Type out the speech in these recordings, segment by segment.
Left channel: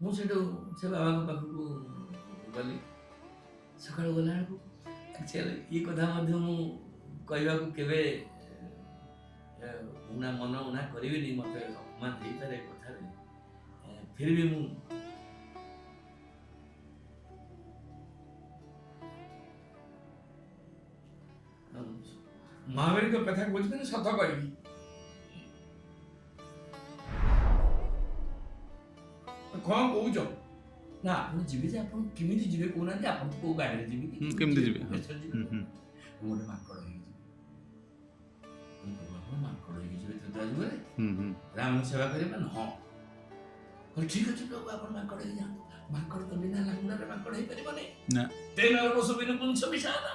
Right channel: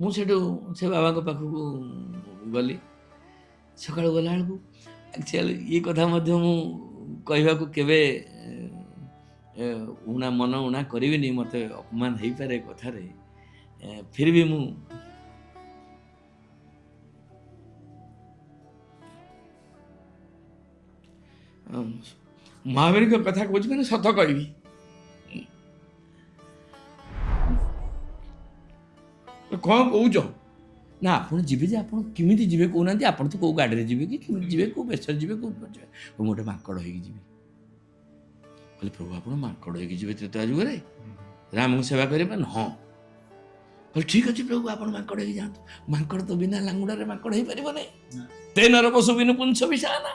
ମୁଁ ସେଠୁ ସେ ବାବାଙ୍କ ପାଖକୁ ଗଲି। ସକାଳୁ ଗଲାବେଳକୁ ଆକ୍ଚୁଆଲି ଏ କଥା ମଧ୍ୟ ମୁଁ କହିବାକୁ କେବେ ମନ ଉଣା କରିବିନି, ମୋତେ ଅପମାନ ହେଇପାରେ କଥାରେ, ଫିର୍ ବି ମୁଁ ମହାବୀରଙ୍କ କଥା କହୁଛି ମାନେ ସତ କହିବି। କ'ଣ କହୁଛ ନା ଆପଣ ଯିବେ ଯେ ଆପଣ କେମିତି ଯିବେ କହୁନାହାନ୍ତି? ଆପଣ ତ କେଉଁ ଗାଡ଼ିରେ ଯିବେ କି କେମିତି ଯିବେ, କେଉଁ ବେଶରେ ଯିବେ, କେଉଁ ମୁଁ ଗୋଟେ ମାଙ୍କଡ଼ ହେଇକି ଯିବି। କହିଲେ ପ୍ରଭୁ ଆପଣ ମାଙ୍କଡ଼ ହେଇକି ଯିବେ ତ୍ରେତୟା ଯୁଗରେ ରାମଙ୍କୁ ସେବା କରିବେ? ହଁ। କହିଲେ ଠିକ୍ ଅଛି ପ୍ରଭୁ ଆପଣ ମାଙ୍କଡ଼ ହେଇକି ଯାଆନ୍ତୁ। ମାଙ୍କଡ଼ ତ ବିନା ଲାଙ୍ଗୁଡ଼ାରେ ମାଙ୍କଡ଼ ହେଇପାରିବ ନାହିଁ। ତେନର ପଶୁ ବିନୁ ପୁଂସ ବିଷାନା,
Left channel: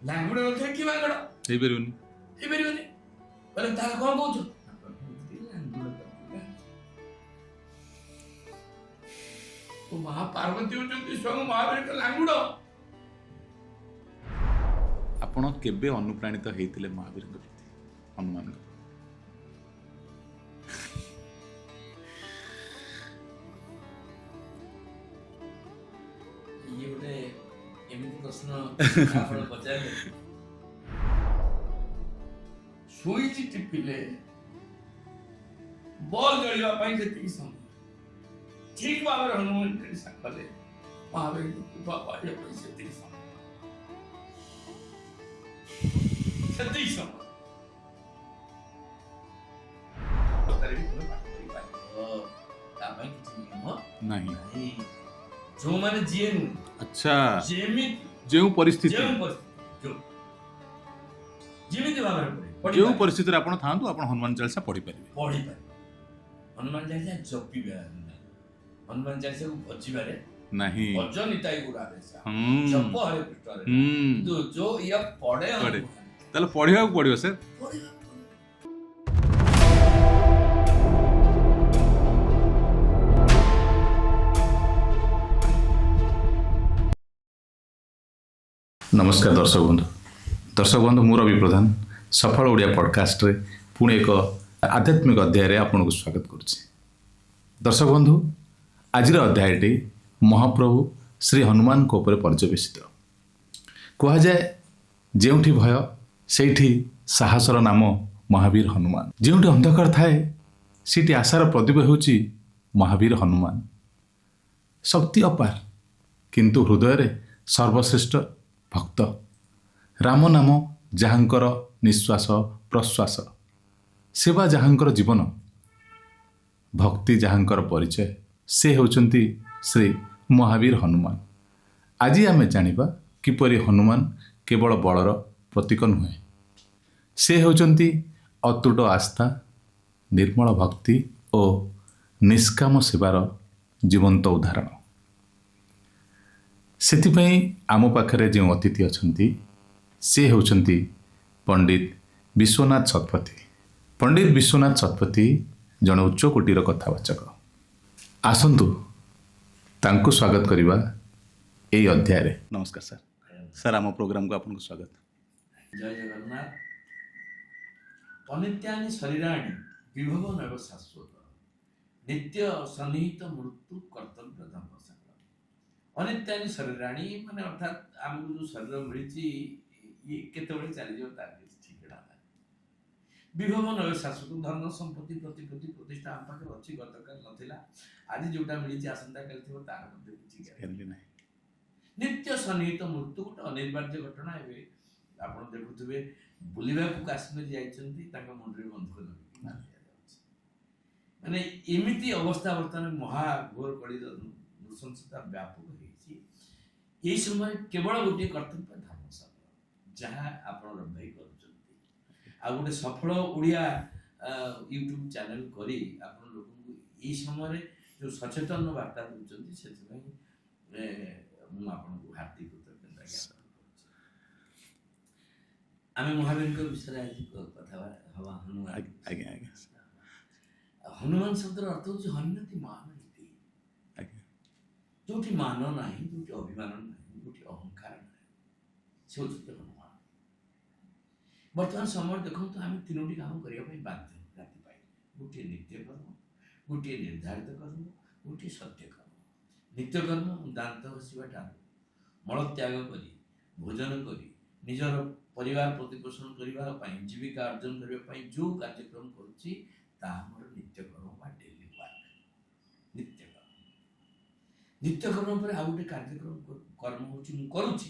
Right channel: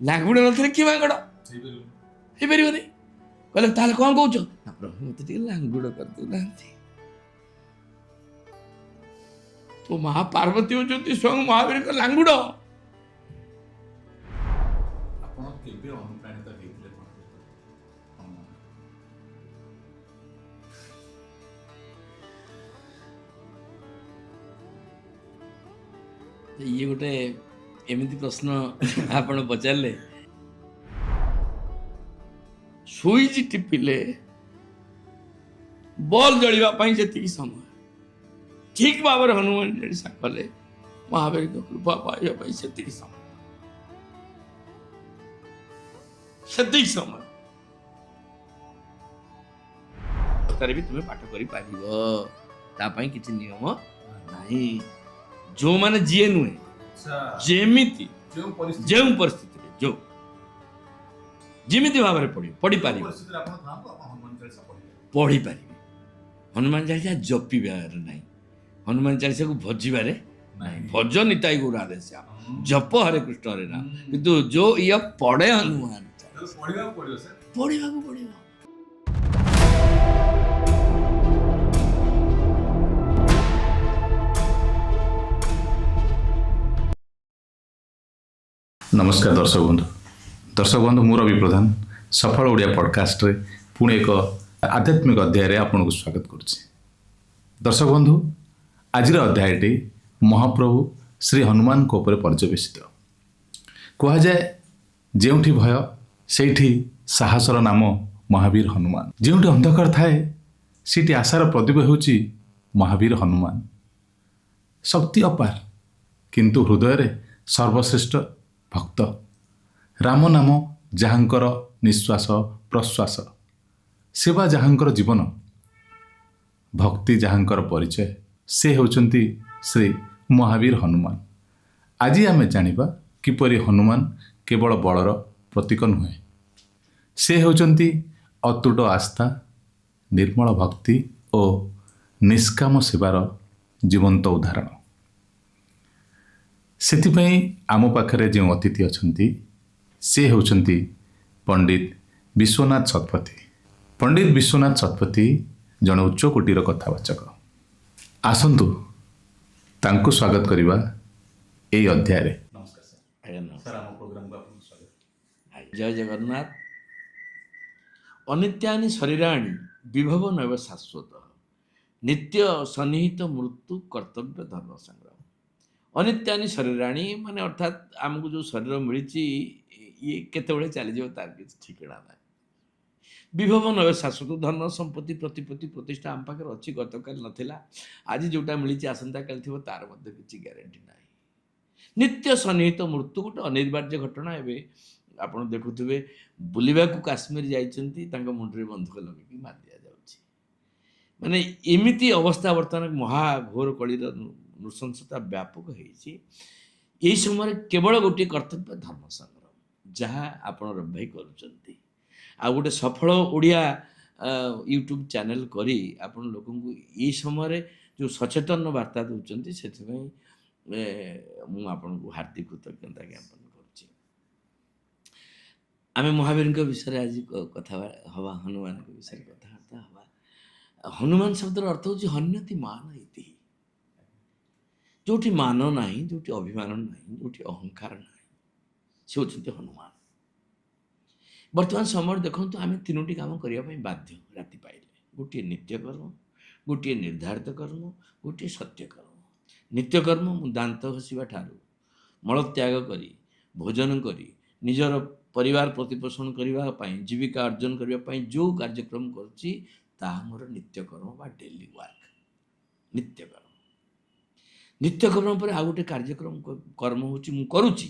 ଲାଙ୍ଗୁଡ଼ ନଥିଲେ କି ମାଙ୍କଡ଼ ହେଇପାରିବନି। କହିଲେ ତାହେଲେ କ'ଣ କହୁଛ? ନା ପ୍ରଭୁ ମୋତେ ଟିକେ ଲାଙ୍ଗୁଡ଼ କରିଦେଉନାହାନ୍ତି। ଓ ମା ପାର୍ବତୀ ହେଉଛନ୍ତି ସ୍ୱୟଂ ମହାବୀରଙ୍କ ଲାଙ୍ଗୁଡ଼। ଆପଣ କେବେ ଅନୁପ୍ରାଣିତ ହେଇଥିଲେ ମହାବୀରଙ୍କ ପ୍ରତି, ହନୁମାନ? ଇଏ ଗୋଟେ ଏମିତି ପ୍ରଶ୍ନ ଆପଣ ପଚାରିଲେ। ସୁଇଚ୍ ଟିପିଲେ ବଲ୍ ଜଳିବା ପାଇଁ ଯେତିକି ସମୟ, ଠିକ୍ ଭାବରେ ହନୁମାନ ଚାଳିଶା କଲେ ମହାବୀରଙ୍କ କୃପା ପାଇବା ପାଇଁ ସେତିକି ସମୟ, ସେତିକି ସମୟ ବି ତୁମେ ପାଠ କରିପାରିବ। ତା ପାଇଁ କିଛି ନିୟମ ନାହିଁ। ଯୋଉମାନେ ଯିଏ ନୁହେଁ, ଆଚ୍ଛା, ଯେମିତି ଯେଉଁ ପରିସ୍ଥିତିରେ ଯେମିତି ଭାବରେ ଯେଉଁ ପରିସ୍ଥିତିରେ ଆପଣ ଥାଆନ୍ତୁ, ଆପଣ ହନୁମାନ ଚାଳିଶା ପଢିପାରିବେ। ହନୁମାନ ଚାଳିଶା ଜପିବାର ନାହିଁ, ହନୁମାନ ଚାଳିଶାକୁ ଭଜିବାରେ ନାହିଁ। ଭଜ ନିତାଇ ଗୌରାଦେଶ, ଜପ ହରେ କୃଷ୍ଣ ହରେ ନାମ। କିନ୍ତୁ ଯୋଉ ଇଏ ପଢେ ହନୁମାନ, ତାହେଲେ ପଢିବାକୁ ପଡିବ ସାର୍, ପଢିବାକୁ ପଡିବ। ନମସ୍କାର ଦର୍ଶକ ବନ୍ଧୁ, ମୁଁ ରବି ପ୍ରଧାନ ସଫଳ ଓଡ଼ିଆ ପଡ଼କାଷ୍ଟରେ ପୁଣି ଏକ ଆଧ୍ୟାତ୍ମିକ ଅଧ୍ୟାୟରେ ଆପଣଙ୍କୁ ସ୍ୱାଗତ କରୁଛି। ଦର୍ଶକ ବନ୍ଧୁ, ଆଜିର ଅଧ୍ୟାୟଟି ମହାପ୍ରଭୁ ଶ୍ରୀ ହନୁମାନଙ୍କ ଉପରେ ପର୍ଯ୍ୟବେସିତ। କୁହାଯାଏ ଯେଉଁଠି ଭୟ ସେଇଠି ସାହସର ନାମ ମହାବୀର ହନୁମାନ। ଯେଉଁଠି ଅନ୍ଧକାର ଥାଏ ସେଇଠି ଆଶାର ପ୍ରଦୀପ ହେଉଛି ମହାବୀର ହନୁମାନ। ଶକ୍ତି ଅପାର କିନ୍ତୁ ହୃଦୟରେ ସର୍ବଶ୍ରେଷ୍ଠ ଭକ୍ତ। ରାମ ନାମ ଯାହାଙ୍କର ନିଶ୍ୱାସ ପ୍ରଶ୍ୱାସ, ସେବା ଯାହାଙ୍କର ଜୀବନ, ଭକ୍ତି ଯାହାଙ୍କର ପରିଚୟ, ସେ ହେଉଛନ୍ତି ଶ୍ରୀ ମହାବୀର ହନୁମାନ। ଆଜି ଆମେ ଜାଣିବା କିପରି ହନୁମାନ କେବଳ ବଳର ପ୍ରତୀକ ନୁହେଁ, ସେ ହେଉଛନ୍ତି ଅତୁଟ ଆସ୍ଥା, ନିର୍ମଳ ଭକ୍ତି ଓ ନିଷ୍କାମ ସେବାର ଜୀବନ୍ତ ଉଦାହରଣ। ସେଥିପାଇଁ ଆମ ପାଖରେ ଯେଉଁ ଅତିଥି ଅଛନ୍ତି ସେ ହେଉଛନ୍ତି ପଣ୍ଡିତ ବିଶ୍ୱନାଥ ଶତପଥୀ। ପଣ୍ଡିତ ବିଶ୍ୱନାଥ ଶତପଥୀ ଜଣେ ଉଚ୍ଚ କୋଟିର କଥାବାଚକ। ଆସନ୍ତୁ ତାଙ୍କୁ ସ୍ୱାଗତ କରିବା ଏହି ଅଧ୍ୟାୟରେ। ନମସ୍କାର ସାର୍। ସାର୍, ଆମ ପ୍ରୋଗ୍ରାମକୁ ଆପଣଙ୍କୁ ସ୍ୱାଗତ। ଜୟ ଜଗନ୍ନାଥ। ଅନିତ୍ୟାନି ଶରୀରାଣୀ ବିଭବ ନୈବ ଶାଶ୍ୱତ, ନିତ୍ୟ ସନ୍ନିହିତ ମୃତ୍ୟୁ କର୍ତ୍ତବ୍ୟ ଧର୍ମ ସଂଗ୍ରାମ। ଅନିତ୍ୟାନି ଶରୀରାଣୀ ମାନେ ଅର୍ଥାତ୍ ଆମକୁ ଯେଉଁ ଶରୀର ମିଳିଛି ଇଏ କେତେବେଳେ ଚାଲିଯିବ ତାର କିଛି ଠିକଣା ନାହିଁ। ବିଭବ ନୈବ ଶାଶ୍ୱତ, ଧନ ସମ୍ପତ୍ତି ପ୍ରତିପତ୍ତି ପ୍ରତିଷ୍ଠା ଆମ ପାଖରେ ଅଛି, ଗତକାଲି ନଥିଲା, ଆଜି ଯେଉଁଟା ମିଳିଛି ଆସନ୍ତାକାଲି ଥିବ, ତାର ମଧ୍ୟ କିଛି ଗ୍ୟାରେଣ୍ଟି ନାହିଁ। ନିତ୍ୟ ସନ୍ନିହିତ ମୃତ୍ୟୁ ଗୋଟେ ଅନିବାର୍ଯ୍ୟ ଘଟଣା। ଏବେ ଆପଣ ଦେଖୁଥିବେ ବୁଲିବାକୁ କାଶ୍ମୀର ଯାଇଛନ୍ତି, ତାଙ୍କ ମୁଣ୍ଡରେ ବନ୍ଧୁକ ଲଗେଇକି ମାରି ଦିଆଯାଉଛି। ମାନେ ଏମିତି ଅବସ୍ଥା ବର୍ତ୍ତମାନ ମହାଘୋର କଳିର ନୃଶଂସତା ବ୍ୟାପକ ହେଇଛି। ଏହି ସମୟରେ କେବଳ ଗୋଟିଏ କର୍ତ୍ତବ୍ୟ ଧର୍ମ ସଂଗ୍ରାମ, ଯାହା ଆପଣ ରବି ଭାଇ କରୁଛନ୍ତି। ଆଉ ଗୋଟେ ସଫଳ ଓଡ଼ିଆ ୟୁଟ୍ୟୁବ୍ ଚ୍ୟାନେଲ୍ କରି ଆପଣ ଲୋକଙ୍କୁ ଏଇ ସମୟରେ ଯେଉଁ ସଚେତନ ବାର୍ତ୍ତା ଦେଉଛନ୍ତି, ସେଥିପାଇଁ ମୁଁ ଆପଣଙ୍କୁ ହାର୍ଦ୍ଦିକ କୃତଜ୍ଞତା ଜ୍ଞାପନ କରୁଛି। ଆମେ ମହାବୀରଙ୍କ ବିଷୟରେ ଆଜି କଥା ହେବା, ହନୁମାନଙ୍କ ବିଷୟରେ କଥାବାର୍ତ୍ତା ହେବା। ହନୁମାନ ଶବ୍ଦର ଅର୍ଥ ହେଉଛି ହନ୍ୟତି ମାନ ଇତି। ଯେଉଁଠି ମାନ ନାହିଁ, ଯେଉଁଠି ଅଭିମାନ ନାହିଁ, ଯେଉଁଠି ଅହଙ୍କାର ନାହିଁ, ସେ ହେଉଛନ୍ତି ହନୁମାନ। ବର୍ତ୍ତମାନ ସମୟରେ ଦେଖନ୍ତୁ, ଆମେ ତିନୋଟି କାମ କରିବା ପାଇଁ ବାଧ୍ୟ। ରାତି ପାଇଲେ ଗୋଟିଏ ନିତ୍ୟକର୍ମ, ଗୋଟିଏ ନିର୍ଦ୍ଧାରିତ କର୍ମ, ଗୋଟିଏ ସତ୍ୟ କର୍ମ। ନିତ୍ୟକର୍ମ ମୁଁ ଦାନ୍ତ ଘଷିବା ଠାରୁ ମଳତ୍ୟାଗ କରି ଭୋଜନ କରି ନିଜର ପରିବାର ପ୍ରତିପୋଷଣ କରିବା ପାଇଁ ଜୀବିକା ଅର୍ଜନ କରିବା ପାଇଁ ଯେଉଁ କାର୍ଯ୍ୟକ୍ରମ କରୁଛି ତାହା ମୋର ନିତ୍ୟକର୍ମ ବା ଡେଲି ୱାର୍କ। ନିତ୍ୟକର୍ମ ନିତ୍ୟକର୍ମ ପରେ ଆଉ ଗୋଟେ କାର୍ଯ୍ୟକ୍ରମ କର୍ମ ହେଉଛି ମୁଁ କରୁଛି,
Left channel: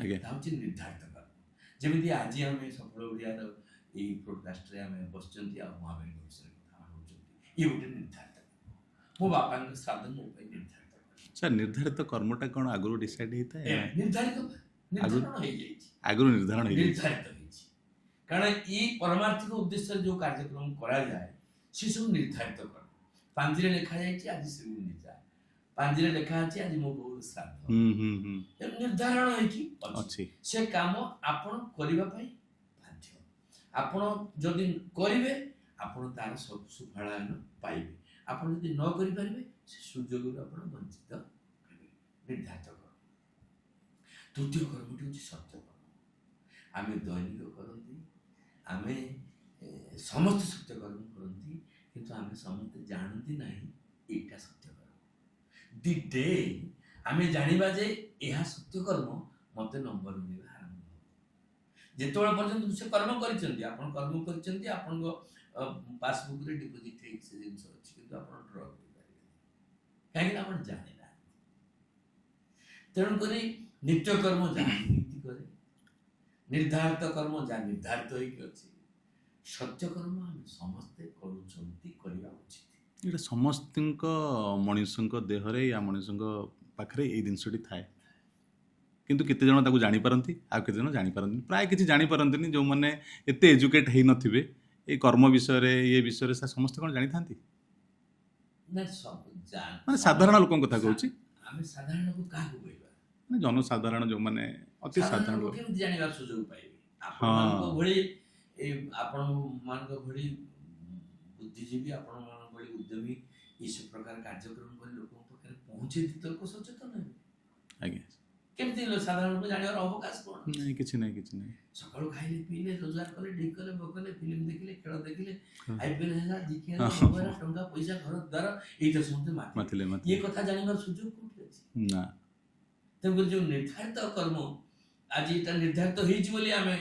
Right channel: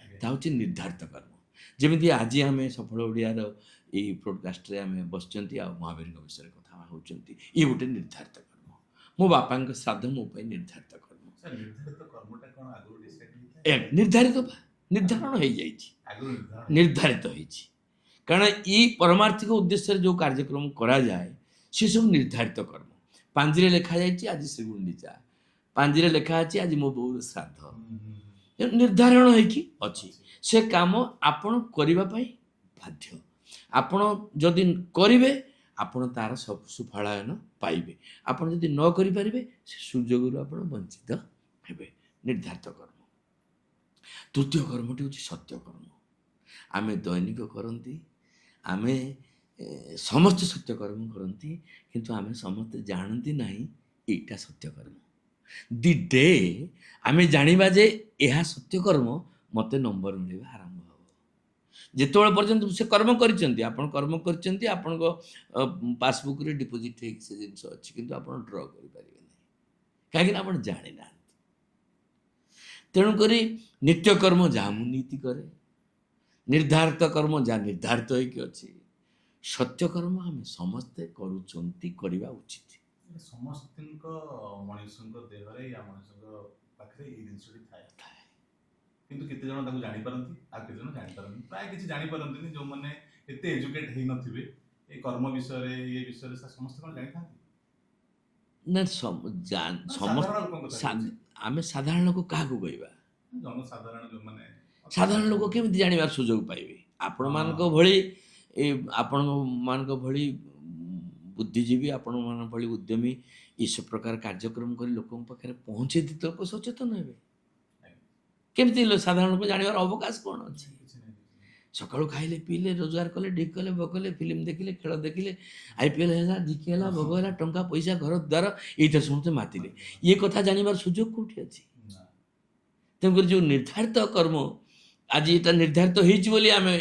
ଆଜ୍ଞା ତାହା ହେଉଛି ନିର୍ଦ୍ଧାରିତ କର୍ମ। ଯେମିତି ଆଜି ଆମେ ସଫଳ ଓଡ଼ିଆର ଏଇ ପ୍ରୋଡକାଷ୍ଟରେ ଆମେ ବସିଛନ୍ତି ଆଉ ମହାବୀରଙ୍କ ବିଷୟରେ କଥା ହେଉଛନ୍ତି, ଇଏ ଗୋଟେ ନିର୍ଦ୍ଧାରିତ କର୍ମ। ମୋ ବାପାଙ୍କ ଶ୍ରାଦ୍ଧ ମୋ ପାଇଁ ନିର୍ଦ୍ଧାରିତ କର୍ମ। ସାର୍ ନିର୍ଦ୍ଧାରିତ କର୍ମଟା କ'ଣ ଆଗରୁ ଡିସାଇଡ୍ ହେଇଥାଏ? ନିର୍ଦ୍ଧାରିତ ନିର୍ଦ୍ଧାରଣ ହେଇଯାଇଛି, ଆଗରୁ ନିର୍ଦ୍ଧାରଣ ନିର୍ଦ୍ଧାରିତ ହେଇଛି। କାରଣ ଏଇ ପରମାର୍ଥିକ ଉଦ୍ଦେଶ୍ୟରେ ଯେଉଁ କାର୍ଯ୍ୟକ୍ରମ କରାଯାଏ ସେସବୁ ନିର୍ଦ୍ଧାରିତ କର୍ମ। ପାଞ୍ଜିରେ ଲେଖାଯାଇଛି ଆଜି ଶ୍ରୀଗୁଣ୍ଡିଚା, ପାଞ୍ଜିରେ ଲେଖା ଅଛି ଆଜି ମୋ ବୋଉର ଶ୍ରାଦ୍ଧ, ନିର୍ଦ୍ଧାରଣ ହେଇକି ଅଛି। ଅଛି। ସେ କାମ ଆପଣ କରିବା ପାଇଁ ବାଧ୍ୟ। ଆପଣ ଯଦି କରିବେ ଆପଣ ତାର ସବୁ ସୁଫଳାୟନ ପାଇବେ। ଆପଣ ଯଦି ନ କରିପାରିବେ ସେ ସୁଯୋଗରୁ ଆପଣ ବଞ୍ଚିତ ହେବେ। ନିର୍ଦ୍ଧାରିତ କର୍ମ। ତୃତୀୟ କର୍ମଟି ହେଉଛି ସତ୍ୟକର୍ମ। ଆମେ ଦୈନିକ କରନ୍ତି, ଆମେ ସମସ୍ତେ ସତ୍ୟକର୍ମ କରନ୍ତି, କିନ୍ତୁ ଆମେ ସମସ୍ତେ ଜାଣନ୍ତି ନାହିଁ ଏଇଟା ସତ୍ୟକର୍ମ। ଦି ଡେ ଆମେ ଜାଣିବା ଯେ ଏହା ସତ୍ୟକର୍ମ, ମୋତେ ନମ୍ବର ମିଳିବା ଆରମ୍ଭ ହେବ। ଯେତେବେଳେ ପର୍ଯ୍ୟନ୍ତ ସେ କର୍ମ କରିଛନ୍ତି, ଆପଣ କର୍ମ କରିଛନ୍ତି, ଆପଣଙ୍କ ପାସବୁକ୍ରେ ଡିପୋଜିଟ୍ ହେଇକି ସେ ଜିନିଷ ଅଛି, କିନ୍ତୁ ଆପଣ ଡ୍ର କରିପାରିବେ ନାହିଁ, କାହିଁକିନା ଆପଣ ଜାଣିନାହାନ୍ତି। ତେଣୁକରି ନିତ୍ୟକର୍ମ ଯାହା ମୁଁ ନୀତି କରେ, ନିର୍ଦ୍ଧାରିତ କର୍ମ ଯାହା ନିର୍ଦ୍ଧାରିତ ହେଇକି ଅଛି, ସତ୍ୟକର୍ମ ଆମେ ସମସ୍ତେ କରୁଛନ୍ତି, କରିବା ଉଚିତ। ଏଇଟା ସମସ୍ତଙ୍କ ମଣିଷଙ୍କ ଦେହରେ ୟା ମଣିଷଙ୍କ ପାଖରେ ଏଇ ଜିନିଷଟି ଥାଏ, କିନ୍ତୁ କେତେ ଜଣ ତାକୁ ଜାଣିପାରନ୍ତି ଆଉ କେତେ ଜଣ ଜାଣିପାରନ୍ତିନି। ପ୍ରାୟ କିଛି ଜାଣିପାରନ୍ତିନି। ଯେଉଁମାନେ ଏତେ ଏଜୁକେଟ୍ ହେଇନଥିବେ ଏଇ କର୍ମ ବିଷୟରେ, ଏ ବିଷୟରେ, ସମସ୍ତେ କ'ଣ ଜାଣିଥାନ୍ତି? ନା ମାନେ ସାଧାରଣ ଲୋକଙ୍କ କଥା କହୁଛି। ଆମେ ସାଧାରଣ ଲୋକ କାହାକୁ କହିବା? ମାନେ ଜନସାଧାରଣ ଯେଉଁମାନେ ସାଧାରଣ ଲୋକ କେମିତି ଜାଣିବାର ସୁଯୋଗ ପାଇବେ? ଆପଣମାନଙ୍କ ଭଳି ଆପଣମାନଙ୍କ ଭଳି ବୁଦ୍ଧିଜୀବୀ, ଆପଣମାନଙ୍କ ଭଳି ଉଦ୍ୟମୀ ଏସବୁ ପ୍ରକାର କାର୍ଯ୍ୟକ୍ରମ କରି ଲୋକଙ୍କ ପାଖରେ ପହଞ୍ଚେଇ ଦିତେ ଲୋକ ସଚେତନ ହେବେ। ଆଜ୍ଞା କେମିତି ସାଧାରଣ ଲୋକ ଜାଣିବାର ଅବକାଶ କ'ଣ ଅଛି? ନାହିଁ, କିଛି ନାହିଁ, କିଛି ନାହିଁ। ସକାଳୁ ଖାଇଲେ ପିଇଲେ, ରୋଜଗାର କଲେ, ଠିକ୍ କଲେ, ଭୋଗଲେ, ଫିଲ୍ମ ଦେଖିଲେ, ଖେଳ ଦେଖିଲେ, IPL ହେଲା, ଜିକେ ହେଲା, ଭୋଗ ହେଲା, ଟଙ୍କା ପଇସା, ଘର ଦ୍ୱାର, ଏଇଥିରେ ସମସ୍ତେ ମାତିଲେ। ଇଏ କଥା ଜାଣିବାର ସୁଯୋଗ କୋଉଠି ଅଛି? ନା। ତେଣୁକରି ଯେଉଁ ନିର୍ଦ୍ଧାରିତ କର୍ମ, ଆଜି ଏଟା ନିର୍ଦ୍ଧାରିତ ହେଇଛି ବୋଲି ଆମେ,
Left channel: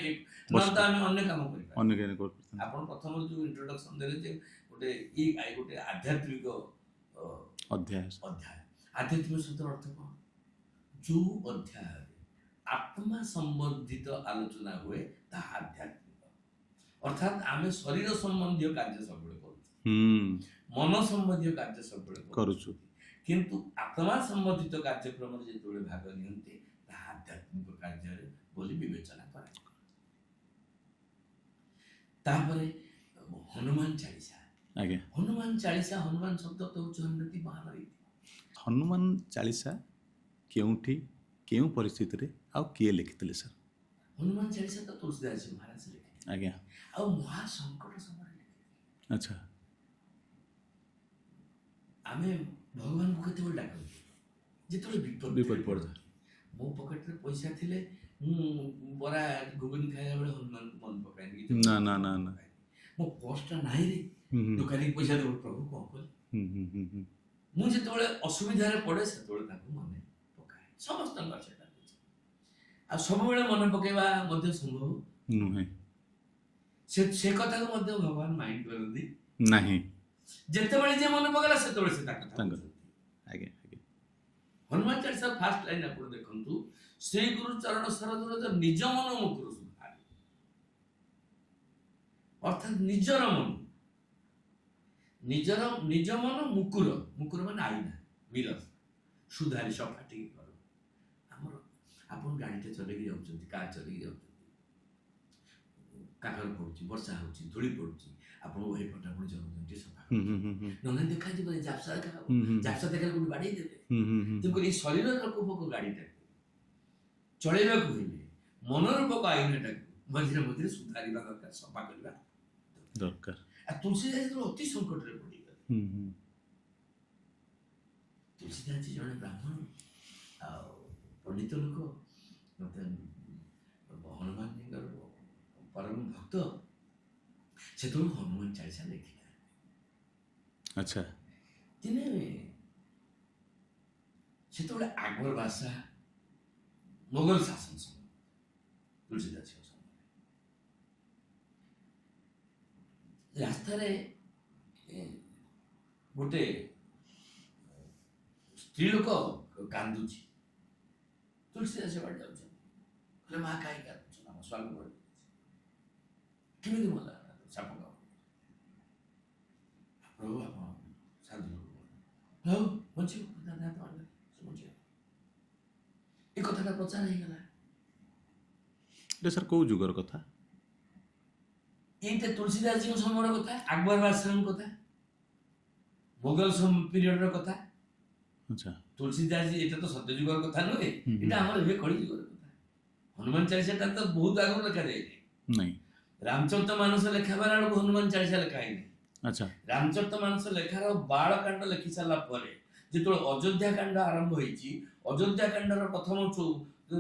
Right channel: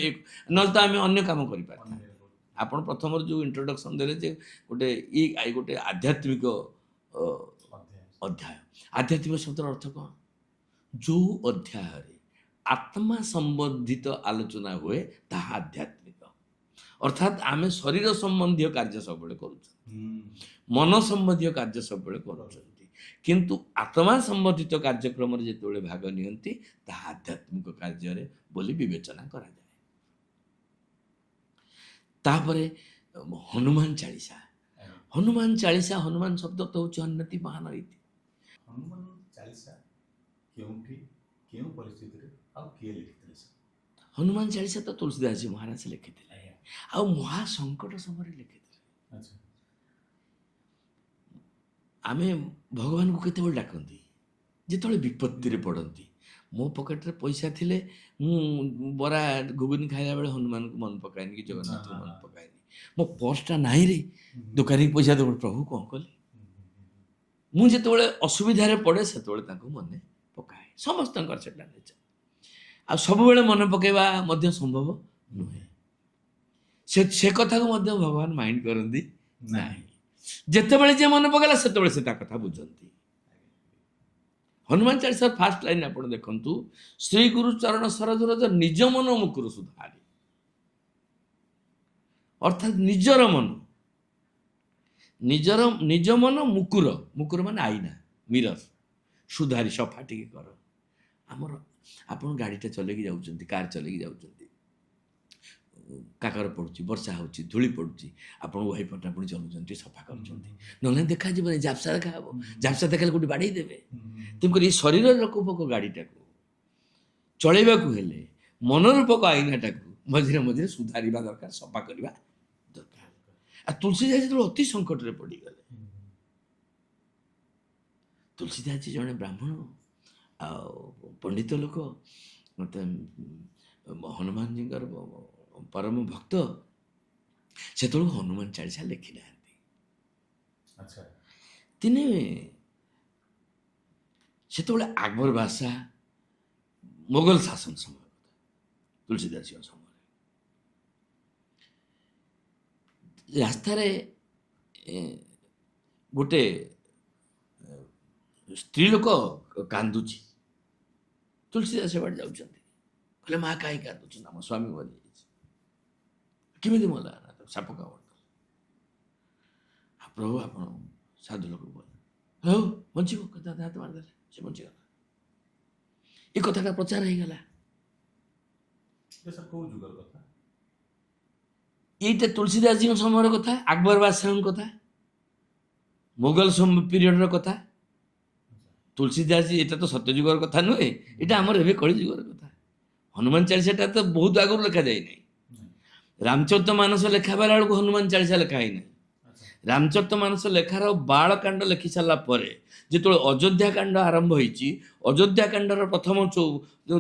ନହେଲେ ତ ଆମେ ଅନ୍ୟ କାମ କରିପାରିବା। ଆପଣ ପ୍ରଥମରୁ ଯେଉଁ ଇଣ୍ଟ୍ରୋଡକ୍ସନ୍ ଦେଲେ ଯେ ଗୋଟେ ଆଧ୍ୟାତ୍ମିକ ଅଧ୍ୟାୟ। ଆଧ୍ୟାତ୍ମିକ ଶବ୍ଦର ଅର୍ଥ କ'ଣ? ଯେଉଁ ଅଧ୍ୟାୟରେ ଆତ୍ମା ସମ୍ବନ୍ଧିତ ଆଲୋଚନା ହୁଏ ତାହା ଆଧ୍ୟାତ୍ମିକ। ଅର୍ଥାତ୍ ଆମେ ଶରୀର ସମ୍ବନ୍ଧୀୟ କାର୍ଯ୍ୟ ସବୁବେଳେ କରୁଛୁ, ମନ ସମ୍ବନ୍ଧୀୟ କାର୍ଯ୍ୟ ସବୁବେଳେ କରୁଛୁ, କିନ୍ତୁ ଆତ୍ମା ସମ୍ବନ୍ଧିତ କାର୍ଯ୍ୟକ୍ରମରେ ଯେତେବେଳେ ଭାଗ ନିଅନ୍ତି ତାହା ଆଧ୍ୟାତ୍ମିକ କାର୍ଯ୍ୟରେ ବୋଲି ବିବେଚନା କରାଯାଏ। ତାପରେ ହନୁମାନ ଚାଳିଶା। ହନୁମାନ ଚାଳିଶା, ହନୁମାନ ଶବ୍ଦ ତ ହେଉଛି ହନୁମତି ମହାନ ଇତି। ହନୁମାନ ଚାଳିଶା କେଉଁଠି, କେଉଁ ପରିସ୍ଥିତିରେ ଆଉ କିଏ ଲେଖିଥିଲେ ସାର୍? ହନୁମାନ ଚାଳିଶା ତ ତୁଳସୀଦାସ ମହାରାଜ ଲେଖିଥିଲେ। ଆଜ୍ଞା। ଆଉ ମହାସଙ୍କଟ ସମୟରେ ଲେଖିଥିଲେ। ଆଚ୍ଛା। ଆମେ ଭଗବାନଙ୍କୁ କେତେବେଳେ ଡାକନ୍ତି? ଯେତେବେଳେ ବିପତ୍ତିରେ ପଡ଼ନ୍ତି। ମୋ ପକେଟରେ ପଇସା ଥିଲେ ମୁଁ ବରା ଘୁଗୁନି ଖାଇଲା ବେଳେ ହନୁମାନଙ୍କୁ ମନେ ପକାଏନି, କି ଜଗନ୍ନାଥଙ୍କୁ ମନେ ପକାଏନି। ମୋ ପର୍ସଟା ନାହିଁ ରେ, ଦୋକାନୀକି ପଇସା ଦେବ, ପ୍ରଭୁ କ'ଣ କଲି? ମୁଁ ଯେତେବେଳେ ଅସୁବିଧାରେ ପଡ଼େ ସେତେବେଳେ ତାଙ୍କୁ ମନେ ପକାଏ। ସମସ୍ତଙ୍କର ସେଟା ନେଚର। ଆଉ ସବୁବେଳେ ମନେ ପକାଇବା ମଧ୍ୟ ସମ୍ଭବ ନୁହେଁ। ସେ କଥାକୁ ମଧ୍ୟ ଭଗବାନ ମାଇଣ୍ଡ କରନ୍ତି ନାହିଁ। ଯେତେବେଳେ ଯିଏ ମନେ ପକାଇଲା ସେତେବେଳେ ସେ ତା କଥା ବୁଝନ୍ତି। ହନୁମାନ ଚାଳିଶାର ଫାର୍ଷ୍ଟ ଲାଇନ୍ ଆପଣ ଦେଖନ୍ତୁ, ଶ୍ରୀ ଗୁରୁ ଚରଣ ସରୋଜ ରଜ ନିଜ ମନ ମୁକୁର ସୁଧାରି। ଅର୍ଥାତ୍ ନିଜର ମନ, ନିଜ ମନ ମୁକୁର, ମୁକୁର ମାନେ ଆଇନା, ମିରର, ସୁଧାରି ସଫା ଟିକେ କର। ଆମର ଆପଣ ଗାଡ଼ିଟା ଚଲେଇକି ଯାଉଛନ୍ତି, କାର୍ ଚଲେଇକି ଯାଉଛନ୍ତି, କାକର ପଡ଼ୁଛି, ବର୍ଷା ହେଉଛି, ଧୂଳି ପଡ଼ୁଛି, ଆପଣ ଓହି ପଟାପଡ଼ି ଚଲାଉଛନ୍ତି, ସଫା କରୁଛନ୍ତି, ନହେଲେ ଦେଖାଯିବନି, ଝାପ୍ସା ଦେଖାହେବ। ଝାପ୍ସା ଦେଖାଲେ କୋଉଠି ବାଡ଼େଇ ଦେବେ। ତେଣୁକରି ଏ ଶରୀରର ରୂପକ ଗାଡ଼ିଟାକୁ ଚଳେଇବାକୁ ହେଲେ ମନୋରୂପକ ଆଇନାଟାକୁ ମଝିରେ ମଝିରେ ସୁଧାରିବା ଦରକାର, ସଫା କରିବା ଦରକାର। ଆଉ ତୁଳସୀଦାସ ଯେତେବେଳେ ଅତି ସଙ୍କଟରେ ପଡ଼ିଗଲେ, ତୁଳସୀଦାସ ଜଣେ ବ୍ରାହ୍ମଣ ଆଉ ପଣ୍ଡିତ ଲୋକ, ମୋତେ ହନୁମାନଜୀଙ୍କର ପରମ ଭକ୍ତ, ସେତେବେଳକୁ ହନୁମାନ ଚାଳିଶା ଲେଖିନାହାନ୍ତି। ଆଚ୍ଛା। ଦିନେ ସେତେବେଳେ ଆକବର ବାଦଶାହ ମୋଗଲ ଶାସନ ସମୟ ତୁଳସୀଦାସଙ୍କ ସମୟରେ ରାସ୍ତାରେ ଗୋଟେ ସ୍ତ୍ରୀ ଲୋକ କାନ୍ଦୁଛି। ତୁଳସୀଦାସ ବାଟେ ଯାଉଛନ୍ତି, କହିଲେ ମା କାହିଁ କାନ୍ଦୁଛନ୍ତି? ଆମ ସ୍ୱାମୀ ମରିଯାଇଛି। କେମିତି ମଲା? ସାପ କାମୁଡି। ପ୍ରଭୁ ଆପଣ ସାଧୁ ଲୋକ କହିଲେ ହଉ ବଞ୍ଚିବ, କଥା ହାତ ମାରିଦେଲେ, ସେ ବଞ୍ଚିଗଲା। ଏ କଥାଟା ପ୍ରଚାର ହେଇଗଲା। ଏଇଟା ସାର୍ କୋଉ ଯୁଗର କଥା? ଏଇଟା ତୁଳସୀଦାସଜୀଙ୍କ ସମୟର କଥା, ଆକବର ବାଦଶାହଙ୍କ କଥା, ମୋଗଲ ପିରିୟଡର କଥା। ଆଚ୍ଛା। ତୁଳସୀଦାସଜୀ ଏଇଟା ତ ସତ୍ୟଯୁଗର କଥା ନୁହେଁ, ଏଇଟା ଆମର ଏବେ କଳିଯୁଗର କଥା। ହନୁମାନ ଚାଳିଶାଟା ତ ବହୁତ ଆଗରୁ ଲେଖାଯାଇନାହିଁ। ନାଇଁ। ରାମଚରିତ ମାନସ ଲେଖା ବେଲା ବେଳକୁ ହନୁମାନ ଚାଳିଶା ଲେଖା ହେଇନାହିଁ। ଆଚ୍ଛା। ରାମଚରିତ ମାନସ ଲେଖାର ବାଳକାଣ୍ଡ ଲେଖି ସାରିଲା ପରେ ଯେତେବେଳେ ଅଯୋଧ୍ୟା କାଣ୍ଡ ଆରମ୍ଭ ହେଇଛି, ଅଯୋଧ୍ୟା କାଣ୍ଡର ପ୍ରଥମ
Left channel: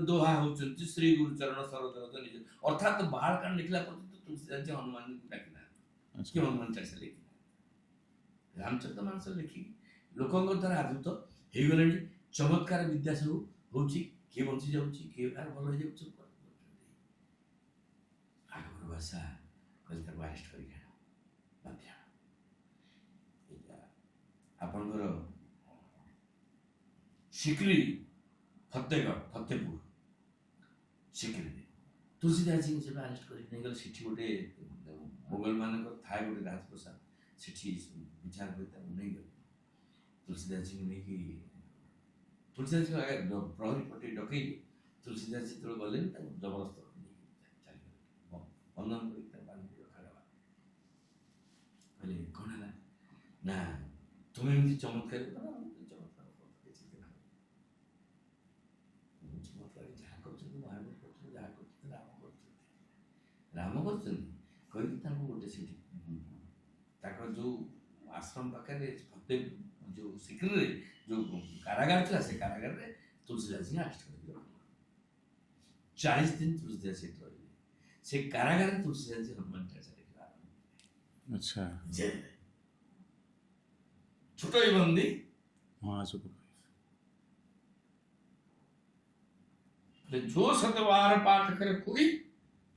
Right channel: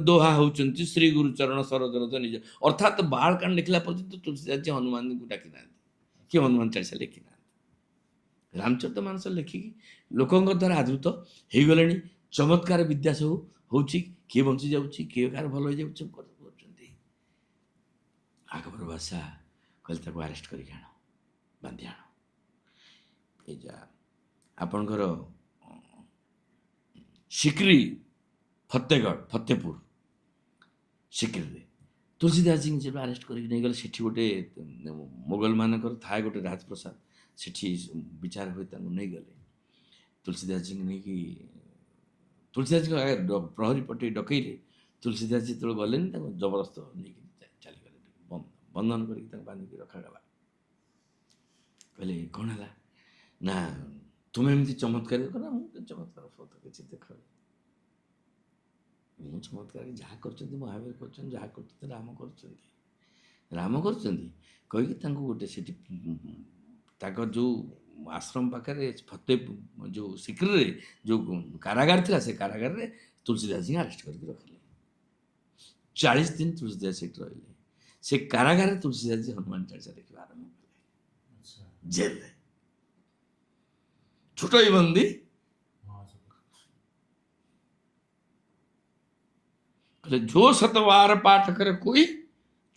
ଦୋହା ହଉଛନ୍ତି ଶ୍ରୀ ଗୁରୁଚରଣ ସରୋଜ ନିଜ, ଅର୍ଥାତ୍ ବାଳକାଣ୍ଡ ଲେଖିଲା ପର୍ଯ୍ୟନ୍ତ ତୁଳସୀଦାସଜୀ ହନୁମାନଙ୍କୁ ଡାକି ନାହାନ୍ତି କି ହନୁମାନ ଚାଳିଶା ଲେଖି ନାହାନ୍ତି। ରାମଚରିତ ମାନସ ଲେଖିକି ଲୋକଙ୍କ ଦ୍ୱାରା ଆଦୃତ ହେଇଗଲେଣି। ଚମତ୍କାର ବିଦ୍ୟା ସବୁ ହଉଛି, କିଏ ବଞ୍ଚି ଯାଉଛି, କିଏ କାହାର ଭଲ ହେଇଯାଉଛି, ସବୁ କରୁଛନ୍ତି। ଆକବର ବାଦଶାହ କହିଲେ ତାକୁ ଆରେଷ୍ଟ କରିକି ଆଣ, ବାନ୍ଧି ଆଣ। ଏ ଯା ଆପଣଙ୍କର ସିକ୍ରି ଫତେପୁର ସିକ୍ରିରେ ତୁଳସୀଦାସଜୀଙ୍କୁ ଯେବେ ଆରେଷ୍ଟ କରିକି ନେଇଗଲେ, ସେଠି ଗୋଟେ ମୋଗଲ ମାନଙ୍କର ଥାଏ ଗୋଟେ ରାଜପ୍ରସାଦ, ସେଠି ବିଚାର ହୁଏ, ତାଙ୍କୁ ନେଇଗଲେ। ତୁଳସୀଦାସଜୀଙ୍କୁ ନେଇକି ତୁଳସୀଦାସଙ୍କ ପ୍ରହରୀ ପଟେ ଡକେଇଲେ। ତୁଳସୀଦାସ ଯେତେବେଳେ ଗଲେନି, ତାଙ୍କୁ ଜବରଦସ୍ତ ନେଇକି ଚାଲିଗଲେ, ବନ୍ଧନ କରିକି ତାଙ୍କୁ ବାନ୍ଧିକି ରଖାଗଲା। କହିଲେ କ'ଣ ହେଲା ନା ତୁମେ ଏମିତି ଚମତ୍କାର କର? ମୁଁ ଚମତ୍କାର ଫତ କିଛି ଦେଖ, ମୁଁ ଚମତ୍କାର ଯାହା କରୁଛନ୍ତି ମହାବୀର କରୁଛନ୍ତି, ଯାହା କରୁଛନ୍ତି ରାମ କରୁଛନ୍ତି କହିକି ତାଙ୍କୁ ଗୋଟେ ସେଠି ତାଙ୍କର ଯେଉଁ ଆଶ୍ରମ ପାଖରେ ଯେଉଁ ସିକ୍ରିରେ ଯେଉଁ କାରାଗାର ଥିଲା, ସେ କାରାଗାରରେ ତୁଳସୀଦାସଜୀଙ୍କୁ ଆରେଷ୍ଟ କରିକି ରଖିଲେ। 40 ଦିନ ତୁଳସୀଦାସ ସେଠି ରହିଲେ। ସେ କାରାଗାରରେ ତୁଳସୀଦାସଜୀ ହନୁମାନ ଚାଳିଶା ଲେଖିବା ଆରମ୍ଭ କଲେ। ଆଚ୍ଛା। ଜେଲରେ ଛୋଟଇ ବନ୍ଦୀ जो सतवार पाठ कर कोई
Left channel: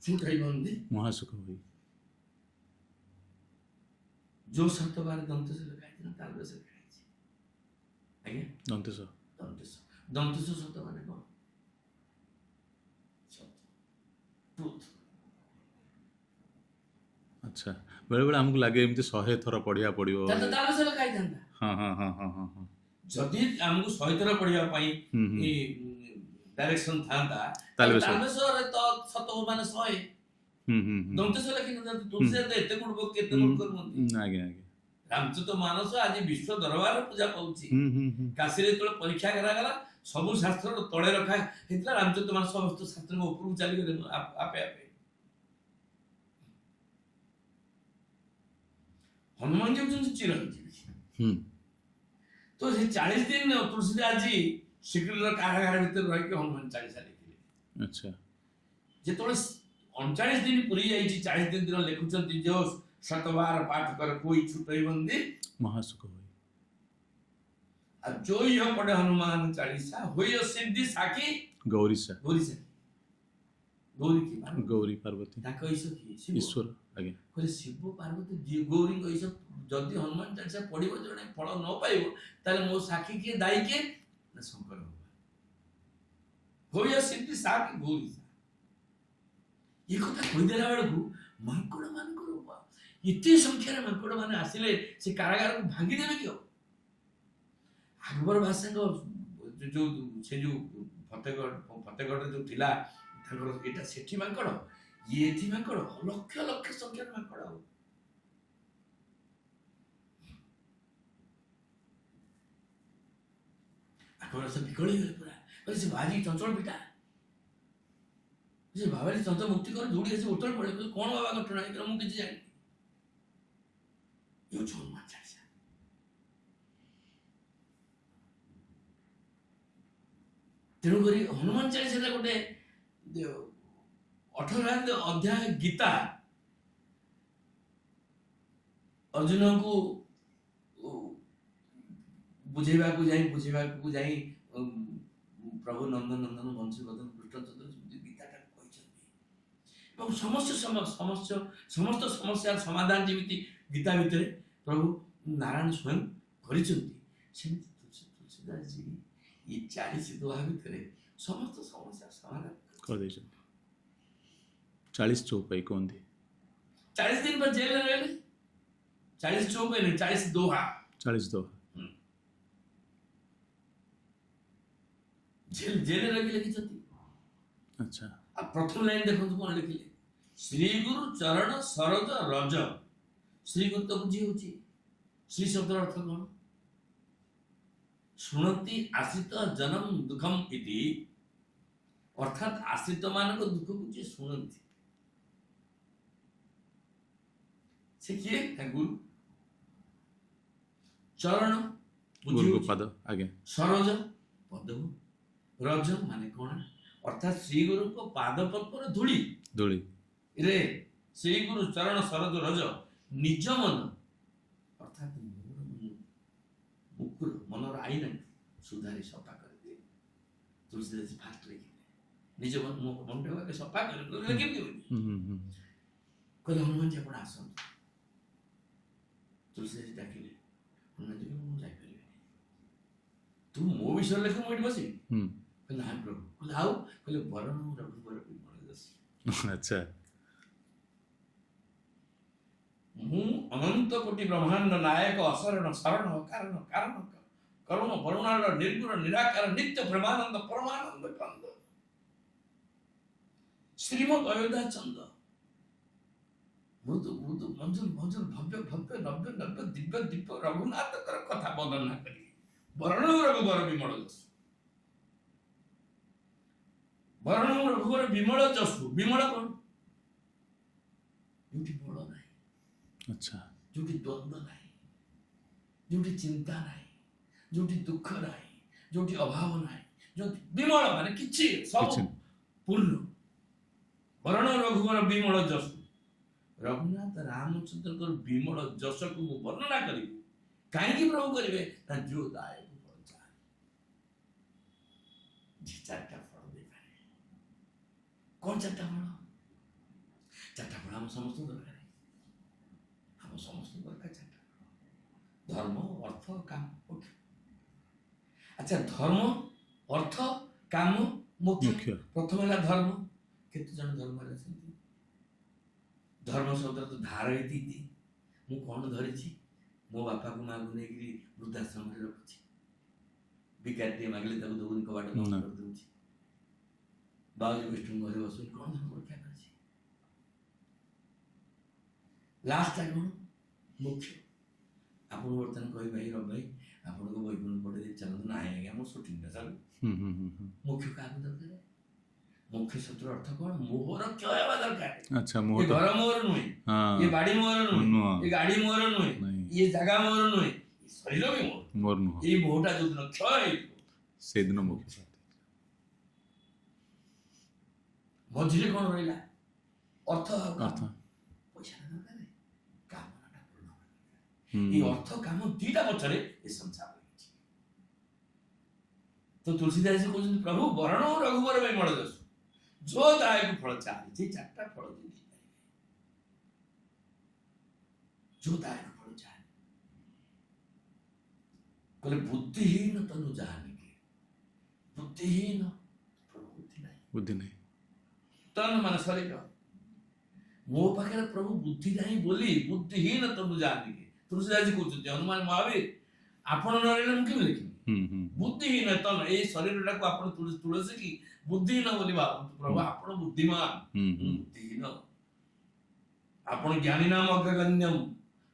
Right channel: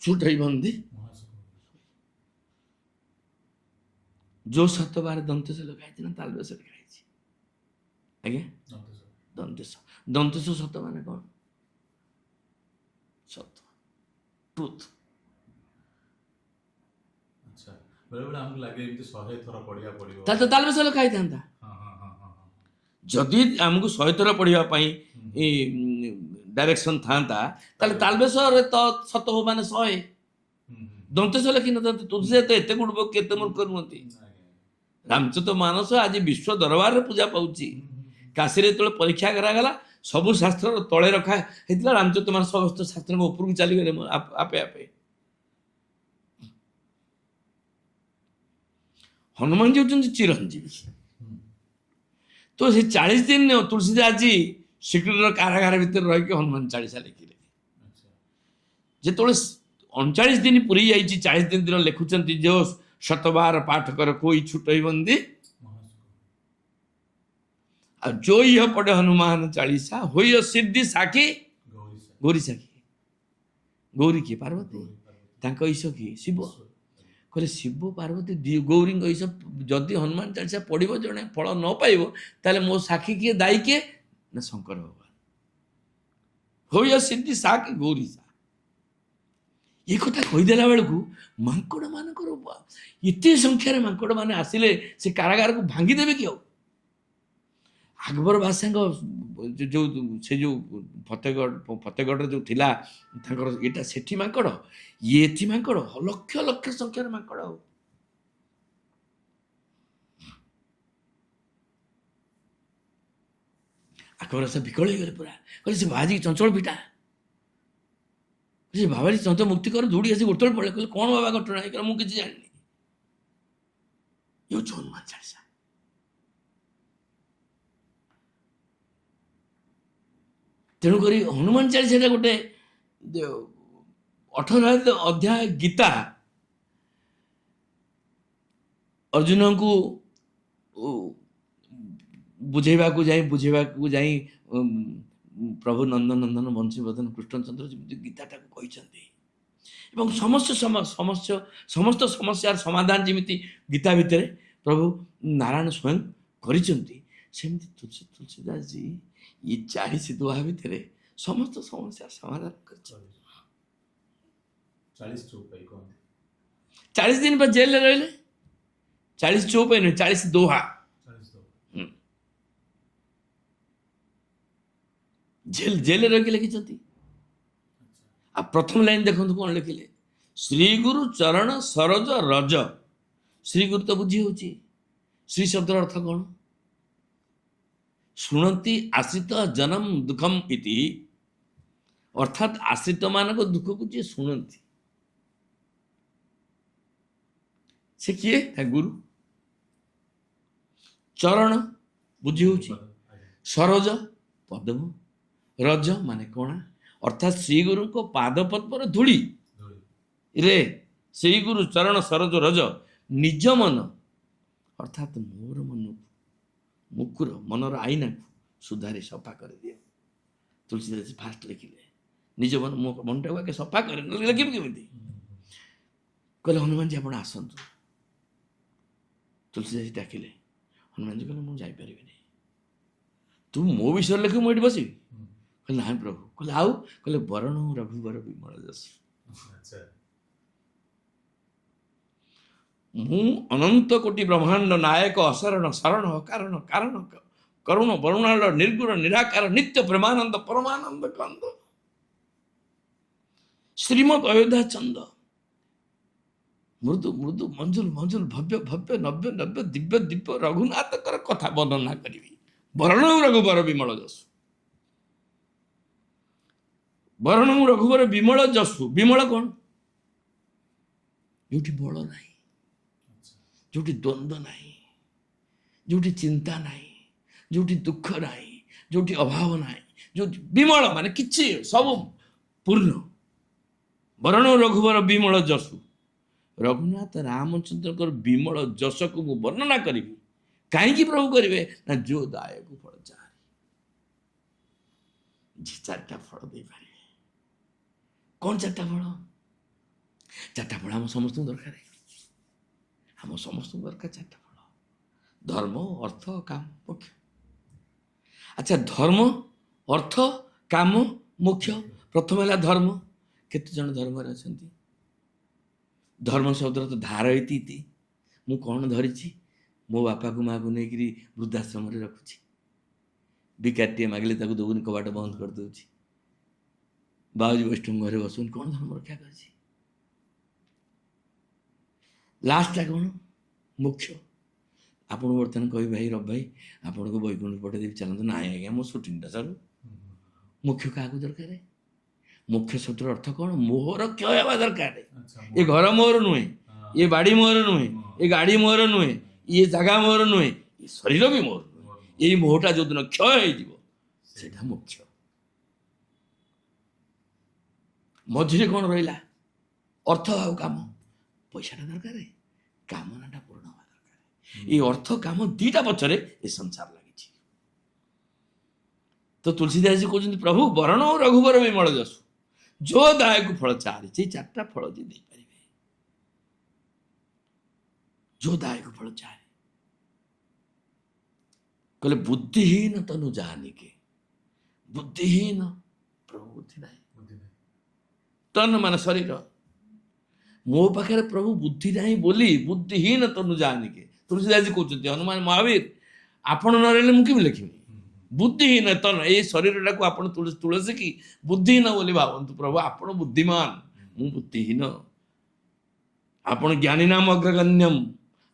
छूटई बंदी ମହାସୁଖ ହୁଏ। जो सतवार दंतेଶ ଲେଖା ହେଇଛି ନା ତାଲବେଶ ଲେଖା ହେଇଛି? ଆଜ୍ଞା, ଦନ୍ତେଶ। ଦନ୍ତେଶ ସତ ମାନେ କ'ଣ? ସତ, ଟ୍ରୁଥ। ଆଚ୍ଛା। ବେଳେବେଳେ ଆମକୁ ଲାଗେ ଏମିତି 100 ଥର ପଢିବାକୁ ପଡିବ। ତାହେଲେ ତାଲବେଶ ଲେଖା ହେଇଥାନ୍ତା। ଯଦି ଆମକୁ 100 ଥର ପଢିବା ପାଇଁ ଡାଇରେକ୍ସନ ଥାନ୍ତା, ତାହେଲେ ତାଲବେଶରେ ତ ସତ ହବ ମାନେ 100। ଦନ୍ତେଶ ଲେଖିନଥାନ୍ତେ। ତୁଳସୀ ଏତେ ଗୁଡ କେତେ ମୂର୍ଖ ନୁହନ୍ତି। ରାମଚରିତ ମାନସ ଆଜି ବିଶ୍ୱ ଦରବାରରେ ପୂଜା ପାଉଛି। କାଶୀରେ ଯେତେବେଳେ ପରୀକ୍ଷା କରାଗଲା, ସବୁ ଶାସ୍ତ୍ରର ତଳେ ରଖା ହେଇଥିଲା, ରାମଚରିତ ମାନସ ସମସ୍ତ ଶାସ୍ତ୍ରଙ୍କ ଉପରକୁ ଚାଲିଗଲେ ଆପେ ଆପେ। ହନୁମାନ जी ହେଉଛନ୍ତି ଚିରଞ୍ଜୀବୀ। ତ ସେ 40 ଦିନ ତୁଳସୀଦାସଜୀ ସିକ୍ରିର କାରାଗାର ଭିତରେ ରହିକି ହନୁମାନ ଚାଳିଶା ଲେଖିଲେ। ଆଚ୍ଛା। ଯେତେବେଳେ 39 ଦିନ ପୁରୀ ଯାଇଛି, 40 ଦିନ ଲେଖୁଛନ୍ତି, जो शतबार पाठ कर कोई छूटई बंदी ମହାସୁଖ ହୁଏ। ଆଉ जो यह पढ़े हनुमान चालीसा होई सिद्धि साखी ଗୌରୀ ସାକ୍ଷୀ। ଗୌରୀ କିଏ? ପାର୍ବତୀ। ଗୌରୀ ପାର୍ବତୀ। ତାଙ୍କ ଈଶ କିଏ? ଶିବ। ଈଶ୍ୱର। ଆଜ୍ଞା। କହିଲେ ଶିବ ପାର୍ବତୀ ଗୌରୀଙ୍କ ଈଶ। ଯଦି ହନୁମାନ ଚାଳିଶା ପଢିବ ଜଣେ ଫଳ ନ ପାଇବ, ତାହେଲେ ମୋ ସାକ୍ଷୀ କିଏ, ଦାୟୀ କିଏ? ନା ଶଙ୍କର ଭଗବାନ। ହୋଇ ସିଦ୍ଧି ସାକ୍ଷୀ ଗୌରୀ ସା। ଏ କଥା କହିଦେଲା ବେଳକୁ ମାଙ୍କଡ ମାନଙ୍କର ଏତେ ସଂଖ୍ୟାରେ ମାଙ୍କଡ ମାନେ ଆସିଲେ, ସେ କାରାଗାରକୁ ଭାଙ୍ଗିଦେବେ କି ଆଉ? ଆକବର ବାଦଶାହଙ୍କ ଯେଉଁ ଫତେଗଡ଼ରେ ଯେଉଁ ଥିଲା ତାଙ୍କର ଏଇଟା, ସେଠି ମାଙ୍କଡ, ଇଏ ଏଠି ମାଙ୍କଡ, ଲକ୍ଷ ଲକ୍ଷ ସଂଖ୍ୟାରେ ମାଙ୍କଡ। ଆଉ ଆକବର ବାଦଶାହ ବିକଳ ହେଇଗଲେ ପୁରା। କହିଲେ ସେ ବାବାଜୀ ଚଞ୍ଚଳ ପିଟା, ସେ ବାବାଜୀ ଚଞ୍ଚଳ ମୁକ୍ତି କର, ଦୌଡ଼ି ଆସି ଗୋଟେବେଳେ ପଳେଇ। କହିଲେ କ'ଣ ବାବା ଘଟଣା ହେଇଗଲା? ମୁଁ କିଛି ଜାଣିନି। ଇଏ ହେଉଛି ହନୁମାନ ଚାଳିଶା। ତେଣୁକରି ହନୁମାନ ଚାଳିଶାଟା ଗୋଟେ 18 ଅଧ୍ୟାୟ ଗୀତା ଅର୍ଜୁନଙ୍କୁ ବୁଝେଇବାକୁ ଯାଇ ପ୍ରଭୁ ନନ୍ଦନ ବଂଶୀବଦନ କୃଷ୍ଣଚନ୍ଦ୍ର ଯେମିତି ଗୀତାଟାକୁ କହିଛନ୍ତି ଏବଂ ସମସ୍ତ ସମସ୍ୟାର ସମାଧାନ ଯେମିତି ଗୀତା ଭିତରେ ପ୍ରଭୁ ନାରାୟଣ ସ୍ୱୟଂ କରିଛନ୍ତି, ସେମିତି ତୁଳସୀଦାସ ଜୀ ଏ 40 ଦୋହା ଭିତରେ ସମସ୍ତ ସମସ୍ୟାର ସମାଧାନ କରିଦେଇଛନ୍ତି। 40 ଚଉପାଇ କୁହନ୍ତି। 40 ଦିନ ବା ଜେଲରେ ରହିଲେ, 40 ଚଉପାଇ ନୁହେଁ, 40 ଦୋହା। 40 ଦୋହା। ଜେଲରେ ରହିକି ଲେଖିଛନ୍ତି। ଆଚ୍ଛା। ଆଉ ପ୍ରଥମ ଲାଇନ ଦେଖନ୍ତୁ କ'ଣ ଲେଖିଲେ, ଶ୍ରୀଗୁରୁ ଚରଣ ସରୋଜ ରଜ। ଶ୍ରୀଗୁରୁ ତ ବୁଝି ହଉଛି, ଶ୍ରୀ ଶବ୍ଦର ଅର୍ଥ କ'ଣ? ଶୁଣନ୍ତି ଆଶ୍ରିତ ଜନମ ଦୁଃଖମ ଇତି, ଅର୍ଥାତ୍ ଆଶ୍ରିତ ମାନଙ୍କ ଦୁଃଖକୁ ଯିଏ ଶୁଣନ୍ତି ସେ କିଏ? ଗୁରୁ। ଚରଣ ବୁଝି ହଉଛି, ପାଦ, ଆଜ୍ଞା। ସରୋଜ ପଦମ, ରଜ ମାନେ କଣା, ଅର୍ଥାତ୍ ଶ୍ରୀଗୁରୁଙ୍କ ପାଦ ପଦ୍ମର ଧୂଳି ରେ ଶ୍ରୀଗୁରୁ ଚରଣ ସରୋଜ ରଜ ନିଜ ମନ, ଅର୍ଥାତ୍ ମୋର ମନକୁ, ମୁକୁର ମନର ଆଇନାକୁ ସୁଧାରି ସଫା କରିଦିଏ। ତୁଳସୀଦାସ ଫାଷ୍ଟ ଲେଖିଲେ ନିଜ ମନଟାକୁ ଆଗେ ସଫା କରେ, ନହେଲେ ଲେଖିବି କେମିତି? କହିଲେ ହନୁମାନଜୀ ଆପଣ ଆସନ୍ତୁ। ତୁଳସୀଦାସ ଡାକିଲେ, ହନୁମାନଜୀ କହିଲେ ମୁଁ ଯାଇପାରିବିନି, ତୁ ମୋ ବିଷୟରେ ଲେଖିବୁ, ମୁଁ ଏଠି ବସିବି? କହିଲେ ନାଇଁ ପ୍ରଭୁ। କହିଲେ ଆଉ? କହିଲେ ବରଣ ରଘୁବର ବିମଳ ଯଶ। ଆଚ୍ଛା। ମୁଁ ଅନନ୍ତ କୋଟି ବ୍ରହ୍ମାଣ୍ଡ ନାୟକ ଅସରଣ ଶରଣ କାରଣ କାରଣ କରୁଣ ବରୁଣାଳ ନିର୍ଗୁଣ ନିରାକାର ନିତ୍ୟ ପ୍ରେମାନନ୍ଦ ପରମାନନ୍ଦ କନ୍ଦ ଶ୍ରୀମଦ୍ ଅୟୋଧ୍ୟା ଚନ୍ଦ ମୃଦୁ ମୃଦୁ ମଞ୍ଜୁଲ ମଞ୍ଜୁଲ ଭବ୍ୟ ଭବ୍ୟ ନବ୍ୟ ନବ୍ୟ ଦିବ୍ୟ ଦିବ୍ୟ ରଘୁନାଥଙ୍କର କଥା ବର୍ଣ୍ଣନା କରିବି। ବରଣ ରଘୁବର ବିମଳ ଯଶୁ, ବରଣ ରଘୁବର ବିମଳ ଯଶୁ। ବିମଳ କ'ଣ? ଯୋଉଠି ବଳ ନାହିଁ, ଆଚ୍ଛା, ଯୋଉଠି ଦ୍ୱନ୍ଦ୍ୱ ନାହିଁ, ଯୋଉଠି ଚିନ୍ତା ନାହିଁ, ଯୋଉଠି ଦୁଃଖ ନାହିଁ, ଯୋଉଠି ଅଭାବ ନାହିଁ, ଯୋଉଠି ବିମଳ ମାନେ କିଛି ସବୁ ପୂର୍ଣ୍ଣ। ବରଣ ରଘୁବର ବିମଳ ଯଶୁ। ରଘୁନାଥ ରାମଚନ୍ଦ୍ରଙ୍କର ବିମଳ ଯଶକୁ ମୁଁ ବର୍ଣ୍ଣନା କରିବି। କାହିଁକି ପ୍ରଭୁ କରିବେ ନା ଯୋ ଦାୟକୁ ଫଳ ଚାହାରି, ଯେ 4ଟା ଫଳ ଦେଇପାରିବେ। କ'ଣ 4ଟା ଫଳ? 4ଟା ଫଳ ଆମ ସମସ୍ତଙ୍କୁ ଦରକାର। ଆମ ସମସ୍ତଙ୍କୁ ଦରକାର 4ଟା ଫଳ, ଧର୍ମ ଅର୍ଥ କାମ ମୋକ୍ଷ। ଆଚ୍ଛା, ଧର୍ମ ଅର୍ଥ କାମ ମୋକ୍ଷ। ପ୍ରଥମ ହେଲା ଧର୍ମ। କେତେ ଜଣ ଧର୍ମରେ ଅଛନ୍ତି? ଧର୍ମ ଶବ୍ଦର ତ ଧାର ଇତି। ମୁଁ କ'ଣ ଧରିଛି? ମୋ ବାପାକୁ ମାଆକୁ ନେଇକିରି ବୃଦ୍ଧାଶ୍ରମରେ ରଖୁଛି, ଭିକାରିଟିଏ ମାଗିଲେ ତାକୁ ଦେବୁନି, କବାଟ ବନ୍ଦ କରିଦେଉଛି, ବାଉଜୀ ବୈଷ୍ଣବ ଘରେ ବସୁନି। କ'ଣ ଧର୍ମ ରକ୍ଷା କରିଛି? ଲାଷ୍ଟଟା କ'ଣ? ମୋକ୍ଷ। ଆପଣଙ୍କୁ ବର୍ତ୍ତମାନ କହିବି, ଭାଇ ରବ ଭାଇ ଆପଣଙ୍କୁ ବୈକୁଣ୍ଠ ପଠେଇଦେବି, ଚାଲନ୍ତୁ। ନାଇଁ ଆଜ୍ଞା, ମୋ ସୁଟିଂଟା ଚାଲୁ। ମୋକ୍ଷ କାହାକୁ ଦରକାର? ମୋକ୍ଷ ଶବ୍ଦର ଅର୍ଥ କ'ଣ? ମୋହର କ୍ଷୟ ହେବା ଦରକାର। ଏ ଘର ମୋର ନୁହେଁ, ଏ ବାଡ଼ି ମୋର ନୁହେଁ, ଏ ଗାଡ଼ି ମୋର ନୁହେଁ, ଏ ଜାଗା ମୋର ନୁହେଁ, ଏ ଶରୀର ବି ମୋର। ଏଇ ମୋହଟା ଯୋଉଦିନ କ୍ଷୟ ହେଇଯିବ ସେଦିନ ମୋକ୍ଷ। ମଝିରେ କ'ଣ ରହିଲା? ଅର୍ଥ ଆଉ କାମ। ପଇସାଟା ଦରକାର, କାମନାଟା ପୂର୍ଣ୍ଣ ହେବା ଦରକାର। ଏଇ ଅର୍ଥ କାମ 2ଟା ପଛରେ ଏ ସଂସାର ଲାଗିଛି। ତ ତୁଳସୀଦାସ କହୁଛନ୍ତି, ପ୍ରଭୁ ବରଣ ରଘୁବର ବିମଳ ଯଶୁ, ଯୋ ଦାୟକୁ ଫଳ ଚାହାରି। ସେଇ 4ଟା ଫଳ ଯିଏ ଦେଇପାରିବେ, ଯୋ ଦାୟକୁ ଫଳ ଚାହାରି। କହିଲେ ବୁଦ୍ଧିହୀନ ତନୁ ଜାନିକେ। ବୁଦ୍ଧିହୀନ, ପ୍ରଭୁ ବୁଦ୍ଧି ନାହିଁ। ତନ ମାନେ ଶରୀର। ମୋ ପାଖରେ ପ୍ରଭୁ ବୁଦ୍ଧି ନାହିଁ ବୋଲି ବୁଦ୍ଧିହୀନ ତନୁ ଜାନିକେ। ତୁଳସୀଦାସ କହୁଛନ୍ତି, ହନୁମାନ ମହାବୀର ଆପଣ ନ ରହିଲେ ମୁଁ କେମିତି ଲେଖିବି? ବୁଦ୍ଧିହୀନ ତନ, ଏଇ ଶରୀରଟାକୁ ଆପଣ ତୁଳସୀ କି ବୁଦ୍ଧିହୀନ ବୋଲି ଭାବନ୍ତୁ। ପ୍ରଭୁ ଆପଣ ବୁଦ୍ଧିମାନ, ମୁଁ ବୁଦ୍ଧିହୀନ। ଆପଣ ଜ୍ଞାନୀ ନାମ ଅଗ୍ରଗଣ୍ୟମ,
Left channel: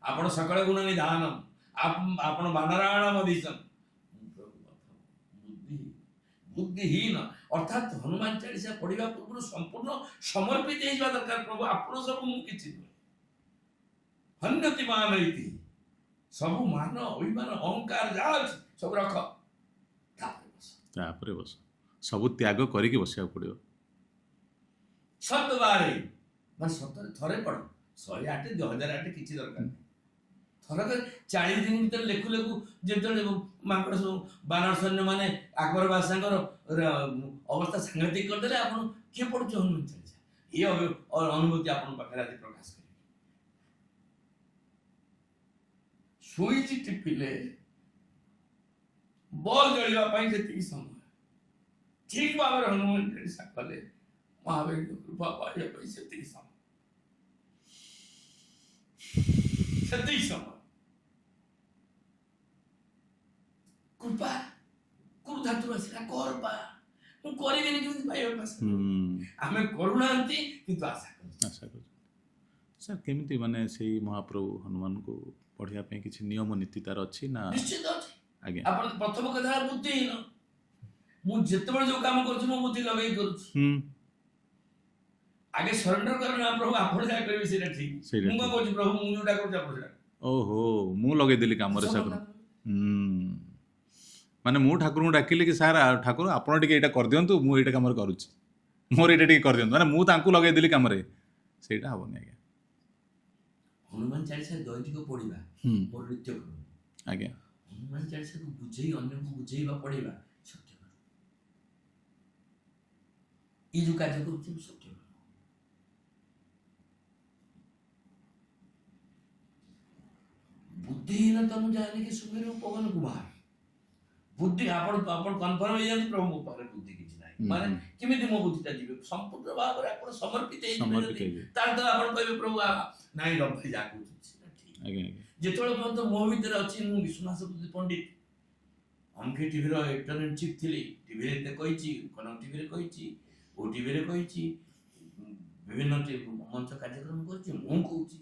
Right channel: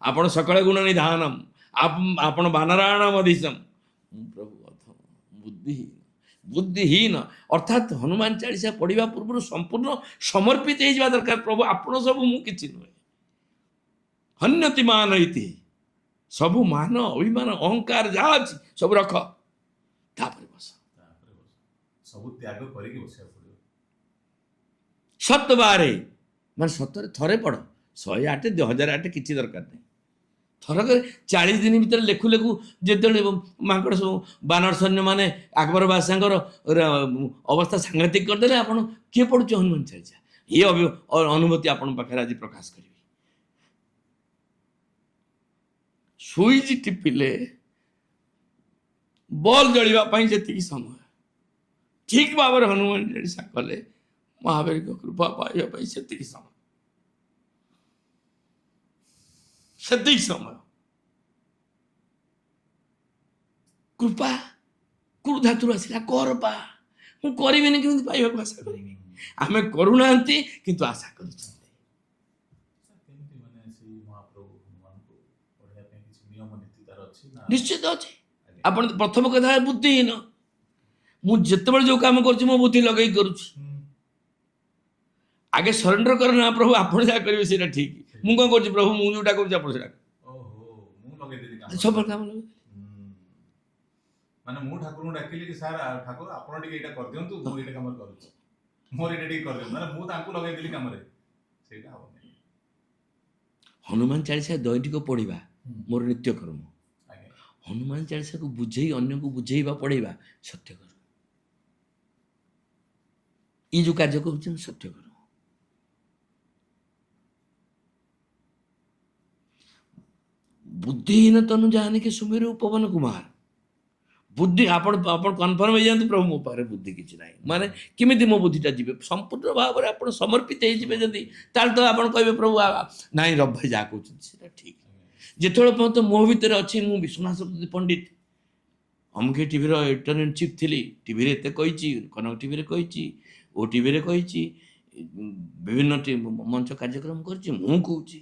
ଆପଣ ସକଳ ଗୁଣ ନିଧାନମ, ଆପଣ ବାନରାୟଣ ମଧୀଶମ। ମୁଁ ପ୍ରଭୁ ଅଧମ, ବୁଦ୍ଧିହୀନ। ବୁଦ୍ଧିହୀନ ଅର୍ଥାତ୍ ହନୁମାନ ଚାଳିଶା ପଢିବା ପୂର୍ବରୁ ସମ୍ପୂର୍ଣ୍ଣ ସମର୍ପିତ ହେଇଯିବା ଦରକାର। ପ୍ରଭୁ ଆପଣ ସବୁ, ମୁଁ କିଛି ନୁହେଁ। ହନ୍ୟତି ମାନ ଇତି, ସବୁ ମାନ ଅଭିମାନ ଅହଙ୍କାର ଯାହା ଅଛି ସବୁ ରଖ, ତାପରେ ବସ। ସବୁ ତ୍ୟାଗ କରିକି ବସିବାକୁ ପଡ଼ିବ। ସତ ବାରେ ମାନେ ସତରେ ଥରେ ପଢ଼, 108 2008 କିଛି ଦରକାର ନାହିଁ। ଥରକରେ 40 ଦିନ ଭିତରେ ଲେଖୁ ଲେଖୁ ଯେତେବେଳେ ମାଙ୍କଡ଼ ସବୁ ବାନର ସୈନ୍ୟ ମାନେ ଆକବର ବାଦଶାହଙ୍କର ଅବସ୍ଥା ସାଂଘାତିକ କରିଦେଲେ, ଆପଣ କିଏ ପଢୁଛି ହନୁମାନ ଚାଳିଶା? ଏ ଅନୁଭୂତି ଆପଣଙ୍କ ପାଖରେ ଆଜି ପ୍ରକାଶ କରିବି। ସୁଇଚ୍ ଟିପିଲେ ବଲ୍ ଜଳିବା ପାଇଁ ଯେତିକି ସମୟ, ଠିକ ଭାବରେ ହନୁମାନ ଚାଳିଶା କଲେ ମହାବୀରଙ୍କ କୃପା ପାଇବା ପାଇଁ ସେତିକି ସମୟ, ସେତିକି ସମୟ। କୃପା କୋଉ ଧାତୁରୁ ଆସିଲା? କରପା। ମୁଁ କରିବିନି କେମିତି ପାଇବାକୁ ଆଶା କରୁ? ଆମେ କରୁନାହାନ୍ତି କିନ୍ତୁ ଆଶା କରୁଛୁ। ସାର୍ କେମିତି ମାନେ ସେଇ ମହାପ୍ରଭୁ ହନୁମାନଙ୍କୁ ପଢ଼ିବା ପାଇଁ କିଛି ନିୟମ ନୀତି ତାର ଅଛି ନା? ନିଶ୍ଚିତ ଅଛି। ଆଜ୍ଞା। ଆପଣ ପ୍ରଥମ କଥା ହେଲା ବୁଦ୍ଧିହୀନ। ମୁଁ ଯେତେବେଳେ ଯୋଉ କାମ କରୁଛି ମୋ ବୁଦ୍ଧି ଲଗେଇ କରୁଛି। ଆଗେ ସରେଣ୍ଡର କର ନା, ପ୍ରଭୁ ଆପଣ ଯାହା କରିବେ ସେଇଟା ଠିକ। ମୁଁ କଣ କରୁଛି? ପ୍ରଭୁ ମୁଁ ଯୋଉଟା କରୁଛି ଆପଣ ସେଇଟା। ଓହୋ, ମୁଁ ଲଗେଇଦେଲି କାମରେ। ସବୁ କାମ ଲଗେଇ। ମାନେ ମୁଁ ଠାକୁରଙ୍କୁ ଡାକିଲି କି ସାର୍ ଠାକୁର ଆପଣ ଟିକେ ଏଇଟା କରିଦିଅନ୍ତୁ, ମୁଁ ଏଇଟା କାମରେ କରୁଛି, ମୋର ଏଇଟା ଟିକେ କରିଦିଅନ୍ତୁ, ମାନେ ମୁଁ ତାଙ୍କୁ ଲଗେଇଦେଲି କାମରେ, ସେଇଟା ହବନି ଆଜ୍ଞା। ହନୁମାନ ଚାଳିଶା ଦୈନିକ ପଢିବା ମୋର ନିତ୍ୟକର୍ମ। ଆଜ୍ଞା। ହନୁମାନ ଚାଳିଶାକୁ ବୁଝେଇ ଅନ୍ୟକୁ ବୁଝେଇବା ପଢେଇବା ସତ୍ୟକର୍ମ। ଏଇ ଯୋଉ କାର୍ଯ୍ୟ କରୁଛନ୍ତି ସତ୍ୟକର୍ମ। ବୁଦ୍ଧିହୀନ ତନୁ ଜାନିକେ ସୁମିରୁ ପବନ କୁମାର। ବୁଦ୍ଧି ଆପଣ କନଫର୍ମ ହେଇଯାଆନ୍ତୁ, ପ୍ରଭୁ ମୋ ପାଖରେ ବୁଦ୍ଧି କିଛି ନାହିଁ। ମାନେ କେମିତି ମୋ ବୁଦ୍ଧିଟା ଯିବେ? ସମ୍ପୂର୍ଣ୍ଣ ଭାବରେ ଆପଣ ସମର୍ପିତ ହେଇଯିବେ ଯଦି, ତାହେଲେ ତ ଆପଣ କହିବେ ପ୍ରଭୁ ନାଇଁ ରବ ଭାଇ ଯାହା କହୁଛନ୍ତି ସେଟା ଠିକ। ଯେତେବେଳେ ପର୍ଯ୍ୟନ୍ତ ମୋ ଭିତରେ ଅଛି, ମୁଁ ବିଶ୍ୱନାଥ ସତ୍ୟପତି ପଣ୍ଡିତ ଅମୁକେ ଟିଭିର ଏଡିଟର ଇନ୍ ଚିଫ୍ ଥିଲି, ଟିଭିରେ ଏତେ କହିଛି, କନକ ଟିଭିରେ କହିଛି, ଓ ଟିଭିରେ କହିଛି, ବିଭିନ୍ନ ମଞ୍ଚ କାର୍ଯ୍ୟକ୍ରମ କରିଛି, ମୁଁ କହୁଛି,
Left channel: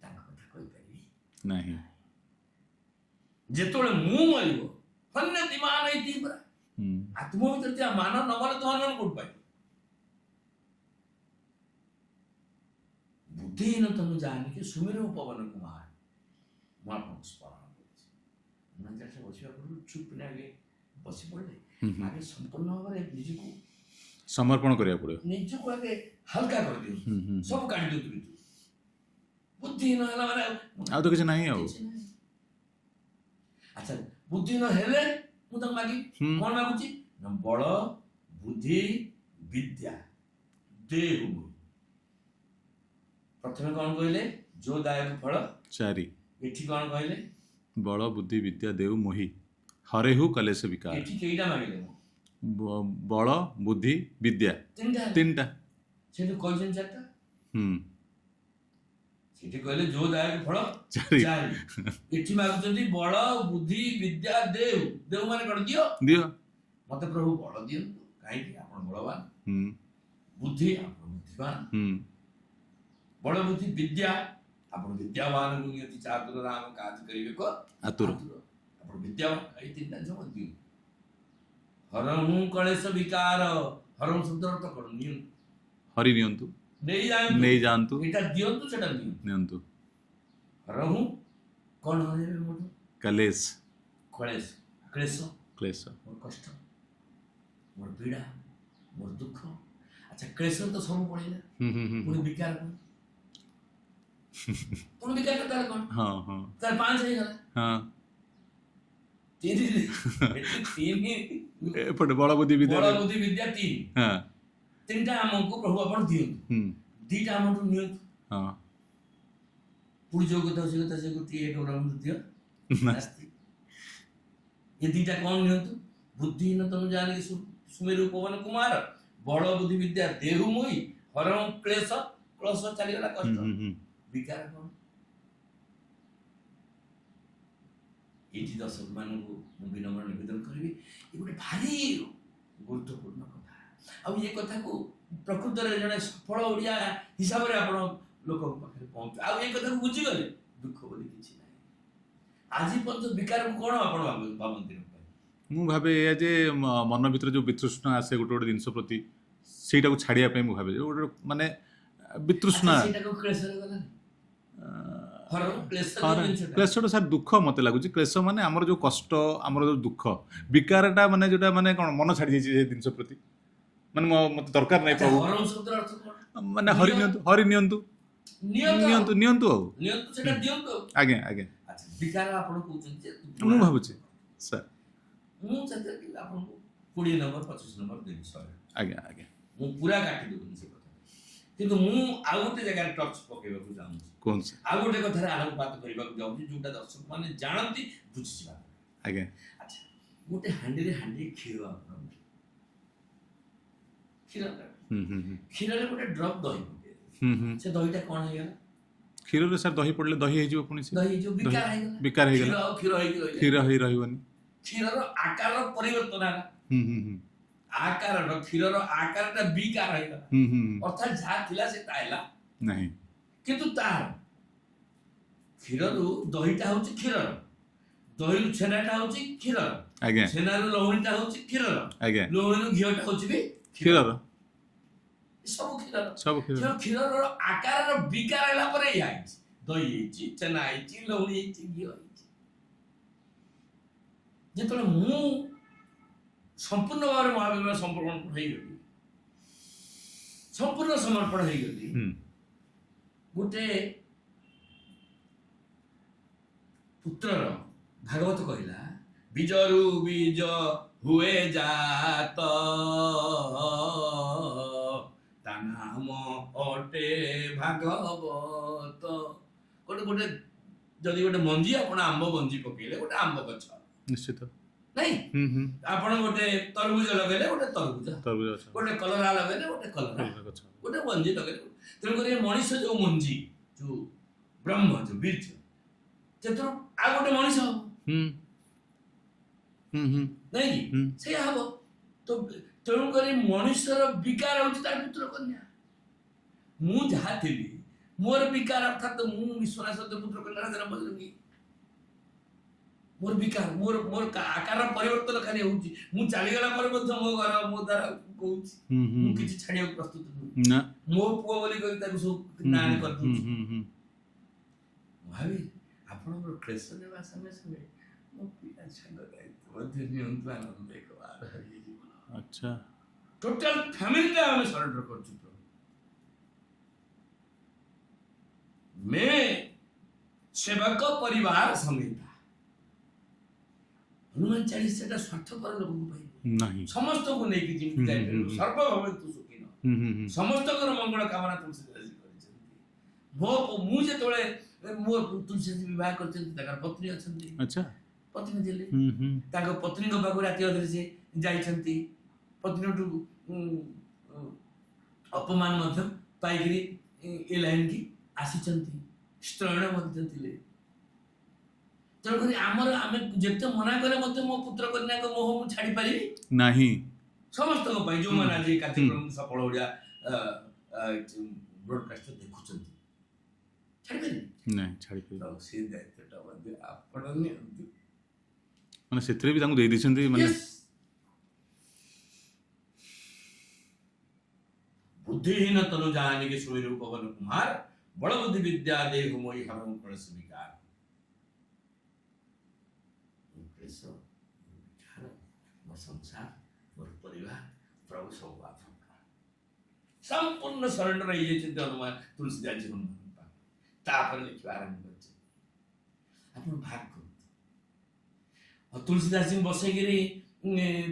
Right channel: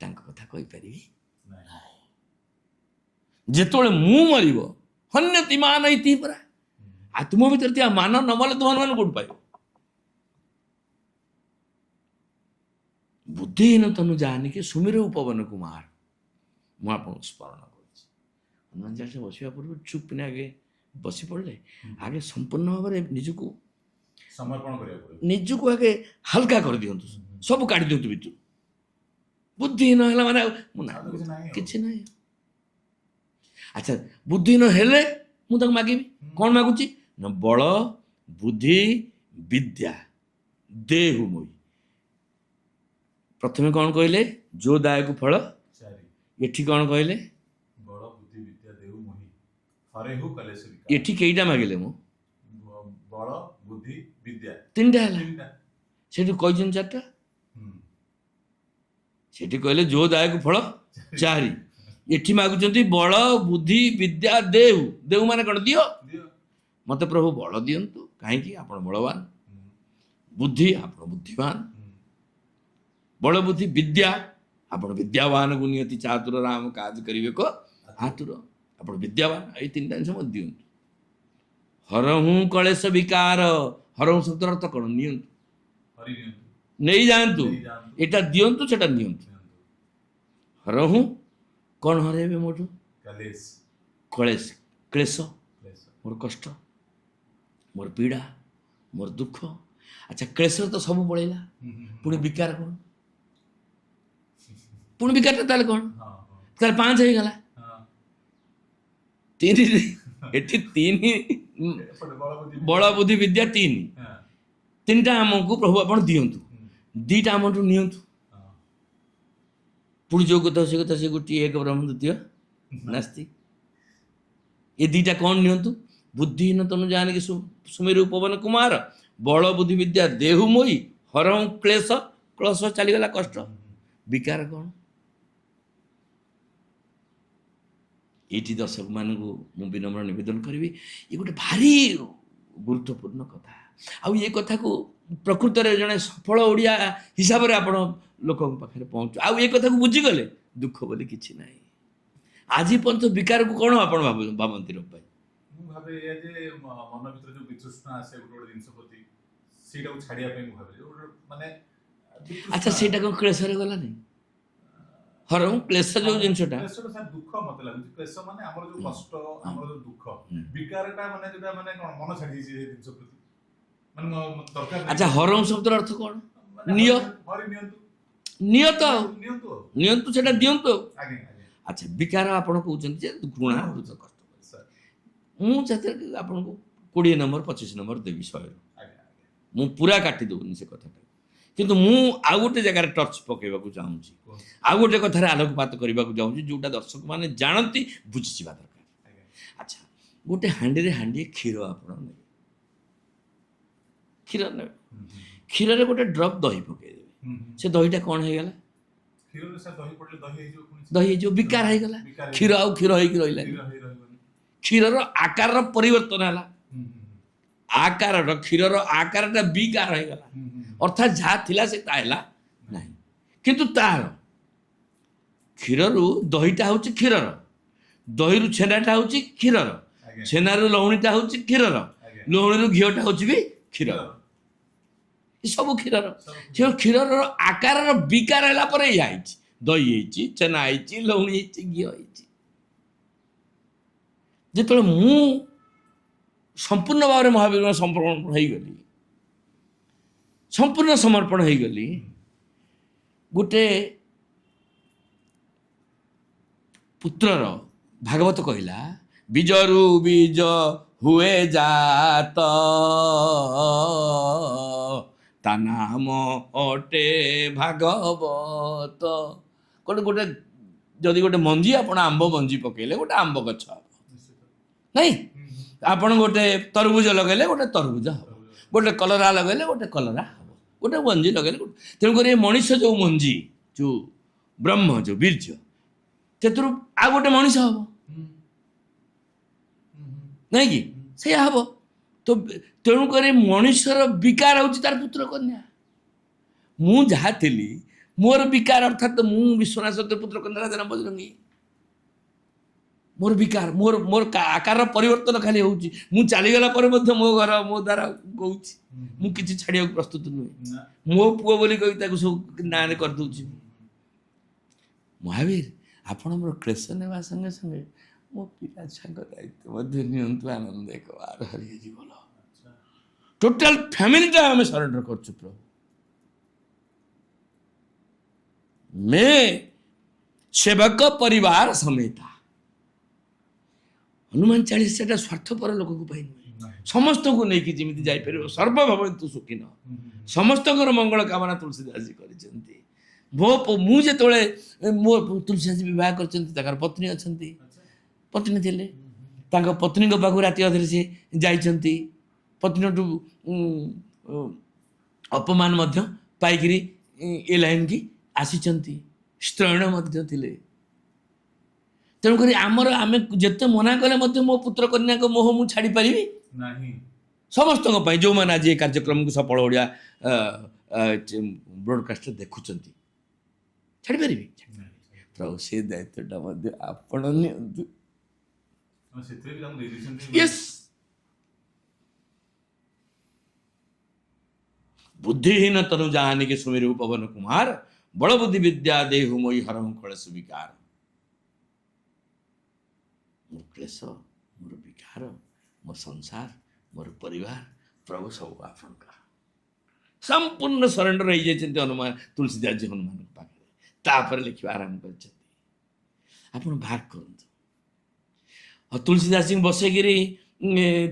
ତାଙ୍କ କଥା କହିପାରିବି ନାହିଁ। ଯେତେବେଳେ ମୁଁ ମରିବ ହନ୍ୟତି ମାନ ଇତି ପରା। ଆଉ ତୁମ ଭିତରେ ଥିବା ମାନ ନ ମଲେ ତୁମମାନେ କୋଉଠୁ ପାଇବ? ବୁଦ୍ଧିହୀନ ତନୁ ଜାନିକେ ସୁମିର ପବନ କୁମାର। ମୁଁ ଆପଣଙ୍କୁ ସ୍ମରଣ କରୁଛି, ହନୁମାନ ଚାଳିଶା ବସିବା ପୂର୍ବରୁ ଚୁପ୍ କିନା ଆଗେ ବସି ପଡ଼ିଲେ, ଆଗେ ସମ୍ପୂର୍ଣ୍ଣ ଭାବରେ ନିଜକୁ ସମର୍ପଣ କରିବାକୁ ପଡ଼ିବ। ନିଜକୁ ଆଗେ ହାଲକା କରିଦିଅନ୍ତୁ, ସବୁ କାଢି ଦିଅନ୍ତୁ ଭିତରୁ। ବୁଦ୍ଧିହୀନ ହେଲା ମାନେ ଆଉ ତ କିଛି ନାହିଁ। କିଛି ନାହିଁ। ଆଚ୍ଛା, ବୁଦ୍ଧିହୀନ ହେଲେ ମୁଁ ତାକୁ ମାଗିବି କଣ ମାଗୁଛି ନା? ବଳ, ବୁଦ୍ଧି, ବିଦ୍ୟା ଦେହୁ ମୋହି। ପ୍ରଥମେ କଣ କହିଲେ? ଯୋ ଦାୟକୁ ଫଳ 4। ଏଠି କଣ କହିଲେ? ବଳ, ବୁଦ୍ଧି, ବିଦ୍ୟା ଦେଉ ମୋହି, ହରେହୁ କଲେଶ ବିକାର। ଏଠି କେଇଟା ମାଗିଲେ? ମୁଁ ବଳ, ବୁଦ୍ଧି, ବିଦ୍ୟା, ତିନିଟା। ସେଠି କହିଛନ୍ତି 4ଟା। ସେଠି କହିଲେ ଯୋ ଦାୟକୁ ଫଳ 4। ଏଠି ମାଗୁଛନ୍ତି ବଳ, ବୁଦ୍ଧି, ବିଦ୍ୟା ଦେହୁ। ଦେହୁ ମାନେ କଣ? ଦିଅ। ମତେ ପ୍ରଭୁ ବଳ ଦିଅନ୍ତୁ, କାହିଁକି? ଆପଣ ବଳବାନ। ବୁଦ୍ଧି, ଆପଣ ବୁଦ୍ଧିମାନ। ବଳ, ବୁଦ୍ଧି, ବିଦ୍ୟା, ଆପଣ ବିଦ୍ୟାବାନକୁ ନିୟତି ଚାତୁର ରାମ କାଜ କରିବେ କ ଆତୁର। ଆପଣ ବିଦ୍ୟାବାନ। ଏଇ 3ଟା ଜିନିଷ ମତେ ଦିଅନ୍ତୁ। ହରହୁଁ କଳେଶ ବିକାର। ହରହୁଁ ଶବ୍ଦର ଅର୍ଥ କଣ? ନିଅନ୍ତୁ, ହରି ନିଅନ୍ତୁ, ନେଇଯାଆନ୍ତୁ। ଏଟା ଦିଅନ୍ତୁ, ସେଟା ନିଅନ୍ତୁ। ହରହୁଁ କଣ ହରେଇବେ ମୋଠୁ? କଲେଶ, କ୍ଲେଶ, ମୋର କଷ୍ଟ, ମୋର ପୀଡ଼ା, ମୋର ଦୁଃଖ। ଆଚ୍ଛା, କ୍ଲେଶ ତ ସବୁ ପଳେଇଲା, ପୁଣି ବିକାର କଣ? ପୁଣି ବିକାରଟା ତାହେଲେ କଣ? ତାହେଲେ 5 ହେଇଗଲା। 3 ଏଠି 3 ବଳ, ବୁଦ୍ଧି, ବିଦ୍ୟା 3। 3ଟା ଆମକୁ ପ୍ରଭୁ ଆପଣ ଦିଅନ୍ତୁ, 2ଟା ଆମଠୁ ନିଅନ୍ତୁ। ପୁଣି ଯୋଉ କଥା ସେ କଥା, ସେ ଗୋଟିଏ ଏକ ବ୍ରହ୍ମ ଦ୍ୱିତୀୟ ନାସ୍ତି। ଏ 2ଟା କଣ ନିଅନ୍ତୁ? ବୁଦ୍ଧିହୀନ ତନୁ ଜାନିକେ ସୁମିରୁ ପବନ କୁମାର, ବଳ, ବୁଦ୍ଧି, ବିଦ୍ୟା ଦେହୁ ମୋହି, ହରହୁଁ କ୍ଲେଶ। କ୍ଲେଶ ଚାଲିଗଲା, କଷ୍ଟ। ବିକାର କଣ? ଏଇଠି ଦର୍ଶକ ମାନଙ୍କୁ ମୁଁ ବିନମ୍ର ନିବେଦନ କରିବି, ଏ ଗୋଟେ ଭାରି ଗୁରୁତ୍ୱପୂର୍ଣ୍ଣ କଥା। ଆଉ ଏ କଥାକୁ ପ୍ରକୃତରେ ଜଣେ ସଫଳ ଓଡ଼ିଆ ହିସାବରେ ଆପଣ ଲୋକଙ୍କ ପାଖରେ ପହଞ୍ଚୁ। ଆଉ ଏ କଥାକୁ ବୁଝିଗଲେ ଦୁଃଖ ବୋଲି କିଛି ନାହିଁ। ଆଜି ପର୍ଯ୍ୟନ୍ତ ବିକାରକୁ କଣ ଆପଣ ଭାବନ୍ତି? ରୂପାଇ, ମୁଁ ଭାବେ ଏଇଆ ଯେ ମନ ଭିତରେ ଯୋଉ ବିତୃଷ୍ଣା ଆସେ ଗୋଟେ ଗୋଟେ ଜିନିଷ ପ୍ରତି, ସେଇଟାକୁ ଛାଡ଼ିବା ପାଇଁ ମୁଁ ଭାବେ ଗୋଟେ ମାନେ ବିତୃଷ୍ଣା। ସେଇଟା କଣ କ୍ଲେଶରେ ଗଲାନି? ହରହୁଁ କ୍ଲେଶ ଯୋଉ ଜିନିଷଟା, କ୍ଲେଶଟା ସାର୍ ଦୁଃଖ ମତେ ଲାଗୁଛି। କ୍ଲେଶ ମାନେ ଆମର ଯୋଉ କଷ୍ଟ, ଆମର ଯୋଉ ଦୁଃଖ। ବିକାରଟା ମାନେ ଯୋଉଟା ମାନେ କଣ ମନ ଛାଡ଼ି ଯାଇଛି ସେ ଜିନିଷ ପ୍ରତି, ମାନେ ମତେ ଦରକାର ନାହିଁ। ହରହୁଁ ଶବ୍ଦର ଅର୍ଥ କଣ? ମାନେ ହରି ନିଅନ୍ତୁ। ନିଅତ ନିଅନ୍ତୁ ନିଅନ୍ତୁ ଆଉ ନିଅନ୍ତୁ ସେଟା ଦିଅନ୍ତୁ। ଆଜ୍ଞା ଆଜ୍ଞା ଆଚ୍ଛା ବିକାର ଆପଣ କହୁଛନ୍ତି ଯେ ମୁଁ ଭାବୁଛି ସାର୍ ମୁଁ ସେଥିରେ ଆପଣଙ୍କୁ 20 ନମ୍ବର 25 ନମ୍ବର ଦେବି 100ରୁ। ଆଜ୍ଞା ଆଜ୍ଞା ମୁଁ ପୁରା କାଟି ଦେବୁନି ସେ କଥାଟା, କିନ୍ତୁ ମୁଁ ଆଉ ଗୋଟେ ଜାଗାରେ ଟର୍ଚ୍ଚ ପକେଇବାକୁ ଚାହୁଁଛି, କୁହନ୍ତୁ ସାର୍ ଆଉ ଗୋଟେ କଥାରେ ଆଲୋକପାତ କରିବାକୁ ଚାହୁଁଛି ଯୋଉଟା ଦର୍ଶକ ମାନେ ଜାଣନ୍ତି ବୁଝିଯିବା ଦରକାର। ଆଜ୍ଞା ଆଚ୍ଛା ଗୋଟେ ହାଣ୍ଡିରେ ହାଣ୍ଡିଏ କ୍ଷୀର ଆପଣ ନେବେ, କ୍ଷୀର ନେବେ, ହୁଁ କ୍ଷୀରରେ ଗୋଟେ ଡ୍ରପ୍ ଦହି ପକେଇଦେବେ, ହୁଁ ସେ ଦହିଟା କ'ଣ ହେଇଗଲା? କ୍ଷୀରରେ ସାର୍ ଦହି ପଡ଼ିଲେ ଦହି ହେଇଯିବ ପୁଣି ସେ ଦହି ହେଇଯିବ, ବିକାର ହେଇଗଲା। ବିକାର ହେଇଗଲା। କ୍ଷୀର ଆଉ କ୍ଷୀର ହେଇକି ରହିଲା, କ୍ଷୀର ହେଇ ରହିବନି। କ୍ଷୀରର ଆକାରର ପରିବର୍ତ୍ତନ ହେଲା, ହୁଁ ଆକାରର କ୍ଷୀରର ଆକାରଟା ବିକାର ହେଇଗଲା, ଅର୍ଥାତ୍ ଯାହା ଥିଲା ସେ ତା ହେଲା ନାହିଁ। କିନ୍ତୁ ତାର କ୍ଷୀରରୁ ଦହିଟା ହଉଛି କ୍ଷୀରର, ଦହିରୁ ଛେନାଟା ହଉଛି କ୍ଷୀରର, ଆଜ୍ଞା ଛେନାରୁ ଲହୁଣୀଟା ହଉଛି କ୍ଷୀରର, ଆଜ୍ଞା ଲହୁଣୀରୁ ଘିଅଟା ହଉଛି ବି କ୍ଷୀରର, କ୍ଷୀରର ଏ ସବୁ କ୍ଷୀରର। ସବୁ କ୍ଷୀର ସେ କ୍ଷୀରର ଆକାରର ବିକାର ହେଲା ପରେ ଏଇଆ ହେଇଛି, ଦହି ହେଇଛି, ଛେନା ହେଇଛି, ଲହୁଣୀ ହେଇଛି, ଘିଅ ହେଇଛି। ଯେତେବେଳେ ମୁଁ ସମ୍ପୂର୍ଣ୍ଣ ଭାବରେ ମହାବୀର ସମର୍ପଣ ହେଇଗଲି, ସମ୍ପୂର୍ଣ୍ଣ ସମର୍ପଣ ହେଇଗଲି, ଗୋଟେ ପୁତ୍ରର ଭାଗବତ କହିଲା ବୀଜରୁ ବୀଜ ହୁଏ ଜାତ, ତା ନାମ ଅଟେ ଭାଗବତ। ଗୋଟେ ଯଦି ଗୋଟେ ମଞ୍ଜି ଆପଣ ଆମ୍ବ ମଞ୍ଜି ପକେଇଲେ ଗୋଟେ ଆମ୍ବ ଗଛ ହବ, ନିଶ୍ଚିତ ନାଇଁ? ଆପଣ ଗୋଟେ ତରଭୁଜ ଲଗେଇଲେ ଗୋଟେ ତରଭୁଜ ହବ, ତରଭୁଜ ଗଛ, ଗୋଟେ କଲରା ଲଗେଇଲେ ଗୋଟେ କଲରା, ତରଭୁଜ ଗଛ। ଗୋଟେ ମଞ୍ଜି ଲଗେଇଲେ ଗୋଟେ। ତେଣୁକରି ଏ ମଣିଷ ଯୋଉ ମଞ୍ଜି, ଯୋଉ ବ୍ରହ୍ମ ଯୋଉ ବୀର୍ଯ୍ୟ, ସେଥିରୁ ଆଉ ଗୋଟେ ମଣିଷ ହବ, ନାଇଁ କି? ସେଇଆ ହବ। ତ ତେଣୁକରି ମଣିଷର ବିକାର ହଉଛି ତାର ପୁତ୍ର କନ୍ୟା। ମୁଁ ଯାହା ଥିଲି ମୋର ବିକାର, ଅର୍ଥାତ୍ ମୁଁ ବିଶ୍ୱନାଥ ସତ୍ୟ ପୁତ୍ର କନ୍ୟା ରାଜା ବଜରଙ୍ଗୀ, ମୋର ବିକାର, ମୋର ଆକାରର ପରିବର୍ତ୍ତନ ଖାଲି ହଉଛି। ମୁଁ ଚାଲିଗଲା ପରେ ମଧ୍ୟ ମୋ ଘର ମୋ ଦ୍ୱାର କହୁଛି, ମୁଁ କିଛି ଛାଡିବାକୁ ପ୍ରସ୍ତୁତ ନୁହେଁ। ନା ମୋ ପୁଅ ବୋଲି କହି ତାକୁ ସବୁ ନାଁରେ କରିଦଉଛି। ମହାବୀର ଆପଣ ମୋର କ୍ଲେଶ ନେବା ସଙ୍ଗେ ସଙ୍ଗେ ମୋ ପିଲା ଛୁଆଙ୍କ ଦାୟିତ୍ୱ ମଧ୍ୟ ନିଅନ୍ତୁ, ଆନନ୍ଦ ଏକବାର ହରି ଜୀବନ। ଆଚ୍ଛା ଟୋଟାଲ ଫ୍ୟାମିଲିଟା ଆମେ ସରେଣ୍ଡର କରୁଛୁ ପ୍ରଭୁ। मैं सेवक परिवार समेता। हनुमान 40 ସେଟା ସ୍ୱାର୍ଥପର ଲୋକଙ୍କ ପାଇଁ ନୁହେଁ, ନାହିଁ ସମସ୍ତଙ୍କୁ ନେଇକି ଯେମିତି ଯାଇପାରିବ। ସର୍ବଭବନ୍ତୁ ସୁଖିନ, ସମସ୍ତଙ୍କର ମଙ୍ଗଳ କାମନା ତୁଳସୀଦାସଜୀ କରିଛନ୍ତି। ମୁଁ ଯେତେବେଳେ ମୋ ତୁଳସୀଦାସଜୀ ବିବାହ କରିଛନ୍ତି, ତାଙ୍କର ପତ୍ନୀ ଅଛନ୍ତି, ଆଚ୍ଛା ପତ୍ନୀ ଥିଲେ, ତାଙ୍କ ପତ୍ନୀଙ୍କ ପାଖକୁ ରାତି ଅଧରେ ସେ ଯାଇଛନ୍ତି, ପତ୍ନୀଠୁ ଅପମାନ ମଧ୍ୟ ପାଇକିରି ଏ ଲାଇନ୍ କି ଆସିଛନ୍ତି, ସ୍ତ୍ରୈଣ ମଧ୍ୟ ଥିଲେ। ତେଣୁକରି ଆମେ ଯେତେ ମନା କଲେ ମଧ୍ୟ ମୋ ପୁତ୍ର କନ୍ୟାଙ୍କ ମୋହ ମୁଁ ଛାଡ଼ିପାରିବି ନାହିଁ। ସମସ୍ତଙ୍କ ପାଇଁ ଯେଉଁମାନେ ଆଜି ଏ କାର୍ଯ୍ୟକ୍ରମକୁ ସଫଳ ଓଡ଼ିଆ ବ୍ରଡକାଷ୍ଟରେ ଦେଖୁଛନ୍ତି, ଛାଡ଼ିପାରିବି? ନାହିଁ ଛାଡ଼ିପାରିବି। ପ୍ରଭୁ ସେ ଦାୟିତ୍ୱଟା ମଧ୍ୟ ଆପଣ ନିଅନ୍ତୁ। ମାନେ ସେଥିରେ ବି ତାଙ୍କୁ ଦେଇ ଦେଇଛନ୍ତି। Yes. बुद्धिहीन तनु जानिके सुमेरु पवन कुमार, बड़ बुद्धि विद्या देहु मोहि हरहु कलेश विकार। मोर क्लेश, मोर विकार, मोर संसार, मोर परिवार प्रभु सब आपनका संपूर्ण सरेंडर हो जाइछन्ति हनुमान तुलसीदास जी हनुमान पाखे। तापर लिखिबा आरंभ करछन्ति, आपण भाग करନ୍ତୁ। और तुलसीदास जी बसैगिरी,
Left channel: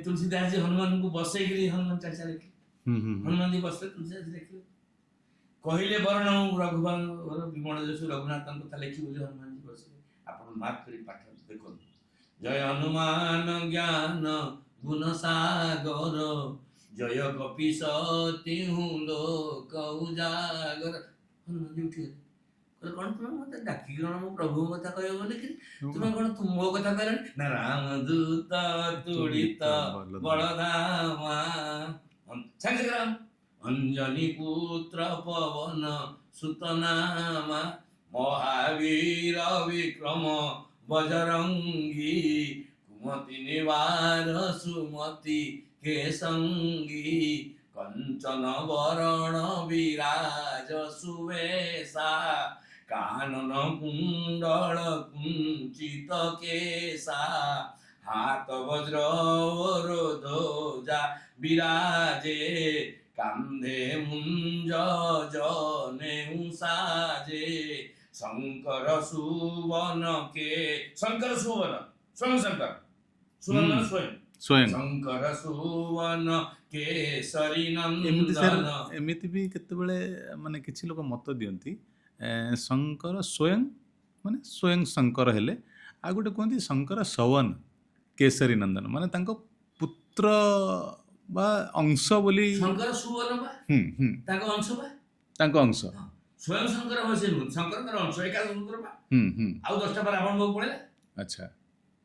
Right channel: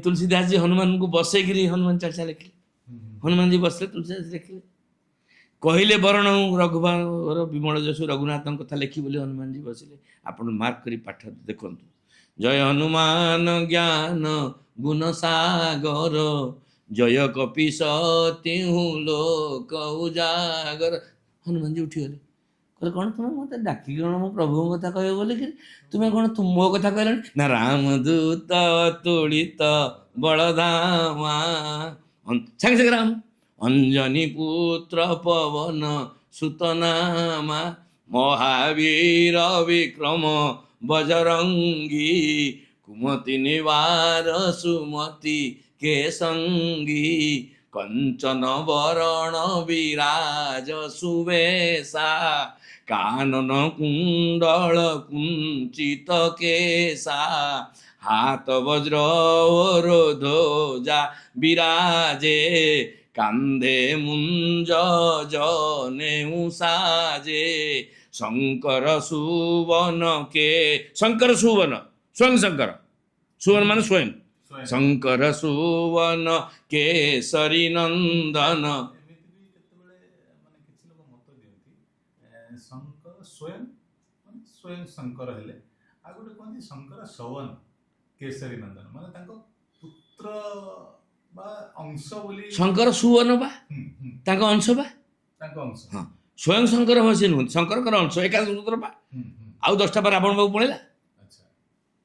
तुलसीदास जी हनुमान को बसैगिरी हनुमान चालीसा लिखिले। हनुमान जी बसले, तुलसीदास लिखिले, कहले बरण रघुवर विमल जसु रघुनाथ कथा लिखी बोली हनुमान जी बसिले। आपण मार्क करी पाठ देखନ୍ତୁ। जय हनुमान ज्ञान गुण सागर, जय कपीस तिहु लोक उजागर। हनुमान जी उठी गले, कहले कौन तुम मत डाकी कौन मो प्रभु कथा कह बोले कि तुम्हें कौन तुम मो कथा कहले ना रामदूत तुलित बलधामा संगे संगे राम अंजनी पुत्र पवन सुतनामा महावीर विक्रम बजरंगी कुमति निवार सुमति के संगी कंचन वरण विराज सुवेशा कानन कुंडल कुंचित केसा हाथ वज्र ध्वजा विराजे କାନ୍ଧେ ମୁଞ୍ଜ ଜନେଉ ସାଜେ ଶଙ୍କର ସୁବନ କେ ଶଙ୍କର ସୁବନ ସ୍ୱୟଂ ଶଙ୍କର ସୁବନ ମାନେ ସ୍ୱୟଂ ସ୍ୱୟଂ ଶଙ୍କର ସୁବନ କେଶରୀ ଏମିତି ନନ୍ଦନ ଏମିତି ବି କେତେବେଳେ ମାନେ କିଛି ଲୋକ ମତ ଦିଅନ୍ତି ଶଙ୍କର ସ୍ୱୟଂ ମାନେ ସ୍ୱୟଂ ଶଙ୍କର ହେଲେ, ଆଉ ଗୋଟେ କୁହନ୍ତି ଶଙ୍କର ସୱନ କେଶରୀ ନନ୍ଦନ, ମାନେ ତାଙ୍କ ପୁତ୍ର ବା ଅଂଶ ବୋଲି। ଶଙ୍କର ସୁବନ ବା ହୁଁ ହୁଁ ତାଙ୍କ ଅଂଶ ବା ତାଙ୍କ ଅଂଶ। ହଁ ସ୍ୱୟଂ ଶଙ୍କର ହଁ ସେ ନୁହନ୍ତି, ଶଙ୍କରଙ୍କର ଅଂଶ ଏକାଦଶ ସୂତ୍ର ବା ହୁଁ ହୁଁ ଆଉ 10ଟା ବା ରାବଣ ପାଖକୁ ପଳେଇଲା। ଆଚ୍ଛା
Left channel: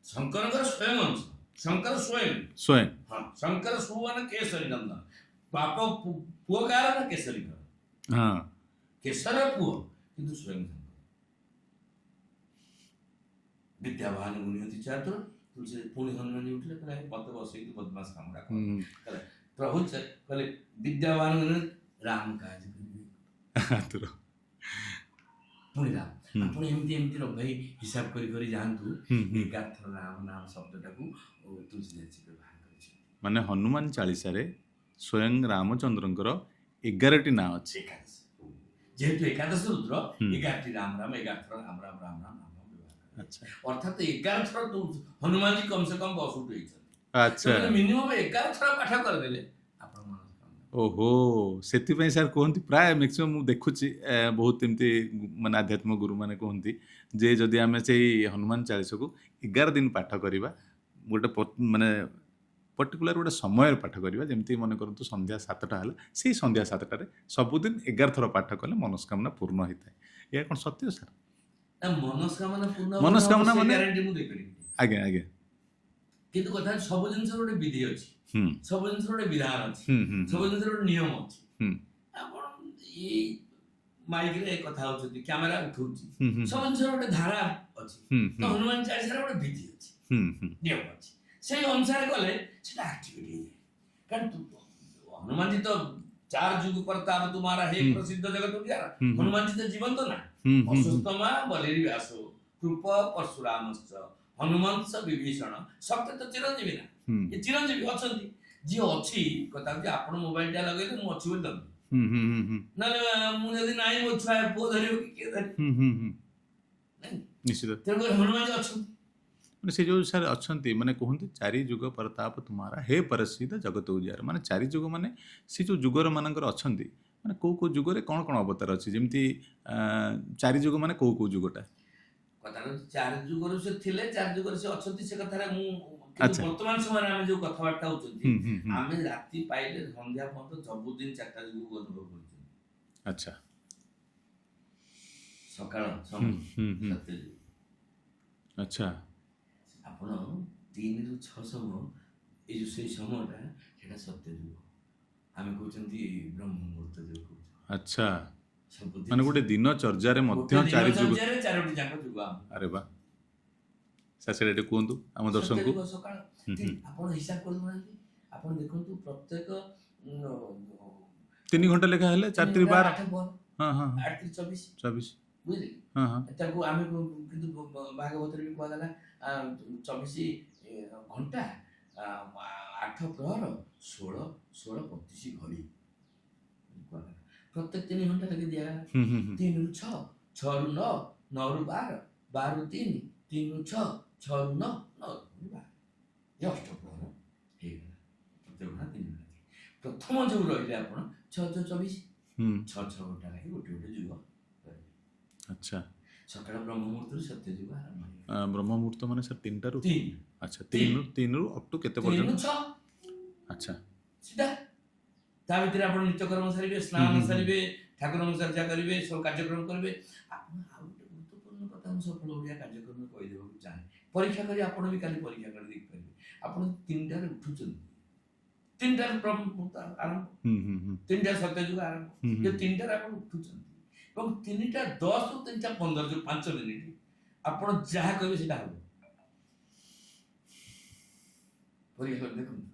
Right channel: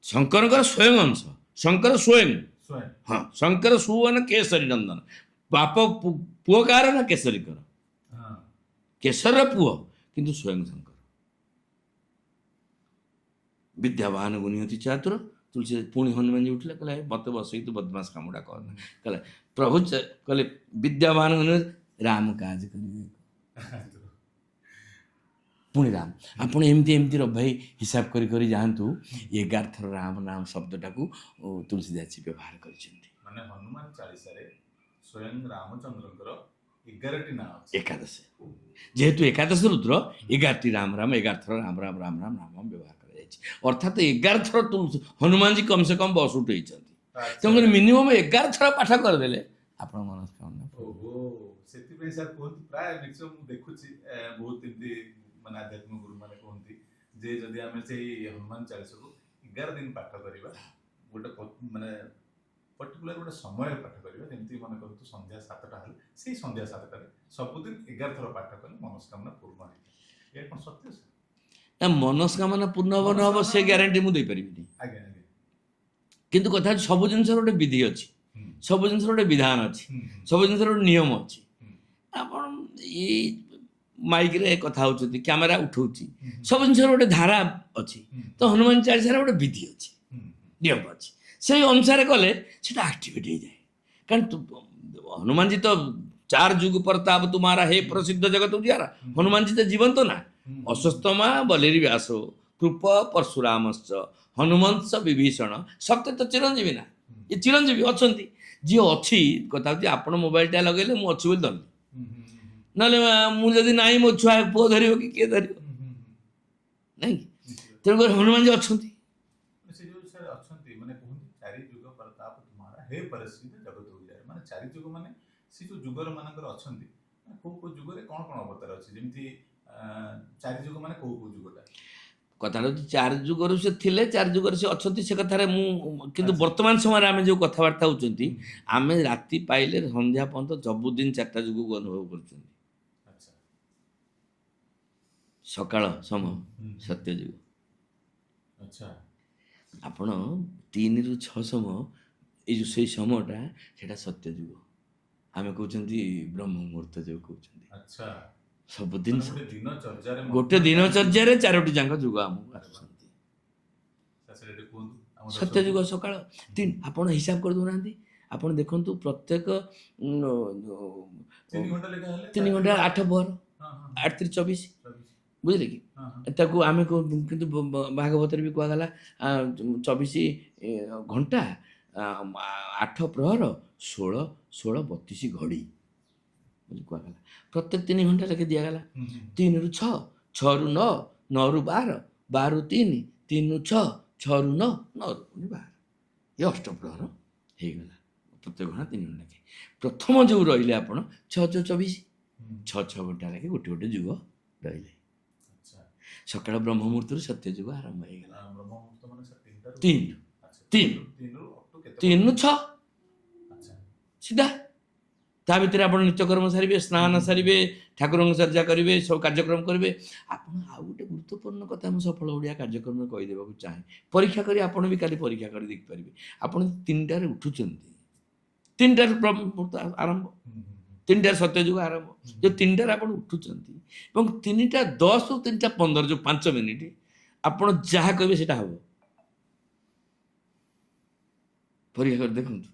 ଶଙ୍କରଙ୍କର ସ୍ୱୟଂ ଅଂଶ ଶଙ୍କର ସ୍ୱୟଂ ସ୍ୱୟଂ ହଁ ଶଙ୍କର ସୁବନ କେଶରୀ ନନ୍ଦନ ବାପ ପୁଅ କାହାର ନା କେଶରୀଙ୍କର, ହଁ କେଶରର ପୁଅ କିନ୍ତୁ ସ୍ୱୟଂ ଶଙ୍କର। ବିଦ୍ୟାବାନ ଗୁଣିଅତି ଚାତୁର ତୁଳସୀ ପୁଣି ହନୁମାନଜୀ ଉଠିଲେ କହିଲେ ମତେ ବସେଇ ତୁ ବଦମାସ କାମଟା କର। କହିଲେ ପ୍ରଭୁ କହିଲେ ବିଦ୍ୟାବାନ ଗୁଣିଅତି ରାମ କାଜ କରିବେ ଆତୁର। ପୁଣି ରାମ ଆପଣ ଏମିତି ଏମିତି ଭାଇ ହିସାବ କରି କରି ଯାଆନ୍ତୁ। 11 ଥର ରାମ ନାମ ଶବ୍ଦଟାକୁ ତୁଳସୀଦାସ ବ୍ୟବହାର କରିଛନ୍ତି। ମାନେ ହନୁମାନ ଚାଳିଶାରେ ସ୍ୱୟଂ ରାମଚନ୍ଦ୍ରଙ୍କର 11ଟି ନାଁ ଅଛି। ଏକାଦଶ ଯେହେତୁ ଏକାଦଶ ରୁଦ୍ର 11ଟି ରାମ ରାମ 11 ଥର ରାମ ରାମ ରାମ ରାମ ନାମ ବ୍ୟବହାର କରାଯାଇଛି। ଅର୍ଥାତ୍ 11 ଥର ହନୁମାନଜୀ କମ ସେ କମ ବସ ଉଠେଇଛନ୍ତି। ଆଚ୍ଛା ତେଣୁ ମିନିମମ୍ 11 ଥର ପାଠ କରିଦେଲେ ଆପଣ ମନସ୍କାମନା। ଓହୋ, ସେଥିପାଇଁ ସାର୍ କୁହନ୍ତି ପ୍ରାୟ ମ୍ୟାକ୍ସିମମ୍ ମୁଁ ଦେଖୁଛି ବହୁତ ଏମିତି ମାନେ ଆଧ୍ୟାତ୍ମିକ ଗୁରୁମାନେ କୁହନ୍ତି ଯେ ଯଦି ଆମେ ସେଇ ହନୁମାନ ଚାଳିଶାକୁ 11 ଦିନ ପାଠ କରିବା, ଗୋଟେ ମାନେ ପର୍ଟିକୁଲାର ଗୋଟେ ସମୟରେ ପାଠ କରିବା, ଯେମିତି ମନେ କରନ୍ତୁ ସନ୍ଧ୍ୟା 7ଟା ହେଲା, ସେଇ ସନ୍ଧ୍ୟା 7ଟାରେ ସବୁଦିନ 11 ଥର ପାଠ କଲେ ମନସ୍କାମନା ପୂର୍ଣ୍ଣ ହେଇଥାଏ। ଏହା କ'ଣ ସତ୍ୟ ସାର୍? ନା ମନସ୍କାମନା ପୂର୍ଣ୍ଣ ହେବ ନ ହେବ ମନସ୍କାମନା ସେ ମାନେ- ଗ୍ୟାରେଣ୍ଟି ମୁଁ ଦେଇପାରିବିନି, ଆଜ୍ଞା ଆଜ୍ଞା କିନ୍ତୁ କଥା ହେଉଛି ସବୁ ଜିନିଷର ଗୋଟେ ବିଧି ଅଛି, ହୁଁ ସବୁ ଜିନିଷର ଗୋଟେ ବିଧାନ ଅଛି, ହୁଁ ହୁଁ ସବୁ ଜିନିଷର ଗୋଟେ ନିୟମ ଅଛି। ହୁଁ ଆପଣ ଏଇ ମାଇକରେ କଥା ହଉଛନ୍ତି, କ୍ୟାମେରା ଉଠଉଛି, ହୁଁ ହୁଁ ସବୁ ଜିନିଷର ଗୋଟେ ଧାରା ଅଛି। ହୁଁ ତ ହନୁମାନ ଚାଳିଶାର ଗୋଟେ ବିଧି ଅଛି, ହୁଁ ହୁଁ ନିୟମ ଅଛି, ସେଇ ଅନୁସାରେ କଲେ ସେଟା ଆକ୍ଟିଭେଟ ହେଇଯାଏ। କାରଣ ହନୁମାନଜୀ ତ 4 ଯୁଗ ପ୍ରତାପ ତୁମାରା ହେ ପ୍ରସିଦ୍ଧ ଜଗତ ଉଜିୟାରା। ହନୁମାନଜୀ ତ ଜୀବନ୍ତ ନା, ହୁଁ, ଅଶ୍ୱସ୍ତମା ବଲିର ବ୍ୟାସ କୃପ ପରଶୁରାମଶ୍ଚ ହନୁମଂସ ବିଭୀଷଣ ସତ୍ୟ ତ ଚିରଞ୍ଜୀବୀ ନା, ହୁଁ ଏ ଚିରଞ୍ଜୀବୀ ଅଛନ୍ତି। ଯିଏ ଅଛି କଥା ହେଉଛି ଆପଣ ମୋବାଇଲଟା ଲଗେଇଲେ ମୁଁ ଅଛି ବୋଲି ଧରିଲି, ହୁଁ ହୁଁ ହୁଁ ହୁଁ ନହେଲେ ମୁଁ ଯଦି ନାହିଁ ମୋ ଛୁଆ ପୁଅ ଧରିବ କି କିଏ ଧରିବ, ହୁଁ ହୁଁ ହୁଁ ନାଇଁ? ନିଶ୍ଚିତ। ତେଣୁକରି ହନୁମାନଜୀ ଅଛନ୍ତି। ମାନେ ସେ ଯୋଉ ସାର୍ ଅଛନ୍ତି ମାନେ କୁହନ୍ତି 4 ଯୁଗ ପ୍ରତାପ ତୁମାରା ହେ ପ୍ରସିଦ୍ଧ ଜଗତ ଉଜିୟାର, ମାନେ 4 ଯୁଗ ମାନେ ସେ ଯୋଉ ଯୁଗର ମାନଙ୍କର ଅଛନ୍ତି, ମାନେ କୋଉ କୋଉ ଯୁଗରେ କ'ଣ କ'ଣ ଅବତାର ଅଛି, ଯେମିତି 4 ଯୁଗ ମାନେ କୋଉ କୋଉ ଯୁଗଟା? କଥାଟା ହେଉଛି 4 ଯୁଗରୁ ସେ ଥିଲେ, 4 ଯୁଗରେ ସେ ଅଛନ୍ତି, ସେ କଥାରେ ମୁଁ କିନ୍ତୁ ଆଚ୍ଛା। ବର୍ତ୍ତମାନ ସମୟରେ ଆମେ ଯୋଉ କଥାବାର୍ତ୍ତା ହଉଛନ୍ତି, ହୁଁ, ହୁଁ, ହୁଁ। ଆମେ ରାତି ପାଇଲେ ସନ୍ଧ୍ୟା ପର୍ଯ୍ୟନ୍ତ ସବୁଦିନ 4ଟା ଯୁଗକୁ ଅନୁଭବ କରୁଛନ୍ତି। ଆଚ୍ଛା ସକାଳ ସମୟ ହୁଁ, ହୁଁ। ସତ୍ୟ ଯୁଗ, ଆଚ୍ଛା ଆପଣ 3ରୁ 6 ସମୟ ଏଇ ଯୋଉ ସେଇ ସମୟଟା ସେଟା ସତ୍ୟ ଯୁଗ, ଆମେ କହୁଛନ୍ତି ବ୍ରହ୍ମ ମୁହୂର୍ତ୍ତ ଯୋଉ କହୁଛନ୍ତି। ଆଚ୍ଛା ସବୁଦିନ ମାନେ ଗୋଟେ ଦିନ ଚର୍ଯ୍ୟାରେ ମଧ୍ୟ ଗୋଟେ 4 ଯୁଗ। ଦିନଚର୍ଯ୍ୟାରେ 4ଟି ଯାକ ଯୁଗ ଆମକୁ ଆରେ ବା, ସାର୍ ସେଇଟା ଟିକେ କୁହନ୍ତୁ ଆମ ସତ୍ୟ ଦର୍ଶକଙ୍କୁ। ଯୁଗ ସକାଳ। ଆପଣ ହିସାବ କରିଦେଉନାହାନ୍ତି, ଆପଣ ଦେଖନ୍ତୁ ପ୍ରତ୍ୟେକ 3 ଘଣ୍ଟା ଲେଖା ହେଲେ 3 4 ଘଣ୍ଟା 12 8 ଭର ହଁ ହଁ 8 3 24 24 ବୁଝିଲେ କି? ହଁ ହଁ ତାକୁ ଆମେ କିନ୍ତୁ ଭାଗବତରେ ବି କୁହାଗଲା 24 ଘଣ୍ଟା 8 ପ୍ରହର 16 16 32 ଘଡ଼ି ବୋଲି କୁହାଗଲା। ପ୍ରତ୍ୟେକ 3 ଘଣ୍ଟା ଲେଖେ ଦିଆଗଲା। ହୁଁ ହୁଁ ହୁଁ 3ରୁ 6 6ରୁ 9 9ରୁ 12 12ରୁ 3 3ରୁ 6 6ରୁ 9 9ରୁ 12 ଏ ଅଷ୍ଟପ୍ରହର ହେଇଗଲା। ପ୍ରତ୍ୟେକ ଘଣ୍ଟା 3 ଘଣ୍ଟା ଲେଖେ। ପ୍ରଥମ ଯୋଉ ରହିଲେ ଆପଣ 6 6 24 ହୁଁ 6 6 ଘଣ୍ଟା ଲେଖେ ଗୋଟେ ଗୋଟେ ଯୁଗ ରହିଲେ। ଆଚ୍ଛା ସକାଳ ବ୍ରହ୍ମ ମୁହୂର୍ତ୍ତରୁ ସତ୍ୟ ଯୁଗ ଆରମ୍ଭ ହେଇଗଲା। ବ୍ରହ୍ମ ମୁହୂର୍ତ୍ତ ମାନେ ସାର୍ 3ଟାରୁ 3 ଆଚ୍ଛା ତିନ। 3ରୁ ଅପ୍ ଟୁ କେତେ 3ରୁ ପର୍ଯ୍ୟନ୍ତ? 6 ଆଚ୍ଛା ସିଧା ତା ଭିତରେ ଆପଣ ନିତ୍ୟକର୍ମ ସାରିବେ, ସ୍ନାନ ସାରିବେ, ଠାକୁରଙ୍କ ଚର୍ଚ୍ଚା କରିବେ, ସବୁ କାର୍ଯ୍ୟକ୍ରମ କରିବେ। ଆପଣ ଆଉ ଗୋଟେ ଗୁରୁତ୍ୱପୂର୍ଣ୍ଣ କଥା ମୁଁ ସଫଳ ଓଡ଼ିଆ କାର୍ଯ୍ୟକ୍ରମରେ କହିଦେବାକୁ ଚାହେଁ, ପରୀକ୍ଷା କରି ଆପଣ ବି କାଲି ପରୀକ୍ଷା କରି ଦେଖିପାରିବେ। ଆପଣ 3ଟାରେ ଉଠୁଛନ୍ତି, 3ଟାରେ ବ୍ରହ୍ମ ଆରମ୍ଭ, ହୁଁ ହୁଁ ହୁଁ 3ଟାରେ ସତ୍ୟଯୁଗ ଆରମ୍ଭ, ଯେ 3ଟାରେ ଆପଣ ଉଠୁଛନ୍ତି ଏବଂ 3ଟା 10ରୁ 3ଟା 15 ଯୋଉ 5 ମିନିଟ୍ ଆପଣ ଯାହା କହିବେ ସେଟା ହବ। ପରୀକ୍ଷା କରି ଦେଖନ୍ତୁ।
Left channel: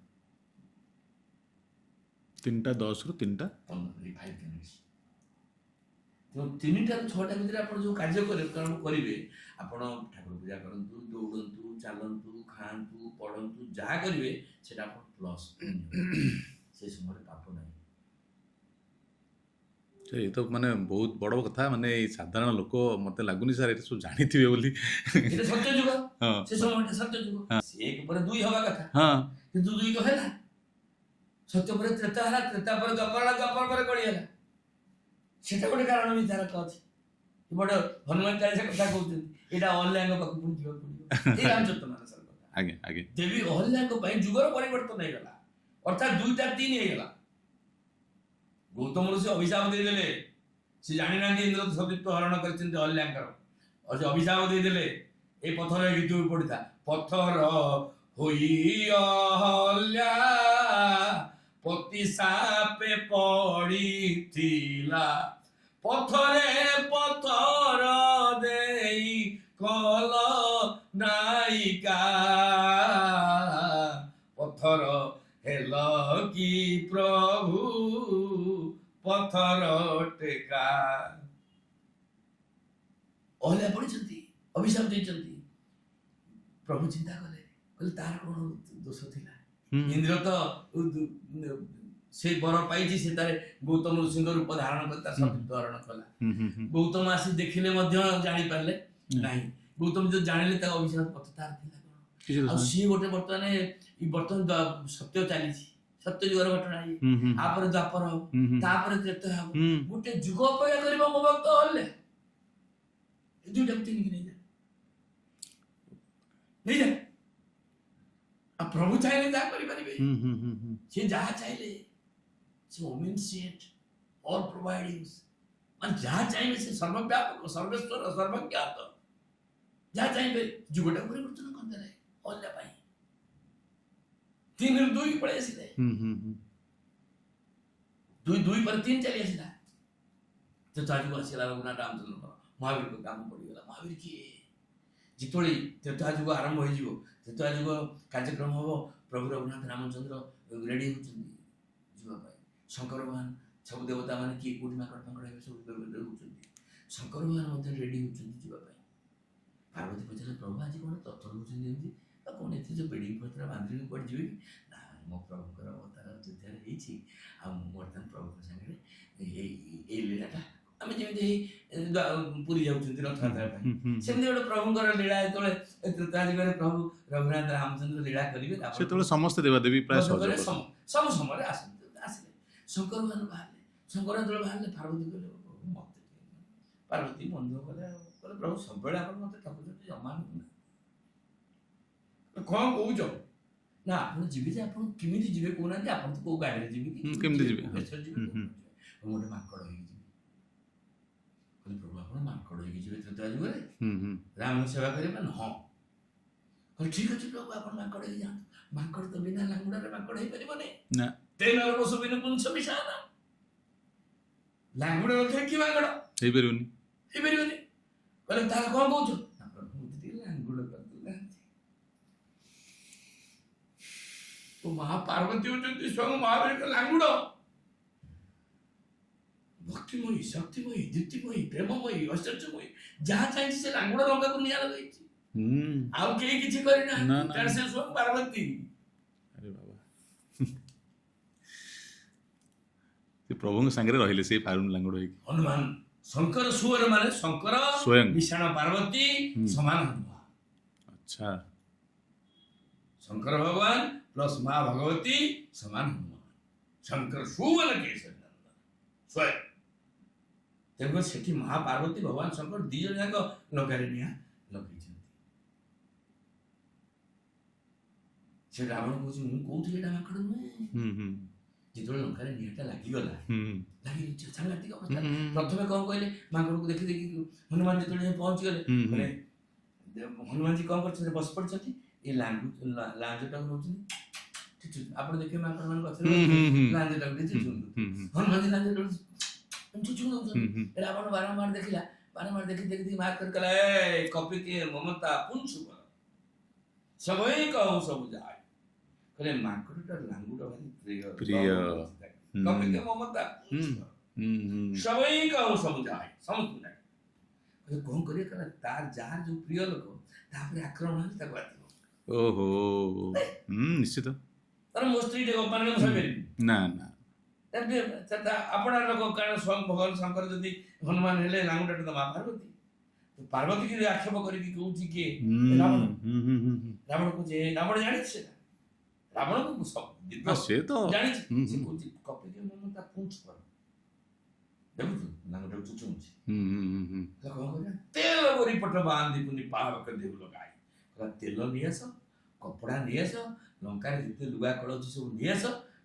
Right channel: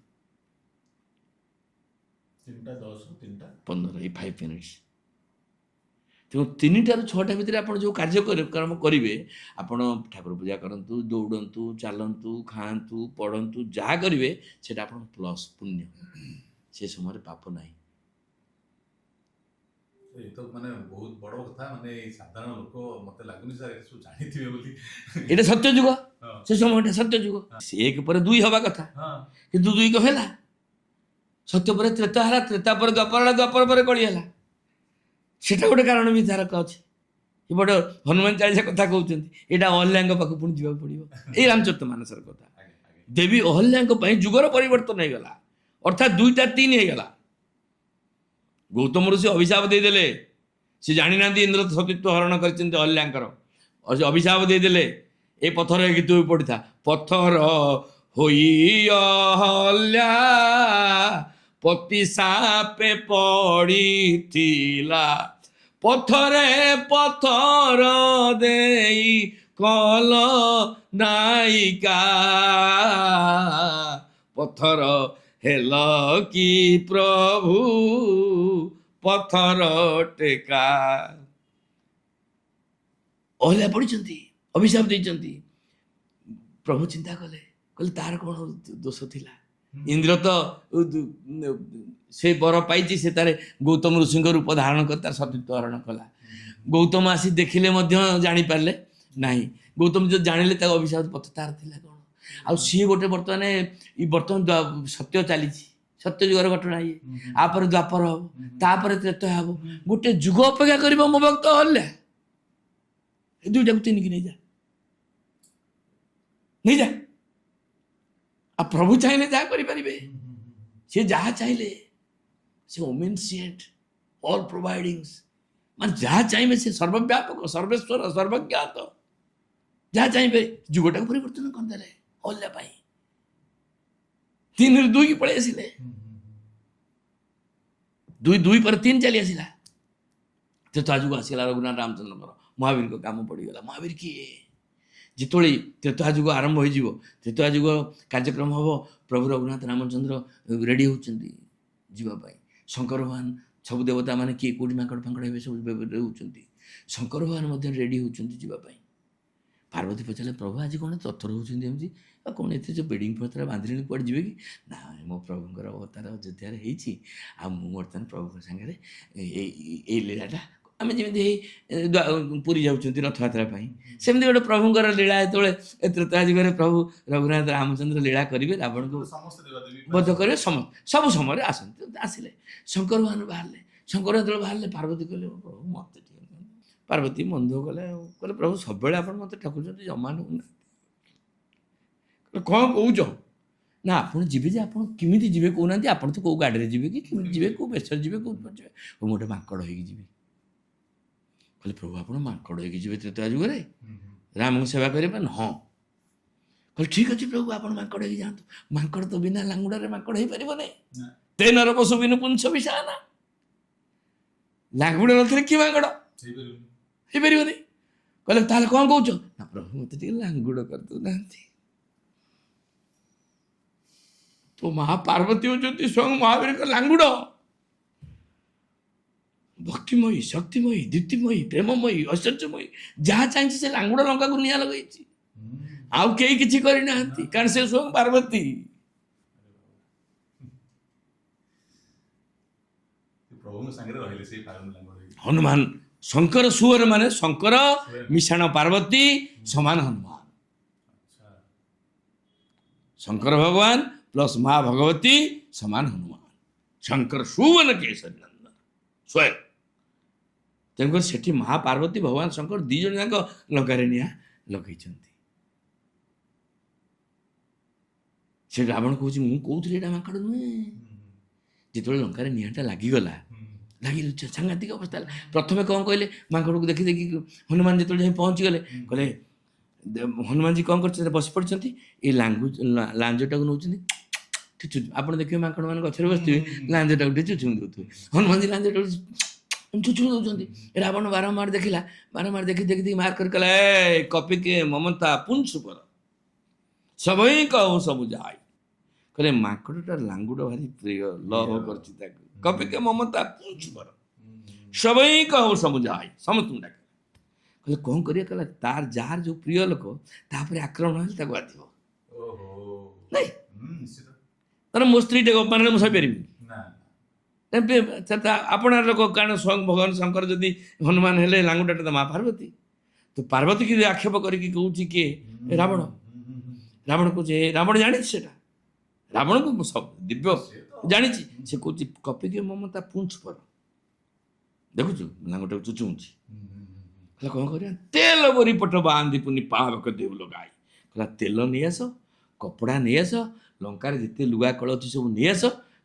3ଟା 10ରୁ 3ଟା 15 ଏଇ 5 ମିନିଟ୍ସ। ତେଣୁ 3ଟାରୁ 6ଟା ଭିତରେ ଆପଣ ଯେଉଁ କାର୍ଯ୍ୟକ୍ରମ କରିବେ, ଆପଣ ଠାକୁର ପୂଜା କରନ୍ତୁ, ଦୌଡ଼ନ୍ତୁ, ଚାଲନ୍ତୁ, ଖାଆନ୍ତୁ, ପଢ଼ନ୍ତୁ, ଯାହା କରିବେ ସେଇଟା ଆପଣ ପ୍ଲସ୍ ପୁଣ୍ୟ। ସେ ସମୟରେ ପାପ ନାହିଁ। ଏ ତ ମାନେ ବହୁତ ବଡ଼ କଥା ମାନେ ଏଇ ସାଧାରଣ ଲୋକ ମତେ ଲାଗୁନି ସାର୍ ଏଟା ସବୁ ଜାଣିଥିବେ ବୋଲି। ଏଇଟା ସତ୍ୟ ଯୁଗ, ହଁ ସେ ସମୟଟା ସତ୍ୟ ଯୁଗ। ସେ ଏକ ପରେ ଦୁଇ ହବା କଥା, ହଁ କିନ୍ତୁ ଦୁଇ କଣ ହେଲା? ସତ୍ୟ ପରେ ତ୍ରେତା ହେଲା, ତ୍ରେତା ପରେ ଦ୍ୱାପର ହେଲା, ଦ୍ୱାପର ପରେ କଳି ହେଲା। ସେଟା ଗୋଟେ କାରଣ ବିଧାରକ ଅଛି। ଏପଟେ ହନୁମାନ ଚାଳିଶା କଥା କହୁଛନ୍ତି, ଏଇଟା ଅହଲ୍ୟାଙ୍କ ପାଖକୁ ପୁଣି ଯିବାକୁ ପଡିବ। ଏଇ ରାମଚରିତ ମାନସର କଥା। ଆଜ୍ଞା ଆଜ୍ଞା ଦେବୀ ଅହଲ୍ୟାଙ୍କ ପାଇଁ ଯୁଗର ପରିବର୍ତ୍ତନ ହେଇଗଲା, ଅର୍ଥାତ୍ ଦୁଇଟା ତିନି ହେଇଗଲା। ଗୌତମ ଋଷି ଅଭିଶାପ ଦେଇଦେଲେ, ସେ ଜାଣିନାହାନ୍ତି ଇନ୍ଦ୍ର ସତୀତ୍ୱ ହରଣ କରିଛନ୍ତି ଅହଲ୍ୟାଙ୍କର। ଅଭିଶାପ ଦେଇଦେଲେ, ଏ ପଥର ହେଇକି ତୁ ପଡ଼ିଥା। ପଥର ହୋଇ ଅହଲ୍ୟା ପତି ସାପେ ପଡ଼ିଥିଲା, ପଥରେ ପଥର ଦେଇ କଲ ନାଇକା, ପଥର ହେଲ କି ପ୍ରଭୁ ପଥର ଟେକା। ଅହଲ୍ୟା ପଡ଼ିଛନ୍ତି, ଅଭିଶାପ ଦେଇଛନ୍ତି। ପ୍ରଭୁ ଚିନ୍ତା କଲେ, କହିଲେ ତାର କ'ଣ ଦୋଷ ଥିଲା? ଇନ୍ଦ୍ର ତ ସେ ବର ପାଇଛି, ସେ ତାର ଗୌତମ ଋଷିଙ୍କ ରୂପ ଧାରଣ କରି ତାର ସତୀତ୍ୱ ହରଣ କଲା। ଗୌତମ ଆସି ଦେଖିଲେ ମଧ୍ୟ ଜାଣିପାରିଲେ ନାହିଁ। ଗୌତମ ଯଦି ଜାଣିଲେ ତାଙ୍କ ଅଭିଶାପ ପଥ ତାର ଥିଲା କ'ଣ? ଆଉ ସିଏ ଗୋଟେ ବର୍ତ୍ତମାନ ସତ୍ୟ ଚାଲିଛି, ସତ୍ୟ ଯୁଗର ଘଟଣା ଇଏ। ଆପରେ ଦ୍ୱାପର ହବ, ତାପରେ ତ୍ରେତୟା ହବ। ଗୋଟେ ଯୁଗ ଅପେକ୍ଷା କରିବ ମୋ ଭକ୍ତ ଅହଲ୍ୟା। ଏ ଦୁଇଟାକୁ ଚିହ୍ନିକି ନେଇଯା, ନେଇଯା। ଆଉ ପ୍ରଭୁ ଚାହିଁଲେ ଯାହା କରିପାରିବେ। ସେ ଯାହା ଚାହିଁଲେ, ସେ ଓମେନସିଏଣ୍ଟ, ଅଲ୍ ପ୍ରୋଭାଇଡିଙ୍ଗସ୍, ମାନେ ଯାହା ଚାହିଁବେ ସେ ସର୍ବବ୍ୟାପକ, ସର୍ବେଶ୍ୱର, ସର୍ବଜ୍ଞାତ। ଯାହା ଚାହିଁବେ ଯୁଗଟାକୁ ପରିବର୍ତ୍ତନ କରିଦେଲେ ଅହଲ୍ୟା ପାଇଁ। 3 ରୁ 2 କି ପଳେଇ ଆସିଲେ, 2 ପରେ 3 ଚାଲି ଆସିଲା। ତ୍ରେତୟା ଯୁଗ ଆସିଗଲା ରଘୁନାଥ ରାମଚନ୍ଦ୍ରଙ୍କର, ମହାବୀରଙ୍କ କାମ ପଡ଼ିଗଲା। ମହାବୀର କିଏ? ଯେତେବେଳେ ତ୍ରେତୟା ଯୁଗ ଆରମ୍ଭ ହୋଇଯିବ, ତ୍ରେତୟା ଯୁଗ କାର୍ଯ୍ୟକ୍ରମ ହେବ, ପ୍ରଭୁ ରଘୁନାଥ ରାମଚନ୍ଦ୍ର ରେଡ଼ି ହେଉଛନ୍ତି ଯିବା ପାଇଁ। ଶଙ୍କର ଭଗବାନ, ସବୁ ଦେବତା ମାନେ କିଏ କେଉଁଠି ମାଙ୍କଡ଼ ଫାଙ୍କଡ଼ ହେବେ ସବୁ ରହୁଛନ୍ତି। ଶଙ୍କର ଭଗବାନ ମଧ୍ୟ ରେଡ଼ି ହେଉଛନ୍ତି ଯିବା ପାଇଁ। ପାର୍ବତୀ ପଚାରିଲେ, ପ୍ରଭୁ ଆଜି କ'ଣ ତଥର ହେଉଛନ୍ତି ଏମିତି? ଆଉ କ'ଣ ଏଥିରେ ଯେଉଁ ବେଡ଼ିଂ ପତ୍ର ବାନ୍ଧିଲେଣି, କୁଆଡ଼େ ଯିବେ କି? ନା, ମୋ ପ୍ରଭୁଙ୍କର ଅବତାର ଅଯୋଧ୍ୟାରେ ହେଇଛି, ଆଉ ମୁଁ ବର୍ତ୍ତମାନ ପ୍ରଭୁଙ୍କ ସାଙ୍ଗରେ ଏଇ ଲୀଳାଟା, ଆମେ ଯେମିତି ଏଇ ପୁରୀ ଯାଉଛନ୍ତି ରଥଯାତ୍ରା ପାଇଁ, ସେମିତି ଗୋଟେ ପ୍ରଭୁଙ୍କର ଲୀଳା ଯେତେବେଳେ ତ୍ରେତୟା ଯୁଗରେ ପ୍ରଭୁ ରଘୁନାଥ ରାମଚନ୍ଦ୍ର ଲୀଳା କରିବେ, ସେତେବେଳେ ସମସ୍ତେ ଦେବାଦେବୀ ବଧ କରିବେ, ସବୁ ସମୟରେ ଆସନ୍ତି। ଆସିଲେ ଶଙ୍କର ଭଗବାନ ବାହାରିଲେ। ଶଙ୍କର ଯେତେବେଳେ ବାହାରିଲେ, ପାର୍ବତୀ କହିଲେ, ପ୍ରଭୁ ମୋତେ ଟିକେ। ପାର୍ବତୀ ମନ ଦୁଃଖ କଲେ, ଆଉ କହିଲେ, ପ୍ରଭୁ ସବୁବେଳେ ଆପଣ ମୋତେ ଠକୁଛନ୍ତି, ଜମା ନୁହଁ। କ'ଣ କହୁଛ? ନା, ଆପଣ ଯିବେ ଯେ ଆପଣ କେମିତି ଯିବେ କହୁନାହାନ୍ତି? ଆପଣ ତ କେଉଁ ଗାଡ଼ିରେ ଯିବେ କି କେମିତି ଯିବେ, କେଉଁ ବେଶରେ ଯିବେ, କେଉଁ ଯିବେ? ମୁଁ ଗୋଟେ ମାଙ୍କଡ଼ ହେଇକି ଯିବି। କହିଲେ, ପ୍ରଭୁ ଆପଣ ମାଙ୍କଡ଼ ହେଇକି ଯିବେ ତ୍ରେତୟା ଯୁଗରେ ରାମଙ୍କୁ ସେବା କରିବା? ହଁ। କହିଲେ, ଠିକ୍ ଅଛି ପ୍ରଭୁ, ଆପଣ ମାଙ୍କଡ଼ ହେଇକି ଯାଆନ୍ତୁ। ମାଙ୍କଡ଼ ତ ବିନା ଲାଙ୍ଗୁଡ଼ାରେ ମାଙ୍କଡ଼ ହେଇପାରିବନି। ତେନର ପଶୁ ବିନୁ ପୁଂସ ବିଷାନା, ଲାଙ୍ଗୁଡ଼ ନଥିଲେ କି ମାଙ୍କଡ଼ ହେଇପାରିବନି, ହେଇପାରିବନି। କହିଲେ, ତାହେଲେ କ'ଣ କହୁଛ? ନା ପ୍ରଭୁ ମୋତେ ଟିକେ ଲାଙ୍ଗୁଡ଼ କରିଦେଉନାହାନ୍ତି। ତ ମା ପାର୍ବତୀ ହେଉଛନ୍ତି ସ୍ୱୟଂ ମହାବୀରଙ୍କ ଲାଙ୍ଗୁଡ଼। ଭକ୍ତିମୟୀ, ଶକ୍ତିମୟୀ, ଦ୍ୟୁତିମୟୀ, ପ୍ରେମମୟୀ, ଐଶ୍ୱର୍ଯ୍ୟମୟୀ। ଯାହା ଚାହିଁଛି ସେ ଲାଙ୍ଗୁଡ଼ ଲଙ୍କାକୁ ନିଆଁ ଲଗେଇଛି। ଆଉ କେହି କିଛି କରିନାହାନ୍ତି, କାରଣ ସେ ସ୍ୱୟଂ ପାର୍ବତୀ। ପ୍ରଭୁଙ୍କ ସାଙ୍ଗରେ ରହିଲେ ସେଇ ଲାଙ୍ଗୁଡ଼ ହେଇକି। ହନୁମାନ, ଶଙ୍କର ସୁର ମାନେ ଶଙ୍କର ସ୍ୱୟଂ ମିଶାଣ ପାର୍ବତୀ ସମାନ ହନୁମାନ। ଆଚ୍ଛା, ଶଙ୍କର ଭଗବାନ ପ୍ଲସ୍ ମା ଭଗବତୀ ସମାନ ହନୁମାନ। ଶଙ୍କର ସୁବନ କେଶରୀ ନନ୍ଦନ ସ୍ୱୟଂ। ତେଣୁକରି ସେଠି ମହାପାର୍ବତୀ, ଭଗବାନ ଶଙ୍କର 2 ଜଣ ଯାକ ଲଙ୍କାରେ ନିଆଁ ଲଗେଇଛନ୍ତି। ସେ ରାବଣ କହୁଛି, ମୁଁ କହୁଥିଲି ଏଇଟା ମାଙ୍କଡ଼ ନୁହେଁ। ଯେତେବେଳେ ଲଙ୍କାରେ ନିଆଁଟା ଲାଗିଗଲା, ସାଂଘାତିକ ଅବସ୍ଥା ହେଲା। ପ୍ରଥମେ କ'ଣ କହିଲେ, ମାଙ୍କଡ଼କୁ ଦେଖି ଦେଖି ହନୁମାନ ଯେତେବେଳେ ଯାଇ ପହଞ୍ଚିଗଲେ, କହିଲେ, ହନୁମାନଜୀ କ'ଣ କରିଛନ୍ତି? ବସି ପଡ଼ିଛନ୍ତି, ଏ ଲାଞ୍ଜଟାକୁ ନେଉଛନ୍ତି। ଆପଣ ଦେଖିବେ ମାଙ୍କଡ଼ ମାନେ ଗଛରେ ବସିଥିବେ, ଲାଞ୍ଜଟାକୁ ଟିକେ ଚୁଚୁମି ଦେଉଥିବେ। ହନୁମାନଜୀ ଲାଞ୍ଜଟାକୁ ଚୁଚୁମି ଦେଉଛନ୍ତି। ରାବଣ ବାରମ୍ବାର ଦେଖିଲା, ବାରମ୍ବାର ଦେଖି ଦେଖି ମାର୍କ କରି କହିଲା, ଏ କପିକେ ମମତା ପୁଂସ କର ସବଇ କହୁ ସବୁ ଯାଇ। କହିଲେ, ମାଙ୍କଡ଼ଟାର ଲାଙ୍ଗୁଡ଼ ଭାରି ପ୍ରିୟ, କରୁଛି ତାକୁ। କପିକେ ମମତା ପୁଂସ କର ସବଇ କହୁ ସବୁ ଯାଇ, ସମସ୍ତଙ୍କୁ ଡାକେ। କହିଲେ, କ'ଣ କରିବା? କହିଲା, ତାର ଯାହାର ଯୋଉ ପ୍ରିୟ ଲୋକ ତାପରେ ଆକ୍ରମଣ ହେଲେ ତାକୁ ବାଧିବ। ଓହୋ, ନିଶ୍ଚିତ। ତାର ମୋ ସ୍ତ୍ରୀଟେ ଅପମାନରେ ମୁଁ ସହିପାରିବି? ନା ନା, ଆପଣ ଲୋକ କାରଣ ଭଗବାନ ଶଙ୍କର ଯଦି ହନୁମାନ ହେଲେ ଲାଙ୍ଗୁଡ଼ାଟା ତ ମା ପାର୍ବତୀ, ତ ପାର୍ବତୀ କି ଆକ୍ଷେପ କରିକି କହୁଛି କିଏ? ରାବଣ। ରାବଣ କହୁଛି ରାବଣ ଜାଣିଛି ସେଟା, ରାବଣକୁ ଦିବ୍ୟ ସେ ତ ଜାଣିଛି। ସେ କହୁଛି କପିକେ ମମତା ପୁଞ୍ଛ ପର, ଦେଖୁଛୁ ଲାଙ୍ଗୁଟାକୁ ଚୁଚୁଉଛି। କହିଲା କ'ଣ କରିବା? ତେଲ ବରି ପଟ ବାନ୍ଧି ପୁନି ପାହାକ ଦେଉଲ ଗାଈ। କହିଲା ତେଲ ନେଇଆସ, କପଡ଼ା ନେଇଆସ, ଲଙ୍କାରେ ଯେତେ ଲୁଗା କଳ ଅଛି ସବୁ ନେଇଆସ,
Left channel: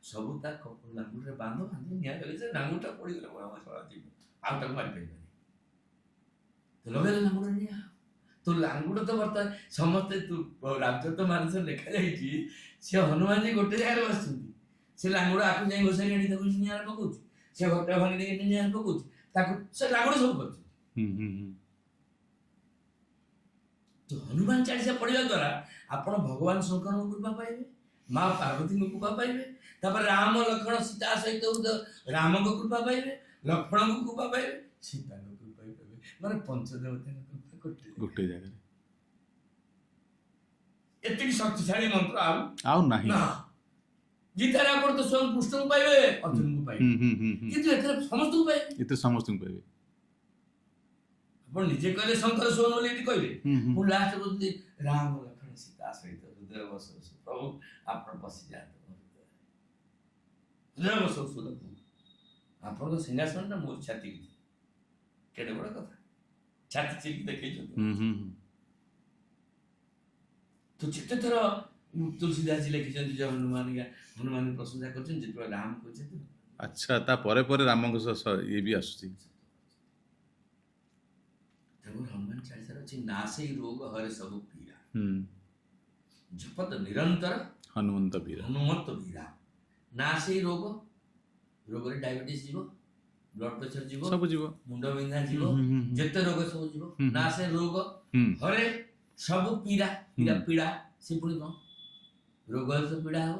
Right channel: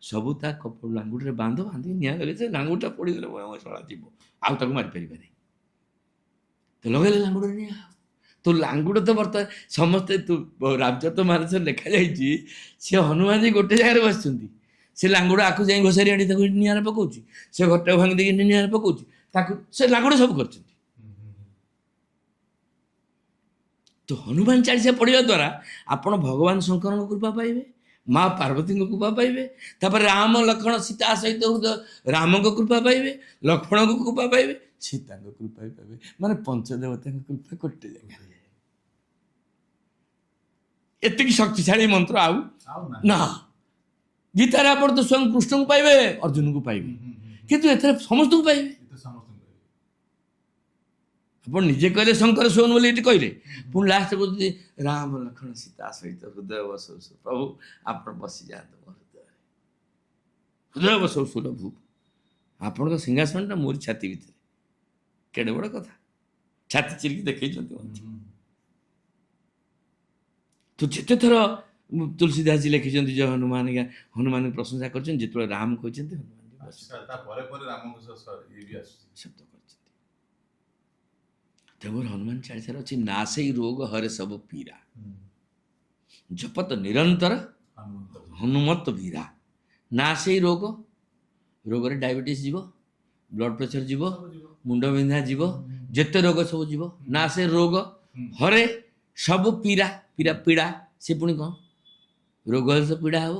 ସବୁ ତା ଲାଙ୍ଗୁଡ଼ରେ ବାନ୍ଧିକି ନିଆଁ ଲଗେଇ, ସେ ଲାଙ୍ଗୁଡ଼ଟା ପଡ଼ିଗଲେ ଶଳା ଯିବ, ଆଉ ତାକୁ ମାରିପାରିବାନି। ତ ଲଗେଇଲେ ଲାଙ୍ଗୁଡ଼ରେ ନିଆଁ। ତ ଲାଙ୍ଗୁଡ଼ ତ ବର୍ତ୍ତମାନ ସମସ୍ତେ ରାଜତ୍ୱ ମାନସରେ ଲେଖାଯାଇଛି, ସିଏ ହନୁମାନଜୀ ଗୋଟେ ଜାଗାରେ ବସିଛନ୍ତି, ସେ ଲାଙ୍ଗୁଡ଼ ଆକୁ ଯାଇ ଘୋଷାରି ଆଣି ତାକୁ ନିଆଁରେ ପକାଉଛି, ସେ ଘରଟାକୁ ଭାଙ୍ଗି ଦେଇକି ନିଆଁରେ ପକାଉଛି, ତାକୁ ସେ ଲାଙ୍ଗୁଡ଼ ସବୁ କରିଛନ୍ତି। ତ ହନୁମାନ ଚାଳିଶା ପଢ଼ିବା ଦ୍ୱାରା ଆପଣ ଭଗବାନ ଶଙ୍କରଙ୍କ କୃପା ପାଇବେ, ମା ପାର୍ବତୀଙ୍କ କୃପା ପାଇବେ, ତାପରେ ରାମ ଲକ୍ଷ୍ମଣ ସୀତା ସହିତ ରାମଙ୍କ କୃପା ପାଇବେ, ଲକ୍ଷ୍ମଣଙ୍କ କୃପା ପାଇବେ, ସୀତାଙ୍କ କୃପା ପାଇବେ, ମାନେ ପଞ୍ଚଦେବତାଙ୍କ କୃପା ଗୋଟେ ଜାଗାରେ। ଏତିକି ଶକ୍ତିଶାଳୀ ମନ୍ତ୍ର ଆଉ ନାହିଁ ନା। ଗୀତାରେ ଆପଣ ତ ସ୍ୱୟଂ କୃଷ୍ଣଙ୍କୁ ପାଇବେ, ଅର୍ଜୁନଙ୍କୁ ପାଇବେ, କିନ୍ତୁ ଏଥିରେ ସମସ୍ତଙ୍କୁ ପାଇବେ। ଆପଣ ନିଜେ କହିଲେ ଶଙ୍କର ଶୋନ ବୋଲି ଏଠି କହିଲେ, ପୁଣି ଲାଷ୍ଟ କହୁଛନ୍ତି ରାମ ଲକ୍ଷ୍ମଣ ସୀତା ସହିତ ହୃଦୟ ବସଉ ପ୍ରଭୁ, ଆପଣ ବସିଯାଆନ୍ତୁ ମୋ ହୃଦୟରେ, ହୃଦୟ ବସଉ ସୁଲଭ, ଆପଣଙ୍କ ସିଂହାସନଟା ମୋରି ଛାତି ଭିତରେ। କେଡ଼େ ବଡ଼ କଥା, ଛାତି ଚିରିକି ଦେଖେଇଛନ୍ତି। ତ ଯେତେଥର ତୁଳସୀଦାସଜୀ ଲେଖିଛନ୍ତି ଯେ ହନୁମାନଙ୍କୁ ପ୍ରଶଂସା କରିଛନ୍ତି, ଯେତେବେଳେ ରାମ କହିଛନ୍ତି ଆଚ୍ଛା, ତା ପରେ ପରେ ରାମଙ୍କ ସହ ଇଏ ବି ଆସୁଛି, ଶବ୍ଦ କରିଛନ୍ତି। ତେଣୁ ହନୁମାନ ଚାଳିଶାରେ ଅଛି ନା ସେଇ ରୋଗ ହରେ ସବୁ ପୀରା, ଜପତ ନିରନ୍ତର ହନୁମନ୍ତ ବୀରା। ନା ସେଇ ରୋଗରେ ଡାଇବେଟିସ୍ ଯିବ, ବ୍ଲଡ଼ ପ୍ରେସର ଯିବ, ମୁଣ୍ଡ ବିନ୍ଧା ଯିବ, ଯେତେ ରୋଗ ସବୁ ଯିବ। ନା ସେ ରୋଗ ହରେ ସବୁ ପୀରା, ପୀଡ଼ା ସେ ପୁଣି କ'ଣ? ରୋଗ ହେଲେ ତ ପୀଡ଼ା ହେବ,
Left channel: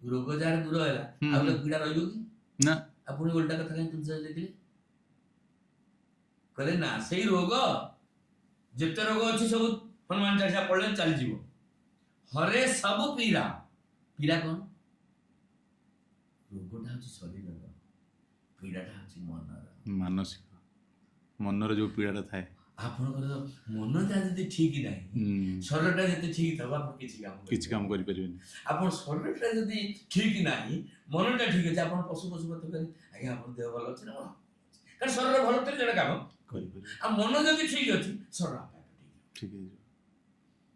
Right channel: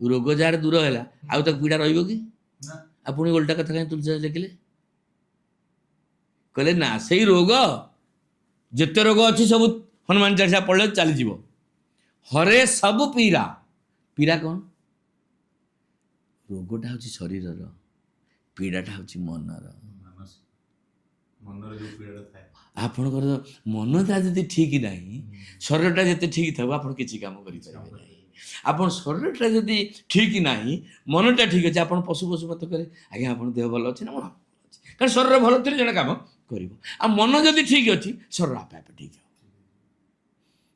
ରୋଗ ଯାହାର ଦୂର ହେଲା ଆଉ ତାକୁ ପୀଡ଼ା ରହିବ କି? ନା। ଆଉ ପୁଣି ଓଲଟା କଥା କାହିଁ ତୁଳସୀଦାସ ଲେଖିଲେ? କହିଲେ ନା ସେଇ ରୋଗ, ଯେତେ ରୋଗ ଅଛି ସବୁ ହନୁମାନ ଚାଳିଶା ପଢ଼ିଲେ ଚାଲିଯିବ। ହରେ ସବୁ ପୀଡ଼ା, ପୀଡ଼ା କ'ଣ? ରୋଗଟା ହେଉଛି ଶରୀରର, ପୀଡ଼ାଟା ହେଉଛି ମନର, ମାନସିକ, ମନରେ ଯେଉଁ ପୀଡ଼ାଟା ଥାଏ। ଆପଣଙ୍କର ମନଟା ଯଦି ଠିକ୍ ନାହିଁ, ଶରୀରଟା ଯେତେ ଠିକ୍ ଥିବ ଆପଣ କିଛି କାମ କରିପାରିବେନି। ଆପଣ ଶରୀରଟା ଯଦି ଠିକ୍ ନାହିଁ, ମନଟା ଠିକ୍ ଅଛି, ଆପଣ ପଶୁ ମତେ କହିଲେ ଆଜ୍ଞା ଆପଣ ଦେହ ଭଲ ଅଛି ନା? ମନ ଅଛି, କାରଣ ଶରୀର ଭଲ ଥିଲେ ଜଣେ କାମ କରିବ। ଆଉ ମନ ଯଦି ଠିକ୍ ଅଛି, ଶରୀର ଆପେ ଆପେ ଠିକ୍ ହେବ।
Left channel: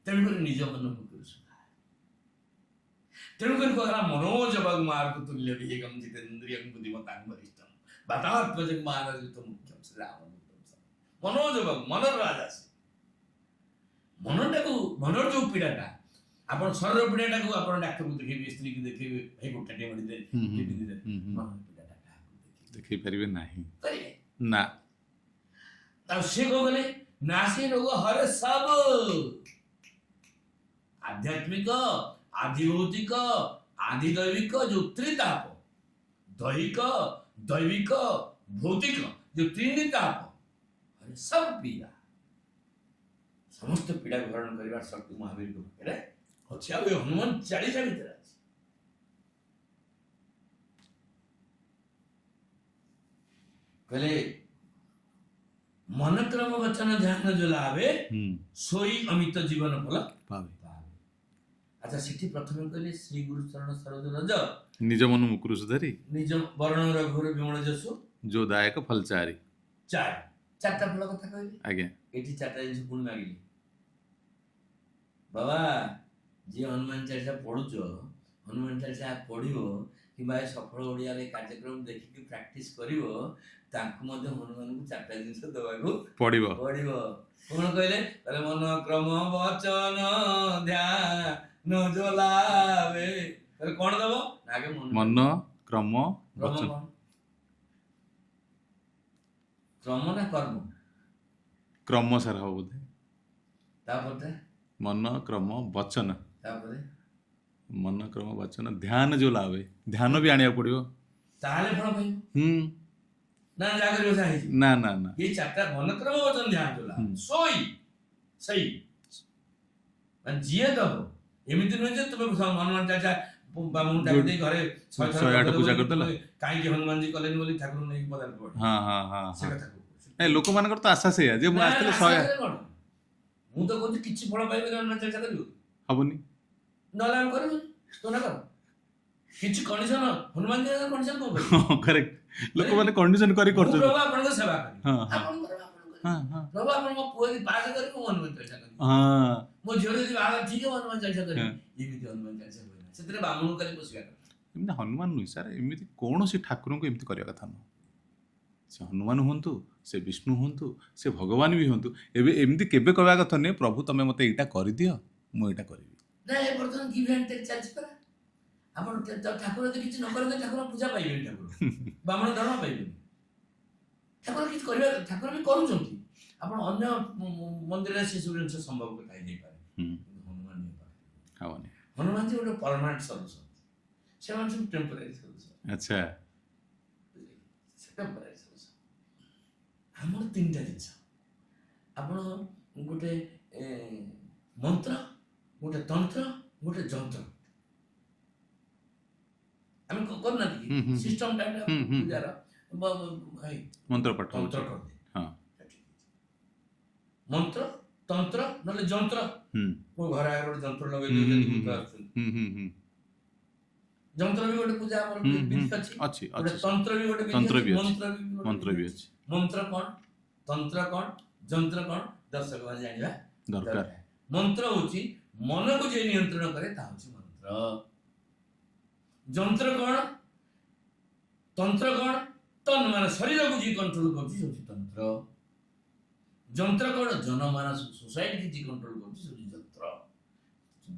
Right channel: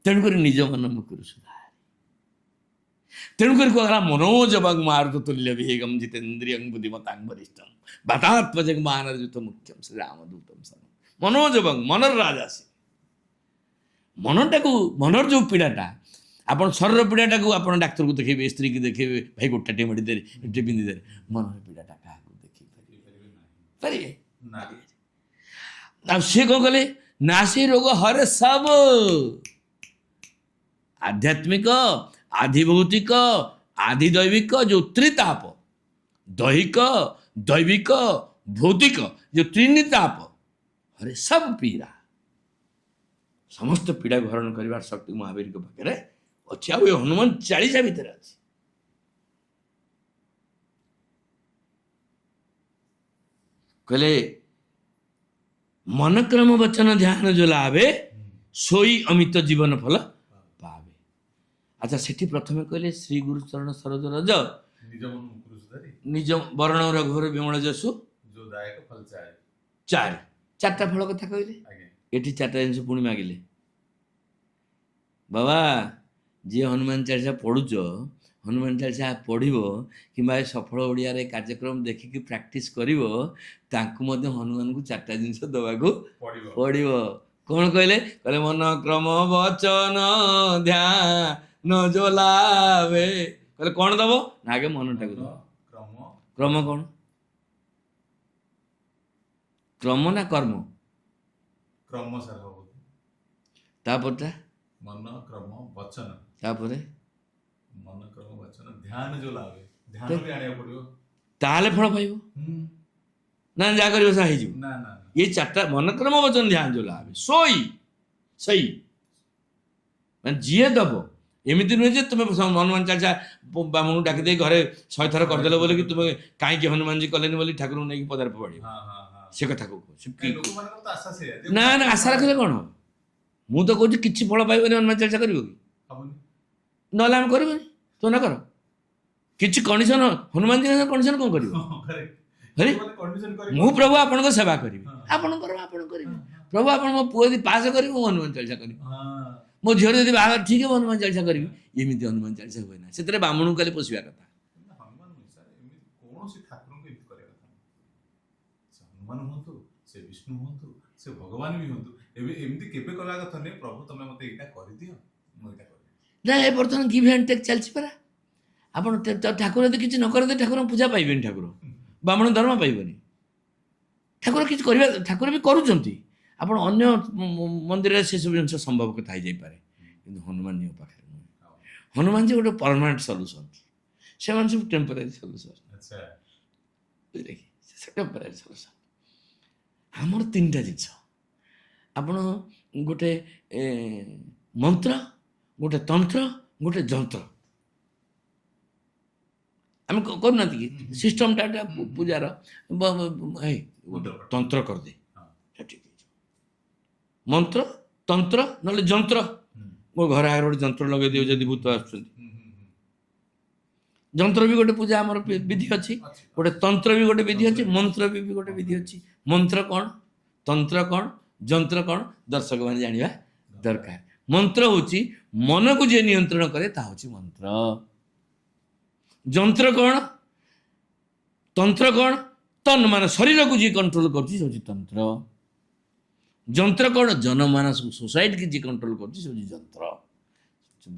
ତେଣୁକରି ନିଜ ମନ ମୁକୁରୁ ସୁଧାରି, ତେଣୁକରି କୁହାଗଲା ମନୋଜବଂ ମାରୁତ ତୁଲ୍ୟ ବିହେଗಂ ଜିତେନ୍ଦ୍ରିୟଂ ବୁଦ୍ଧିମତାଂ ବରିଷ୍ଠଂ ବାତାତ୍ମଜଂ ମାନରଯୁତ ମୁଖ୍ୟಂ ଶ୍ରୀ ରାମଦୂତଂ ସମ। ମନୋଜବଂ, ମନର ରାଜା ସେ। ମନର ଯେଉଁ ପୀଡ଼ାଟା, ଆପଣ ଶରୀର ପୀଡ଼ାଟାକୁ ଆପଣ ଡାକ୍ତରକୁ ଦେଖେଇବେ, ସ୍ତ୍ରୀକି ଦେଖେଇବେ, ଭାଇ ଗୋଟାଟେ ମେଡ଼ିଦେଲେ, ଏଠି ପିନ୍ଧିଦେଲେ, ମନର ପୀଡ଼ାଟା କାହାକୁ ଦେଖେଇ ପାରିବେ ନାହିଁ, ପାରିବେ ନା। ଆଉ ସିଏ କ'ଣ କଲେ? ନା ସେ ରୋଗ ହରେ ସବୁ, ଆଧ୍ୟାତ୍ମିକ, ଆଧିଭୌତିକ, ଆଧିଦୈବିକ ଯେଉଁ ତ୍ରିତାପ, ଦୈହିକ, ଦୈବିକ, ଭୌତିକ ଯେଉଁ ତ୍ରିନିତାପ, ହରେ ସବୁ ପୀଡ଼ା, ସମସ୍ତ ପୀଡ଼ାକୁ ହରଣ କରିବାର ଶକ୍ତି ମହାବୀରଙ୍କ ପାଖରେ ଅଛି, ଆଉ ଏ ହନୁମାନ ଚାଳିଶା ଭିତରେ ଅଛି। କହିଲେ ମନକ୍ରମ ବଚନ ଧ୍ୟାନ ଯୋ ଲାଭେ, ସୋଇ ଅମିତ ଜୀବନ ଫଳ ପାବେ। ଆଚ୍ଛା, ସେଠି ପ୍ରଥମେ କହିଲେ ଶ୍ରୀ ଗୁରୁ ଚରଣ ସରୋଜ ରଜ, ନିଜ ମନ ମୁକୁରୁ ସୁଧାରି, ନିଜ ବରଣ ରଘୁର ବିମଳ ଯଶୁ, ଯୋ ଦାୟକ ଫଲ ଚାରି। ଚାରିଟା ଫଳ କଥା କହିଲେ। ଆଜ୍ଞା, ଏଠି ଚାରିଟା ଜିନିଷ ପୁଣି ମାଗିଲେ। ବାବା, ଯିଏ ହନୁମାନ ଚାଳିଶା ପଢୁଛ, ହନୁମାନ ଚାଳିଶା ପଢ଼ିବ କିମ୍ବା ଏ ସଫଳ ଓଡ଼ିଆରେ କାର୍ଯ୍ୟକ୍ରମ ଦେଖିକି ପ୍ରାକ୍ଟିସ୍ କରିବ, ତାଙ୍କୁ ମଧ୍ୟ ହନୁମାନଙ୍କୁ ଚାରିଟା ଜିନିଷ ଦେବାକୁ ପଡ଼ିବ। କ'ଣ କହିଲେ? କହିଲେ ମନ କ୍ରମ ବଚନ ଧ୍ୟାନ ଯୋ ଲାଭେ। କହିଲେ କ'ଣ ଦବ ନା? ଆଗେ ମନ କ୍ରମ କ'ଣ? କ୍ରମ ନା କର୍ମ? କ୍ରମ ସାର ହବ ବୋଧେ। ତାପରଟା ମନ କ୍ରମ ବଚନ, ତାପରେ ମନ କ୍ରମ ବଚନ ଧ୍ୟାନ ଯୋଉ ଲାଭେ, ଧ୍ୟାନ ବି ଆଣିବାକୁ ପଡ଼ିବ, ତାହେଲେ ଫଳ ପାଇବ। ନା ଯାହା କରିବ ତାହା ହେଇଯିବ? ନା। ଏ ଚାରିଟା ମନକ୍ରମ ବଚନ ଧ୍ୟାନ ଯୋ ଲାଭେ, ସେଇ ମାନେ ଯିଏ ଦବ, ଏମିତି ନୁହେଁ ଯେ ତୁମେ ହନୁମାନ ଚାଳିଶା ବାମୁଣକୁ ଡାକି ଦେଇ ଘରେ 100 ଥର କରିଦେଲ ବୋଲି କି ତୁମେ କାହିଁକି ହନୁମାନଜୀ କଲେନି ବୋଲି ଠାକୁରଙ୍କୁ ନେଇକି ପଦାରେ ଫୋପାଡ଼ିବ। ହଁ ହଁ ହଁ ସେ କଥା କହୁଛି। ନାଇଁ, ଲୋକମାନଙ୍କର ତ ଆଶା ସେଇଆ ଯେ ନା ନା ଆଶା ରଖିଲେ କ'ଣ ହବ? ମୁଁ ତ କହୁଛି କିଛି ଫଳ ପାଇବନି ହନୁମାନ ଚାଳିଶା କରିବ କି? ହବନି। ନହେଲେ ଆମେ କରିବୁନି, ତୁ ନା କର। କିଛି କଣ୍ଡିସନ ହନୁମାନଜୀ କଣ୍ଡିସନ କ'ଣ କରିବ? କରେକ୍ଟ। ଲୋକମାନେ କଣ୍ଡିସନ କରି ମୁଁ ପ୍ରଭୁ ଆପଣଙ୍କ ସେବା କରିବି, ହଁ, ହଁ। ଆପଣଙ୍କର ଆପଣ କରିବେ। ହଁ, ହଁ। ପ୍ରଭୁ ଆପଣଙ୍କ ପୁଅ ଯଦି ପାସ୍ କରିବ ମୁଁ ହନୁମାନ ଚାଳିଶା କରିବି, ହଁ ମୋ ଝିଅର ଯଦି ବାହାଘର ଠିକ ହବ ହନୁମାନ ଚାଳିଶା କରିବି। ଏମିତି ହନୁମାନ ଚାଳିଶା ହୁଏ ନା, ସେଥିରେ ବାମୁଣକୁ ଖାଲି ପୋଷିବା କଥା। ଏମିତି ହନୁମାନ ନୁହେଁ ସାର୍, ଏମିତି କୌଣସି ଠାକୁରଙ୍କୁ ଏମିତି କରିବା କଥା ନୁହଁ। ସେ ହନୁମାନ ହୁଅନ୍ତୁ, ସେ ବିଷ୍ଣୁ ହୁଅନ୍ତୁ, ସେ ଭଗବାନ ବି ହୁଅନ୍ତୁ, ଏବେ ଏମିତି କେବେ କହିବା କଥା ନୁହେଁ ପ୍ରଭୁ ତମେ ମୋତେ ଏଇଟା କରିଦିଅ, ମୁଁ ଏଇଟା କରିବି। ନା ଏ ବର୍ତ୍ତମାନ ଗିଭ୍ ଆଣ୍ଡ ଟେକ୍ ଚାଲିଛି ପରା। ଆପଣ ଠାକୁର ଯଦି କିଛି ନ କରନ୍ତି ଠାକୁରଙ୍କ ପୂଜା ପାଇବେନି, ଠାକୁର ବାମୁଣ ଧର୍ମ ପାଇବେନି। ଠାକୁର କିଛି କରିବା, ଠାକୁର ବି କରୁଛନ୍ତି। ଆପଣ ଅନ୍ୟ ମନ୍ଦିରରେ ସେସବୁ ଜିନିଷ ସମ୍ଭବ କଥା ହେଇଯାଇପାରେ, କିନ୍ତୁ ହନୁମାନଙ୍କ ପାଖରେ ନୁହେଁ। ହବନି। ହନୁମାନ ଯେ ଗୋଟେ ପରମାନେଣ୍ଟ ସଲ୍ୟୁସନ୍, ସେମାନେ ସବୁ ଟେମ୍ପୋରାରୀ ସଲ୍ୟୁସନ୍। ଆଚ୍ଛା। ବୁଝିଲେ କି, ସେ ଟେମ୍ପୋରାରୀ ସଲ୍ୟୁସନ୍। ଆମର 3ଟା ଜିନିଷ, ଆପଣ ଗୋଟେ ମନ୍ତ୍ର, ଗୋଟେ ତନ୍ତ୍ର, ଗୋଟେ ଯନ୍ତ୍ର। ଆମେ କରୁନାହାନ୍ତି କି ସିଷ୍ଟମଟା ପୂଜାର ମନ୍ତ୍ର ପାଠ। ତନ୍ତ୍ର କରିଦେ, ହଁ। ଠିକ ଅଛି। ମନ୍ତ୍ର ତନ୍ତ୍ର ନହେଲେ ଯନ୍ତ୍ର। ମୋ ଘର ଆଗରେ ଗୋଟେ ଯନ୍ତ୍ର ଲଗେଇ ଦିଅ ଯଦି ଭୂତ ଆସୁଛନ୍ତି। ଯନ୍ତ୍ର ବି ଗୋଟେ ପୂଜା ଆମର ବିଧି ଅଛି, ଗୋଟେ ତନ୍ତ୍ର ବି ଗୋଟେ ବିଧି ଅଛି, ମନ୍ତ୍ର ବି ଗୋଟେ ବିଧି ଅଛି। ମନ୍ତ୍ର କ'ଣ, ତନ୍ତ୍ର କ'ଣ, ଯନ୍ତ୍ର କ'ଣ, ଦର୍ଶକ ମାନେ ଜାଣିବା ଦରକାର। ମନ୍ତ୍ର ହଉଛି ମନକୁ ଯିଏ ନିୟନ୍ତ୍ରଣ କରେ ତାହା ହଉଛି ମନ୍ତ୍ର। ଯନ୍ତ୍ର କ'ଣ, ତନ୍ତ୍ର କ'ଣ, ତନ୍ ମାନେ ଶରୀରକୁ ଯିଏ କଣ୍ଟ୍ରୋଲ କରୁଛି ସେ ହଉଛି ତନ୍ତ୍ର। ଯନ୍ତ୍ର କ'ଣ, ଜନମାନସକୁ ସୋସାଇଟିକି ଯିଏ କଣ୍ଟ୍ରୋଲ କରୁଛି ସେ ହଉଛି ଯନ୍ତ୍ର।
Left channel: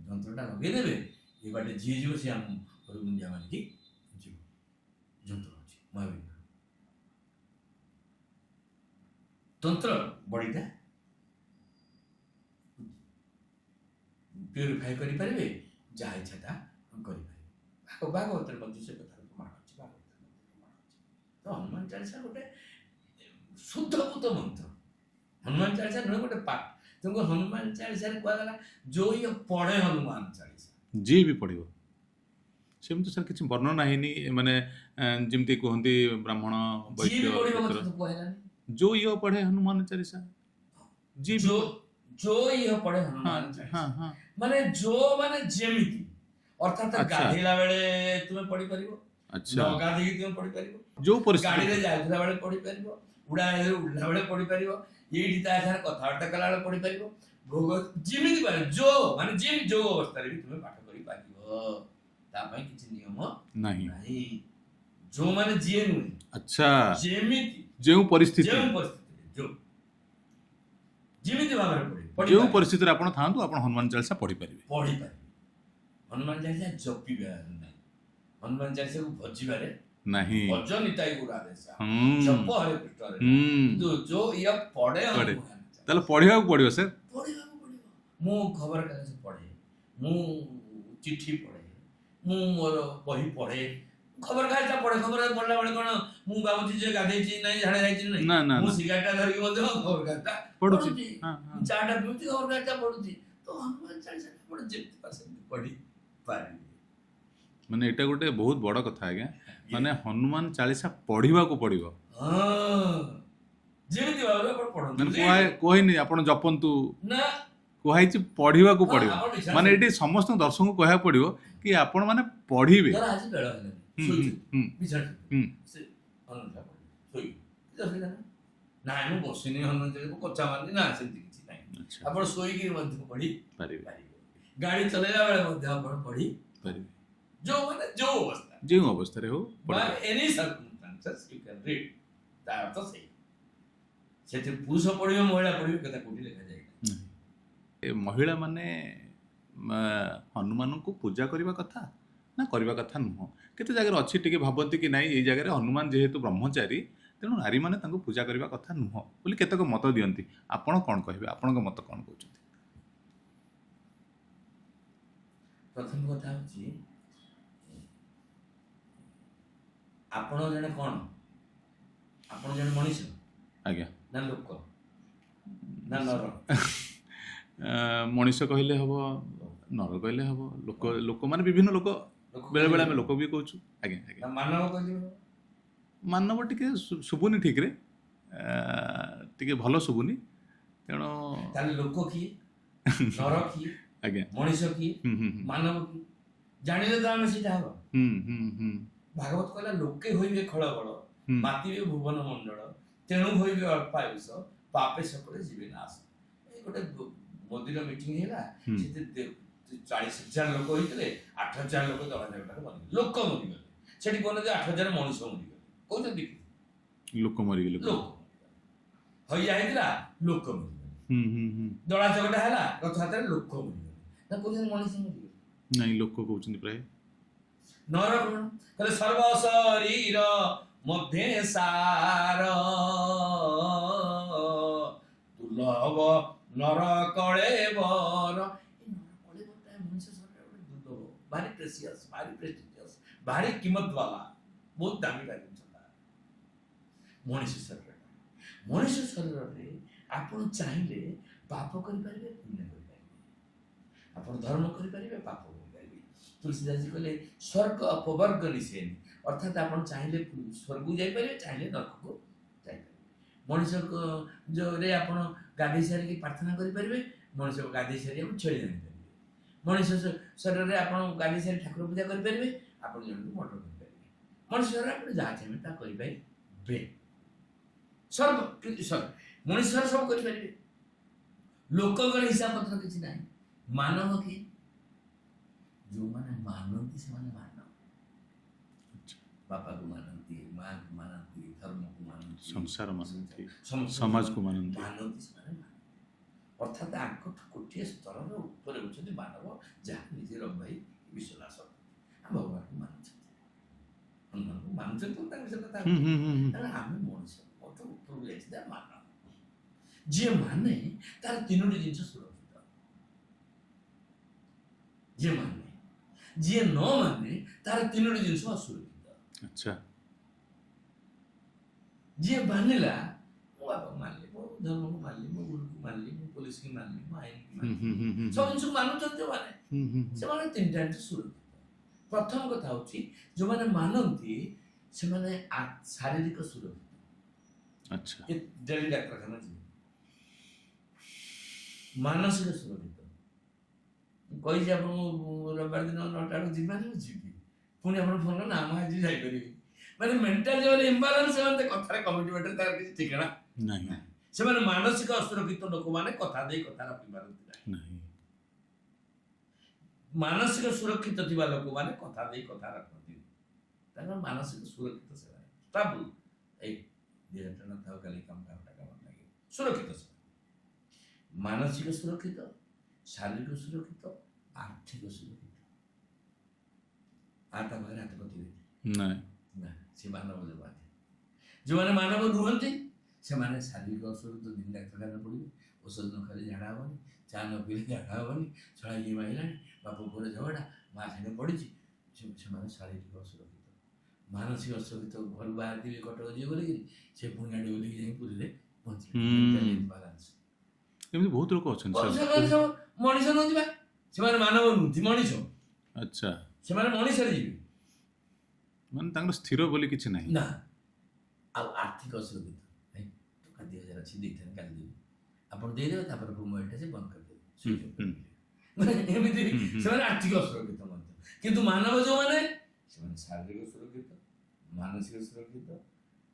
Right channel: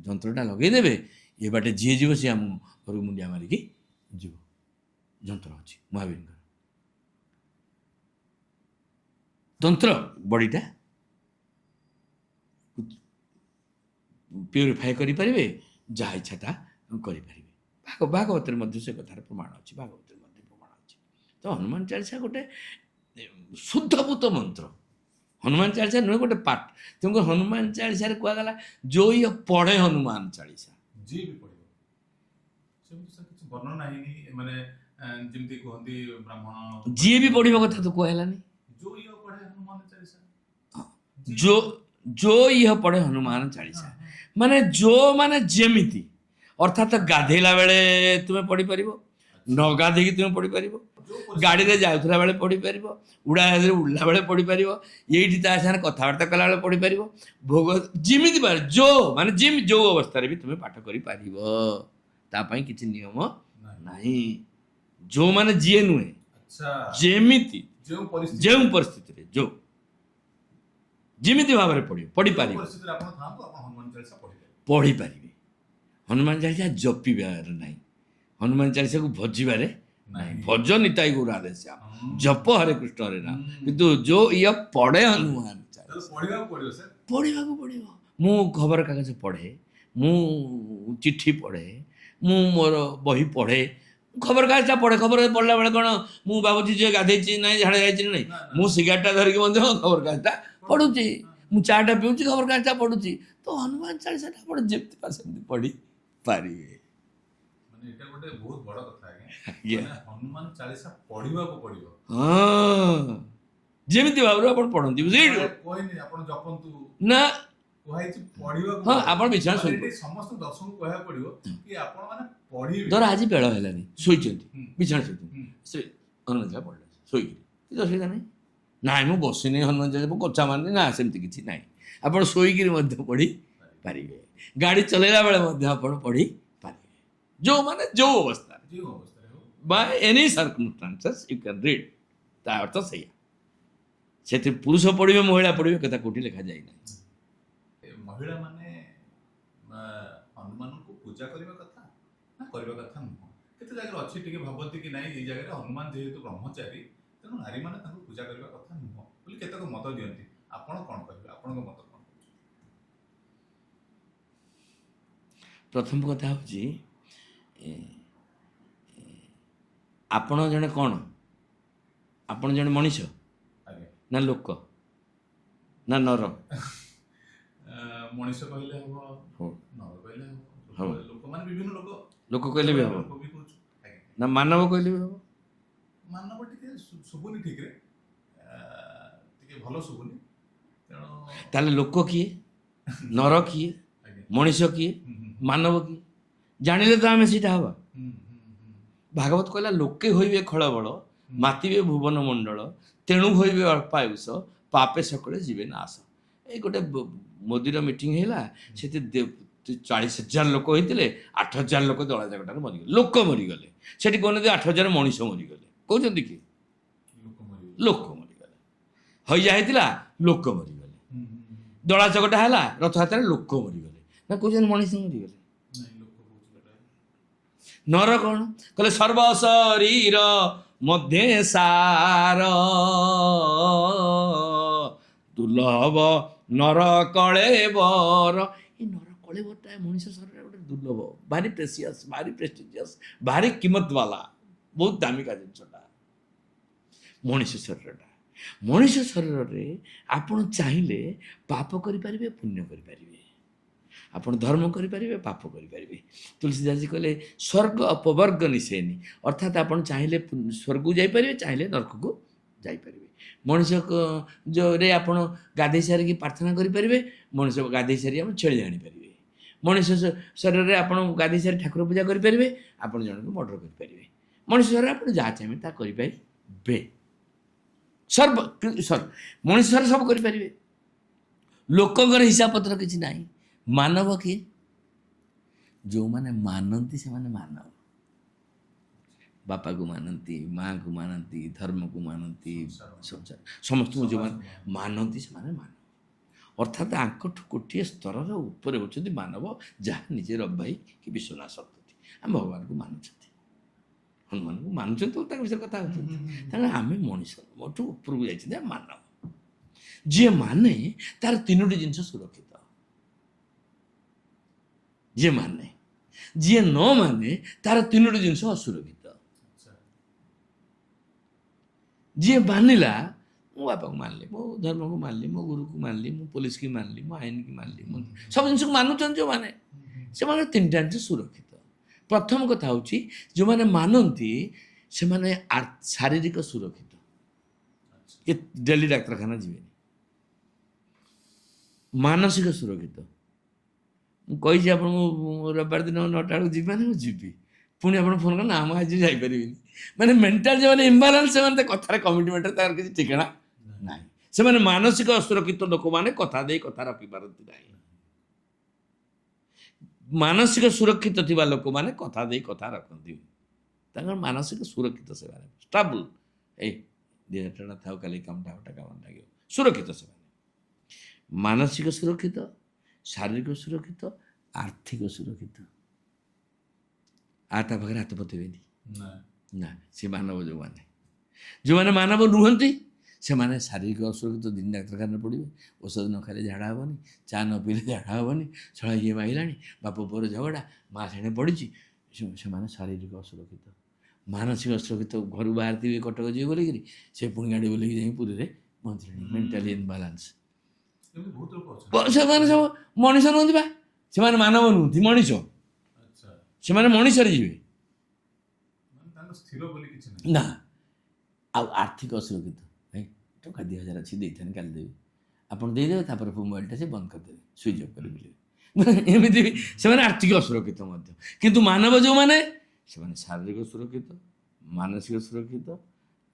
ଯନ୍ତ୍ରଟା ଲଗେଇଦେବେ, ଏ ବାଟେ ଯିଏ ଯିବ ସିଏ ଆମ ଘରକୁ ମୁଣ୍ଡିଆ ମାରିକି ଯିବ। ଯନ୍ତ୍ର ଅଛି ମହାବୀରଙ୍କର। ତନ୍ତ୍ର ବଡ଼ିଟା ପ୍ୟୁରିଫାଏ କରିପାରିବେ, ଯାହା ଇଚ୍ଛା ତା କରିପାରିବେ। ଭାଗବତରେ ମଧ୍ୟ ସେ କଥାର ପ୍ରମାଣ ଅଛି, ଭାଗବତରେ ମଧ୍ୟ ପ୍ରମାଣ ଅଛି। ତ ହନୁମାନ ଚାଳିଶା ଗୋଟେ ଶୁଦ୍ଧଭୂତ ମନ୍ତ୍ର। ହନୁମାନ ଚାଳିଶା ନୁହେଁ ଗୋଟେ ପାଠ। ତେଣୁ ହନୁମାନ ଚାଳିଶାରେ କୁହାଗଲା ଯୋଉ ଇଏ ପଢ଼େ ହନୁମାନ ଚାଳିଶା, ଯିଏ ବି ପଢ଼ିବ। ସେମିତି ସାର୍ କିଛି ବର୍ଣ୍ଣନା ହେଇନି, ମାନେ ଯେମିତି କୁହନ୍ତି ବ୍ରାହ୍ମଣ ଯିଏ ବି ପଢ଼ିବ କଥା ତ କୁହା ହେଲାନି। ଯୋଉ ଇଏ ପଢ଼େ ହନୁମାନ ଚାଳିଶା, ଯୋ ଇହ ପଢ଼େ ହନୁମାନ ଚାଳିଶା, ମାନେ ଯୋ ମାନେ ଯେମିତି, ଅର୍ଥାତ ଗାଧେଇଲା ବେଳେ ତୁମେ ପଢ଼ିପାରିବ, ନ ଗାଧେଇକି ତୁମେ ପଢ଼ିପାରିବ, ଯୋଉ ଗାଡ଼ିରେ ଯାଉଥିଲା ବେଳେ ପଢ଼ିପାରିବ, ଉଡ଼ାଜାହାଜରେ ଉଡ଼ିଲା ବେଳେ ପଢ଼ିପାରିବ, ଏଇଠି ତା ସାଙ୍ଗରେ କଥାବାର୍ତ୍ତା କଲାବେଳେ ପଢ଼ିପାରିବ। ଭୋଗ ଯେମିତି ଯୋ ମାନେ ଯୋଉ ଅବସ୍ଥାରେ ବି ତୁମେ ପାଠ କରିପାରିବ, ତା ପାଇଁ କିଛି ନିୟମ ନାହିଁ। ଯୋଉ ମାନେ ଯିଏ ନୁହେଁ, ଆଚ୍ଛା, ଯେମିତି ଯେଉଁ ପରିସ୍ଥିତିରେ ଯୋଉ ଯେମିତି ଭାବରେ ପଢ଼ିପାରିବେ, ପରିସ୍ଥିତିରେ ଆପଣ ଥାଆନ୍ତୁ, ଆପଣ ହନୁମାନ ଚାଳିଶା ପଢ଼ିପାରିବେ। ହନୁମାନ ଚାଳିଶା ଜପିବାର ନାହିଁ, ହନୁମାନ ଚାଳିଶାକୁ ଭଜିବାରେ ନାହିଁ। ଭଜ ନିତାଇ ଗୌର ଆଦେଶ, ଜପ ହରେ କୃଷ୍ଣ ହରେ ନାମ। କିନ୍ତୁ ଯୋଉ ଇଏ ପଢ଼େ ହନୁମାନ ଚାଳିଶା, ତାହେଲେ ପଢ଼ିବାକୁ ପଡ଼ିବ ସାର୍, ପଢ଼ିବାକୁ ପଡ଼ିବ। ମୁଁ ଖବରକାଗଜ ପଢ଼େ, ମୁଁ ଚିଠି ପଢ଼େ, ମୁଁ ମୋର ବହି ପଢ଼େ। ଖବରକାଗଜଟା ପଢ଼େ, ଖବର ପଢ଼ିଲା ବେଳେ କ'ଣ ମୁଁ ଭାବୁଛି ଯେ ଗାଧେଇଛି ନାହିଁ, ଝାଡ଼ା ଯାଇଛି ନାହିଁ, ମୁଁ ସିଗାରେଟଟା ଧରିକି ମଧ୍ୟ ଖବରକାଗଜଟା ପଢ଼ୁଛି, ମୁଁ ଚାଟା ପିଉଛି, ଖବରକାଗଜଟା ପଢ଼ୁଛି। ତ ହନୁମାନ ଚାଳିଶାଟା ଆପଣ ଯେମିତି ପାର ସେମିତି ପଢ଼ିପାରିବେ। ମାନେ ଏଇଟା ଗୋଟେ ବହୁତ ବଡ଼ କଥା ଆଜ୍ଞା। ମାନେ ହନୁମାନ ଚାଳିଶା ପଢ଼ିବାକୁ ପଡ଼ିବ, ହଁ, ଯେମିତି ଭାବରେ ଆପଣ ପଢ଼ନ୍ତି। କହିନି ଆପଣ ଜପନ୍ତୁ ନା, କୁହାହେଇଛି ପଢ଼ିବାକୁ ପଡ଼ିବ। ଆପଣ ମାନେ ଏଠି ସମସ୍ତଙ୍କୁ ଦର୍ଶକଙ୍କୁ କହିବାକୁ ପଡ଼ିବ କି ଆପଣ ମାନେ ପଢ଼ିବେ। ଧର ଆଜି ବେଳ ହେଲାନି, ଶୋଇଛନ୍ତି, ବିଛଣା ଶୋଇଛନ୍ତି, ସେ ହନୁମାନ ଚାଳିଶା ପଢ଼ିଲେ ଶୋଇକି, କିଛି ଅସୁବିଧା ନାହିଁ। ନାଇଁ ମୁଁ ବସିନି ହନୁମାନ ଚାଳିଶା କଚା ମାରିନି, ନା ସେମିତି କିଛି ନାହିଁ। ଆପଣ ଶୋଇକିରି ମଧ୍ୟ ପଢ଼ିପାରିବେ, ଗାଡ଼ି ଚଲେଇଲା ବେଳେ ମଧ୍ୟ ଆପଣ ପଢ଼ିପାରିବେ। ଯୋଉମାନେ ଯୋଉ ଅବସ୍ଥାରେ ହଉ, by any circumstances you can read, ତା ଅର୍ଥ ସେଇଆ। ସେଥିରେ ପୁରୁଷ ପଢ଼ିବେ, ମହିଳା ପଢ଼ିବେ, କଥା କୋଉଠି ଲେଖାଯାଇ ନାହିଁ। ମହିଳା ମାନେ ହନୁମାନଙ୍କୁ ପୂଜା କରିବା କଥା ନା କରିବା କଥା ନୁହଁ? କେତେ ଜାଗାରେ ଅଛି ଟିକେ ଭାବନ୍ତି କି ନାଇଁ, ଏଇ ଜାଗାରେ ହନୁମାନ ଯେହେତୁ ବ୍ରହ୍ମଚାରୀ, ତେଣୁ ନାରୀମାନେ ତାଙ୍କୁ ପୂଜା କରିବା କଥା ନୁହଁ ବୋଲି କେତେକ ମତ ଦିଅନ୍ତି। ଆପଣ କ'ଣ କହିବେ, ଆପଣଙ୍କ ମତ କ'ଣ କହୁଛନ୍ତି? ପ୍ରଥମ କଥା ହେଉଛି, ଆପଣ ଜଣେ କ'ଣ, ଆପଣ ଜଣେ ମଣିଷ ଆଜ୍ଞା ନା ଲୋକ ନା ନର? ମଣିଷ କହିଲେ ହବ, ନର କହିଲେ ହବ, ଲୋକମାନେ ବିଭିନ୍ନ ଲୋକ ଲୋକ ବେଳେ କହିଲେ ବେଳେ ବି ଆମେ ହବ। ଲୋକ ବି କହୁଛୁ। ଆଜ୍ଞା ଆଜ୍ଞା। ନା ମାନବ କହିଲେ ବି ହବ। ମାନବ ଟିକେ ଶୁଭୁନି ଠିକରେ, ଟିକେ ଭଲ ଶୁଭୁନି, ତେଣୁ ତାହେଲେ ଲୋକ କିଏ, ନର କିଏ, ଆଜ୍ଞା। ମଣିଷ କିଏ, ହୁଁ ହୁଁ ମାନବ କିଏ ଜାଣିଲେ ତ ଆମେ ସେଇଟା ହବା। ହୁଁ ହୁଁ ହୁଁ ଭାଗବତ କହିଲା ଲୋକେ ହୋଇବେ ଖଳବଳ, ହୁଁ ମାତିବେ ଭୁବନ ମଣ୍ଡଳ, ତେଣୁ ହୋଇବେ ଅଳ୍ପାୟୁଷ, ପାପେ ସକଳେ ଯିବେ ନାଶ। ଏଇ ଗୋଟେ ମୋଦିର ମିଟିଂ ହେଲା, ହୁଁ। ସେଠି 40,000 ଲୋକ ହେଇଥିଲେ, 8,000 ଲୋକ ଦଳା ଚକଟାରେ ମରିଗଲେ, ଲୋକ ମରିଗଲେ। ସେଠି କହୁନାହାନ୍ତି 8,000 ମଣିଷ ମରିଗଲେ, କହୁଛନ୍ତି କି ଲୋକ ମରିଗଲେ। ଲୋକ ମରିଗଲେ। ହଇଜା ହେଇଥିଲା, ଲୋକ ମରିଗଲେ। ହୁଁ ହୁଁ ହୁଁ। ଦଳା ଚକଟା ହେଲା ରଥଯାତ୍ରାରେ, ଲୋକ ମରିଗଲେ। ନା କହୁଛନ୍ତି ମଣିଷ ମରିଗଲେ। ନାଇଁ ଲୋକ କହୁଛନ୍ତି ପ୍ରାୟ। ନର କଣ କହିଲେ, ସର୍ବ ଶରୀର ମଧ୍ୟେ ସାର, ଦୁର୍ଲଭ ନର କଳେବର। ଏଇ ନର କଳେବରଟା ମଣିଷ ଶରୀର ଗୋଟେ ଦୁର୍ଲଭ, ଭାରି ପ୍ରେସିୟସ୍, ଭାରି ପ୍ରେଷ୍ଟିଜିୟସ୍, ଭାରି କିମତ ବାଲା, ବହୁତ ଦାମିକା ଜିନିଷଟା ମଣିଷ ଶରୀରଟା। ମଣିଷ ଶରୀରରେ ଆପଣ ଚାହିଁଲେ ପାପ କରିପାରିବେ, ପୁଣ୍ୟ କରିପାରିବେ। ଆପଣ ଧର୍ମ କରିପାରିବେ, ପାପ କରିପାରିବେ। ତୁଳସୀଦାସଜୀ କହିଲେ ସ୍ୱର୍ଗ ଅପବର୍ଗ ନିଶେନି, ଅର୍ଥାତ୍ ଆପଣ ଚାହିଁଲେ ସ୍ୱର୍ଗକୁ ଯାଇପାରିବେ, ଚାହିଁଲେ ନରକକୁ ଯାଇପାରିବେ। ମଣିଷ ଯୋଉରେ ଆପଣ ଗାଧେଇ ସାରିକି ପ୍ରାର୍ଥନା କରିପାରିବେ, ମଣିଷ ଗାଧେଇ ସାରି ଆପଣ ଛେଳି ଜାଣିପାରିବେ। ମଣିଷ ଶରୀରରେ ଆପଣ ଗାଧେଇ ସାରି ଠାକୁର ପୂଜା କରିପାରିବେ, ଆପଣ ଜଣକୁ ମର୍ଡର କରିପାରିବେ। ମଣିଷ ଶରୀରରେ ଆପଣ ଯାହା ଚାହିଁବେ ତାହା କରିପାରିବେ। ମଣିଷ ଶରୀର ସବୁ କରିପାରିବେ। ଲୋକଙ୍କର ହିସାବ ପତ୍ର କିଛି ନାହିଁ। ମାନବ କିଏ? ଯେଉଁମାନେ ମାନନ୍ତି ସେମାନେ ମାନବ। ବାପାକୁ ମାନନ୍ତି, ମାଆକୁ ମାନନ୍ତି, ଧର୍ମକୁ ମାନନ୍ତି, ସଂସାର ମାନନ୍ତି, ସମସ୍ତଙ୍କୁ ସମାଜକୁ ମାନନ୍ତି। ମାନନ୍ତି ସେମାନେ ମାନବ। ଅର୍ଥାତ୍ ଆଙ୍କଠୁ ଗୋଟିଏ ସ୍ତରର ଉପରେ ହେଉଛନ୍ତି ମାନବ, ଯାହା ନିଜେ ରବି ଭାଇ କି ବିଶ୍ୱନାଥ ଶତପଥୀ ଆମେ ଭଗବାନଙ୍କୁ ମାନୁଛନ୍ତି, ହନୁମାନଙ୍କୁ ମାନୁଛନ୍ତି, ତାଙ୍କ ବିଷୟରେ କଥା ହୁଁ ହେଉଛି। ହୁଁ ହୁଁ ହୁଁ। କାରଣ ଆମେ ମଣିଷ ମୋଠୁ ଉପରକୁ ଯାଇଛନ୍ତି, ଆମେ ମାନବ। ଯିଏ ମାନେ ତାର 3ଟି ଜିନିଷ ସୁରକ୍ଷିତ। ଯିଏ ମାନେ, ଯିଏ ନ ମାନେ ତାର 3ଟି ଜିନିଷ ଅସୁରକ୍ଷିତ। ଆଚ୍ଛା। ଯିଏ ମାନିଲା, ମୋ ବାପାକୁ ମାନିଲି, ମୋ ଧର୍ମକୁ ମାନିଲି, ମୋ ଗୁରୁକୁ ମାନିଲି, ମୁଁ ପୋଲିସକି ମାନିଲି, ମୋ ଆଇନକି ମାନିଲି, ସବୁ ଜିନିଷକୁ ମାନୁଛନ୍ତି ଯେଉଁମାନେ, ସେମାନେ 3ଟା ଜିନିଷ ସୁରକ୍ଷିତ। ପ୍ରଥମ କଥା ହେଉଛି ଯେଉଁମାନେ ମାନନ୍ତି ସେମାନେ ଶାରୀରିକ ସୁରକ୍ଷିତ। ଆଚ୍ଛା। ଏ ଡେଲି ଡାକ୍ତରଖାନା ଯିବେନି। ମାନସିକ ସୁରକ୍ଷିତ, ମୁଁ କହିଛି ଆପଣଙ୍କୁ ରବିବାର ଦିନ 9ଟା ବେଳକୁ ଯିବି ମାନେ ମୁଁ ଯିବି, ପୁଣି ଆପଣ ଫୋନ୍ କଲେ ନା ମୁଁ ଆଜି ଯାଇପାରିବିନି। ମାନେ ମେଣ୍ଟାଲ ଯେଉଁମାନେ ଇମ୍ବାଲାନ୍ସ, ସେମାନେ କଥାରେ କମିଟମେଣ୍ଟରେ ତାର କିଛି ଠିକଣା ନାହିଁ। ସେମାନେ ମାନସିକ ଅସୁରକ୍ଷିତ ଲୋକମାନେ କଥା ଦେଇ କଥା ରଖିପାରନ୍ତି ନାହିଁ। ମାନସିକ ସୁରକ୍ଷିତ ଥିବା ଲୋକମାନେ କଥା ଦେଇ କଥା ରଖନ୍ତି, ତାଙ୍କର ମାନସିକ ସୁରକ୍ଷିତ, ସେମାନେ ଷ୍ଟାବୁଲ। ଏଇ 2,000 ଟଙ୍କା ଥାଉ, କାଲି କାମଟା ଲାଗିବ, ସୁରକ୍ଷିତ ସେମାନେ। ମାନସିକ ସୁରକ୍ଷିତ, ଶାରୀରିକ ସୁରକ୍ଷିତ, ଆର୍ଥିକ ସୁରକ୍ଷିତ। ତା ପାଖରେ ହାତ ପତେଇବେନି ନା। ସେ ମାନବ ଯେଉଁମାନେ ମାନବ ନୁହନ୍ତି, ସେମାନେ ଶାରୀରିକ ଅସୁରକ୍ଷିତ, ଦିନ ଡାକ୍ତରଖାନାରେ ପଡ଼ିବେ, ଔଷଧ ନ ଖାଇଲେ ଝାଡ଼ା ହେବନି, ଚା ନ ପିଇଲେ ଝାଡ଼ା ହେବନି, ଛଡ଼ା ଇଏ ମାଇଲାଣି, ବାପ ପୁଅର ଝଗଡ଼ା, ମା ସେଣେ ପଡ଼ିଛି, ସେମାନେ ଶାରୀରିକ ଅସୁରକ୍ଷିତ। ମାନସିକ ଅସୁରକ୍ଷିତ, ଘରୁ ବାହାରିଥିବେ କଟକ ଯିବେ ବୋଲିକିରି, ସେ ପୁଣି ଗାଡ଼ି ବୁଲେଇକି ଯାଇ ପୁରୀରେ ପହଞ୍ଚିଲେ, ମେଣ୍ଟାଲି ଇନବାଲାନ୍ସ। ଏମିତି ବହୁତ ଲୋକ ଅଛନ୍ତି। ସେମାନେ ସବୁ ମଣିଷ ନୁହନ୍ତି ବା, ସେମାନେ ମାନବ ନୁହନ୍ତି, ମଣିଷ। ଆଚ୍ଛା। ସେମାନେ ମଣିଷରେ ଯିବେ, ମାନେ ତାଙ୍କର ସ୍ଥିର ବୋଲି କିଛି ନାହିଁ ନା। ଆଉ ଆର୍ଥିକ ଅସୁରକ୍ଷିତ, ଭାଇ ଟଙ୍କା 2,000 ଅଛି, ଦେଇଥାନ୍ତି, କାଲି ଦେବି, ଆପଣ ଦେଇଦେବେ, ତାପରେ ମୋବାଇଲଟା ସେ ବନ୍ଦ କରିଦେବେ, ସୁଇଚ୍ ଅଫ୍ କରିଦେବେ। ମାନେ ଏମିତି ସେମାନେ ଆର୍ଥିକ ଅସୁରକ୍ଷିତ ମଧ୍ୟ। କିନ୍ତୁ ମାନବ ଯେଉଁମାନେ, ସେମାନେ ଶାରୀରିକ ସୁରକ୍ଷିତ, ମାନସିକ ସୁରକ୍ଷିତ,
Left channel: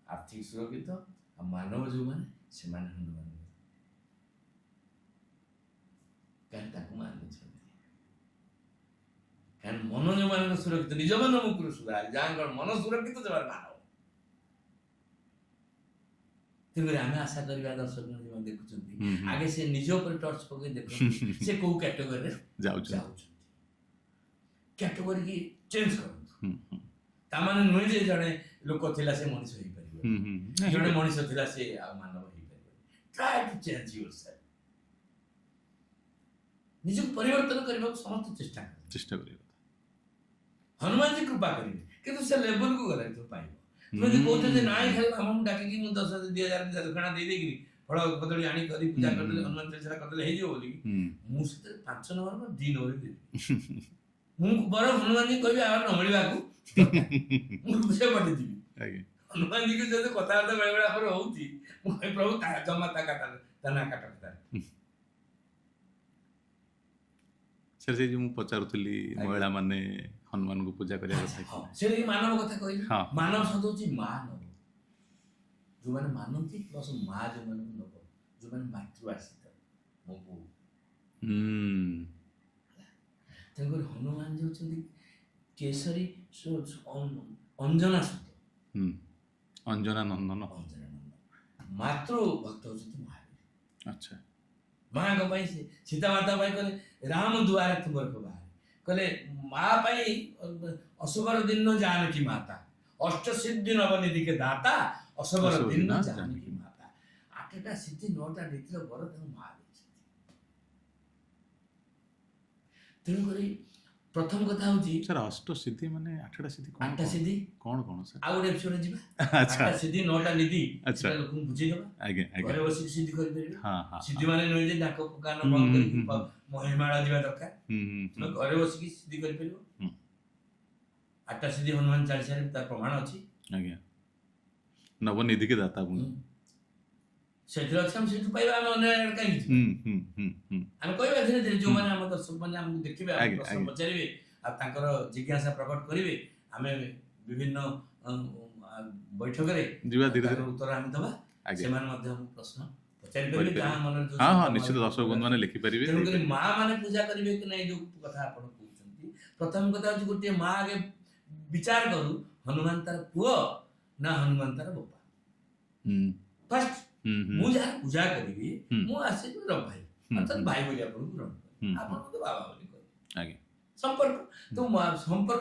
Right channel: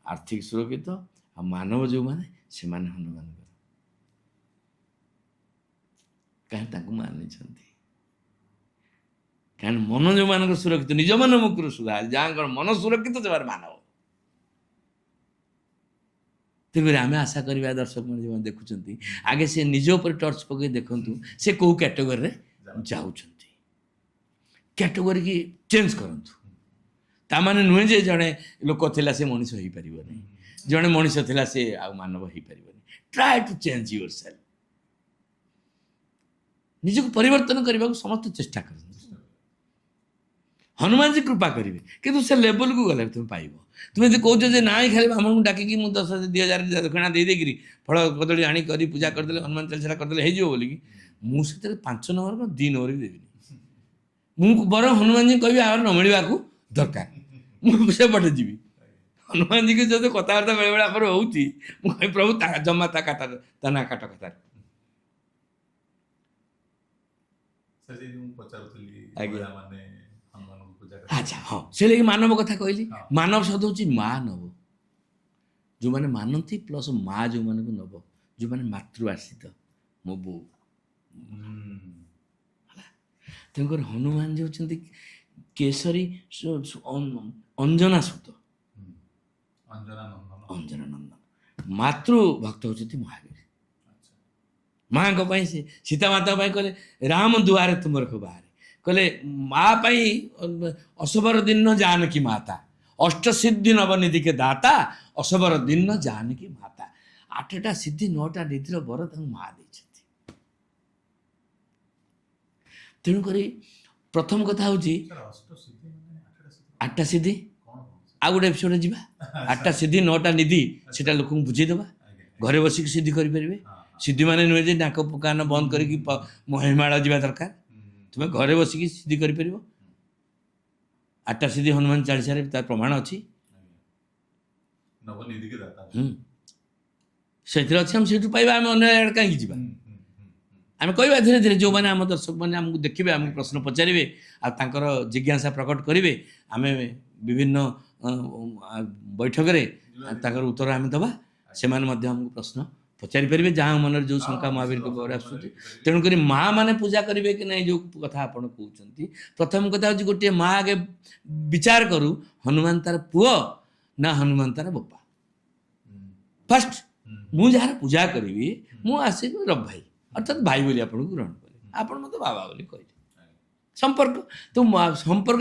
ଆର୍ଥିକ ସୁରକ୍ଷିତ। ଆଉ ମାନବ ଯେଉଁମାନେ, ସେମାନେ ହନୁମାନଙ୍କର, କାରଣ ତାଙ୍କୁ ମାନିଛନ୍ତି। କାରଣ ମନ ଯେଉଁମାନଙ୍କର ସୁରକ୍ଷିତ, ନିଜ ମନ ମୁକୁରୁ ସୁଧା, ଯାହାଙ୍କର ମନ ସୁରକ୍ଷିତ ସେମାନେ ମାନବ। ତେଣୁକରି ଆମେ ଆଶା କରିବା ଦର୍ଶକମାନେ ଯେଉଁମାନେ ଦେଖୁଛନ୍ତି, ଆଗେ ସେ ନିଜ ଉପରେ ଟର୍ଚ୍ଚ ପକାଇ ଦେଖନ୍ତୁ ସେ କେଉଁ କ୍ୟାଟେଗୋରୀରେ ଯାଉଛନ୍ତି, କ୍ୟାଟେଗୋରୀ ଚେଞ୍ଜ କରନ୍ତୁ। ତାମାନେ ନୁହେଁ ଯେ ଜଣେ ଲୋକ ଥିଲା ସେ ମଣିଷ ହେଇପାରିବନି, ଜଣେ ମଣିଷ ଥିଲା ସେ ଆଉ ମାନବ ହେଇପାରିବନି। Try to change your self. ନିଜକୁ ପରିବର୍ତ୍ତନ କରିବାକୁ ସମସ୍ତେ ଚେଷ୍ଟା କରନ୍ତି। ହନୁମାନଜୀ କୃପା କରିବେ କିନ୍ତୁ ସେ ଲେବଲକୁ ଗଲେ ତୁମେ ପାଇବ। ତୁମେ ଯଦି କହୁଛ ଯେ ନାଇଁ ଖାଲି ବ୍ରାହ୍ମଣଙ୍କୁ ଡାକିକି ମୁଁ 10,000 2,000 ଦକ୍ଷିଣା ଦେଇଦେଇକିରି ଫଳ କଦଳୀ ଆଣି କରି ପୂଜା କରିଦେଲେ ହନୁମାନ ଚାଳିଶା କରିଦେଲେ ହେଇଯିବ ବୋଲିକି, ମୁଁ ସେଥିରେ 5 ନମ୍ବର କ'ଣ 2 ନମ୍ବର ବି ଦେବିନି। ମୁଁ ବରଂ ହନୁମାନଜୀ କହିବି ଆଉ ନ ମିଳିବାକୁ ଦରକାର, ମୁଁ ସେପଟେ ଯିବି। ହନୁମାନଜୀକି ଯଦି କଥାବାର୍ତ୍ତା ବେଳେବେଳେ ଆମର ହେଉଛି, ମୁଁ କହିବି ପ୍ରଭୁ ଜମା ତା ନା କାଟ କଥାରେ। ସେ ମୁଁ ପଚାରୁଥିଲି ମହିଳାମାନେ ହନୁମାନଙ୍କୁ ପୂଜା କରିବା। ଆଚ୍ଛା, ହଁ, ସେ ଲାଗି ମାନବ କଥା କହିଲି। ହଁ। ମାନବ ଶବ୍ଦ ହେଉଛି ମା ନବ, ଯେଉଁମାନେ ମାନନ୍ତି ପ୍ଲସ୍ ମା ଯେଉଁମାନଙ୍କୁ ନବ, ଯେଉଁମାନେ ମାତୃ ଆଶ୍ରିତ, ମୋ ବୋଉ। ତେଣୁକରି ହନୁମାନ ଯେ ହେଉଛନ୍ତି କେଶରୀ ଅଞ୍ଜନା ସୁତ, ଅଞ୍ଜନା ନନ୍ଦନ। ଅଞ୍ଜନା ନନ୍ଦନ। ମାତୃ ଭକ୍ତ ହେଉଛନ୍ତି ମହାବୀର। ଆଚ୍ଛା। ମାଙ୍କ ପାଇଁ ସେ ସୀତା ମାତା ପାଇଁ କହିଲେ ରାମ ଦୁଆରେ ତୁମର ବାହାରେ, କହିଲେ ମା ପାଇଁ ଅସବର ଦିନ ଜାନକୀ ମାତା, ଅଷ୍ଟସିଦ୍ଧି ନବନିଧିକେ ଦାତା, ଅସବର ଦିନ ଜାନକୀ ମାତା। 8ଟା ସିଦ୍ଧି 9ଟା ନିଧିର ବର ତାଙ୍କୁ ମା ଦେଇଛନ୍ତି। ତେଣୁକରି ପ୍ରଥମ କଥା ହେଉଛି ଅଷ୍ଟସିଦ୍ଧି ମାନେ 8ଟା ସିଦ୍ଧି। 8ଟା ସିଦ୍ଧି କ'ଣ କ'ଣ ସାର୍? ଆଉ ଗୋଟେ ଏପିସୋଡ୍ ଯିବା। 8ଟା ସିଦ୍ଧି 9ଟା ନିଧି, ସେଟା ଲୋକଙ୍କୁ ବୁଝେଇଦବା। ଘରେ ବସିକି ସିଦ୍ଧି କରିପାରିବେ। ସିଦ୍ଧି ମାନେ ନୁହେଁ ଯେ ନାକ କାନ ବନ୍ଦ କରିକି ହିମାଳୟ ଯିବା ଦରକାର। ତୁମେ ଘରେ ବସିକି ସିଦ୍ଧି କରିପାରିବ। 8ଟା ସିଦ୍ଧି ହନୁମାନ ଚାଳିଶାରେ ତାର ପ୍ରମାଣ ଅଛି। ନବନିଧିକେ ଦାତା ସେଥିରେ ଅଛି, ଆମେ ସେଇଠୁ ପାଇବା। ଆମେ ଅନ୍ୟ ଆଡ଼େ କାହିଁକି ଯିବା? ଆମେ କହିବା ଧୀରେ ଧୀରେ, ଯେଉଁମାନେ ଆମ ଦର୍ଶକମାନେ ଆମକୁ ଦେଖିବେ, ଆମେ ପ୍ରଶ୍ନ ପଚାରିବେ ଆଉ ତାଙ୍କର ଜିଜ୍ଞାସା ପ୍ରକଟ କରିବେ, ଆମେ ବିଭିନ୍ନ ବୈଠକରେ ତାଙ୍କର ଉତ୍ତର ଆମେ ଦେବା। ସେମାନେ ମଧ୍ୟ ଆମକୁ ପ୍ରଶ୍ନ ପଚାରି ପାରିବେ, ଯାହା ମନରେ ଯେଉଁ ଶଙ୍କା ମହାବୀର। ତେଣୁକରି ମା ମାନେ ପୂଜା କରିବେ କି ନାହିଁ, ଯେଉଁ କଥା ଆପଣ କହୁଛନ୍ତି, ପ୍ରଥମ କଥା ହେଉଛି ଗୋଟିଏ ମା ଆଗେ ବିଚାର କରୁ ହନୁମାନ ତାର ପୁଅ ନା ହନୁମାନ ତାର ବାପା। ଫାଷ୍ଟ ମୁଁ ଯାହାର ପୂଜା କରିବି, ମୁଁ ଆସିବି ରବ ଭାଇ, ଅର୍ଥାତ୍ ଭାଇ ବୋଲି ଆପଣଙ୍କୁ ଗ୍ରହଣ କରେ, ଆପଣ ମୋତେ ବାବା ବୋଲି କହିବେ। ସମ୍ପର୍କ ତ ସମ୍ପର୍କ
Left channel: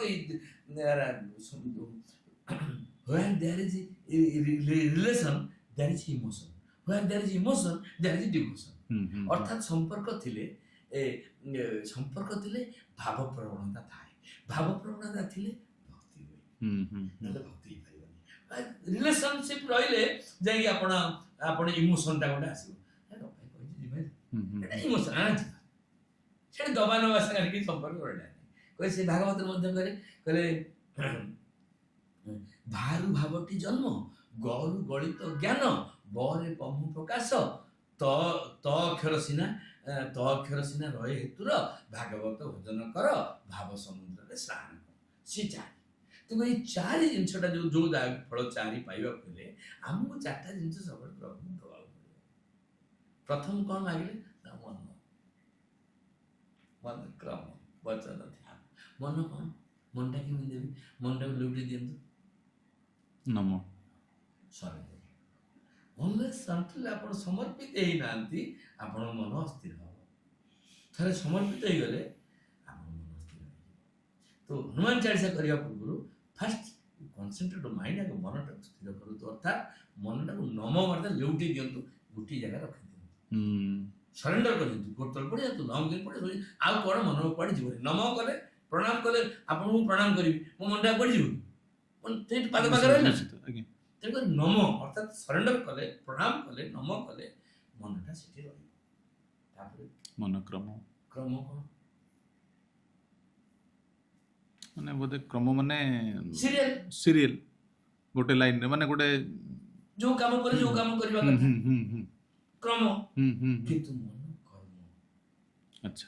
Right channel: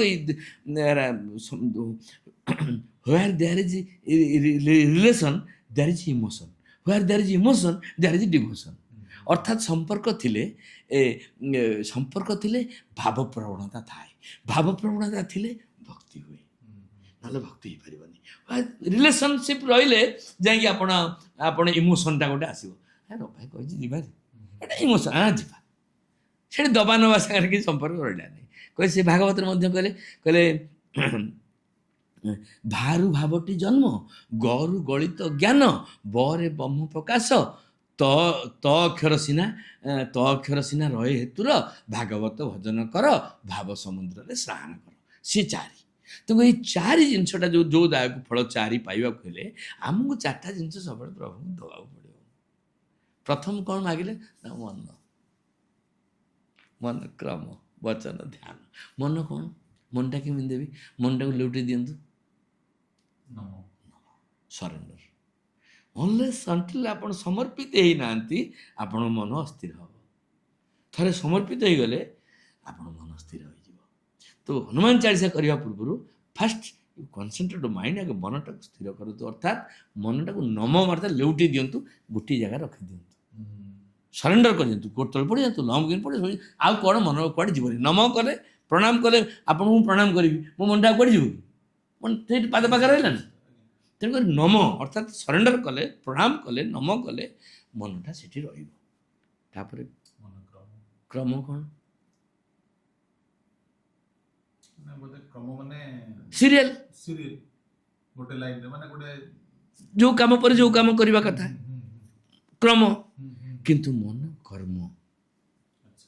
where there is relation there is emotion, where there is emotion there is devotion। ଅର୍ଥାତ୍ ସମ୍ପର୍କ ଥିଲେ ଭାବ ପ୍ରବଣତା ଥାଏ, ଭାବ ପ୍ରବଣତା ଥିଲେ ଭକ୍ତି ହୁଏ, ନହେଲେ ଭକ୍ତି ହେଇପାରିବନି। ରିଲେସନସିପ୍ ରହିଲେ ଯାଇକି ଆପଣ ଇମୋସନଟା ଗୋଟେ ଆସିବ। ରଭାଇ କହିଛି ଯିବା, ଏଇଟା ଇମୋସନ, ଯିବା। ସେଠି ଦବା ନବା ସାଙ୍ଗରେ କିଛି ସମ୍ପର୍କ ରହିଲା ନାହିଁ। କହିଲେ ସେ ଭାଗବତରେ ମଧ୍ୟ କହିଲେ ଭାରୁ ଭାବଟି ଜନ୍ମ, ଗରୁ ଗଳିତ ଜ୍ଞାନ, ବରେ ବ୍ରହ୍ମ ପ୍ରକାଶ, ତ ଅକ୍ଷର ସିନା ରହେ ହେତୁର, ଭାଗବତ ଭଜନ କର, ଭାବ ସମୁଦ୍ରରେ ସ୍ନାନ କର। ସେ 4। ତେଣୁ ଏଇ 4 ଜିନିଷଟା ଯେଉଁ ଦାୟକ ଫଳ 4 ପାଇବାକୁ ହେଲେ ଆମକୁ 4ଟା ଜିନିଷ ସବୁବେଳେ ପ୍ରଭୁଙ୍କୁ ଦେବାକୁ ପଡ଼ିବ। ପ୍ରଥମ କ'ଣ ମାଗିଲେ ନା ମନ, କ୍ରମ, ବଚନ, ଧ୍ୟାନ। ମନ କ'ଣ? ମନଟା କେମିତି ଦେବି? ମନଟାକୁ ଲେଉଟେଇ ଦିଅନ୍ତୁ। ନମ, ସରେଣ୍ଡର। ଅନଲେସ୍ ଅନ୍ଟିଲ୍ ଆପଣ ସମର୍ପିତ ହେଇନାହାନ୍ତି, ଆପଣଙ୍କ ମନ ଅସ୍ଥିର ହେବ। ଥରେ ସମର୍ପିତ ହେଇଗଲେ ଆପଣଙ୍କ ମନ ସ୍ଥିର ହୋଇଯିବ। ତ ହନୁମାନ ଚାଳିଶା କରିବା ପୂର୍ବରୁ ଫାଷ୍ଟ କନସେନ୍ଟ୍ରେଟ୍ ମାଇଣ୍ଡ, ଆଗ ମନଟାକୁ ସ୍ଥିର କରନ୍ତୁ, ଅର୍ଥାତ୍ ମନଟାକୁ ନମ ମାର୍ଥା ଲେଉଟେଇ ଦିଅନ୍ତୁ, ଗୋଟିଏ ଜାଗାରେ ରଖିଦିଅନ୍ତୁ, ସରେଣ୍ଡର କରିଦିଅନ୍ତୁ। ଗୋଡ଼ ତଳେ ପଡ଼ିଯାନ୍ତୁ, ନମ କରି ପଡ଼ିବ, ଆଉ କ'ଣ ମନ କୁଆଡ଼େ ଯିବନି। ନମ କଲେ, ପ୍ରଣାମ କଲେ, ଆପଣଙ୍କୁ ମୁଁ ପ୍ରଣାମ କରିବି, ମୋ ମନଟା କୁଆଡ଼େ ଯିବ କି? ସେଇଠି ପାଦେ ରହିଲା ନା। ତେଣୁକରି ନମ ଅର୍ଥାତ୍ ସରେଣ୍ଡର କଲେ, ପ୍ରଣାମ କଲେ, ନମ କଲେ, ମନଟା ସେଠି ରହିବ। ତାପରେ ମନକ୍ରମ। କ୍ରମ କ'ଣ? ମାନେ ବୋଧେ କ୍ରମ ମାନେ ସିରିଏଲ ଗୋଟେ ଲାଇନରେ, ମାନେ ଗୋଟେ ଯେଉଁ କାମ ପରେ ଯେଉଁ କାମ କରିବା କଥା, କ୍ରମ। କିନ୍ତୁ ମନ କର୍ମ। ଆଚ୍ଛା,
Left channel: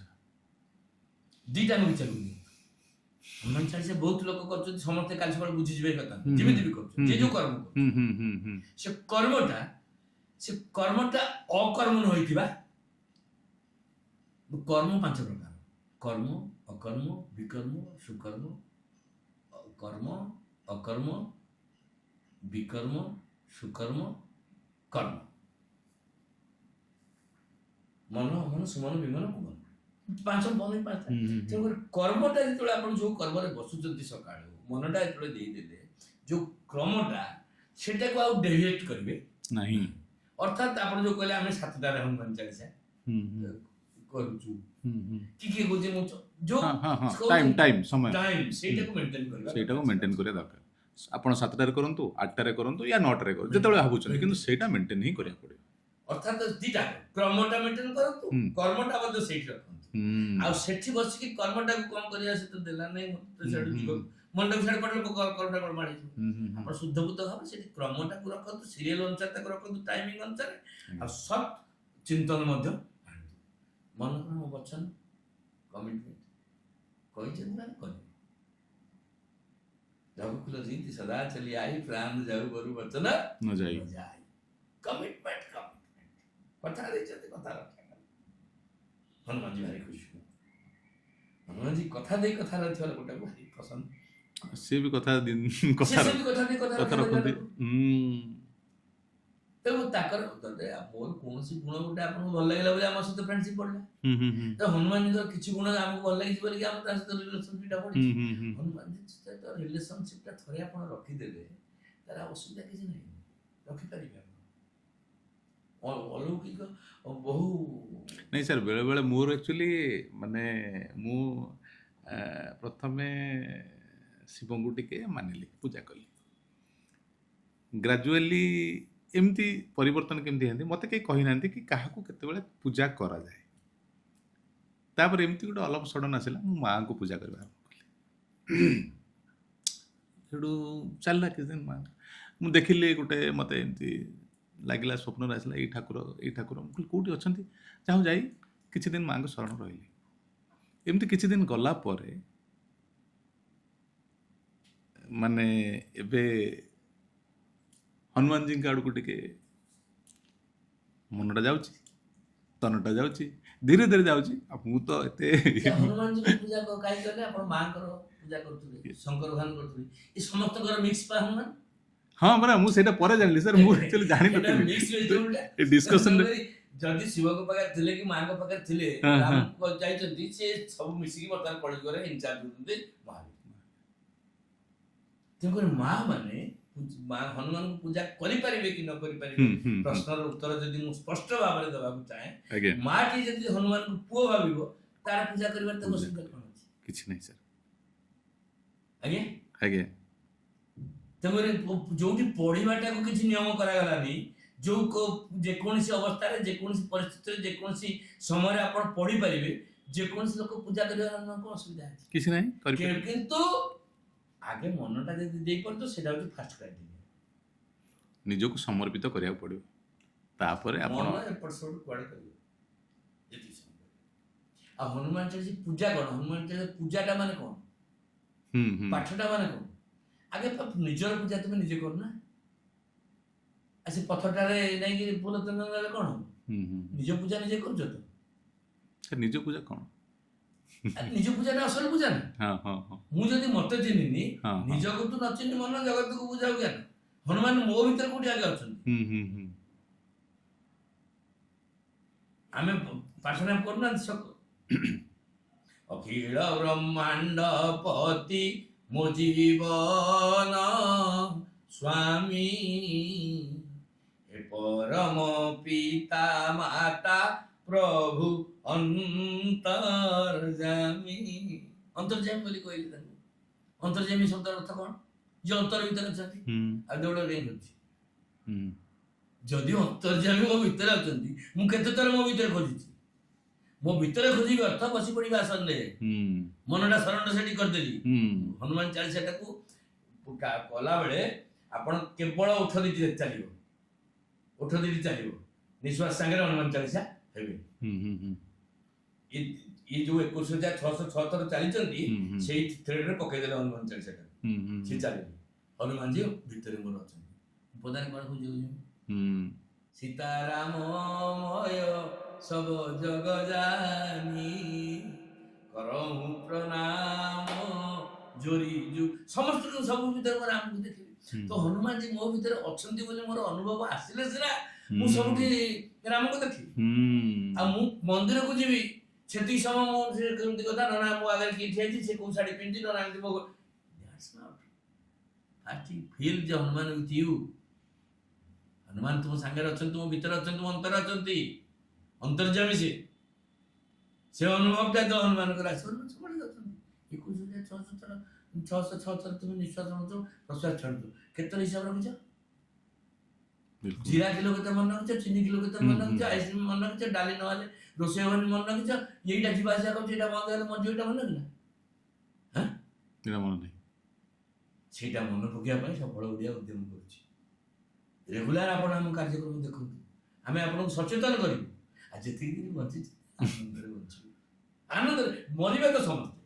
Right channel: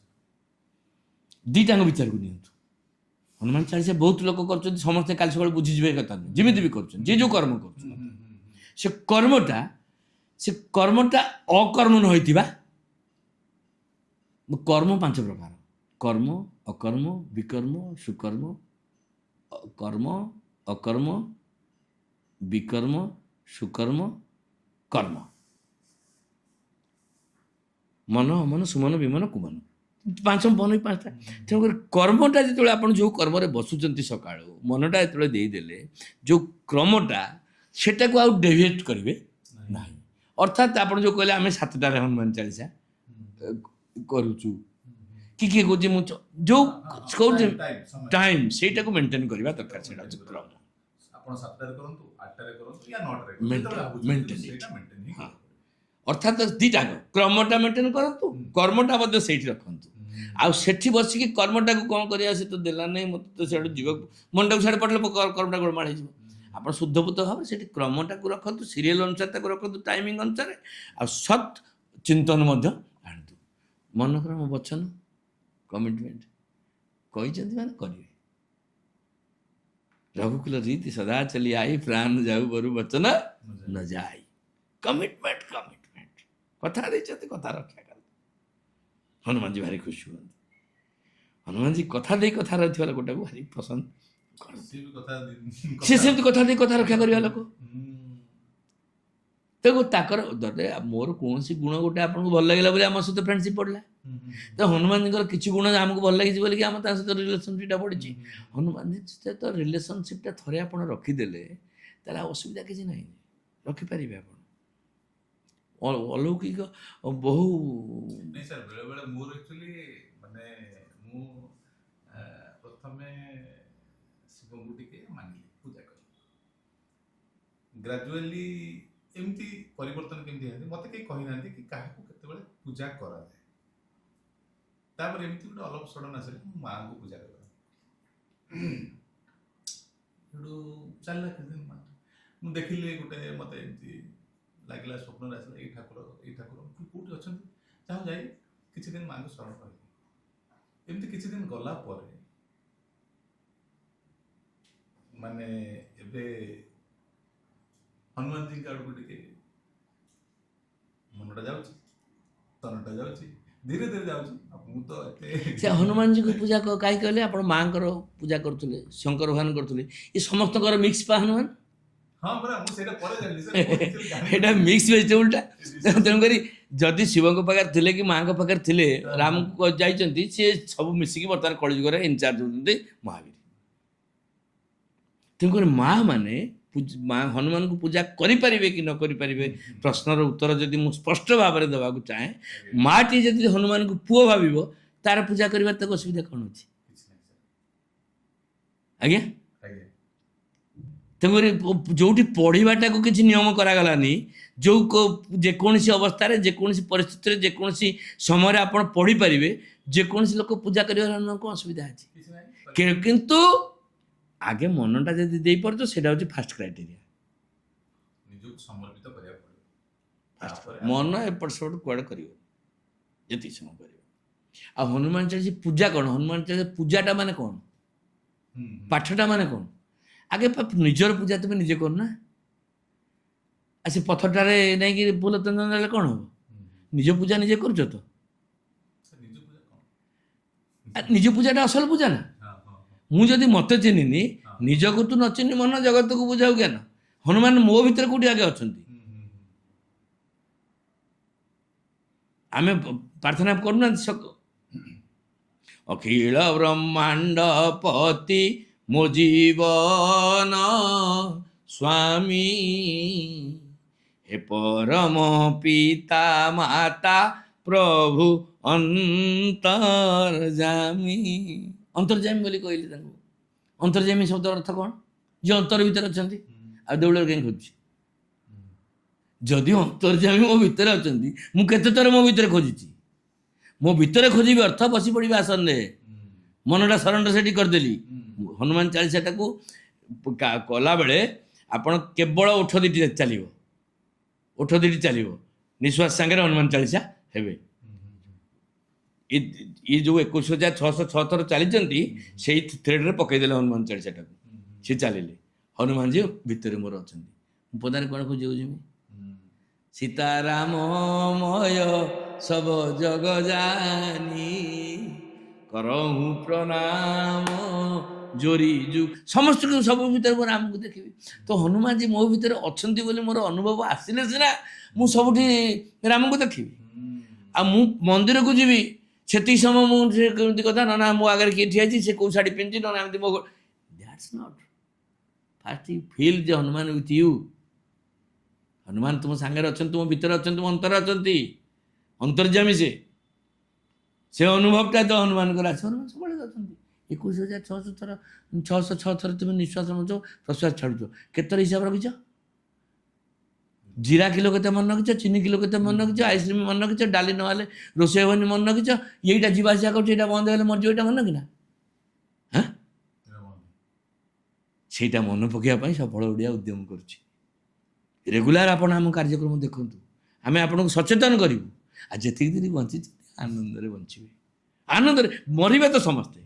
ଦୁଇଟାଙ୍କ ବିଚାରକୁ ନିଅନ୍ତୁ। ହନୁମାନ ଚାଳିଶା ବହୁତ ଲୋକ କରୁଛନ୍ତି, ସମସ୍ତେ କାଲି ସକାଳେ ବୁଝିଯିବେ କଥା, ଯେମିତି ବି କରୁଛନ୍ତି, ଯିଏ ଯେଉଁ କର୍ମ କରୁଛନ୍ତି, ସେ କର୍ମଟା ଅକର୍ମ ନ ହୋଇଥିବା। କର୍ମ 5 ପ୍ରକାର: କର୍ମ, ଅକର୍ମ, ବିକର୍ମ, ସୁକର୍ମ। କର୍ମ, ଅକର୍ମ, ବିକର୍ମ, ସୁକର୍ମ, କର୍ମ। ମନ, ଅମନ, ସୁମନ, ବିମନ, କୁମନ। 5ଟା। ତେଣୁକରି କର୍ମଟା ଯେତେବେଳେ ଆପଣ ଯେଉଁ କର୍ମରେ ବସୁଛନ୍ତି ସକାଳୁ, ମନଟା ଯେତେବେଳେ ଦେଇଦେଲେ, ଯେଉଁ କ୍ରମଟା, ସେଟାକୁ ଆଉ ଡେଭିଏଟ୍ କରିବେ ନାହିଁ। ଅର୍ଥାତ୍ ଆପଣ ଯେଉଁ କହିଲେ ଆମେ 7ଟାରେ ହନୁମାନ ଚାଳିଶା କରୁଛୁ କି କିଏ କହୁଛି ମୁଁ ଯୋଉ କହୁଛି ଟାଇମ୍ ସମୟ ଟାଇମ୍ ସେଇଟାକୁ ମେଣ୍ଟେନ୍ କରିବା ସେଇଟାକୁ ମେଣ୍ଟେନ୍ କରିବା ଦରକାର। ଆପଣ 7ଟାରେ କରନ୍ତୁ, 8ଟାରେ କରନ୍ତୁ, ୟା 9ଟାରେ କରନ୍ତୁ, Maintain, ଯେତେବେଳେ ଭାବୁଛନ୍ତି, କିନ୍ତୁ maintain ସେଇଟା ମେଣ୍ଟେନ୍ ହିଁ କରିବାକୁ ପଡ଼ିବ। ଅର୍ଥାତ୍ ଦିଟା କ୍ରମଟା ମେଣ୍ଟେନ୍ କରନ୍ତୁ, କର୍ମଟା ମଧ୍ୟ ସେଇଠି ରଖନ୍ତୁ। ଆଉ ସେଠି ବସିକି କର୍ମଟାକୁ କ'ଣ କରିବା ସେ ତ ଦେଲା ନାହିଁ, ମୋତେ ତ ସିଆଡ଼ୁ ଯିବାକୁ ମନଟାକୁ ସିଆଡ଼େ ପଡ଼ିଲେ କର୍ମଟା ଗୋଳମାଳ ହେଇଯିବ। ଆପଣ ଶୁଦ୍ଧପୂତ ଭାବରେ ସେଠି କ୍ରମଟାକୁ ରଖନ୍ତୁ, ସିରିଏଲ ଅନୁସାରେ ତାକୁ ରଖନ୍ତୁ, ଟାଇମିଂ ଅନୁସାରେ, ଆଉ ସତ୍ ଚିନ୍ତନ ମଧ୍ୟ ଆଣନ୍ତୁ। ମନକର ମୋ ବଚନ କମିଟମେଣ୍ଟ କହିଛନ୍ତି ମାନେ କରିବେ। ରଘୁକୁଲ ରୀତି ସଦା ଚଲି ଆଇ, ପ୍ରାଣ ଯାଉ ବରୁ ବଚନ ନ ଯାଇ। ନ ଯାଇ। କମିଟମେଣ୍ଟ କଥା ଦେଇଛନ୍ତି, କଥା ରକ୍ଷା କର। ହନୁମାନଜୀ ଭାରି ଖୁସି ହୁଅନ୍ତି। ହନୁମାନଜୀ କଥା ଦେଇ କଥା ରହିଥିବା ଲୋକଟାକୁ ଭାରି ପସନ୍ଦ। ସିଏ ବି କଥା ସେ ସେମିତି କଥା ଦେଇ କଥା ରକ୍ଷା କରିବା ଲୋକ। ତେଣୁ ତାଙ୍କର ମୋର କୌଣସି ଗୁଣ ଗୋଟେ ଆପଣଙ୍କୁ ଭଲ ଲାଗିଲା ବୋଲି ଆମ ସହିତ ଫ୍ରେଣ୍ଡସିପ୍ ପଡ଼ିଲା। ତ ହନୁମାନଜୀଙ୍କର କିଛି ଗୁଣ ଆମକୁ ଭଲ ଲାଗିଛି ବୋଲିକି ଆମ ତାଙ୍କ ସହିତ ରିଲେସନସିପ୍ଟା ପଡ଼ିଛି। ହନୁମାନଜୀ ସହିତ ରିଲେସନସିପ୍ଟା ଥରେ ଆପଣ ରଖିଦେଲେ ତାହେଲେ ଆଉ ଅସୁବିଧା କିଛି ନାହିଁ, ରଖିପାରିବେ ଆପଣ। ଅଲୌକିକ ବହୁ ନାଇଁ ସାର୍, ବେଳେବେଳେ ମୋର ଆକ୍ଚୁଆଲି ମାନେ ମୁଁ ପ୍ରଥମେ ଶିବଙ୍କୁ ଟିକେ ମାନିଲି, ପୂଜା କଲି। ଗ୍ରାଜୁଆଲି ଏମିତି ପରିବର୍ତ୍ତନ କେମିତି ହେଇନ୍ତି ମୋତେ କେହି କହିନାହାନ୍ତି କି କାହାକୁ କେତେବେଳେ ପୂଜା କରାଯାଏ। ତାପରେ ଏମିତି ଗୋଟେ ଅଲପ ସଡ଼ନ ଆସିଲା, ମୁଁ ମାଆଙ୍କୁ ପୂଜା କରିବା ଆରମ୍ଭ କଲି। ସେଠୁ ଚାଲିଲା କିଛି ଦିନ ମା, ମୁଁ ଦେଖିଲି ଗୋଟେ ମୋତେ ଏମିତି ଲାଗିଲା, ସ୍ୱପ୍ନରେ ଆସିଲା ଏଇ ଠାକୁର ମୁଁ କହିଲି କେଉଁଠି ଅଛନ୍ତି, ଯାହା ଯାଇ କିଛି ଦିନ ମାଆଙ୍କ ଶରଣ ରହିଲି। ଏମିତି କିଛି ଦିନ ଗଲା ପରେ ମାନେ ଏବେ ହନୁମାନଜୀଙ୍କ ଆଡ଼କୁ ଟିକେ ମନଟା ଯାଉଛି, ତନଟା ଯାଉଛି, ଧୀରେ ଧୀରେ ଯାଉଛି। ଆଉ ମୁଁ ତ ଏତେ ସେ ହନୁମାନଜୀଙ୍କ ପୂଜା କାହିଁକି କହିଲେ? ଆପଣ ମାଆଙ୍କର ପୂଜା କରୁଥିଲେ, ଶଙ୍କର ଭଗବାନ କରୁଥିଲେ, ଏ ସମସ୍ତଙ୍କର ମିକ୍ସ ପା ହନୁମାନ। ହଁ ପରା, ମୁଁ ସେଇଟା ପରେ ଜାଣିଲି ସାର୍। ମୁଁ ଆକ୍ଚୁଆଲି ଏଇଟା ମିକ୍ସ ଭେଜିଟେବୁଲଟା। ତେଣୁକରି ଯଦି ଶିବଙ୍କ ପାଖରେ ଥିଲେ କି ମାଆଙ୍କ ପାଖରେ ଥିଲେ, ରାମକୁ ଯାଇଛନ୍ତି, ସିଏ ସବୁ ମିଶିକି ବର୍ତ୍ତମାନ କଳିଯୁଗରେ ଇନଚାର୍ଜ ହେଉଛନ୍ତି ମହାବୀର। ତେଣୁକରି ମା ମାନେ ହନୁମାନଙ୍କୁ ପୂଜା କରିପାରିବେ କି ନ କରିପାରିବେ, ପ୍ରଶ୍ନର ଉତ୍ତର ଯଦି ମୁଁ ସ୍ପଷ୍ଟ ଭାବରେ ଦେବାକୁ ଚାହେଁ, ମାଟି ଯଦି ହନୁମାନଙ୍କୁ ପୁଅ ଭାବିବ, ତାର ପୂଜା କରିବାର ତାକୁ ଅସୁବିଧା କ'ଣ ଅଛି? କିଛି ନାହିଁ ସାର୍। ଆଜ୍ଞା ଆଜ୍ଞା। ତେଣୁକରି ଯୋଉଠି ପଢ଼ିବାଟାକୁ କିଛି ନିୟମ କରାଗଲାନି, ଯୋଉ ଯେକୌଣସି ଅବସ୍ଥାରେ, ଯେକୌଣସି ପରିସ୍ଥିତିରେ, ଯେକୌଣସି ସମୟରେ ଆପଣ ପଢ଼ିପାରିବେ, ଯେକୌଣସି ଲୋକ ପୂଜା କରିବାର କ'ଣ ଅସୁବିଧା ଅଛି? କିଛି ନାହିଁ। କିନ୍ତୁ ଆଗେ ମନଟା ଯଦି ଦେଇପାରୁଛ, ସେଇଟା ହେଉଛି ଫାଷ୍ଟ କ୍ରାଇଟେରିଆ। ନିଜକୁ ସମର୍ପିତ କରିବାକୁ ପଡ଼ିବ, ତାପରେ ମନ ଏପଟ ସେପଟ କୁଆଡ଼େ କରିବ, ଯେତିକି ସମୟ କରିବ। ଆଉ ହନୁମାନ ଚାଳିଶା ପୂଜା କ'ଣ? ହନୁମାନ ଚାଳିଶା ପୂଜାଟା ମାନେ କ'ଣ? ପାଠଟା ମାନେ କ'ଣ? ଆଗେ ନିଜର ପୂଜା ତୁମେ ନିଜେ କରୁନା। ଆଉ ସେ ପଥରଟାରେ ନେଇକି ଫୁଲ ଚନ୍ଦନ ଦେଲେ କ'ଣ ହବ? ନିଜ ପୂଜା ନିଜେ କରୁଛ ତ? ନିଜ ପୂଜା କ'ଣ? ନିଜ ପୂଜାଟା ଅସଲ ପୂଜା ନା। ମୁଁ ଯଦି ମତେ ଚିହ୍ନିନି, ନିଜକୁ ତୁ ନ ଚିହ୍ନି ମନ ଜଗତକୁ ବୁଝାଉ ଜ୍ଞାନ। ହନୁମାନ ମୋ ଭିତରେ କୋଉଠି ଆଗେ ଅଛନ୍ତି? ଆମେ ପ୍ରାର୍ଥନା କରୁନାହାନ୍ତି, ଅଖିଳ ବ୍ରହ୍ମାଣ୍ଡ ପତି ମୋ ଜୀବନ ସ୍ୱାମୀ, ହେ ପରମ ପିତା ମାତା ପ୍ରଭୁ ଅନ୍ତର୍ଯାମୀ। ଅନ୍ତର୍ଯାମୀ ବୋଲି କହିଲି ତାଙ୍କୁ। ଅନ୍ତର୍ଯାମୀ ଶବ୍ଦ ଅର୍ଥ କ'ଣ? ଯେ ଅନ୍ତର ଭିତରେ ଅଛନ୍ତି। ଆଉ ଦେଉଳରେ କାହିଁ ଖୋଜୁଛି? ଯଦି ଅନ୍ତର୍ଯାମୀ ମୋ ଭିତରେ ଅଛନ୍ତି, ମୁଁ କେତେ ଥର ମୋ ଭିତରେ ଖୋଜିଛି। ମୋ ଭିତରେ ଖୋଜିବି ଅର୍ଥ ବସି ପଡ଼ିବି ଆସନରେ, ମନଟା ଶରଣଟା ସେଠି କରିଦେଲି। ହନୁମାନ ଚାଳିଶାଟାକୁ କଲାବେଳେ ଆପଣ କେବଳ ଓଠ ଦିଟି ଚାଲିବ, ଓଠ ଦିଟି ଚାଲିବ, ନିଶ୍ୱାସ ସାଙ୍ଗରେ ହନୁମାନ ଚାଳିଶା ହେବେ। ଇଏ ଯୋଉ 21,606 ଥର ଚାଲିଛନ୍ତି, ସେଇ ଥ୍ରେଡରେ ପକେଇଦେଲେ ହନୁମାନ ଚାଳିଶାଟାକୁ, ସେ ଚାଲିଲେ। ହନୁମାନଜୀ ଭିତରେ ମୋର ଅଛନ୍ତି। ମୁଁ ପଦାରେ କ'ଣ ଖୋଜିବାକୁ ଯିବି? ସୀତାରାମମୟ ସବ ଜଗ ଜାନି, କରହୁଁ ପ୍ରଣାମ ଜୋରି ଯୁ। ସମସ୍ତଙ୍କୁ ସବୁ ଭିତରେ ମୁଁ ରାମକୁ ଦେଖିବି। ତ ହନୁମାନଜୀ ମୋ ଭିତରେ ଅଛନ୍ତି ବୋଲି ମୋର ଅନୁଭବ ଆସିଲେ ସିନା ମୁଁ ସବୁଠି ରାମଙ୍କୁ ଦେଖିବି। ଆଉ ମୁଁ ମନ୍ଦିରକୁ ଯିବି, ସେତିକି ସମୟ ମୁଁ କେମିତି କଥା ନା ମୋ ଆଗରେ କିଏ ଠିଆ ହେଇଛି, ସେ କୋଉ ଶାଢ଼ୀ ପିନ୍ଧିଛି, ନା ଏମିତି ମୋ that's not fast you feel ଯେ ହନୁମାନ ୱିଥ୍ ୟୁ। ହନୁମାନ ତୁମ ସାଙ୍ଗରେ ଅଛନ୍ତି, ତୁମ ଭିତରେ ଅଛନ୍ତି, ତୁମ ଅନ୍ତରରେ ଅଛନ୍ତି। ଅନ୍ତର୍ଯାମୀ ସେ। ସେ ଅନୁଭବଟା ତ ହନୁମାନଙ୍କର ଆସେ। ହନୁମାନ ସବୁବେଳେ ଯାଉଛନ୍ତି 21,600 ଥର, 606 ଥର ତୁମେ ନିଶ୍ୱାସ ନେଉଛ, ପ୍ରଶ୍ୱାସ ଛାଡ଼ୁଛ। କେତେଥର ହିସାବ ରଖିଛ? ଜିରା କିଲୋ କେତେ ମନେ ରଖିଛ? ଚିନି କିଲୋ କେତେ ମନେ ରଖିଛ? ଆଇସ୍କ୍ରିମ୍ ମନେ ରଖିଛ? ଡାଲି ନହେଲେ ରୋଷେଇ ହେବନି ମନେ ରଖିଛ? ଏଇଟା ଯିବା ଆସିବା କରୁଛି, ଏଇଟା ବନ୍ଦ ହେଲେ ମରିଯିବ, ଏଇଟା ମନେ ରଖିନା? ହାଁ, ମନେ ନାହିଁ। ସେଇଟା ମନେ ପକାଇବା ପାଇଁ ସଫଳ ଓଡ଼ିଆ ଉଦ୍ୟମ କରୁଛି। ରେଗୁଲାର ଆପଣ ଆମ କାର୍ଯ୍ୟକ୍ରମ ଦେଖନ୍ତୁ, ଆମେ ଆପଣଙ୍କୁ ସଚେତନ କରିବୁ। ଆଉ ଯେତିକି ଦିନ ବଞ୍ଚିଛି ଆନନ୍ଦରେ ବଞ୍ଚିବେ। ଆନନ୍ଦରେ ମରିବେ ତ ସମସ୍ତେ,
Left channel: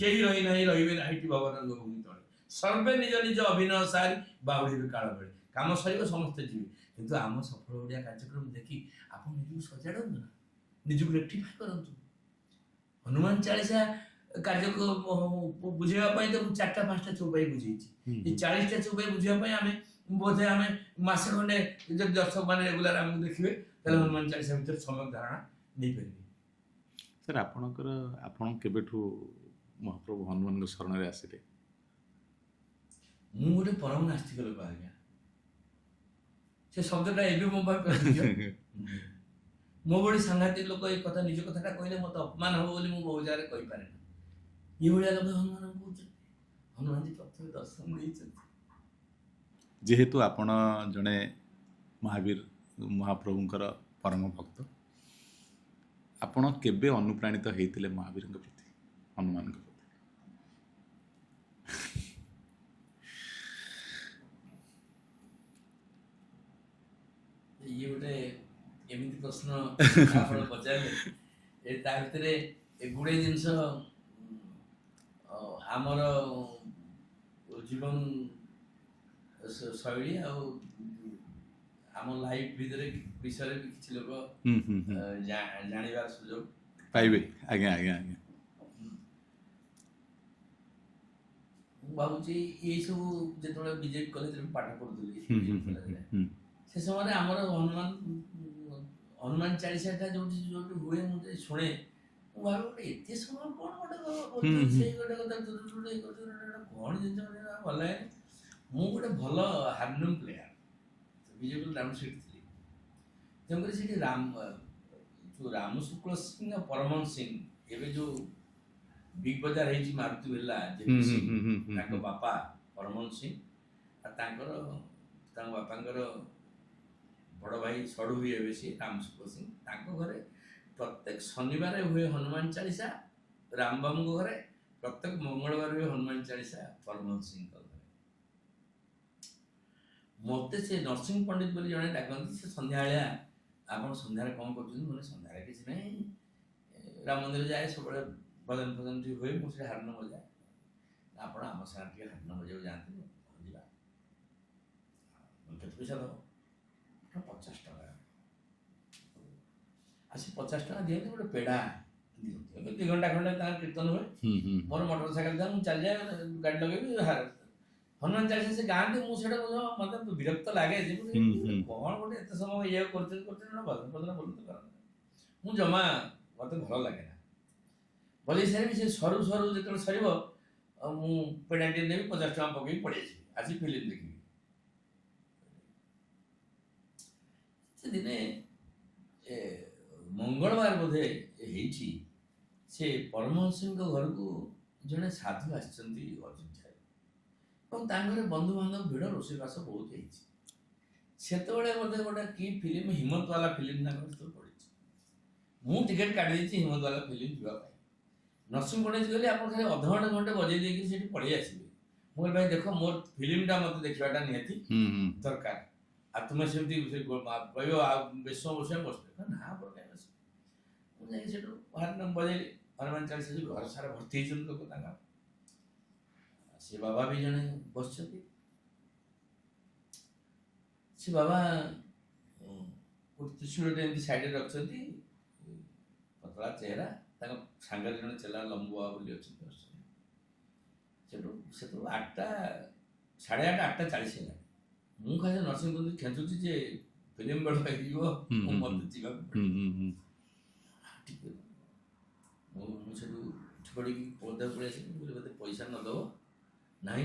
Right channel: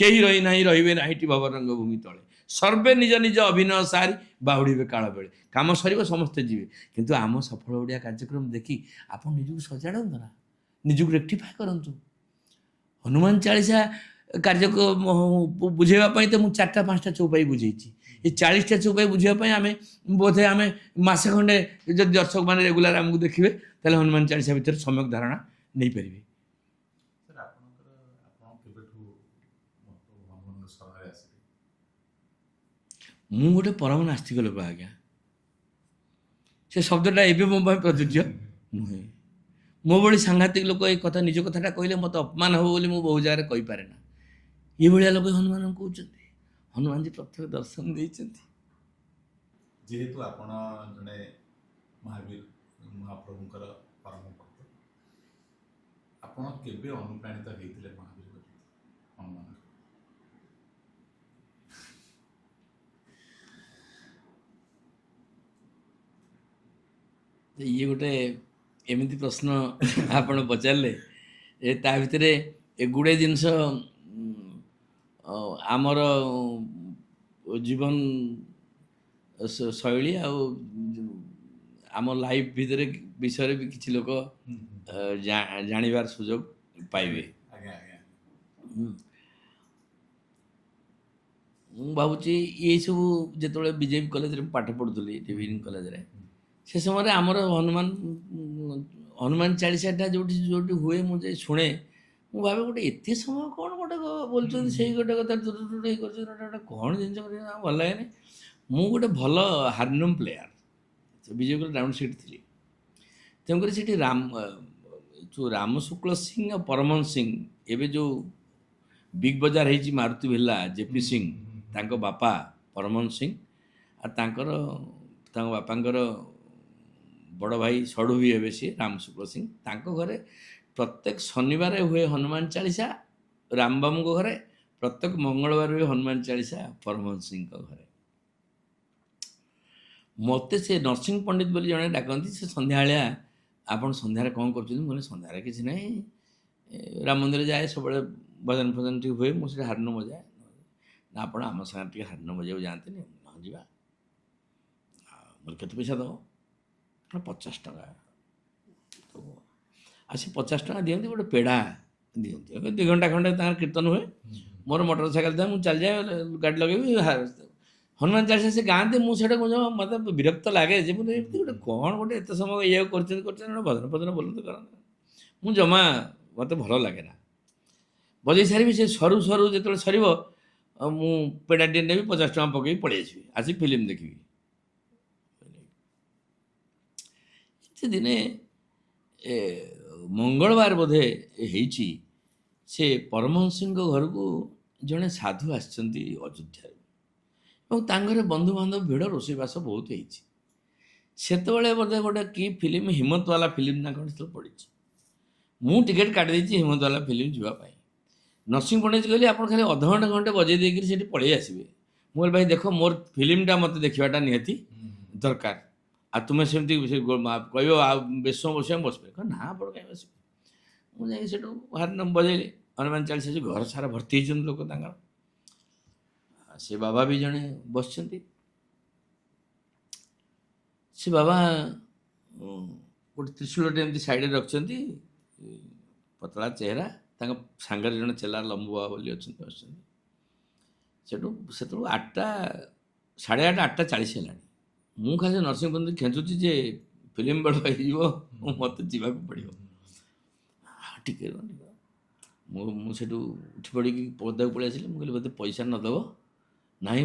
କେହି ରହିନାହିଁ ରହିବେ ନାହିଁଟି ଭବରଙ୍ଗ ଭୂମି ତଳେ। ସର୍ବେ ନିଜ ନିଜ ଅଭିନୟ ସାରି ବାହୁଡ଼ିବେ କାଳ ବେଳେ। କାମ ସରିବ, ସମସ୍ତେ ଯିବେ। କିନ୍ତୁ ଆମ ସଫଳ ଓଡ଼ିଆ କାର୍ଯ୍ୟକ୍ରମ ଦେଖି ଆପଣ ନିଜକୁ ସଜାଡ଼ନ୍ତୁ ନା, ନିଜକୁ ରେକ୍ଟିଫାଏ କରନ୍ତୁ। ହନୁମାନ ଚାଳିଶା କାର୍ଯ୍ୟକ୍ରମ ବୁଝେଇବା ପାଇଁ ତ ମୁଁ 4ଟା 5ଟା ଚଉପାଇ ବୁଝେଇଛି। ଏ 40ଟା ଚଉପାଇ ବୁଝିବା ପାଇଁ ବୋଧେ ଆମେ ମାସେ ଖଣ୍ଡେ, ଯଦି ଦର୍ଶକମାନେ ରେଗୁଲାର ଆମକୁ ଦେଖିବେ ତାହେଲେ ହନୁମାନ ଚାଳିଶା ଭିତରେ ସମ୍ୟକ ଧାରଣା ନେଇପାରିବେ। ସାର୍ ଆପଣ କେବେଠୁ ମହାପ୍ରଭୁ ହନୁମାନଙ୍କ ଶରଣରେ ଆସିଲେ? ମୁଁ ଗୋଟେ ପରମ ନାସ୍ତିକ ଲୋକ ଆଜ୍ଞା। ସେ ଶବ୍ଦଟା ଏବେ ମୋ ପାଇଁ ପ୍ରଯୁଜ୍ୟ ନୁହେଁ। ମୋ ଭଳି ସାଂଘାତିକ ଲୋକ ଏ କଥା, ନିଜ କଥାଟା କହିଲେ ମୋତେ ଅପମାନ ହେବ ବୋଲି ମୁଁ ବହୁ ଜାଗାରେ କହିପାରେ ନା। ଏଇଭଳିଆ ଲୋକ ହନୁମାନଙ୍କୁ କହୁଛନ୍ତି। ହନୁମାନଜୀ ପ୍ରତ୍ୟକ୍ଷ ଦର୍ଶନ ଦେଇଛନ୍ତି। ଯେହେତୁ ଆପଣ ଜଣେ ମହାପ୍ରଭୁଙ୍କର ପରମ ଭକ୍ତ, ଆପଣ କେବେ ଅନୁପ୍ରାଣିତ ହେଇଥିଲେ ମହାବୀରଙ୍କ ପ୍ରତି, ହନୁମାନଙ୍କ ପ୍ରତି? ଇଏ ଗୋଟେ ଏମିତି ପ୍ରଶ୍ନ ଆପଣ ପଚାରିଲେ, ତା ଭିତରେ ଏଗୁଡ଼େ ଜିନିଷ ଆମର ଜୀବନ ଶୈଳୀ ଆଉ ଆମ ଲାଇଫ୍ ଭିତରେ ବିଷୟରେ ବି କିଛି ଲୋକ ଜାଣିବାର ସୁଯୋଗ ପାଇବେ। ଆଜ୍ଞା ଆଜ୍ଞା ଆଜ୍ଞା। ମୁଁ ଭାବୁଛି ଏଇସବୁ ଯେତେବେଳେ ବିଜେପି କଲେଜରେ ପାଠ ପଢ଼ୁଥିଲି, ଡିଭିଜନ କଲେଜରେ, ସେ ସମୟରେ ଆମର ହନୁମାନ ଚାଳିଶାଟା ଯୋଉଠି ହୁଏ ମୁଁ ଯାଇ ଶୁଣେ। ମୁଁ ଭାବେ ଗୋଟେ ଏତେ ସମୟ କ'ଣ ଗୋଟେ ବୋଲୁଛନ୍ତି, ସେଇ ଗୋଟେ କଥା ଇଏ କରୁଛନ୍ତି, ଗୋଟେ କ'ଣ ଜିନିଷ ଭଲ ଲାଗେନି। ମୁଁ ଗୋଟେ ଭଲ harmonium player, BJP college round seat ଥିଲି। ତେଣୁକରି ସେଠି ଯେଉଁ ରାମ ଶୁକ୍ଳ ସିଂ ଆଉ ପରମହଂସ ସିଂ, ଏବେ ଯେଉଁ ବିଗ୍ ବଜାର ହେଇଛି ମାରୁତି ଭିଲ୍ଲା, ଜେପି ସିଂ, ତାଙ୍କ ବାପା ପରମହଂସ ସିଂ, ଆଉ ତାଙ୍କ ବାପାଙ୍କର ବଡ଼ ଭାଇ ସଢ଼ୁ ବି ହେବେ ସିଏ ରାମ ଶୁକ୍ଳ ସିଂ। ତାଙ୍କ ଘରେ ପ୍ରତ୍ୟେକ ଶନିବାର ହୁଏ ହନୁମାନ ଚାଳିଶା ରାମବାବୁଙ୍କ ଘରେ, ପ୍ରତ୍ୟେକ ମଙ୍ଗଳବାର ହୁଏ ହନୁମାନ ଚାଳିଶା ପରମହଂସ ସିଂଙ୍କ ଘରେ। ମୋତେ ସେ ନରସିଂହ ପଣ୍ଡିତ ବୋଲି ଜଣେ ଡାକନ୍ତି। ସେ ସନ୍ଧ୍ୟାବେଳିଆ, ଆପଣ ସନ୍ଧ୍ୟାରେ କ'ଣ କରୁଛନ୍ତି? ମୁଁ କହିଲି ସନ୍ଧ୍ୟାରେ କିଛି ନାହିଁ, ରାମ ମନ୍ଦିର ଯାଏ, ସବୁବେଳେ ଭଜନ ଫଜନ ଟିକେ ହୁଏ, ମୁଁ ସେଠି ହାରମୋନିୟମ ବଜାଏ। ନା ଆପଣ ଆମ ସାଙ୍ଗରେ ଟିକେ ହାରମୋନିୟମ ବଜାଇବାକୁ ଯାଆନ୍ତିନି? ହଁ ଯିବା। କେତେ ପଇସା ଦେବ? 50 ଟଙ୍କା। ଆଉ ସେ 50 ଟଙ୍କା ଦିଅନ୍ତି, ଗୋଟେ ପେଡ଼ା ଦିଅନ୍ତି। 2 ଘଣ୍ଟା ଖଣ୍ଡେ ତାଙ୍କର କୀର୍ତ୍ତନ ହୁଏ। ମୋର ମୋଟର ସାଇକେଲ ଥାଏ, ମୁଁ ଚାଲିଯାଏ, ଗାଡ଼ି ଲଗେଇବି, ହନୁମାନ ଚାଳିଶା ସେ ଗାଆନ୍ତି। ମୁଁ ସେଇଟା ମୋତେ ବିରକ୍ତ ଲାଗେ ଯେ ଏମିତି ଗୋଟେ କ'ଣ ଗୋଟେ ଏତେ ସମୟ ଇଏ କରୁଛନ୍ତି ଗୋଟେ ଭଜନ ଫଜନ ବୋଲନ୍ତି କରନ୍ତି। ମୁଁ ଜମା, ମୋତେ ଭଲ ଲାଗେ ନା। ବଜେଇ ସାରିବି, ସେ ସରୁ ଯେତେବେଳେ ସରିବ, ମୁଁ ପେଡ଼ାଟିଏ ନେବି, 50 ଟଙ୍କା ପକେଇକି ପଳେଇ ଆସିବି, ଆସି ଫିଲ୍ମ ଦେଖିବି। ସେ ଦିନେ ମଙ୍ଗଳବାର ବୋଧେ ହେଇଛି, ସେ ପରମହଂସଙ୍କ ଘରକୁ ଜଣେ ସାଧୁ ଆସିଛନ୍ତି ଅଯୋଧ୍ୟାରୁ, ଏବଂ ତାଙ୍କ ଘରେ ବନ୍ଧୁବାନ୍ଧବ ଭିଡ଼, ରୋଷେଇବାସ ବହୁତ ହେଇଛି। ସେତେବେଳେ ବୋଧେ ଗୋଟେ କି ଫିଲ୍ମ, ହିମତବାଲା ଫିଲ୍ମ ନା କ'ଣ ସେତେବେଳେ ପଡ଼ିଛି। ମୁଁ ଟିକେଟ୍ କାଟିଦେଇଛି ହିମତବାଲା ଫିଲ୍ମ ଯିବା ପାଇଁ। ନରସିଂହ ପଣ୍ଡିତ କହିଲେ ଆପଣ ଖାଲି ଅଧଘଣ୍ଟେ ଘଣ୍ଟେ ବଜେଇ ଦେଇକିରି ସେଠି ପଳେଇ ଆସିବେ। ମୁଁ କହିଲି ଭାଇ ଦେଖ, ମୋର ଫିଲ୍ମଟା ମୋତେ ଦେଖିବାଟା ନିହାତି ଦରକାର। ଆଉ ତୁମେ ସେମିତି କହିବ ଆଉ ବେଶ ବସିବା ବସିବେ? ନା ଆପଣ କାହିଁ ବସିବେ? ମୁଁ ଯାଇକି ସେଠୁ ହାରମୋନିୟମ ବଜେଇଲି, ହନୁମାନ ଚାଳିଶା। ଘର ସାରା ଭର୍ତ୍ତି ହେଇଛନ୍ତି ଲୋକ ତାଙ୍କର। ସେ ବାବା ବି ଜଣେ ବସିଛନ୍ତି। ସେ ବାବା ଗୋଟେ ତ୍ରିଶୂଳଟେ ଏମିତି ସାଇଡ଼ରେ ରଖିଛନ୍ତି, ପତଳା ଚେହେରା। ତାଙ୍କ ସାଙ୍ଗରେ ଜଣେ ଚେଲା ଲମ୍ବୁ ବାବା ବୋଲି ଅଛନ୍ତି, ବସିଛନ୍ତି। ସେତେବେଳକୁ 8ଟା, 8:30, 8:40 ହେଲାଣି। ମୁଁ ଖାଲି ନରସିଂହ ପଣ୍ଡିତ ଖେଞ୍ଚୁଛି ଯେ ଫିଲ୍ମ ବେଳ ହେଇଯିବ, ମୋତେ ଯିବାକୁ ପଡ଼ିବ। ଟିକେ ମୁଁ ସେଠୁ ଉଠି ପଡ଼ିକି ପଦାକୁ ପଳେଇ ଆସିଲି। ମୁଁ କହିଲି ବୋଧେ ପଇସା ନଦେବ? ନାହିଁ,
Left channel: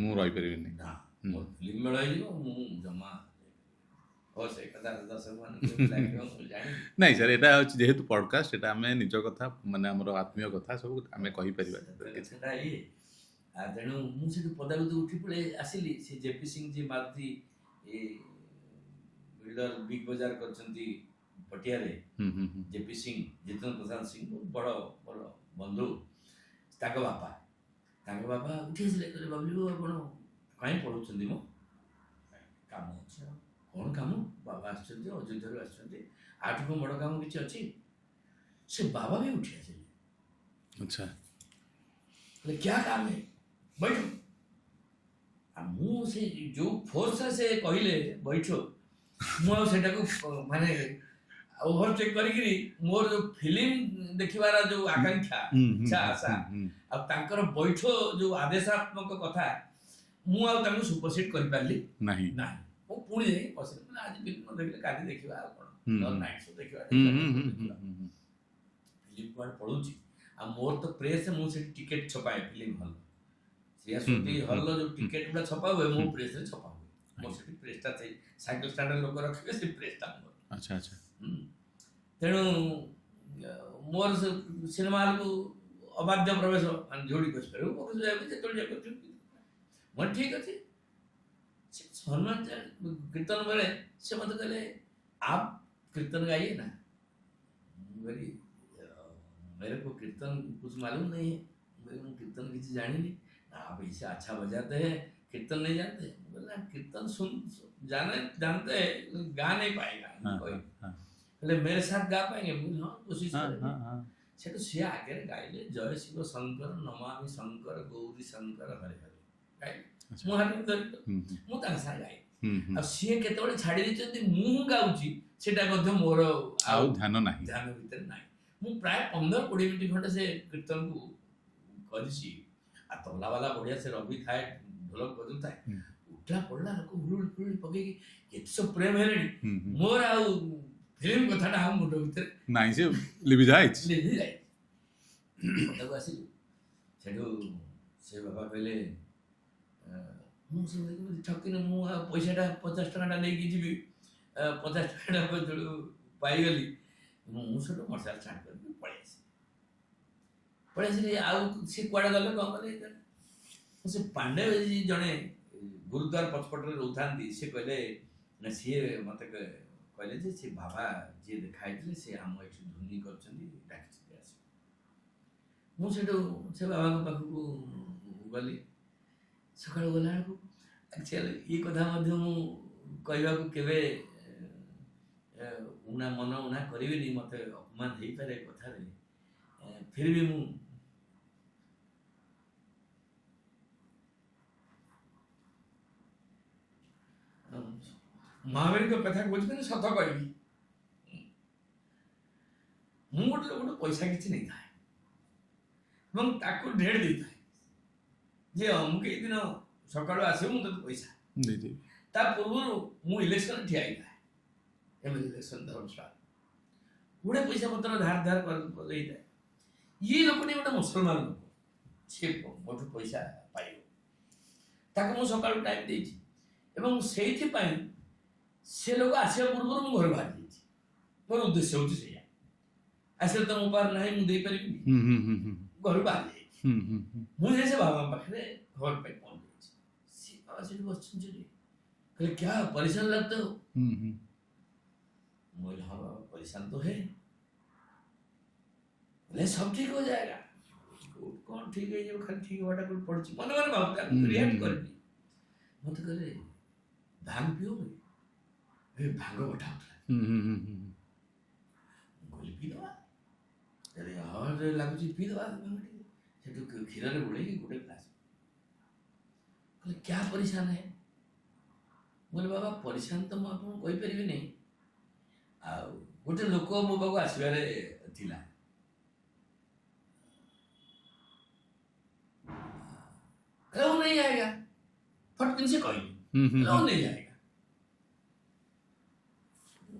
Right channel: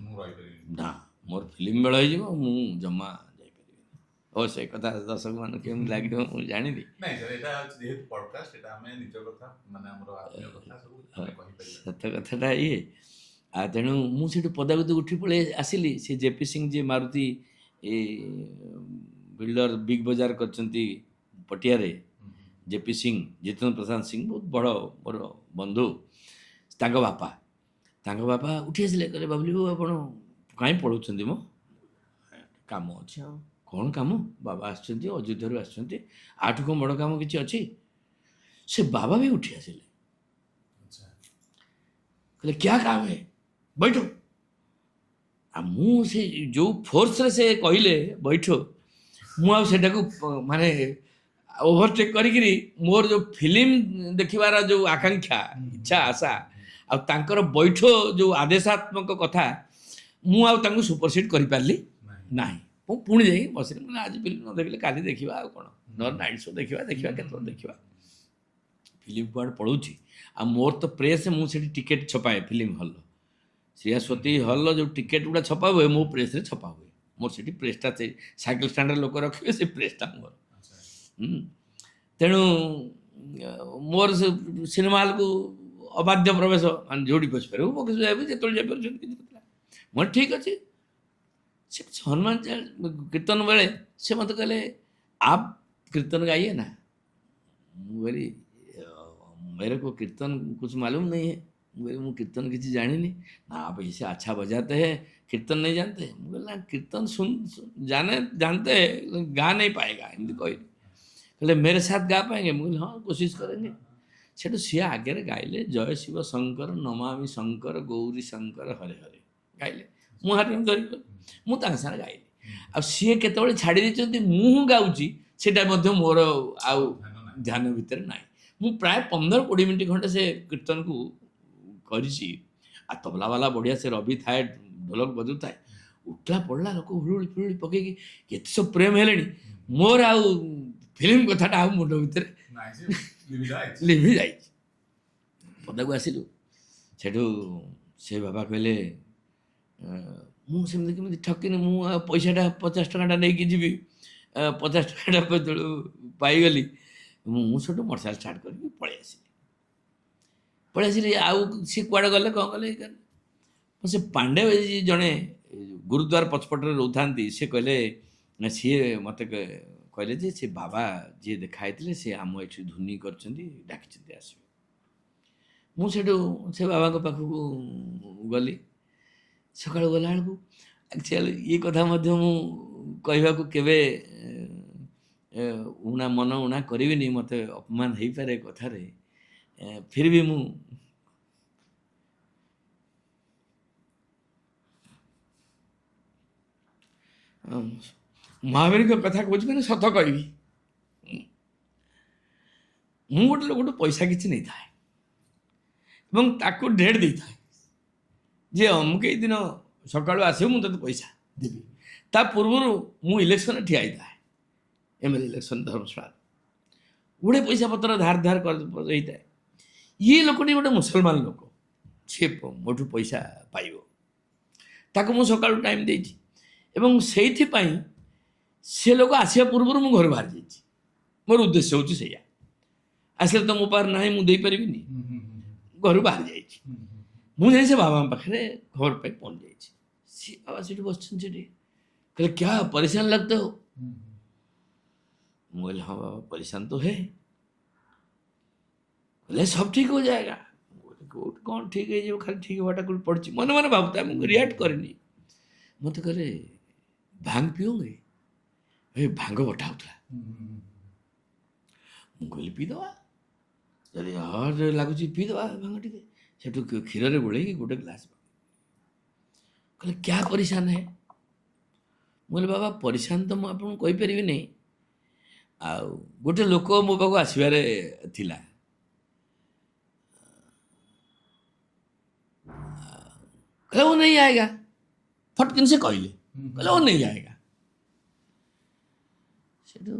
ମୁଁ ରହିପାରିବିନି, ନା, ମୋର ଫିଲ୍ମ ବେଳ ହେଇଯିବ, ମୁଁ ଜମା ଯାଇପାରିବିନି। ଓ ସେ କଥା ଦର୍ଶକମାନଙ୍କୁ କେମିତି ଲାଗିବ ମୁଁ ଜାଣିବି। ନାଇଁ ସାର୍, ଏଇଟା ହେଉଛି ଯେହେତୁ ପଡ଼କାଷ୍ଟ, ଏଇଟା ଆମେ ନିଜ କଥା ମାନେ ଆମର ଆତ୍ମୀୟ କଥା ସବୁ ଆମେ କହିପାରିବା। ସତ କଥାଟା ଇଏ। ଆଉ ତେଣୁ ମୁଁ ସେଠୁ ପଦାକୁ ଉଠି ପଳେଇ ଆସିଲି। ସେ ଜେପି ସିଂ ଯିଏ ମାରୁତି ଏ ବିଲ୍ଡର ବିଗ୍ ବଜାର କରିଛନ୍ତି ପଟିଆରେ, ହୁଁ ହୁଁ ହୁଁ। ଜେପି ସିଂ, ଜିତେନ୍ଦ୍ର ପ୍ରସାଦ ସିଂ ବହୁତ ବଡ଼ ମୋର ବନ୍ଧୁ, ତାଙ୍କ ବାପା ଉଠି ଆସିଲେ, କହିଲେ ବାବୁଲି ବାବୁ ଆପଣ କାହିଁ ପଳାଉଛନ୍ତି ମ? କାମ ଅଛି। ଆଉ କ'ଣ କାମ? ବାବା ଆସିଛନ୍ତି, ଅଯୋଧ୍ୟାରୁ ଆସିଛନ୍ତି, ଆଠୁ କ'ଣ ବଡ଼ କାମ କିଛି ଅଛି? ସେ ବାବା ବି ଉଠି ଆସିଲେ, ଆଚ୍ଛା। କହିଲେ କ୍ୟା କାମ ହେ, ବୈଠ। ଆଉ ମୁଁ ସେ ଯେଉଁ ଫୋର୍ସରେ ସେ କହିଲେ ବୈଠ, ମୁଁ ଆଉ ସେଟାକୁ ମାନେ ଓଭରଟେକ୍ କରିକିରି ମୋର ଯେଉଁ ଫିଲ୍ମ ଦେଖିବାର ଯେଉଁ ଆକାଂକ୍ଷା, ଇଚ୍ଛା, ଆଶା, ଆଉ ତାଙ୍କର ବୈଠ ଯେଉଁ ଆଦେଶାତ୍ମକ କଥା, ମୁଁ ଆଉ ତାଙ୍କୁ ସୁପରସିଡ୍ କରିପାରିଲି ନାହିଁ। ମୁଁ ପୁଣି ଯାଇ ବସିଲି, ମାନେ ଆଜି ଫିଲ୍ମ ନ ଦେଖିଲେ କାଲି ଦେଖିବା, ଆଉ କ'ଣ ନହେଲେ ନାଇଟ୍ ଶୋ ଦେଖିବା କେତେବେଳେ ଦେଖିବା। ଫିଲ୍ମ କୁଆଡ଼େ ପଳାଉଛି। ଆଉ ମୋର ତ ପ୍ରେସ୍, ମୁଁ ସେଠି ଟିକେଟ୍ ଛପାଏ ଫିଲ୍ମ ହଲ୍, ଶ୍ରୀୟାସ୍ୱତୀ ହଲ୍ର ଯେଉଁ ଟିକେଟ୍ ଗୁଡ଼ା ଛପା ହୁଏ ମୋ ପ୍ରେସ୍ରେ ଛପା ହୁଏ। ମୋର ସେଠି ପ୍ରେସ୍ଟା, ସେଇ ସାଇକେଲ ଷ୍ଟାଣ୍ଡରେ ଲୋକ ରଖିବେ, ସେ ପ୍ରେସ୍ଟା ମୋର। ଆଚ୍ଛା ଆଚ୍ଛା। ତେଣୁ ମୋର ସେ ସିନେମା ହଲ୍କୁ ଅବାଧ୍ୟ ପ୍ରବେଶ, ମାନେ ଯେଉଁଠି ବସିପାରିବୁ ମୋ କିଛି ଯାଇ ଯେତେବେଳେ ଯାଇପାରୁଛନ୍ତି କିଛି କଥା। ମୁଁ ଠିକ୍ ଅଛି। ସେ ହनुମାନ କୀର୍ତ୍ତନ ବେଳେ ସେ ମୋତେ କହିଲେ आप कीर्तन गाइए ना। ମୁଁ କହିଲି मेरे को कीर्तन कुछ मालूम नहीं है। ମୁଁ कीर्तन କିଛି ଜାଣିନି। ना आप ऐसे अच्छा बजाते हैं, कीर्तन नहीं जानते? ମୁଁ କହିଲି ନା कीर्तन जानते हैं, गा नहीं पाएगा, ଏମିତି କହିଲି। କହିଲେ मेरे साथ गा पाएंगे? ମୁଁ କହିଲି ହଁ, କୋशिश करेंगे। ସେଠୁ ସିଏ ଆଗରେ ଗାଇଲେ, ଜୟ ଶିବ ଶଙ୍କର ନମାମି ଶଙ୍କର ଗୌରୀ ଶଙ୍କର ହରେ ହରେ ଗାଇଲେ। ମୁଁ ହାରମୋନିୟମ ଧରିଲି, ମୁଁ ତାଙ୍କ ସାଙ୍ଗରେ ଗାଇଲି। ଆଉ ସିଏ କେତେବେଳେ ଛାଡ଼ି ଦେଇଛନ୍ତି ମୁଁ ଗାଉଛି ସେଇଟା ମଧ୍ୟ ମୋର ଆଉ ଧ୍ୟାନ ଭିତରେ ନାହିଁ। ମୁଁ ପ୍ରାୟ 15-20 ମିନିଟ୍ ଖଣ୍ଡେ ସେ କୀର୍ତ୍ତନକୁ କରିଛି। ଆଉ ତବଲା ବାଲା ବଢ଼ିଆ, ସେ ରବି ଥାଏ, ଢୋଲକ ବଜୁଥାଏ, ଉଠିଲା ପଡ଼ିଲା, ଲୋକ ହୁଳୁଳି ଫୁଳୁଳି ପକେଇକି ଏତେ ସବୁ ପ୍ରେମ ହେଲେଣି, ମୋର ଆଉ ଫିଲ୍ମ କଥାଟା ଆଉ ମୁଣ୍ଡ ଭିତରେ ନାହିଁ, ସେ ଲିଭି ଯାଇଛି। ପଦାକୁ ଆସିଲୁ, ସେଠୁ ସେ ବାବା କହିଲେ ମୁଁ ସେମିତି କେମିତି ଠକିନି, ମୁଁ ଆଉ ପଇସାଟା 50 ଟଙ୍କାଟା ନେଇକି ଯିବି, 50 ଟଙ୍କାଟା ଯେତେବେଳେ ପାଇଗଲି, ମୁଁ ସେଠୁ ମୋଟରସାଇକେଲ ଷ୍ଟାର୍ଟ କରିକି ପଳେଇ ଆସିଲି। ଆଉ ସିଏ କୁଆଡ଼େ ଗଲେ କ'ଣ କଲେ, ସେ ପାଣ୍ଡେ ଜଣେ ଗୁରୁଦ୍ୱାର ପଛପଟରେ ରହୁଥାନ୍ତି, ସେ କହିଲେ, ସିଏ ମୋତେ କହିଲେ ଯେ ସେ ବାବା ଯିଏ ଦେଖା ହେଇଥିଲେ ସେ ଆମ ଏଠି ଧୁନି କରିଛନ୍ତି, ଡାକିଛନ୍ତି ଆସିବେ। ମୁଁ ସେଠୁ ସେ ବାବାଙ୍କ ପାଖକୁ ଗଲି। ସକାଳୁ ଗଲାବେଳକୁ ଆକ୍ଚୁଆଲି ଏ କଥା ମଧ୍ୟ ମୁଁ କହିବାକୁ କେବେ ମନ ଉଣା କରିବିନି, ମୋତେ ଅପମାନ ହେଇପାରେ କଥାରେ, ଫିର୍ ବି ମୁଁ ମହାବୀରଙ୍କ କଥା କହୁଛି, ମାନେ ସତ କହିବି। ମୁଁ ଗୋଟେ ଲୋକଠୁ ପଇସା କିଛି ନେଇଥାଏ ଏବଂ ତାକୁ ଡେଟ୍ ଦେଇଥାଏ ଯେ ଅମୁକ ଏଇ ଦିନ ସକାଳୁ ଆସିବ, ମୁଁ ତୋତେ ପଇସା ଦେଇଦେବି। ତା ପୂର୍ବରୁ ମୁଁ ଇଲେକ୍ସନରେ ଠିଆ ହେଇଥାଏ, MLA ଇଲେକ୍ସନ ଧର୍ମଶାଳା, ଗୁଡ଼େ ପଇସା ପତ୍ର ଧାର ହେଇଥାଏ। ଇଏ ଲୋକଟି ଗୋଟେ ମୁସଲମାନ ଲୋକ, ସିଏ ମୋଠୁ ପଇସା ପାଇବ, ତାକୁ ମୁଁ ସକାଳୁ ଟାଇମ୍ ଦେଇଛି ଏବଂ ସେଇଥିପାଇଁ ସେ ଲୋକ ଆସିବା ପୂର୍ବରୁ ମୁଁ ଘରୁ ବାହାରି ଯାଇଛି। ମୋର ଉଦ୍ଦେଶ୍ୟ ହେଉଛି ସେଇଆ, ଆସିଲେ ତ ମୋ ପାଖରେ ନାହିଁ, ମୁଁ ଦେଇପାରିବିନି, ଘରୁ ବାହାରି ଯାଇଛି। ମୁଁ ଯାଇ ସେ ବାବାଙ୍କ ପାଖରେ ଖବର ପାଇ ପହଞ୍ଚି ଯାଇଛି। ସିଏ ବାବା ସେଠି ବସିଛନ୍ତି, ସେଠି କହିଲେ କ୍ୟା ପରେशान लगते हो? ମୁଁ କହିଲି ହଁ ବାବା परेशान तो है। बोले सब ठीक हो जाएगा। କ'ଣ ଠିକ୍ ହେଇଯିବ, ଖାଲି ଠିକ୍ ହବାଟା କୋଉଠି ପଡ଼ିଛି, ମନେ ମନେ ଭାବୁଥାଏ, ମୁଁ ରିଆକ୍ଟ କରିନି। ମୋତେ କହିଲେ ଭାଙ୍ଗ ପିଓगे? ଭାଙ୍ଗ ବଟା ହେଉଥିଲା। ମୁଁ କହିଲି ପିଇଦେବା, ଯଦି ହard ଲାଗୁଛି ପିଇଦେବା ଭାଙ୍ଗ ଟିକେ। ସେଠୁ କ୍ଷୀରରେ ଗୋଳେଇକି ଗୋଟେ ଗ୍ଲାସ୍, କହିଲେ କ୍ୟା ପରେଶାନ ହେ? ମୁଁ କହିଲି ବାବା ପରେଶାନ ତ ମୁଁ ଆପଣଙ୍କୁ କହିପାରିବିନି, ଆଉ ଗୋଟେ ଲୋକ ମୋ ପାଖକୁ ଆସିବାରେ ଥିଲା, କହିଲେ वो नहीं आएगा, ଫଟକିନ ସେ କହିଲେ, କହିଲେ वो नहीं आएगा। ସେଠୁ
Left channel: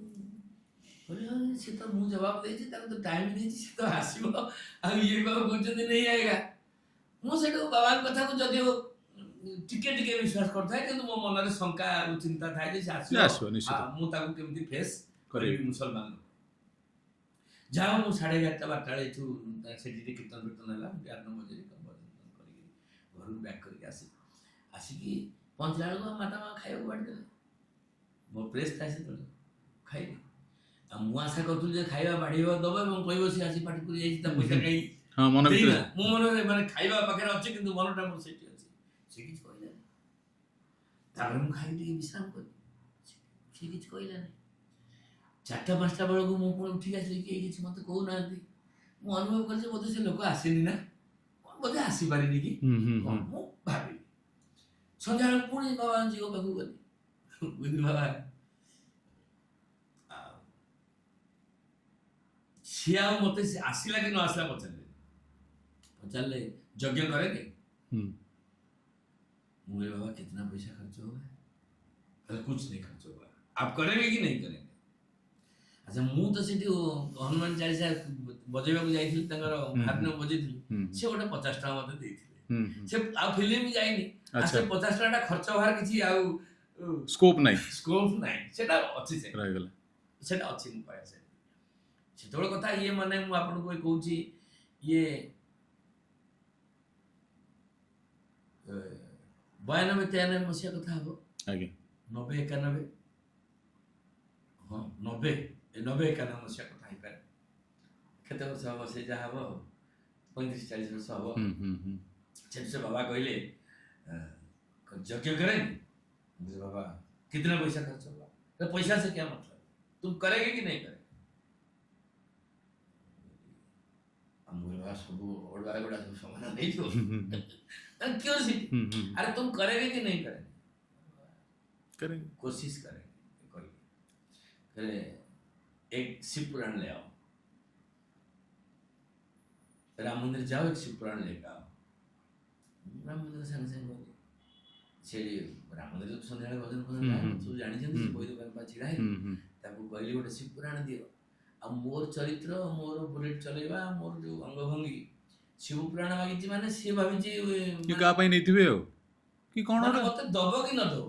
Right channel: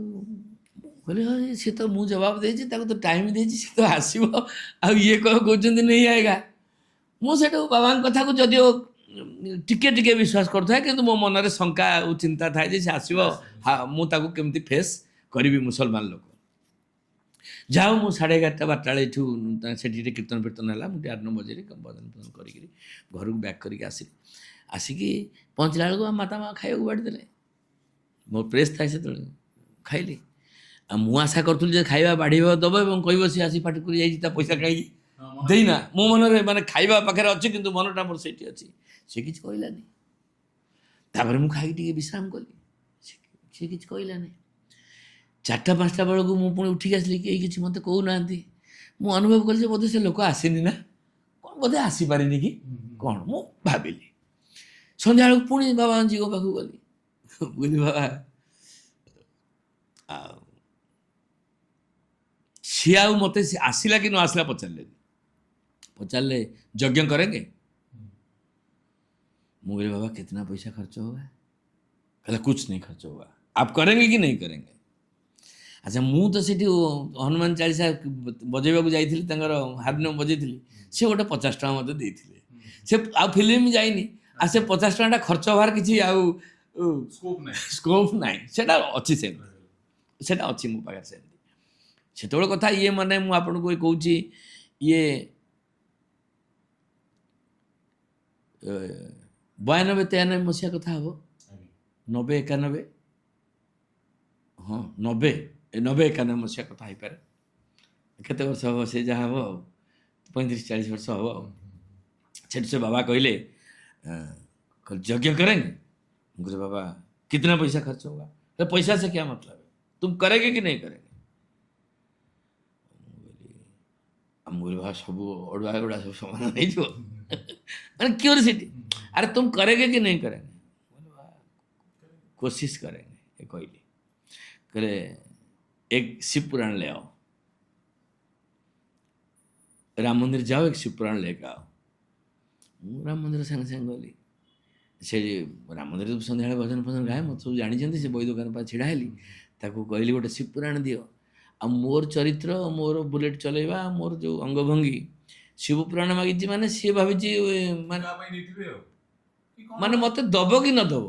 କହିଲେ ହଁ ସିଏ ତ ମୁଁ ଜବାବ ଦେଇଛି, ତାକୁ ତ ଟାଇମ୍ ଦେଇଛି, ସେ ତ ଆସିବ, ଆଉ ଇଏ କ'ଣ କହୁଛନ୍ତି ନେଇ ଆଏଗା। ମୁଁ ସେଠୁ ବାବାଙ୍କ କଥାକୁ ଯଦିଓ ଟିକେ ଟିକେ ବିଶ୍ୱାସ କରୁଥାଏ କିନ୍ତୁ ମୋ ମନରେ ଶଙ୍କା ଆଉ ଚିନ୍ତା ଥାଏ ଯେ ସେ ଆସିବ ଆସିବ, ନିଶ୍ଚିତ। ମୁଁ ତାକୁ କେମିତି ଫେସ୍ କରିବି ମୁସଲମାନ ଲୋକ। ଯାଉ ମୁଁ 11:30 12ଟା ବେଳେ ଏଠୁ ସେଠି ଟିକେ କୀର୍ତ୍ତନ ଫୀର୍ତ୍ତନ ହେଲା, ମୁଁ ଟିକେ 8 ବଜେରେ ଭଜନ ଫଜନ କରିକିରି ଘରକୁ ବ୍ୟାକ୍ କରିକି ଆସିଲି। ଆସିକି ପହଞ୍ଚିଲା ବେଳକୁ ଆମ ମାତା ମା ଖାଇବାକୁ ବାଢ଼ି ଦେଲେ। ମୋ ପ୍ରେସ୍ ଥାଏ ସେତେବେଳେ, ଖାଇଲି। ଆଉ ମୁଁ ଆଶା କରୁଥିଲି ଯେ ଖାଇବା ବାଢ଼ିବ ଦେବ ଏବଂ କହିବ ସିଏ ଆସି ପାଟି କରି ଯାଇଛି ତା ପଇସା କାହିଁକି ହଁ, ମନ ଦେଇନା। ଭିତରେ। ମୋ ମନରେ ମାନେ ଖାଇବା ପାଖରେ ଅଛି କିନ୍ତୁ ମନଟା ମୋର ସେଇଠି ଅଛି। ସେ କିଛି କହିଲାନି। ତାପରେ ମୁଁ ଖାଇକି ଟିକେ ବିଶ୍ରାମ କଲି, ସେ କିଛି କହିଲାନି। 4ଟା 5ଟା ବେଳକୁ ମୁଁ ପୁଣି ଉଠିକି ଆସିଲି, କେହି କିଛି ମୋତେ କହୁନାହାନ୍ତି। ମୁଁ ଅନୁଭବ କଲି ଯେ ବୋଧେ ସେ ଲୋକ ଆସିନି ନା କ'ଣ, ବୋଧେ ଆସିପାରିନି କି କ'ଣ ମୁଁ ଭାବିଲି। ସନ୍ଧ୍ୟାବେଳକୁ ପୁଣି ବାବାଜୀଙ୍କ ପାଖକୁ ଗଲି, କହିଲି ବାବା ଆଉ ସିଏ ଆଉ ମୋତେ ଆସିଲା କି ନ ଆସିଲା ପଚାରିଲେନି। पचारे यज्ञ करेंगे? मैं बोले बाबा कितना पैसा खर्च होगा? कहला कुछ नहीं खर्च होगा, आप करेंगे कि नहीं करेंगे? अच्छा मु तो सीठी हनुमान चालीसा बजेबा को जाइथिली तंगर हारमोनियम बजेइथिली, से गोटे 50 टका मते देइथिले। से आ फिल्म जाइनी आ से 50 टका खर्च होवार किछि आ स्कोप नाही सेटा अछि से रहिगला सेटा अछि मो पाखे से सेतबेल कथा ये माने मु आपन को कहूची ये 92-93 मसीहा कथा हबो आगे 90-91 हाँ 90-91 मसीहा कथा ही पारे केते वर्ष हबो से जा हबो 35-40 वर्ष हबो। से बाबा कहले यज्ञ करेंगे? मुझे बाबा कितना पैसा खर्च होगा? तो पैसा से क्या मतलब है, तुम करेंगे कि नहीं करेंगे? मुझे बाबा सब अड़ुआ गुड़ा सब समान नहीं जो मैंने क्यूरियोसिटी, अरे तुम करेंगे कि नहीं करेंगे? कोशिश करेंगे ये कहली। करे एक शिव पुराण ले आओ, राम मंदिर जाओ, एक शिव पुराण लेके आओ। राम मंदिर संगे संगे गली, से राम मंदिर सन्ध्या भजन फजन गाए मत सब जानी से बही दुकान पर छिड़ा हेली ताको कहली गोटे शिव पुराण दियो। आ मोर चरित्र मोर बुलेट चलेवा मोर जो अंगभंगी शिव पुराण मागिची माने सी भाविची माने मते दबो कि न दबो,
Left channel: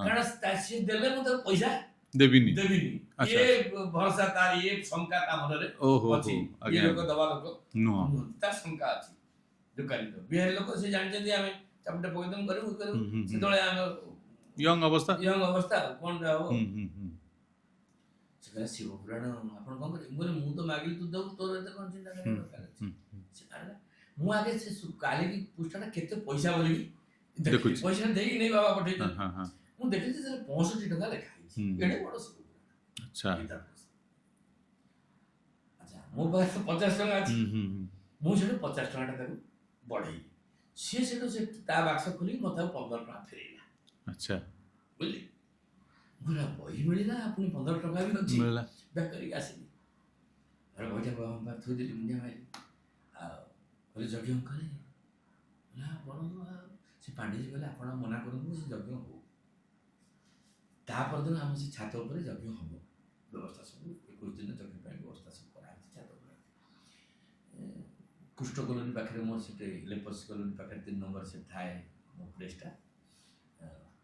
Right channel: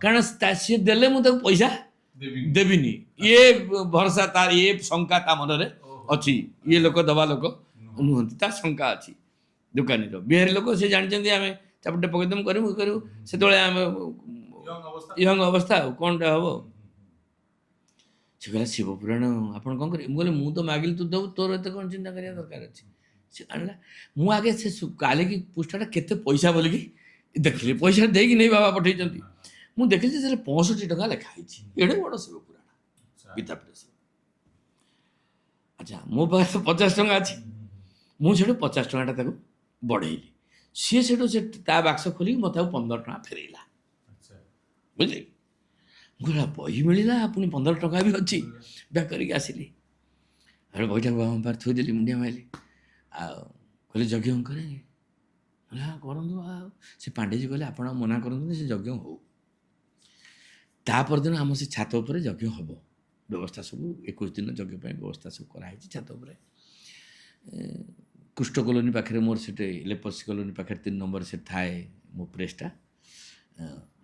कारण सी देले मु ताको पैसा देबिनी ये भरोसा तार ये शंका ता मनरे अछि। ये लोक दबा लोक नुहंती तार शंका अछि। दुकानी रो बिहारी लोक से जानि आमे चापटे पकेदम करू से तोळे आमे यंग अवस्था कोनटा हबो से कहला शिव पुराण आपण कोन करे? बोले मु तो मागिल तू दब, तोर एते कोन चिंता करिया दरकार अछि। से आनला मु आगे से काले की पुष्टाटा केते पैसा बोली की देखली पैसा दे कि नहीं बाबा पठै चंती मु देखली से 65 टका लिखा हिची एडे बड़ शिव पुराण। अच्छा किताब से अच्छा मो पास 50 टका अछि, मु सेठो 50 टकाटा ताको बढ़ेइली। सी सेठो से ता बाक्स खोली मते 15 टका फेरेला। अच्छा बुझे गोला बही मिलला पुनी 15 टका भी अछि बैक करके आसिली। अरे बहीटा बाबा पर थोई देली मुंडिया माइली आ कहले यज्ञ करेंगे? हाँ करंदु। आ से पांडे जी कहले आपण मना करंदु से यज्ञ हो। ता पर दिन हम से छात ऊपर यज्ञ हबो, व्यवस्था सब 21 दिन यज्ञ पे व्यवस्था सब करा है छात ऊपर। कुष्ठ कॉलोनी पाखे मोर से लेपर्स कॉलोनी पाखे 3 नंबर से थाए मो प्रेसटा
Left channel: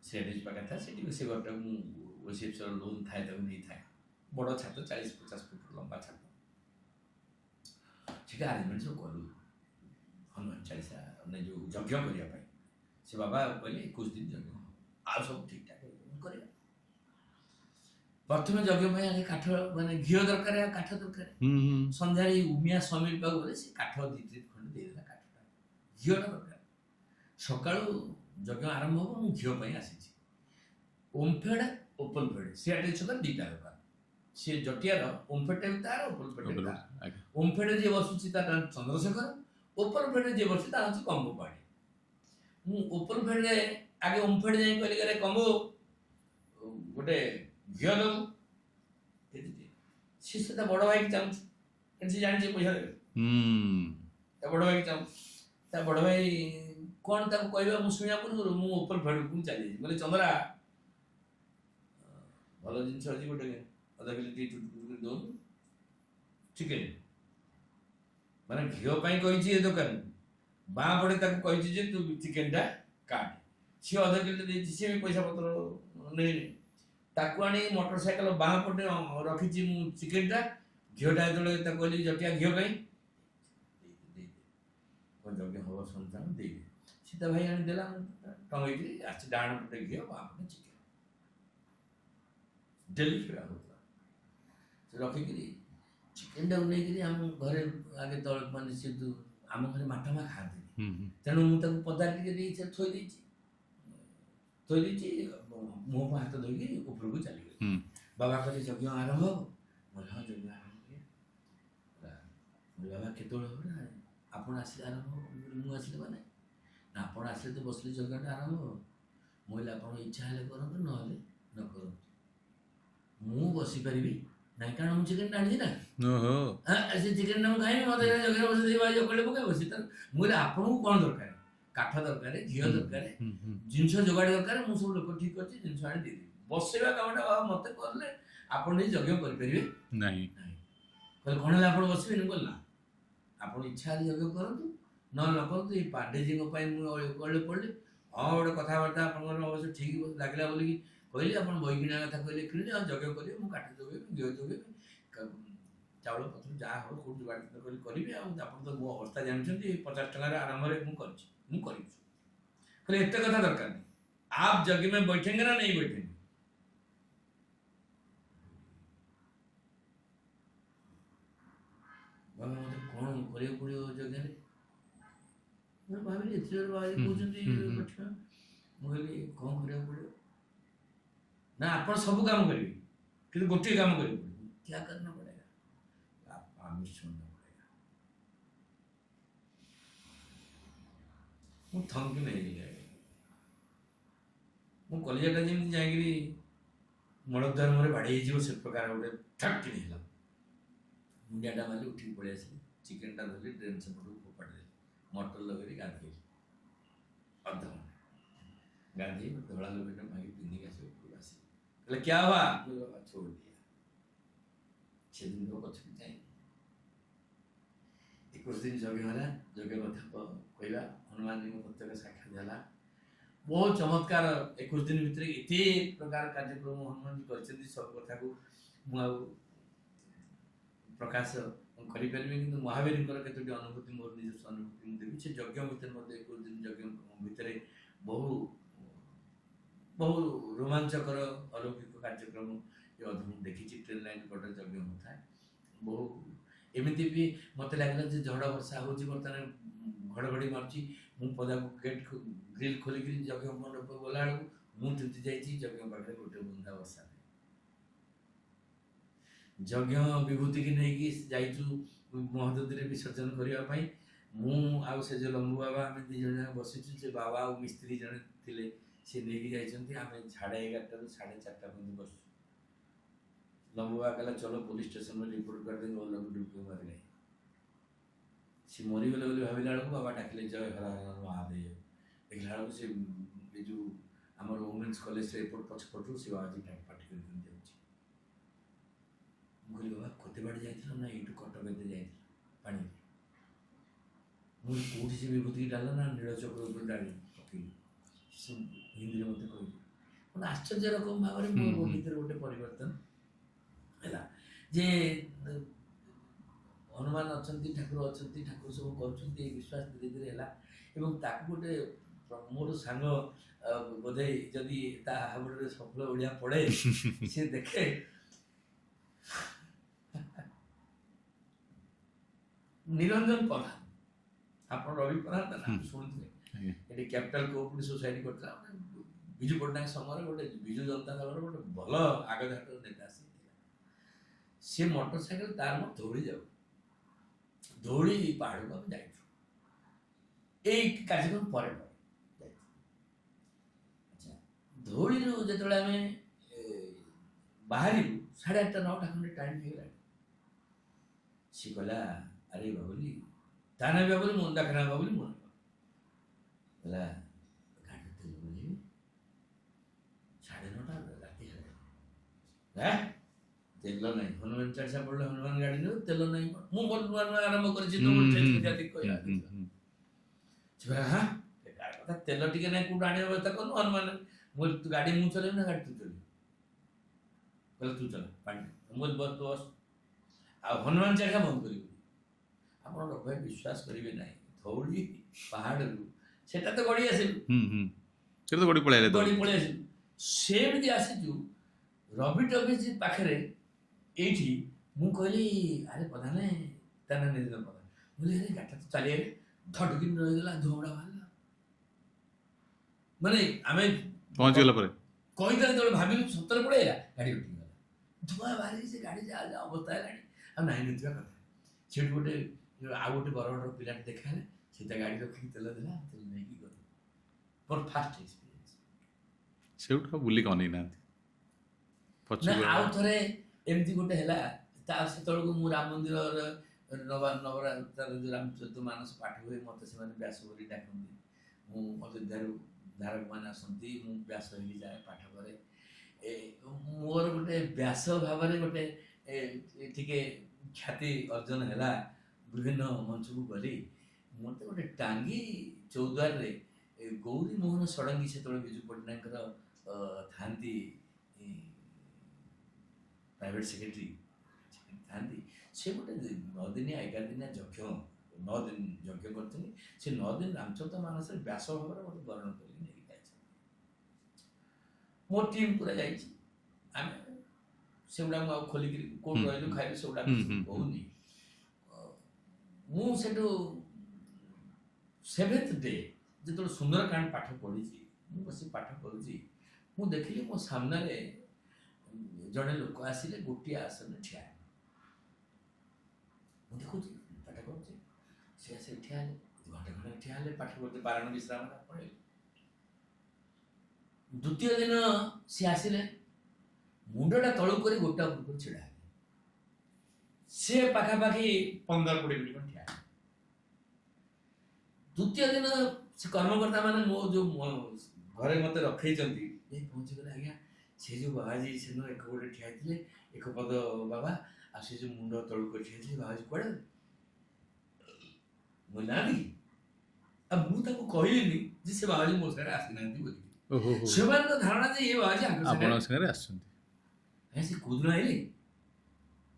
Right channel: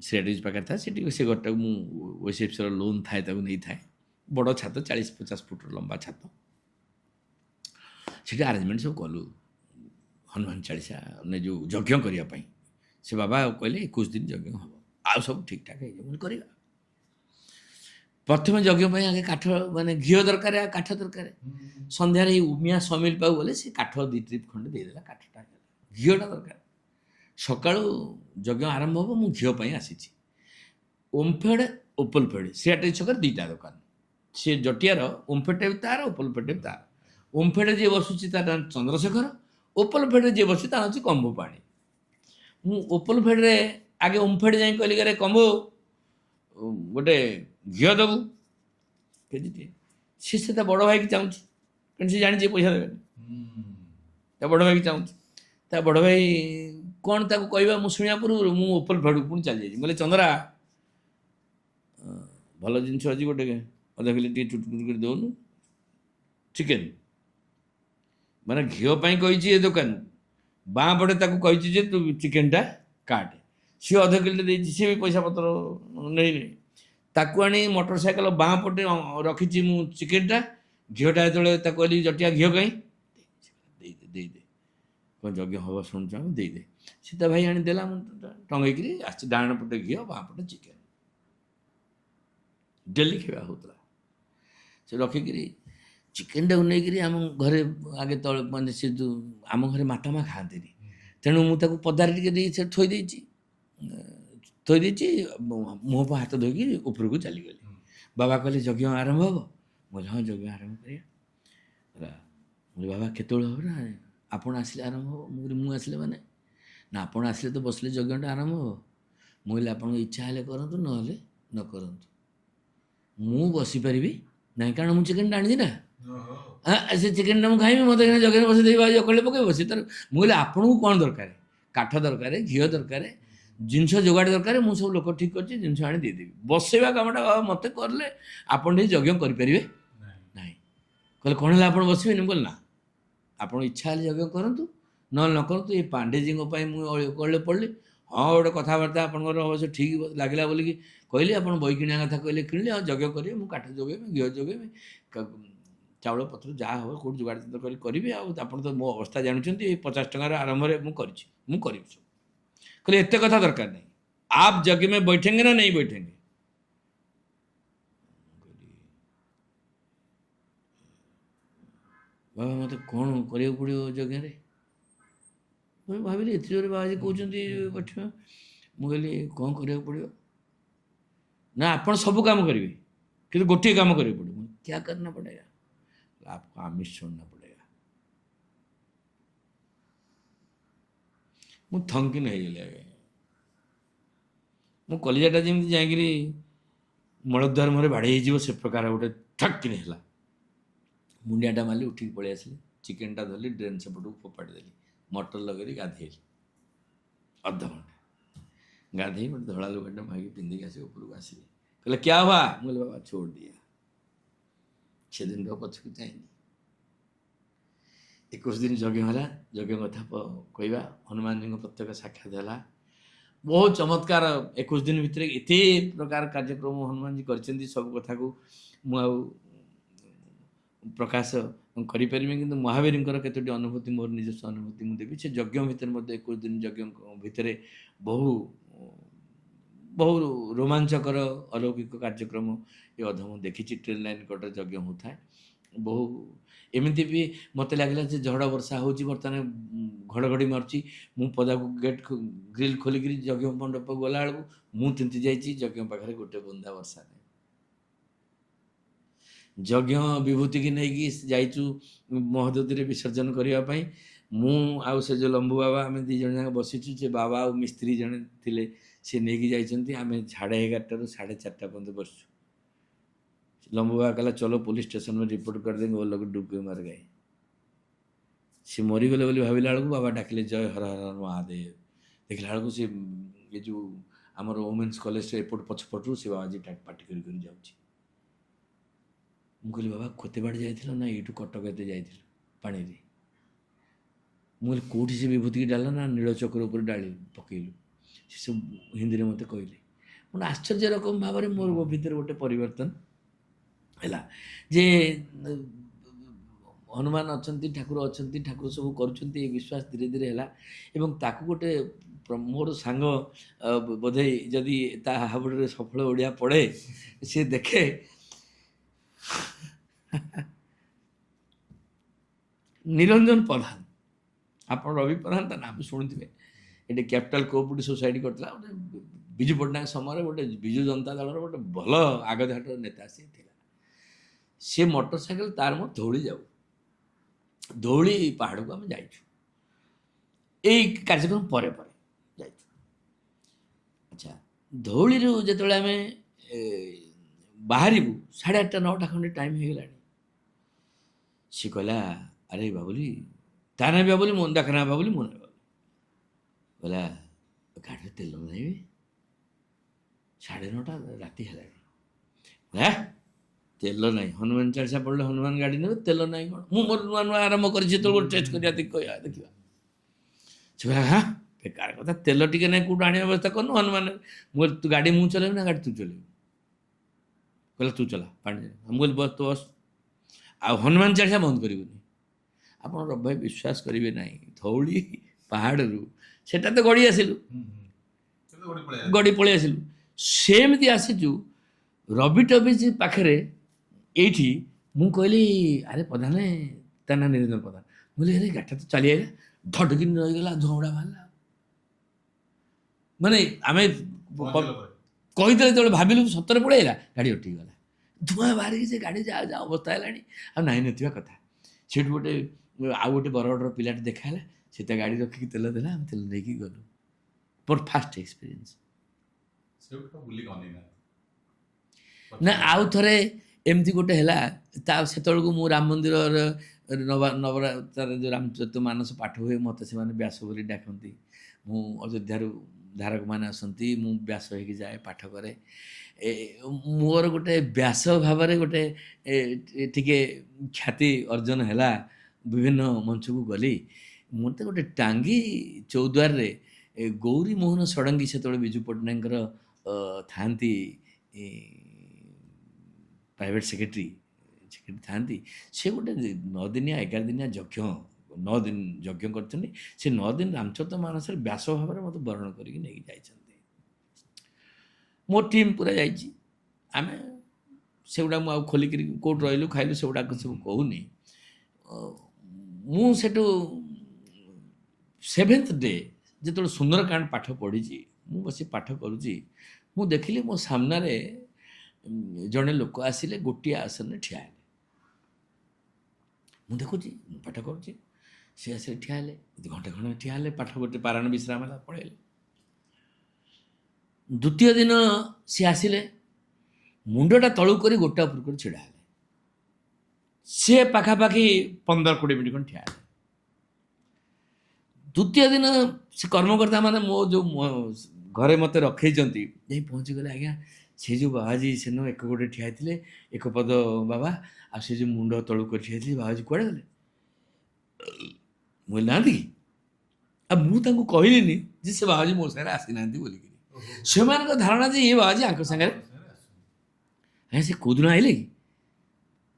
सेडीज पाखे था से गोटा मु ओएसएफसी लोन थाए ताको नहीं थाए बड़ छात 40-50 फुट लंबा छात से आरेंजमेंट सब कलु हनुमान चालीसा ने जो यज्ञ करने से बाबा कहले 21 दिन यज्ञ हम आ सब ठीक ठाक कर। प्रथम यज्ञ आगे काठ माने घी दरकार काठ दरकार सन्धार उमिया समिल पाऊ बोले से काठ 2 ट्रिप खंडे देदेला काठटा घीटा दरकार। सका यज्ञ आरंभ हम मु घी आसी ओमफेड ओपलफेड सीआरटी छक 2टा दुकान सी जटियार ओमफेड तार ओपलफेड तार। ओमफेड जी बसुची तार चंद्रशेखर, ओपलफेड जी बस तार हूँ कंबो पाणी। मु ओपलफेड आगे ओमफेड जाए कहली करे कंबो गोटे घी देबू केजी सी बड़ भाई की चाहूँ सी जानी पैसा देवे बड़ भाई की चाहूँ बड़ भाई कौन ताको कहवा मु शुणा पूर्व मु ओपलफेड पुणी चली जाइए बोले चंद्रा भल जिनस आज गोटे अधा किलो टी चुटपुट कर दौनु चिकेन माने घी कही दुकान बाँ पटे ताको कही जे तू चिकेनटा କାଟେ ସିଏ ଅଧ କିଲୋ ଦେଇଛି, ସିଏ ବି ପଇସା ପତ୍ର ନେଇନି। ତାକୁ ଆଣି ମୋଟର ସାଇକେଲ ବାଁ ପଟେ ରଖିଛି ମୁଁ ଚିକେନଟା। ଝିଅଟା ଯେତେବେଳେ ତାକୁ କହିଲି ଜଟିଆ ଘିଅ କାହିଁ, ଦେଇଦେ ଦେଇଦେ, କ'ଣ ଯଜ୍ଞ ହବ ଶୁଣୁଛ ଆମେ ଦେଇଦେ। ସୀତା ଭାଇ ଆଣି ଦେଲା, ମୁଁ ଟଙ୍ଗେଇକିରି ଆସିଛି, ଡାହାଣ ପଟେ ଘିଅ ବାଁ ପଟେ ଚିକେନ, ଡେଲି ଖାଇବା ହେଉଥିଲା। ସେ ରଖିକିରି ଚିକେନଟାକୁ ନେଇକିରି ଆମ ଘରେ ଆଗେ ତଳେ ମାନେ ସେ ଯେଉଁ ଆମ ଘରେ ମାତା ମା ଖାଆନ୍ତିନି, ତେଣୁ ମୁଁ ତାକୁ ପଦାରେ ଟିକେ ଦେଇ ସେ ଥୋଇ ଦେଇଛି, ମୁହଁ ହାତ ଧୋଇକି ଉପରକୁ ଚାଲିଗଲି। ବାବା କହିଲେ ଯଜ୍ଞ ଆରମ୍ଭ ହବ? ମୁଁ କହିଲି ହଁ ଯଜ୍ଞ ଆରମ୍ଭ କରିବା। ହେଲା, ମୁଁ କହିଲି ବାବା କେତେବେଳେ ହେବ? ନା ଆପଣ ଆସିଲେ ଆରମ୍ଭ ହବ। ମୁଁ କହିଲି ମୁଁ ଆସିଲେ ମାନେ? ନା ଆପଣ ଆସିଲେ ତ ବସିଲେ ଯଜ୍ଞଟା ଆରମ୍ଭ ହବ। ମୁଁ କହିଲି ଆପଣଙ୍କ ଇଚ୍ଛା ହେଲେ କରନ୍ତୁ, ନହେଲେ ନ କରନ୍ତୁ, ମୁଁ ବସିପାରିବି ନାହିଁ, କାରଣ ମୁଁ ଚିକେନଟା ଆଣିଛି ନା। ସେ ଚିକେନଟା ମୁଁ ଖାଇବି, ମୋତେ ଯଜ୍ଞରେ ବସେଇ ଦେଇ ଜକଳିରେ ପକେଇବ ବସି ତାର। ମୁଁ କହିଲି ଆପଣଙ୍କୁ କ'ଣ ଦରକାର? କାଠ ଦରକାର, ଘିଅ ଦରକାର, ଜିନିଷ ଯୋଗାଡ଼ ଦରକାର, ମୁଁ ସବୁ ଲୋକ ଠିକ୍ କରିଛି, ଜିନିଷ ଆଣି ଦେଇଦେବି। ବସେଇବା କାମଟା ବାବା ମୋତେ କରିଲେ ଆପଣ ଟିକେ ଯଜ୍ଞ କରିପାରିବେ ନାହିଁ। କହିଲେ କ'ଣ ହେଲା ଆପଣ ବସିବେନି? ମୁଁ କହିଲି ନା, ଆପଣ ଇଚ୍ଛା ହେଲେ ଯଜ୍ଞ କରନ୍ତୁ, ନହେଲେ ନ କରନ୍ତୁ। ଏ ପାଣ୍ଡେଜୀଙ୍କ ପାଇଁ ମୁଁ କଳେ ପଡ଼ିଲି। ହଁ ଗୋଟେ କଥାବାର୍ତ୍ତା ଆପଣଙ୍କର ଅବଶ୍ୟ ଠିକ୍ ଲାଗିଲା ବୋଲିକି କହିଲି, ଆପଣ ବହି କିଣିବା କଥା କହିଲେ କିଣିଲି, ଆଉ ଯଜ୍ଞ କରିବେ, ମୁଁ କାଠ ଯୋଗେଇବି, ଘିଅ ଯୋଗେଇବି, ଚାଉଳ ପତ୍ର ଯାହା ହେବ କେଉଁଠି ଯୋଗାଡ଼ କରି କରିବି। ଆଉ ଆପଣ ତ ମୋ ଅବସ୍ଥା ଜାଣିଛନ୍ତି, 50 ଟଙ୍କାର ଆରମ୍ଭରେ ମୁଁ କରିଛି, ମୁଁ କରିବି ସବୁ। କହିଲେ ଏତେ କଥା ଦରକାର ନାହିଁ, आप जग में बैठेंगे ना नहीं बैठेंगे? ବାବା ମୋତେ କ'ଣ କରିବାକୁ ପଡ଼ିବ ଯଜ୍ଞରେ? ମୁଁ ଭାବିଲି ଏତେ ଜୋରେ ବାବାଜୀ କହୁଛନ୍ତି बैठिବା। ମୁଁ କହିଲି କ'ଣ କରିବାକୁ ପଡ଼ିବ? ନା ଆପଣ ସବୁ କାମ କରିବେ, କିନ୍ତୁ ଗୋଟିଏ କାମ କରିବାକୁ ପଡ଼ିବ। क्या करना पड़ेगा? आपको आमिष छोड़ना पड़ेगा। ମୁଁ ଥଙ୍କିନ ହେଇଗଲି ଆଜ୍ଞା। ମୁଁ କଲିଜାଟା ଯେମିତି ଯାଇକିରି ମଳଦ୍ୱାର ମୁହଁରେ ବାଡ଼େଇ ହେଇଯିବ ସେ ପ୍ରକାର ଗୋଟେ ଠକ୍ କିନି ହେଲା। ମୁଣ୍ଡିଆଟା ମାରିଲି, ଉଠିକି ପଳେଇ ଆସିଲି, ଚିକେନଟା ଧରିଲି, ଡ୍ରେନ୍ ସେପଟକୁ ଫୋପାଡ଼ି ଦେଲି, ମଟର ଲଗେଇଲି, ଗାଧେଇଲି ଅଧଘଣ୍ଟା। ଗାଧେଇ ଗୋଟେ ଧଳା ଲୁଗାଟା ମାଗିକି ପିନ୍ଧିକି ଆସି ଉପରକୁ ଆସିଲି। କହିଲେ କ୍ୟା ହୁଆ? ମୁଁ କହିଲି ବାବା ଛୋड़ ଦିଆ, ସେଦିନ ପଛକୁ ଚାହିଁନି। 21 ଦିନ ଯଜ୍ଞ ହେଲା। ଯଜ୍ଞ କଥା କହିବା, ହନୁମାନଜୀଙ୍କ ପ୍ରତ୍ୟେକ ସାକ୍ଷାତ ହେଲା। ବହୁତ ଚମତ୍କାର 21 ଦିନ ଭିତରେ ଏତେ ପ୍ରକାର କାର୍ଯ୍ୟକ୍ରମ ହନୁମାନଜୀ କରିଛନ୍ତି, ସବୁ କଥାକୁ ମୁଁ ଆଉ ପ୍ରକାଶ କରିପାରିବି, କିନ୍ତୁ ମହାବୀରଙ୍କର କେତୋଟି ଅନୁଭୂତି, ମୋର ନିଜସ୍ୱ ଅନୁଭୂତି ମୁଁ ଦେବି। ସେ ଯଜ୍ଞ ଭିତରେ ମଧ୍ୟ 21 ଦିନ ଯଜ୍ଞ ଭିତରେ ବହୁ ବହୁ ରୋମାଞ୍ଚକର ଅଲୌକିକ କାର୍ଯ୍ୟକ୍ରମ ଏ ଅଧ ମୁଁ ଦେଖିଛି। ଟ୍ରେନ୍ ଲାଇନ୍ କଡ଼ରେ ଯଜ୍ଞ ହେଉଥାଏ। ବହୁ ଏମିତି ବି ମୋତେ ଲାଗିଲା ଯେ ଝଡ଼ ବର୍ଷା ହେଉଛି, ବର୍ତ୍ତମାନ ଘଡ଼ଘଡ଼ି ମାରୁଛି, ମୁଁ ପଦାକୁ ଗେଟ୍ ଗ୍ରିଲ୍ ଖୋଲିକିରି ଯଜ୍ଞ ମଣ୍ଡପକୁ ଗଲାବେଳକୁ ମୁଁ ତିନ୍ତି ଯାଇଛି, ଯଜ୍ଞ ପାଖରେ ଗୋଟେ ବୁନ୍ଦା ବର୍ଷା ନାହିଁ। ଯଜ୍ଞ ବିଭୂତିକି ନେଇକି ଯାଇଛୁ ମହୋଦଧିରେ ବିସର୍ଜନ କରିବା ପାଇଁ। ମୁଁ ଆଉ ସେ ଯେଉଁ ଲମ୍ବୁ ବାବା, ଆମେ ଦୁଇ ଜଣ ଯାକ ବସିଛୁ। ସେ ବାବା ଆଉ ମିସ୍ତ୍ରୀ ଜଣେ ଥିଲେ, ସେ ନେଇକି ଯାଇଛନ୍ତି। ଆମେ 11:30ରୁ 4:30 ପର୍ଯ୍ୟନ୍ତ ବସିଛୁ। लंबू बाबा कहला चलो पुलिस स्टेशन में रिपोर्ट कर देंगे, वो लोग डूब के मर गए। सी मरीगले बोली भाविला बेलू बाबा डाकिले जय हर हर महादेव। देखला बेलू सी ये जो आमर वुमेन्स कॉलेज एपट पछपटू से बाबाजी पार्टी कर जाऊँगी। मुझे बाबा खोते बाड़ जाइल ना यू कटक एते जाइल पानी रे। मुझे कौटी से विभूति की डाल ना नील चक्र उपर डाली पकईलु। से सब हिंदी में मत कहले। मैं आश्चर्य रकम भाव में मो भर गोटे परिवर्तन है जे हनुमान अच्छा ठाकुर अच्छा ठाकुर सब कर विश्वास धीरे धीरे है गोटे मोर सांग बोधे जदि हाबुड़े सफल ओडिया पढ़े सी देखे निरंजन प्रधान आप रवि प्रधान ता नाम शुणुवे ये कैपिटल कोऑपरेटिव सोसाइटी करता विजु पट्टनायक समय गोटे विजु जनता दल गोटे भल आगधाट नेता सी मोटरसाइकेल तार मो धौली जाऊ धौली पहाड़ को आम जा कार्यक्रम पर अच्छा धौली जो आम बाहर 8:30 9टा खंडे टाइम हो गला सी कहला अरे बाबुली ता ना बाबुली मन देखना बाबुली मन कहला गाड़ी तेल नहीं 9:30 राति है तेल ना हनुमान चालीसा पढ़ले हनुमान गाड़ी ने तेल ना कौन मुझे नुआ नुआ आरंभ कर हाँ ବେକାର କଥା, ତେଲ ଟିକେ ନାହିଁ କେଉଁଠୁ ଆଣିବା ବ୍ୟବସ୍ଥା କରୁନୁ। ହନୁମାନ ମୁଁ କହିଲି ତୁ ଗାଡ଼ି ମୁଁ ଚଲେଇବି ନା ଗାଡ଼ି ତୁ ଚଲେଇବୁ? କହିଲା ତୁ ଚଲା ପାଣି। ମୁଁ କହିଲି ବସ୍ ତୁ ବସ୍, ଆଉ ହନୁମାନ ଚାଳିଶା ବନ୍ଦ କରିବୁନି। ଆପଣ ରବି ଭାଇ ବିଶ୍ୱାସ କରିବେ ନାହିଁ, ଧଉଳି ପାହାଡ଼ରୁ ସେଟା ତ ଗଡ଼ି ଆସିଲୁ, ସେଟା ତ ଗଡ଼ି ପଳେଇ ଆଇଲେ। ଗଡ଼ି ପଳେଇ ଆସିଲୁ। ସେମିତି ଆସିଛୁ ରବି ଟବିଜ ପାଖରେ ଏଇଠି। ମୁଁ କହିଲି ଆରେ ପ୍ରଧାନ, ତା ନା ନିରଞ୍ଜନ ପ୍ରଧାନ। ମୁଁ କହିଲି ଆରେ ଗାଡ଼ିଟା ତ ଚାଲି ଆଇଲା, ଧଡ଼କିନି ରହିଗଲା, ଝଉଡ଼ା ବାହାରିଲା। ମାନେ ଆମେ ପହଞ୍ଚିଗଲା ପରେ କହିଦେଲେ ଯେତେବେଳେ ଭାବିଲୁ ସତରେ ପଳେଇଲା, ଗାଡ଼ି ଅଟକିଗଲା, ଧୂଆଁ ବାହାରିକି ସେ ଗାଡ଼ି ଯାହା ଯାହା ଅବସ୍ଥା ହେଲାଣି, ଆଉ ନାହିଁ ନଥିବା କଥା। ସେଠୁ ଗୋଟେ ଆଉ ଗୋଟେ ବରଗଡ଼ର ପିଲାଟେ ଦେଖା ହେଲା, ସେ ତା ଗାଡ଼ି ରଖିକି ତେଲ ଦେଲା, ଆମେ ତେଲ ନେଇକି ଗଲୁ। ମୋର ଫାଷ୍ଟ ଏକ୍ସପିରିଏନ୍ସ। ସେଇଠୁ ଆଉ ବୁଲିକି ଅନେଇ ନାହାନ୍ତି ନା ପଛକୁ? ଆଉ ଥରେ ଏମିତି ଗୋଟେ ହେଲା, ତା ସେତେବେଳକୁ ମୁଁ ରାମ ମନ୍ଦିରର ନବରାତ୍ରରେ ଯେଉଁ ରାମଚରିତ ମାନସ ପାଠ ହୁଏ, ମୋତେ ସେମାନେ ବ୍ୟାସ ବୋଲି ଡାକନ୍ତି। ମୁଁ ଅଯୋଧ୍ୟାରୁ ଧାରକମାନେ ଆସନ୍ତି, ମୁଁ ବ୍ୟାସ ହେଇକି ଯାଏ ପାଠ କରେ। ମୋର ଗୋଟେ ବ୍ୟାସ ଭାବରେ ଗୋଟେ ଟିକେ ଖ୍ୟାତି ଅର୍ଜନ ହେଲା, ବିଭିନ୍ନ ମଞ୍ଚକୁ ଗଲି। ମୋତେ ଗୋଟେ ଟାଙ୍ଗୀ ଚୌଦ୍ୱାରରେ ଗୌରୀ ମୋହନ ଷଡ଼ଙ୍ଗୀ, ସେତେବେଳେ ବିଜୁ ପଟ୍ଟନାୟକଙ୍କର ଥାଆନ୍ତି ପ୍ରାଇଭେଟ୍ ସେକ୍ରେଟାରୀ ଥାଆନ୍ତି। ସେ ଗୋଟେ 9 ଦିନିଆ 11 ଦିନିଆ ଯଜ୍ଞ, 9 ଦିନ ଯଜ୍ଞ କରିଛନ୍ତି। ସେ 9 ଦିନ ରାମଚରିତ ମାନସରେ ବ୍ୟାସ ଭାବରେ ମୋତେ ବରଣ କରିକି ନେଇକି ଯାଇଛନ୍ତି। ମୋ ଟିମ୍ ପୁରା ଯାଇଛି। ଆମେ ସେଗୁଡ଼ା ମୁଁ ଆଉ ଖୋଲିକିରି କେଉଁଠି ରହିଲୁ ଖାଇଲୁ ସେଗୁଡ଼ାକ ସବୁ କହୁନି। ମୁଁ ସେଠୁ 7th ଡେ ଯେତେବେଳେ ସୁନ୍ଦରକାଣ୍ଡ ପାଠ ପଢ଼ିଛି, ମୁଁ ବସି ପାଠ କରୁଛି, ମୁଁ ଦେଖିଲି ମୋ ସାମ୍ନାରେ ଜଣେ ଲୋକ ଆସିଲେ, ଗୋଟିଏ ଆସନରେ ଠିଆ ହେଲେ। ମୁଁ ଦେଖୁଛି, ମୁଁ ପାଠ କରୁଛି, ସେ ଆସିଲେ ଠିଆ ହେଲେ, ଘଣ୍ଟେ ଖଣ୍ଡେ ଠିଆ ହେଲେ, ପାଠ ଗୋଟେ ପାରାୟଣ ବିଶ୍ରାମ ହେଲା, ପଳେଇଲେ। ଦ୍ୱିତୀୟ ଦିନ ସିଏ ଆସିଲେ, ମୁଣ୍ଡଟା ତଳକୁ କରି ଗୋଟା ଉପରକୁ କରି ଛିଡ଼ା ହେଲେ। ସିଏ ପାଖାପାଖି 15-20 ମିନିଟ୍ ଖଣ୍ଡେ ଠିଆ ହେଲେ। ଦ୍ୱିତୀୟ ଦିନ ସେ କର୍ମକର୍ତ୍ତା ମାନେ ମୋ ଯେଉଁ ଘରେ ମୋତେ ରଖେଇଛନ୍ତି, ଯାଇ ପହଞ୍ଚିଗଲେ, ଆଜ୍ଞା ସେ ଯେଉଁ ବାବାଜୀ ସେଦିନ ଏକ ଗୋଡ଼େ ଠିଆ ହେଇଥିଲେ, ଏକପଦ ବାବା, ଆଉ ସେ ଯେଉଁ ମୁଣ୍ଡ ତଳକୁ କରି ଠିଆ ହେଇଥିଲେ, ବାବାଜୀ କୁଆଡ଼େ ଗଲେ? ମୁଁ ନାହାନ୍ତି କି? ଆଉ ମୁଁ ତାଙ୍କୁ କହିଲିନି ଯେ ସେ ବାବାଜୀ ମୋ ସାଙ୍ଗରେ ଆସିନାହାନ୍ତି ବୋଲିକି। ସେମାନଙ୍କ ଧାରଣା ଯେ ଏ ବାବାଜୀ ଆଙ୍କ ସାଙ୍ଗରେ ଆସିଛନ୍ତି। ଆଜ୍ଞା ସେ କେଉଁଦିନ ଆଇଲେ କି?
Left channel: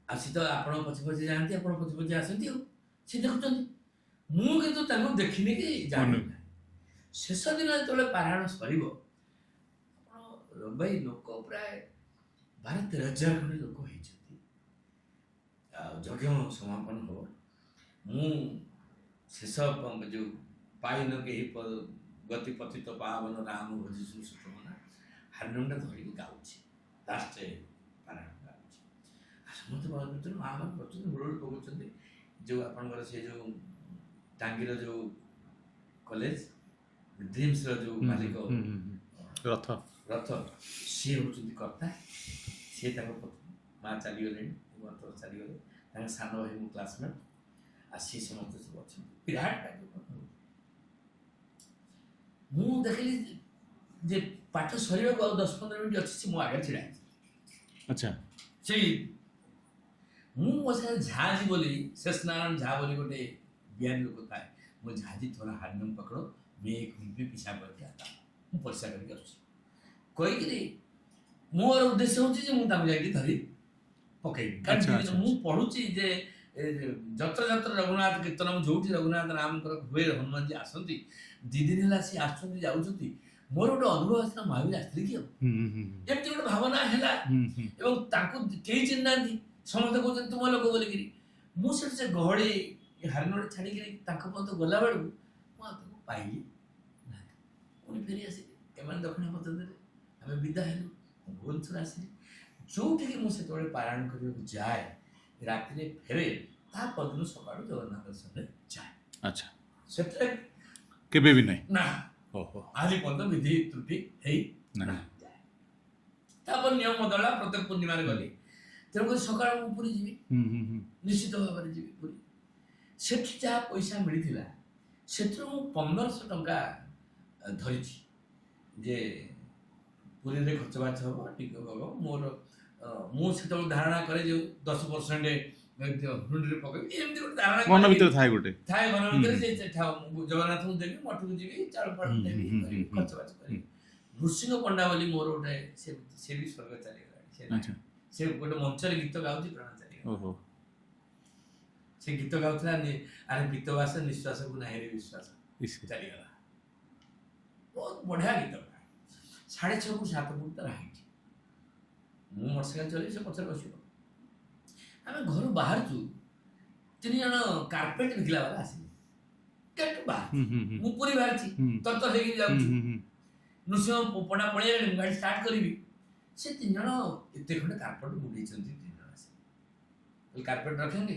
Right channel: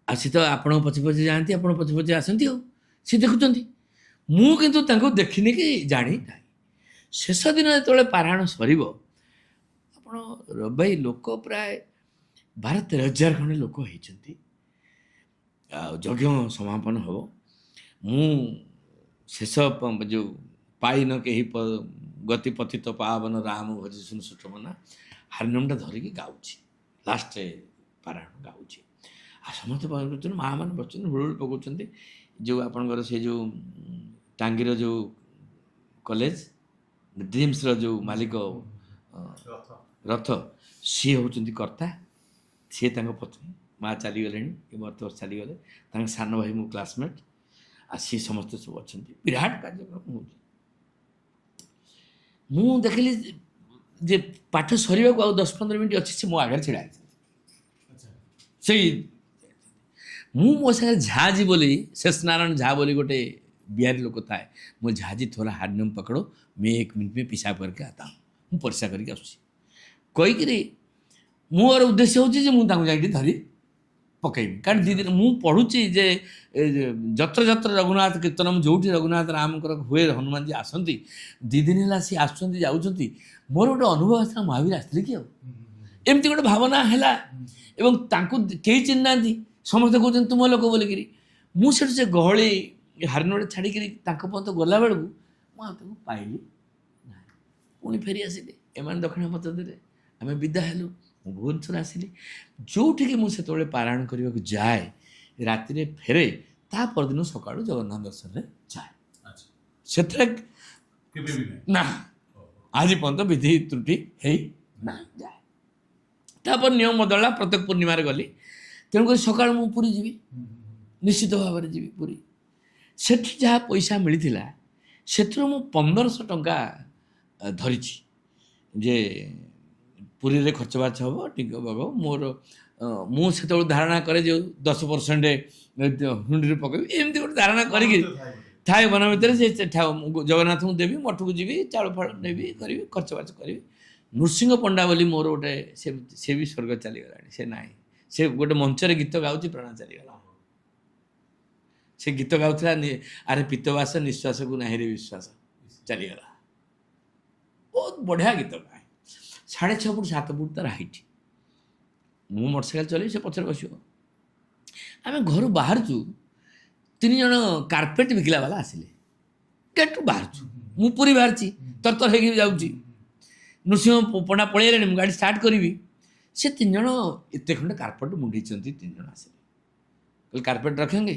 ଆଉ ସେ ତ ଆପଣଙ୍କ ପଛେ ପଛେ ଯାଆନ୍ତି, ଆପଣ ପଛେ ପଛେ ଆସନ୍ତି, ଆଉ ସେ ଦେଖୁଛନ୍ତି। ମୁଁ କିନ୍ତୁ ତାଙ୍କୁ ଦେଖିନି କି ଜାଣି ନାହିଁ। ଶେଷ ଦିନ ଯେତେବେଳେ ପାରାୟଣ ସରିବ, ଆପଣ ରବି ଭାଇ, ଲୋକ ପ୍ରାୟ 12-13 ହଜାର ଖଣ୍ଡେ ଲୋକ ହେଇଛନ୍ତି। ଆଉ ଯଜ୍ଞ ସମାପନ ହେବ। ମୁଁ ଶେଷ ଯେଉଁ ପାଇନ କେହି ଗତି ପତିତ ପାବନ ରାମ ଭଜି ଶୁଣୁ ସୁଚମନା ହାରମୋନିୟମଟା ଧରିକି ଗାଉଛି, ଲାଷ୍ଟ ପାରାୟଣ ଗାଉଛି। ଆଉ ସମସ୍ତେ କରୁଛନ୍ତି, ମାଆ ମାନେ ବସୁଛନ୍ତି, ହୁଳହୁଳି ପକାଉଛନ୍ତି। ଯେଉଁ ଆପଣଙ୍କର ସେ ଯେଉଁ ଟାଙ୍ଗୀର ଯେଉଁ କଲେଜ ଡ୍ରିମ୍ସର ଯେଉଁ ମାଲିକ ରଥ, ସିଏ ହେଉଛନ୍ତି କର୍ତ୍ତା। ସିଏ ତାଙ୍କ ପତ୍ନୀ, ମାଆ ଚାଲିଗଲେଣି, ଏ ବର୍ଷ ଚାଲିଗଲେ। ତାଙ୍କ ସାନ ଭାଇ ମୋ କ୍ଲାସମେଟ୍, ଆଉ ସିଏ ସମସ୍ତେ ସବୁ ଅଛନ୍ତି। ବିରାଟ କାର୍ଯ୍ୟକ୍ରମ ହେଉଛି। ମୁଁ ଦେଖିଲି ଯେ ପାଠ ସରିବାକୁ ଆଉ 10-15 ମିନିଟ୍ ଅଛି, ସେ ମୋ ଆଗରେ ଛିଡ଼ା ହେଇଛି। ଆଚ୍ଛା, ସେଇ ମୁଁ ମୋ ସାଙ୍ଗରେ ଝାଜି ବୋଲି, शेष नारायण झा ବୋଲି ଗୋଟେ बिहारी लोक थाए। ମୁଁ ଝାଜି थोड़ा हारमोनियम पकड़ो, मैं 1 मिनट में पेशाब करके आता हूँ। ମୁଁ ପରିସ୍ରା କରିକି ଆସୁଛି କହିକିରି ମୋର ଉଦ୍ଦେଶ୍ୟ ହେଉଛି ଯେ ମୁଁ ତାଙ୍କୁ ଯାଇକି ଧରି ପକେଇବି। କାରଣ ଦୁଇ ଦିନ ମୁଁ ପଢ଼ୁଛି ଯେ ଯତ୍ର ଯତ୍ର ରଘୁନାଥ କୀର୍ତ୍ତନମ୍, ଯେଉଁଠି ରଘୁନାଥ ରାମଙ୍କର ହୁଏ, ହନୁମାନଜୀ ଆସନ୍ତି, 2 ଦିନ ହେଲା ସିଏ ଆସୁଛନ୍ତି ଯାଉଛନ୍ତି। ମୋର ଗୋଟେ ଅନୁଭବ ଆସିଲା, ମହାବୀର ଆସିଥିଲେ କି ଆଉ, ଏମିତି ଗୋଟେ ଭାବନା ହେଲା। ଏବଂ ତାଙ୍କୁ କେହି ଚିହ୍ନି ନାହାନ୍ତି, ସମସ୍ତେ କହୁଛନ୍ତି ତୁମ ଲୋକ ବୋଲିକିରି। ମୁଁ ସେଠୁ ସେ ଗହଳି ହାରମୋନିୟମ ଛାଡ଼ିକିରି ତାଙ୍କ ପର୍ଯ୍ୟନ୍ତ ଗଲାବେଳକୁ ମୁଁ ଆଉ ତାଙ୍କୁ ପାଇଲି ନାହିଁ। ପୁଣି ଫେରି ଆସିଲି, ଏମାନେ ଦକ୍ଷିଣ ପଥ ଦେଲେ, ଆମେ ବିଦା ହେଲୁ। ମୁଁ ଭୁବନେଶ୍ୱର ଆସିଲି। ଯେଉଁଠିକି ମୁଁ ସେତେବେଳେ ପାରାୟଣ କରିବାକୁ ଯାଏ, ରାତିରେ ଫେରେ, ତା ପରଦିନ ସକାଳୁ ଜଗନ୍ନାଥ ଦର୍ଶନରେ ଯାଏ। ଆଚ୍ଛା, ସେଥିରେ କେବେ ବି ନାହିଁ। ନା, ଆଜି ପର୍ଯ୍ୟନ୍ତ ବିଧି ତ୍ରୁଟି ହେଇ ନାହିଁ। ଯାଏ, ତାପରେ ନିୟମ ବଦଳିଲା, ପ୍ରତ୍ୟେକ ପୂର୍ଣ୍ଣିମାରେ ଗଲି। ତେଣୁକରି ସକାଳୁ ମୁଁ ପୁରୀ ଯିବି, ନିଶ୍ଚିତ ଭାବରେ ଯିବି ପୁରୀ। ସେଠି ଯାହା ପଇସା ମିଳିଥିଲା, ସେଥିରୁ ମୁଁ 1500 ଟଙ୍କା ଧରିଛି ଯେ ପୁରୀରେ ଖର୍ଚ୍ଚ ବାର୍ଚ୍ଚ ହେବ, ଟିକେ ହେବ। ମୋର ମୁଁ ସେତେବେଳେ ଧାରଣା କରେ ଯେ 10% ହୁଣ୍ଡିରେ ପକେଇବି ଏମିତି ଗୋଟେ ଧାରଣା ମନ କରିକି ଭିତରେ ଥାଏ ଗୋଟେ ଥାଏ ମନ ଭିତରେ ସେ ଜଗନ୍ନାଥଙ୍କୁ ଦେବି, ମଠକୁ ଯିବି, ଚାଉଳ ଫାଳ ନେବି, କରିବି, ଖର୍ଚ୍ଚ ବାର୍ଚ୍ଚ କରିବି। ନୃସିଂହ ପଣ୍ଡା ବୋଲି ମୋର ଗୋଟେ ସେ ବି ସ୍ୱର୍ଗ ଚାଲିଗଲାଣି, ସେ ନାହିଁ। ସେ ଗୋଟେ ମଞ୍ଚରେ ଗୀତ ଗାଉଛି, ପ୍ରାଣ ଚାଲିଗଲା। ଓହୋ ସେ ଗୀତ ଗାଉଥିଲା, ଆରେ ପିତ୍ତବାସ ନିଶ୍ୱାସକୁ ନାହିଁରେ ବିଶ୍ୱାସ, ଚାଲିଗଲା। ବହୁତ ବଢ଼ିଆ ଗୀତ ଗାଏ। 6.5 ଫୁଟ 7 ଫୁଟ ତାର ହାଇଟ୍। ମୁଁ ମୋଟରସାଇକେଲ ଚଲେଇବି, ସେ ପଛରେ ବସିବ। ଆମେ ଘରୁ ବାହାରୁଛୁ, 3 ଜଣ କାର୍ପେଟ ବିକିଲା ବାଲା ଆସିଲେ। ଗେଟ୍ରୁ ବାହାରୁଛୁ, ମୁଁ ପୁରୀ ବାହାରିଛି, ତରତର ହେଇକି ଯାଉଛି। ନୃସିଂହ ପଣ୍ଡା ପଳେଇଲେଣି, ମୁଁ ଗାଡ଼ି ଷ୍ଟାର୍ଟ କରିବି। ସେ 3 ଜଣ ଏତେ ଖଣ୍ଡେ କାର୍ପେଟ ମୁଣ୍ଡେଇଛନ୍ତି। 3 ଜଣ ଆସିଲେ, କହିଲେ କାର୍ପେଟ ରଖେଙ୍ଗେ?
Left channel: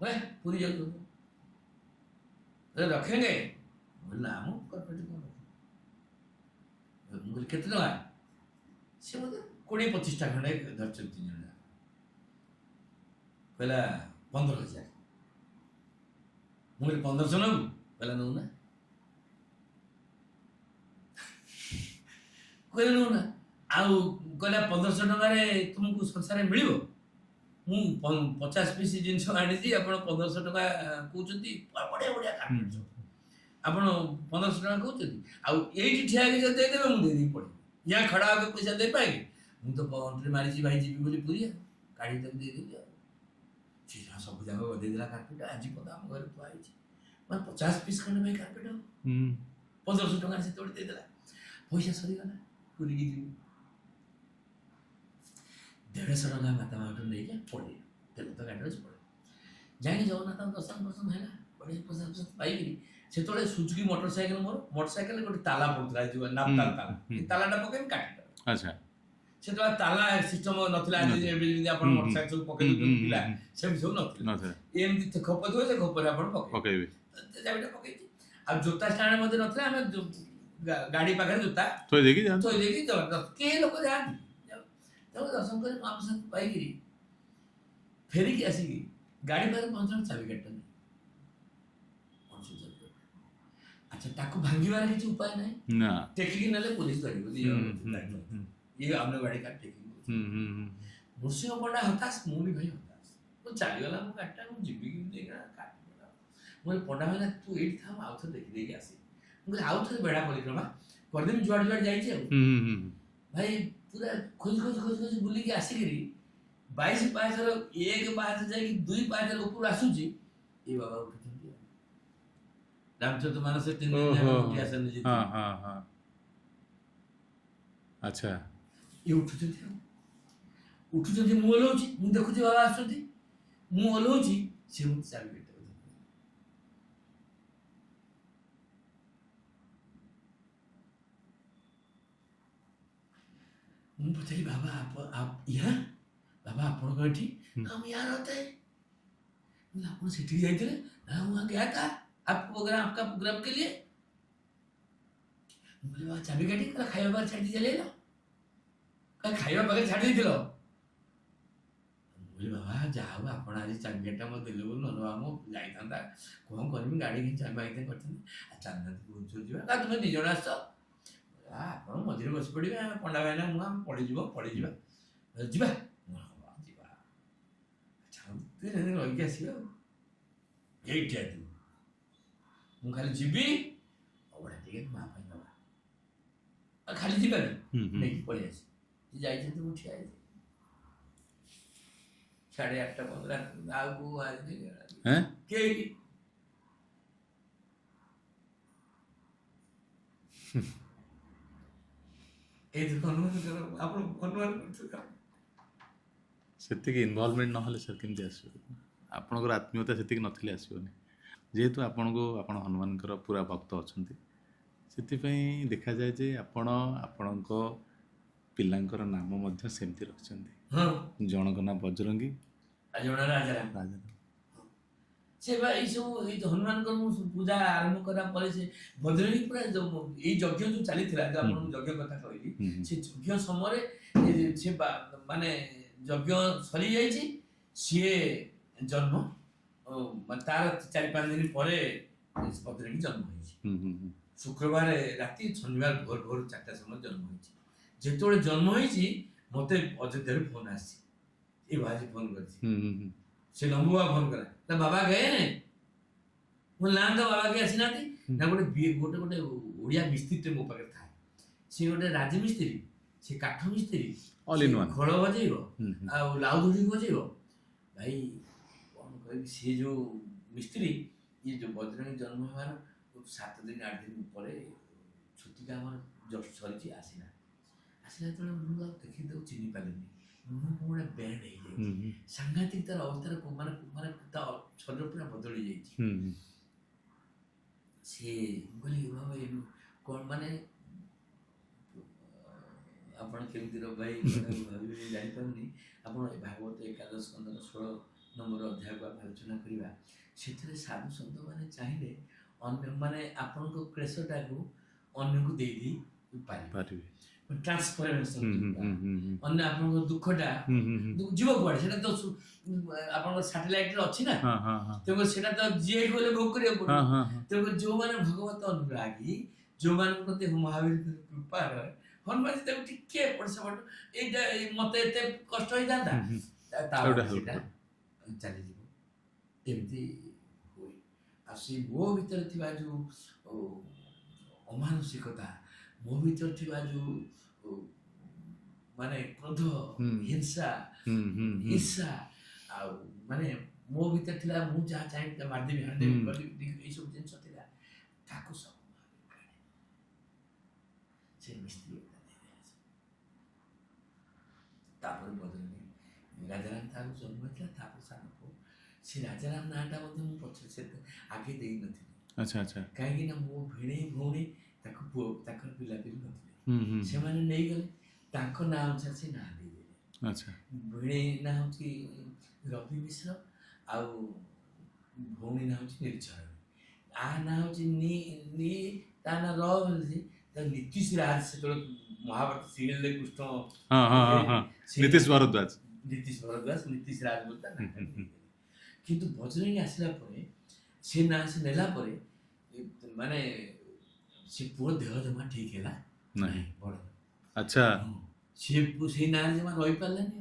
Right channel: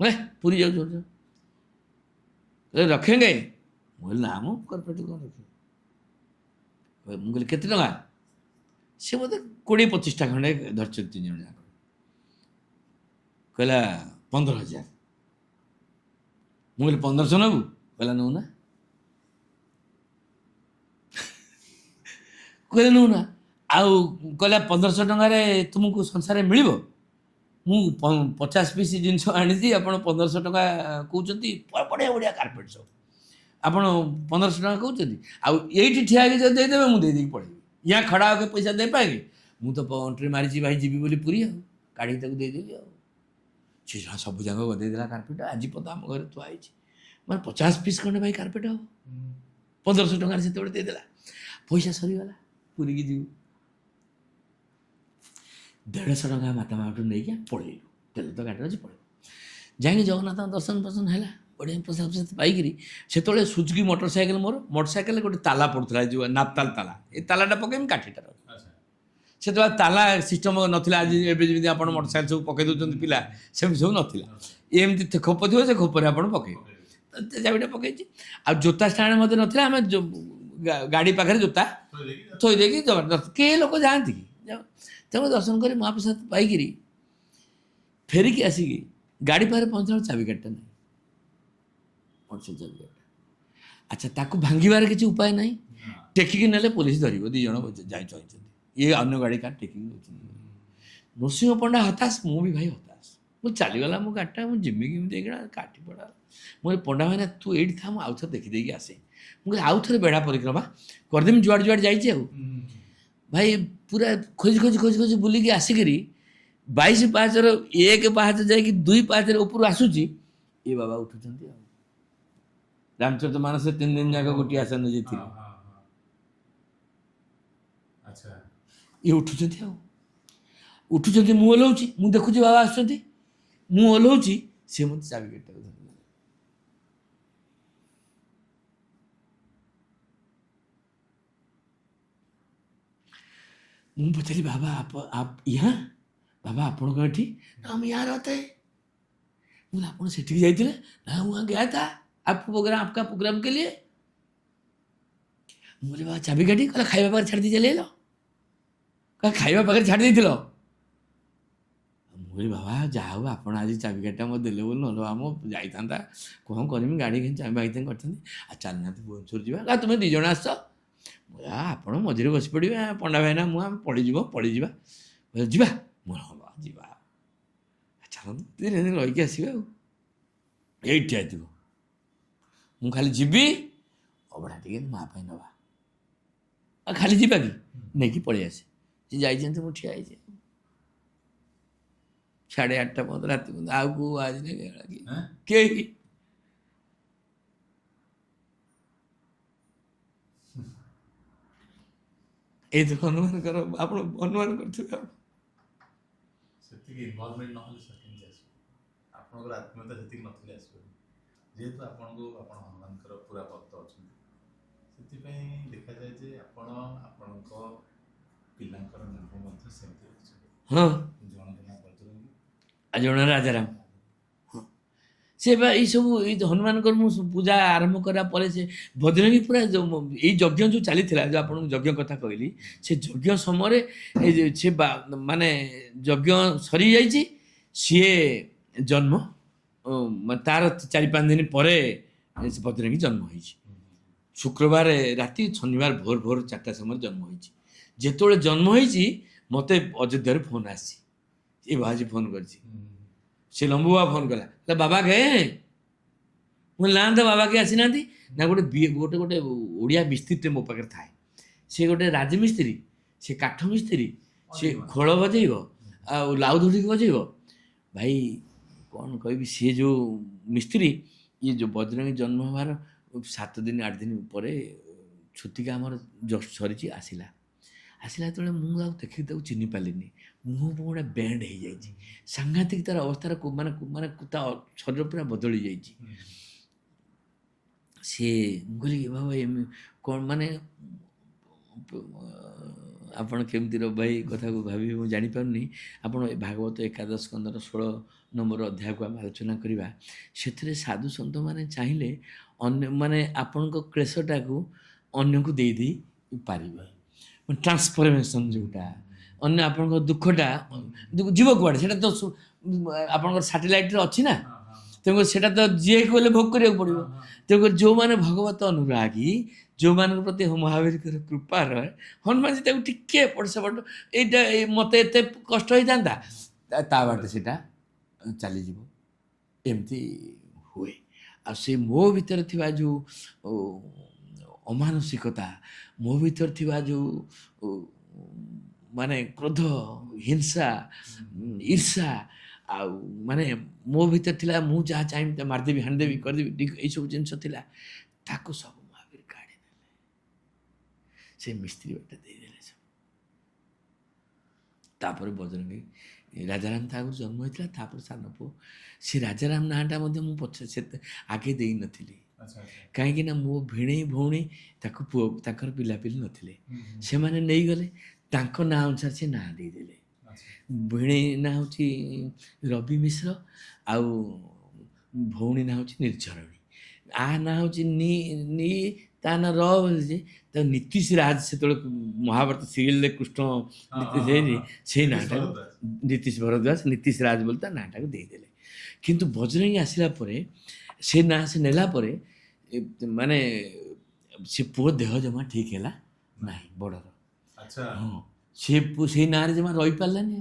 ବୋଲେ ପୁରୀ ଯାଉଛୁ, ରଖେଙ୍ଗେ? ମୁଁ କହିଲି ନା, ମୁଁ କାର୍ପେଟ କ'ଣ ରଖିବି? ମୁଁ କହିଲି କେତେ ଟଙ୍କା? ସେ ବୋଧେ 20-25ଟା ଖଣ୍ଡେ ଧରିଛନ୍ତି 3 ଜଣ ଯାକ। କହିଲା 15,000। ମୁଁ କହିଲି 1500 ନେବୁ? କହିଲା ନେଉନା। କହିଲେ ନେଉନା। ଆଉ କହିଲା 1500 ଟଙ୍କାରେ ତୁମକୁ ସଂସାରରେ ମିଳିବ? ମୁଁ 50 ପିସ୍ ଜିନିଷ ଆଣିଛି, ଆପଣ 1500 ଟଙ୍କା କହୁଛନ୍ତି? ବଢ଼ିଆ ବଢ଼ିଆ କାର୍ପେଟ ସବୁ, ଆପଣ 1500 ଟଙ୍କା କହୁଛନ୍ତି? ଆଉ ଏଇଠି ଠିଆ ହେଇକି ଯଦି ଦେଇଦେବେ, ମୁଁ ଦେଇଦେଇକି ପଳେଇବି। ୟା ଖଡ଼ା ହେବେ, ପଇସା ଦେଇପାରିବି? ମୁଁ ତ ଏଣ୍ଟ୍ରି ମାରିଛି ଭାଇ, ଯିବି ବୋଲି ପୁରୀ, ଆଉ କାଢ଼ିକି ତାକୁ ଦେଇଦେବି। ଆଉ ସେ ସବୁ ଯାକ ଗଦେଇଦେଲା କାର୍ପେଟ। ଆଜି ପର୍ଯ୍ୟନ୍ତ ଆମ ଘରେ ଥୁଆ ହେଇଛି। ମାନେ 50 ପିସ୍ ଖଣ୍ଡେ ଭାଇ କାର୍ପେଟ ହବ, 1500 ଟଙ୍କାରେ ସେତେବେଳେ ଦେଇଦେଲା। ପଇସା ସରିଗଲା, ପୁରୀକି ଯିବି। 150 ଟଙ୍କା ମାତା ମାଠୁ ନେଇକି ପଳେଇଲୁ। ତେଲ ତ ଗାଡ଼ିରେ ଅଛି, ପଳେଇଲୁ। ଯାଇକି ଜଗନ୍ନାଥଙ୍କ ଦର୍ଶନ ହେଲା, ବଢ଼ିଆ ପ୍ରସାଦ ପାଇକିରି। ସେତେବେଳେ ସୁଜୁକି ମୋଟରସାଇକେଲ, ମୋର ମୋଟରସାଇକେଲରେ ଗୋଟେ ତାଲା ପଡ଼ୁଥିଲା, ଯେଉଁ ନାପତାଲ ତାଲା। ଏ ତାଲାଟା ପକେଇବି, କାଠିଟା ରଖ। ଆଚ୍ଛା। ସେତେବେଳେ ତାଲା ସିଷ୍ଟମ ନଥିଲା। ଆଜି ଏବେ ଯେମିତି ଆପଣ ମୋଟରସାଇକେଲ ସବୁ ପକେଇ ଦେଉଛନ୍ତି ପିଲା, ସେମିତି ସବୁ ନଥିଲା। ଏମିତି ଖୋପ ଥିବ, ସେ ଖୋପରେ ଆପଣ ପକେଇବେ। ଚାବିଟା ପକେଇଛି। ଆଉ ଜୋତା ଷ୍ଟାଣ୍ଡ ମଧ୍ୟ ନଥିଲା। ଆମେ ଗାଡ଼ି ପାଖରେ ଜୋତା ଥୋଇ ଦେଇକି ଜବରଦସ୍ତ କେହି ଲୋକ ଯାଆନ୍ତି କି? ତେଣୁ ଦର୍ଶନ କରି ମହାପ୍ରସାଦ ପାଇକିରି ଫେରିକି ଆସିକି ଗାଡ଼ି ପାଖରେ ପହଞ୍ଚିଲା, ଚାବିକାଠିଟା ନାହିଁ। ଆଚ୍ଛା, ତାକୁ ଭାଙ୍ଗିବାର କିଛି ଉପାୟ ନାହିଁ। ଟେକିକି ନେଲେ ପୋଲିସ ଧରିବ। 2 ଜଣ ଯାଇଛନ୍ତି, ଇଏ ଅନ୍ୟ ଗାଡ଼ି କାହାର ଟେକିକି ନେଉଛି। ନୃସିଂହ ପଣ୍ଡା ହତାଶ, ମୁଁ ବି ଭାଇ ହତାଶ। ମୁଁ ଚାଲିଗଲା ମୋ ଗାଡ଼ିଟା, ମୁଁ ଯିମି କେମିତି ଏଇଟା କାଟି ପଡ଼ା। ମୁଁ କହିଲି ପଣ୍ଡା ଭାଇନା ତୁ ଏଇଠି ଥା, ମୁଁ ଆଉଥରେ ଦେଖିଦେଇକି ଆସେ। ମୁଁ କହିଲି ଆଉଥରେ ବେଢ଼ା ପରିକ୍ରମା କରିଦେମି, ଯୁଆଡ଼େ ଯୁଆଡ଼େ ଯାଇଛି। ଆଉ ଭାଇ ପୁରା ଖୋଜି ବୁଲିକି ଆସିକିରି 22 ପାହାଚର 1 ପାହାଚ ଯାଇକି 2 ପାହାଚର ଉପରୁ ଆସୁଛି। ଏ ବାବା ଉଠୁଛନ୍ତି। ଆଉ ରାମଚରିତ ମାନସ 3 ଦିନ ଯାକ ଗୋଟିଏ ଆସନ ନେଇଯାଇଥିଲି। ଆଚ୍ଛା। ଇଏ ଉଠୁଛନ୍ତି, ଆଉ ଉଠୁଛନ୍ତି, ମୁଁ ଓହ୍ଲଉଛି, ମୁଁ ଦେଖୁଛି ବାବା ଆସୁଛନ୍ତି, ମୁଁ ଓହ୍ଲଉଛି, ସେ ମୋତେ ଚାବିକାଠିଟାକୁ ଧରିଦେଲେ। ମୁଁ पचारी बाबा आप यहाँ बाबा आपण को एठी ना हम यहाँ रहते हैं। बोला आप सेठी जाइए ना वहाँ गया था आपका प्रोग्राम के लिए। बोले बाबा चाबी काटी कहला खाइबा पाखरे छाड़ी दी चले लो कह खाइबा पाखरे छाड़ी देथिल। बोली बाबा जहाँ हो आप आज चाबी काटा मत देले बोल न आम जाइता कौन करमी गाड़ी कि चाबी बाइते करते चलना भुवनेश्वर जावा तुम 2 जण आस आप मझे बस पड़े पंडा भाईना मुझे पड़ीज पड़ीजा जा हाँ जा चल 3 दिन रहीकि आसवा ये थो मु खाली जीवी अबड़ा टे माँ नवा खाली जा कि नहीं पलि आसे जी जाइए मुझे ठिया 8:30 पर्यंत रात आउ आज नहीं ये तो अनुमान कर आप अनुमान कर सेतिकी इनवॉल्वमेंट ना सर केमती आसो आपणकर आत्मीयता सेतिकी नथिले आसोनी जेहेतु आपनको आपण हनुमानकर पूरा भक्त अच्छा से देखा जाए जे आपण आपणको पिलांकर नाम मध्य सेमती रखछन्ती। हाँ जनक नाम बजरंगी जन राजाराम से ये सब ये हनुमान पूजा आरंभ करा से बजरंगी पूरा ये यज्ञ जो चली जो आप यज्ञ कथा कहली से यज्ञ समय से माने यज्ञ सरी जाइए सी जन्म तार 4-5 दिन पर बजरंगी जन्म हो शुक्रवार राति शनिवार भोर भोर 4टा समय जन्म हो जिते जन्म हो मत अयोध्या फोन आसी ये बाजी फोन कर ସେ ଲମ୍ବୁ ବାବା ଫୋନ୍ କଲା ତ ବାବା ଗଏ ମୁଁ ନା ତ ବାବା କେହି ଆସିନାହାନ୍ତି ନା ଗୋଟେ ଗୋଟେ ଗୋଟେ ଓଡ଼ିଆ ମିସ୍ତ୍ରୀଟେ ମୋ ପାଖରେ ଥାଏ ସେ ଗୋଟେ ରାଜମିସ୍ତ୍ରୀ ସେ କାଠ ମିସ୍ତ୍ରୀ All ସେ in one. ଖୋଳ ବଜେଇବ ଆଉ ଲାଉ ଧରିକି ବଜେଇବ ଭାଇ କ'ଣ କହିବି ସିଏ ଯେଉଁ ମିସ୍ତ୍ରୀ ଇଏ ଯେଉଁ ବଜରଙ୍ଗୀ ଜନ୍ମ ହେବାର 7 ଦିନ 8 ଦିନ ପରେ ଛୁତିକା ଆମର ଜଷ୍ଟ ସରିଛି ଆସିଲା ଯେତେବେଳେ ମୁଁ ଆଉ ଦେଖିକି ତାକୁ ଚିହ୍ନି ପାରିଲିନି ମୁହଁ ଗୋଟେ ବ୍ୟାଣ୍ଡ ହେଇଯାଇଛି ସାଂଘାତିକ ତାର ଅବସ୍ଥାର ମାନେ ମାନେ ତା ଶରୀର ପୁରା ବଦଳି ଯାଇଛି ସିଏ କହିଲି ବାବା କ'ଣ ମାନେ ଆପଣ କେମିତିର ଭାଇ କଥାକୁ ଭାବିବି ମୁଁ ଜାଣିପାରୁନି ଆପଣ ଭାଗବତ ଏକାଦଶ ସ୍କନ୍ଧର 16 ନମ୍ବର ଅଧ୍ୟାୟକୁ ଆମେ ଆଲୋଚନା କରିବା ସେଥିରେ ସାଧୁ ସନ୍ଥମାନେ ଚାହିଁଲେ ଅନ୍ୟ ମାନେ ଆପଣଙ୍କ କ୍ଲେଶଟାକୁ ଅନ୍ୟକୁ ଦେଇ ପାରିବେ ଟ୍ରାନ୍ସଫରମେସନ୍ ଯେଉଁଟା ଅନ୍ୟ ଆପଣଙ୍କ ଦୁଃଖଟା ଯିବ କୁଆଡ଼େ ସେଇଟା ତ ଆପଣଙ୍କର ସାଟେଲାଇଟ୍ରେ ଅଛି ନା ତେଣୁକରି ସେଇଟା ତ ଯିଏ ଗଲେ ଭୋଗ କରିବାକୁ ପଡ଼ିବ ତେଣୁକରି ଯେଉଁମାନେ ଭଗବତ ଅନୁରାଗୀ ଯେଉଁମାନଙ୍କ ପ୍ରତି ମହାବୀରଙ୍କର କୃପା ରହେ ହନୁମାନଜୀ ତାକୁ ଟିକେ ଏପଟ ସେପଟ ଏଇଟା ମୋତେ ଏତେ କଷ୍ଟ ହେଇଥାନ୍ତା ତା ବାଟ ସେଇଟା ଚାଲିଯିବ ଏମିତି ହୁଏ ଆଉ ସେ ମୋ ଭିତରେ ଥିବା ଯେଉଁ ଅମାନସିକତା ମୋ ଭିତରେ ଥିବା ଯେଉଁ ମାନେ କ୍ରୋଧ ହିଂସା ଈର୍ଷା ଆଉ ମାନେ ମୋ ଭିତରେ ଥିଲା ମୁଁ ଯାହା ଚାହିଁବି ତା ମାରିଦେବି ହାଣିଦେବି କରିଦେବି ଏଇସବୁ ଜିନିଷ ଥିଲା ତାକୁ ସବୁ ମହାବୀର କାଢ଼ି ଦେଲେ ସେ ମିସ୍ତ୍ରୀ ବାଟେ ଦେଇଦେଲେ ସବୁ ତାପରେ ବଜରଙ୍ଗୀ ରାଜାରାମ ତା ଆଗରୁ ଜନ୍ମ ହେଇଥିଲା ତାପରେ ସାନ ପୁଅ ସେ ରାଜାରାମ ନାଁଟା ମଧ୍ୟ ମୁଁ ପଛରେ ସେତେ ଆଗେ ଦେଇନଥିଲି କାହିଁକି ନା ମୋ ଭିଣେଇ ଭଉଣୀ ତାକୁ ପୁଅ ତାଙ୍କର ପିଲାପିଲି ନଥିଲେ ସେମାନେ ନେଇଗଲେ ତାଙ୍କ ନାଁ ଅନୁସାରେ ସେ ନାଁ ଦେଇଦେଲେ ଭିଣେଇ ନାଁ ହେଉଛି ରବି ମିଶ୍ର ଆଉ ଭଉଣୀ ନାଁ ହେଉଛି ନିର୍ଝରଣୀ ଆ ନାଁ ହେଉଛି ନି ତା ନାଁ ର ଯେ ତାକୁ ନୀତିଶ ରାଜ ସେତେବେଳେ ମହାଭାରତ ସିରିଏଲରେ କୃଷ୍ଣ ନୀତିଶ ଭରଦ୍ୱାଜ ନୀତିଶ ରାଜ ବୋଲି ତା ନାଁଟାକୁ ଦେଇଦେଲେ କିନ୍ତୁ ବଜରଙ୍ଗୀ ଆସିଲା ପରେ ସେ ନାଁ ସେ ନେଲା ପରେ ମାନେ ସେ ପୁଅ ଦେହ ଜମା ଠିକ ହେଲା ନାହିଁ ବଡ଼ର ହଁ ସେଇ ନାଁରେ ଜମା ରହିପାରିଲାନି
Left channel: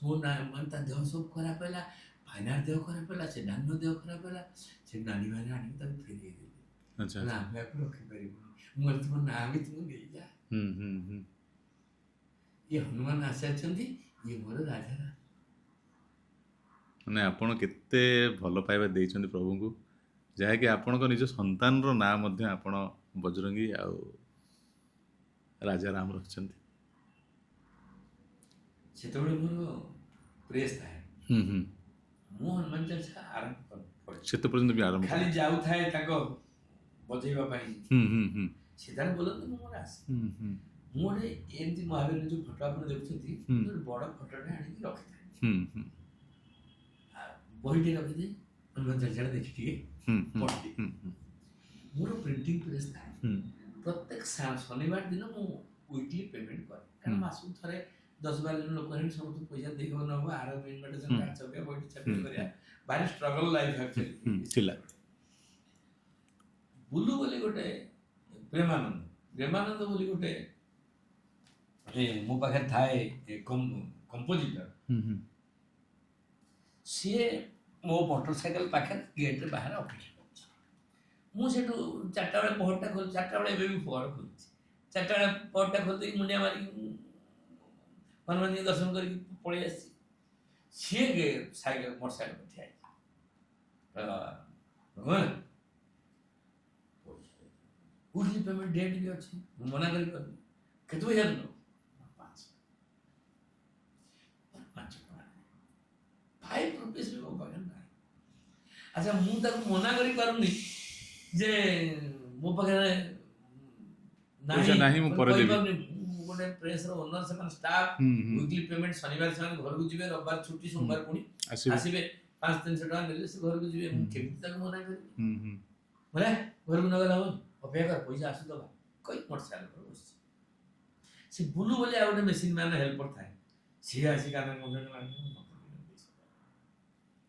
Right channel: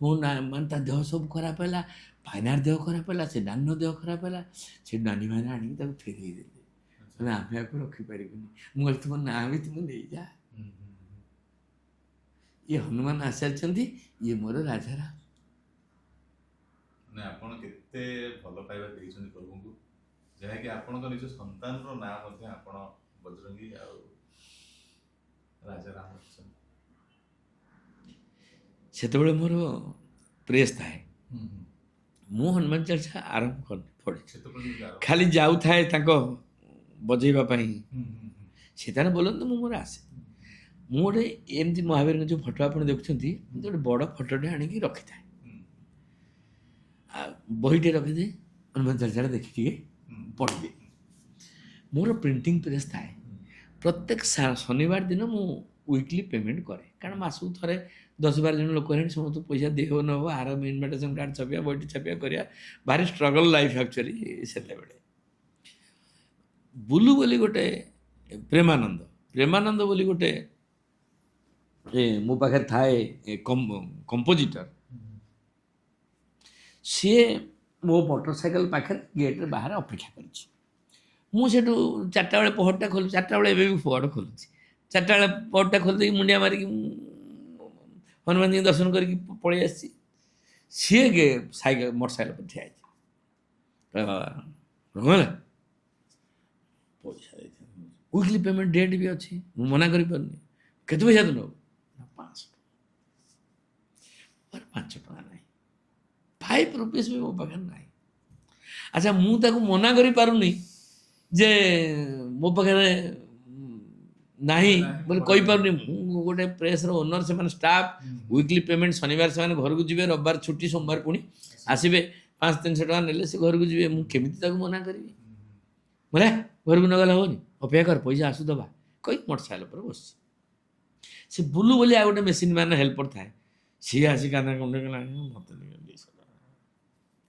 ମୋ ନା ମାନେ ତା ଦେହ ସବୁ ଖରାପ ହେଲା ଭାଇନାର ଦେହ ଖରାପ ହେଲା ସେ ନାନୀର ଦେହ ଖରାପ ହେଲା ସେ ନାନୀ ଭାଇନା ଆଣିକି ତାକୁ ଫେରେଇ ଦେଲେ ଆମେ ଆକୁ ରଖିପାରିବୁନି ମୁଁ କହିଲି ତୁମ ନାଁ ବି ତୁମେ ନେଇଯା ଇଏ ହନୁମାନ ଆସିଛନ୍ତି ଇଏ ମୋର ରାଜାରାମ ମାନେ ଆପଣ କେତେ ଭଲ ପାଇବା ଦେଇଛନ୍ତି ପ୍ରଭୁଙ୍କୁ ଯାହାକି ଆପଣଙ୍କ ନିଜ ସନ୍ତାନର ନାଁ ମଧ୍ୟ ଆପଣ ବଜରଙ୍ଗୀ ଆଉ ରାଜାରାମ ରଖିଛନ୍ତି ସେତେବେଳେ ମୋର ପ୍ରେସ୍ ଥାଏ ମୁଁ ହନୁମାନ ଚାଳିଶା ଆରମ୍ଭ କରିନି ସେତେ ପର୍ଯ୍ୟନ୍ତ ବି ଆରମ୍ଭ ଖାଲି ଯାଉଥାଏ ତାଙ୍କ ବଜେଇବା ପାଇଁ ସେ ତାର ବୋଲନ୍ତୁ ମୁଁ ମୋର ଆସେ ମୁଁ ଗୋଟେ ଏମିତି ମହାବୀରଙ୍କ ଯେଉଁ ଫଟୋ ଆପଣ ଦେଖୁଛନ୍ତି ଗୋଟେ ବଡ଼ ଫଟୋଟେ ଆଣିକି ରଖିଥାଏ ଆଉ ବହିଟେ ରଖିଦିଏ ହନୁମାନ ଚାଳିଶାଟା ଦେଖି ଟିକେ ପଢ଼ିଦିଏ ମୋର ପ୍ରିଣ୍ଟିଂ ପ୍ରେସ୍ ଥାଏ ପ୍ରତ୍ୟେକ ଶନିବାର ଦିନ ମୁଁ ୱିକଲି ପେମେଣ୍ଟ କରେ କାରଣ ମାସକୁ ଥରେ 10-12 ଜଣ ଲୋକ ହେଲେଣି ସମସ୍ତଙ୍କୁ ପଇସା ଦେହ ନ ହେବ ଆର ଇନଭିଟେସନ୍ କାର୍ଡ଼ ଛାପିବା ବହିଟି ଛାପିବା କରିବା ଭାରି ଷ୍ଟ୍ରଗଲ୍ ଲାଇଫ୍ ଆକ୍ଚୁଆଲି ସେଲାବେଳେ ବୁଲୁ ବୋଲି ଗୋଟେ ପ୍ରେମାନନ୍ଦ ବୋଲି ଗୋଟେ ମୋ ପାଖରେ ଥାଏ କମ୍ପୋଜିଟର ସିଏ ମୋ ମୋଟର ସାଇକେଲ ପାଖରେ ଗେଟ୍ରେ ବାହାରେ ଅପେକ୍ଷା କରିଛି ମୁଁ ସେଠୁ 4ଟା ବେଳେ ପହରଟା ଖୋଲୁ 4ଟା ବେଳେ ଏବେ ବି ପହର ଖୋଲୁଛି 4ଟା ବେଳେ ପହରଟା ଖୋଲି ଦେଇକି ମୁଣ୍ଡିଆ ମାରିକି ହନୁମାନଜୀଙ୍କୁ ଦର୍ଶନ କରିକି ପଳେଇ ଆସିଛି ସିଏ ମୋଟର ସାଇକେଲ ଉପରେ ଠିଆ ହେଇଛି ବାବା ରଘୁନାଥ ପଇସା ୱିକଲି ପେମେଣ୍ଟ ଡେଟ୍ ବି ଅଛି ମୁଁ ମନା କରିପାରୁନି କେତେ ପଇସା ତୁ ନେବୁ 5 ଟଙ୍କା ନାହିଁ 5 ରୁପିସ୍ ବି ମୋ ପାଖରେ ନାହିଁ ଆଚ୍ଛା ମୁଁ ତାକୁ ମନା କରିପାରୁନି ଯେ ମୋ ପାଖରେ ନାହିଁ କହିପାରୁନି ମୁଁ ଗୋଟେ ପ୍ରେସ୍ର ଓନର ସେମାନେ ଷ୍ଟାଫ୍ ୱିକଲି ପେମେଣ୍ଟ ଶନିବାର ସେମାନେ ଘରକୁ ଯିବେ ରବିବାର ଛୁଟି ସୋମବାର ପୁଣି ଆସିବେ 500-300 ଟଙ୍କା ନେଲେ ସେ ଘରକୁ ଯିବେ ମୁଁ କେମିତି ତାକୁ ମନା କରିବି ବୋଲେ ଘରକୁ ନଗଲେ ହେବନି ଅପେକ୍ଷା କର ପଇସା ଆସୁ ଦେବା କହି ମୋଟର ସାଇକେଲ ଉପରେ ବସିଛି ସେ ବୁଲୁ ବୋଲି ଆଉ ଗୋଟେ ମେସିନ୍ ମ୍ୟାନ୍ ହେଲ୍ପର ଥାଏ ସିଏ ଆସି କାନ୍ଦ କୁଣ୍ଡେ ଗଲାଣି ମୋତେ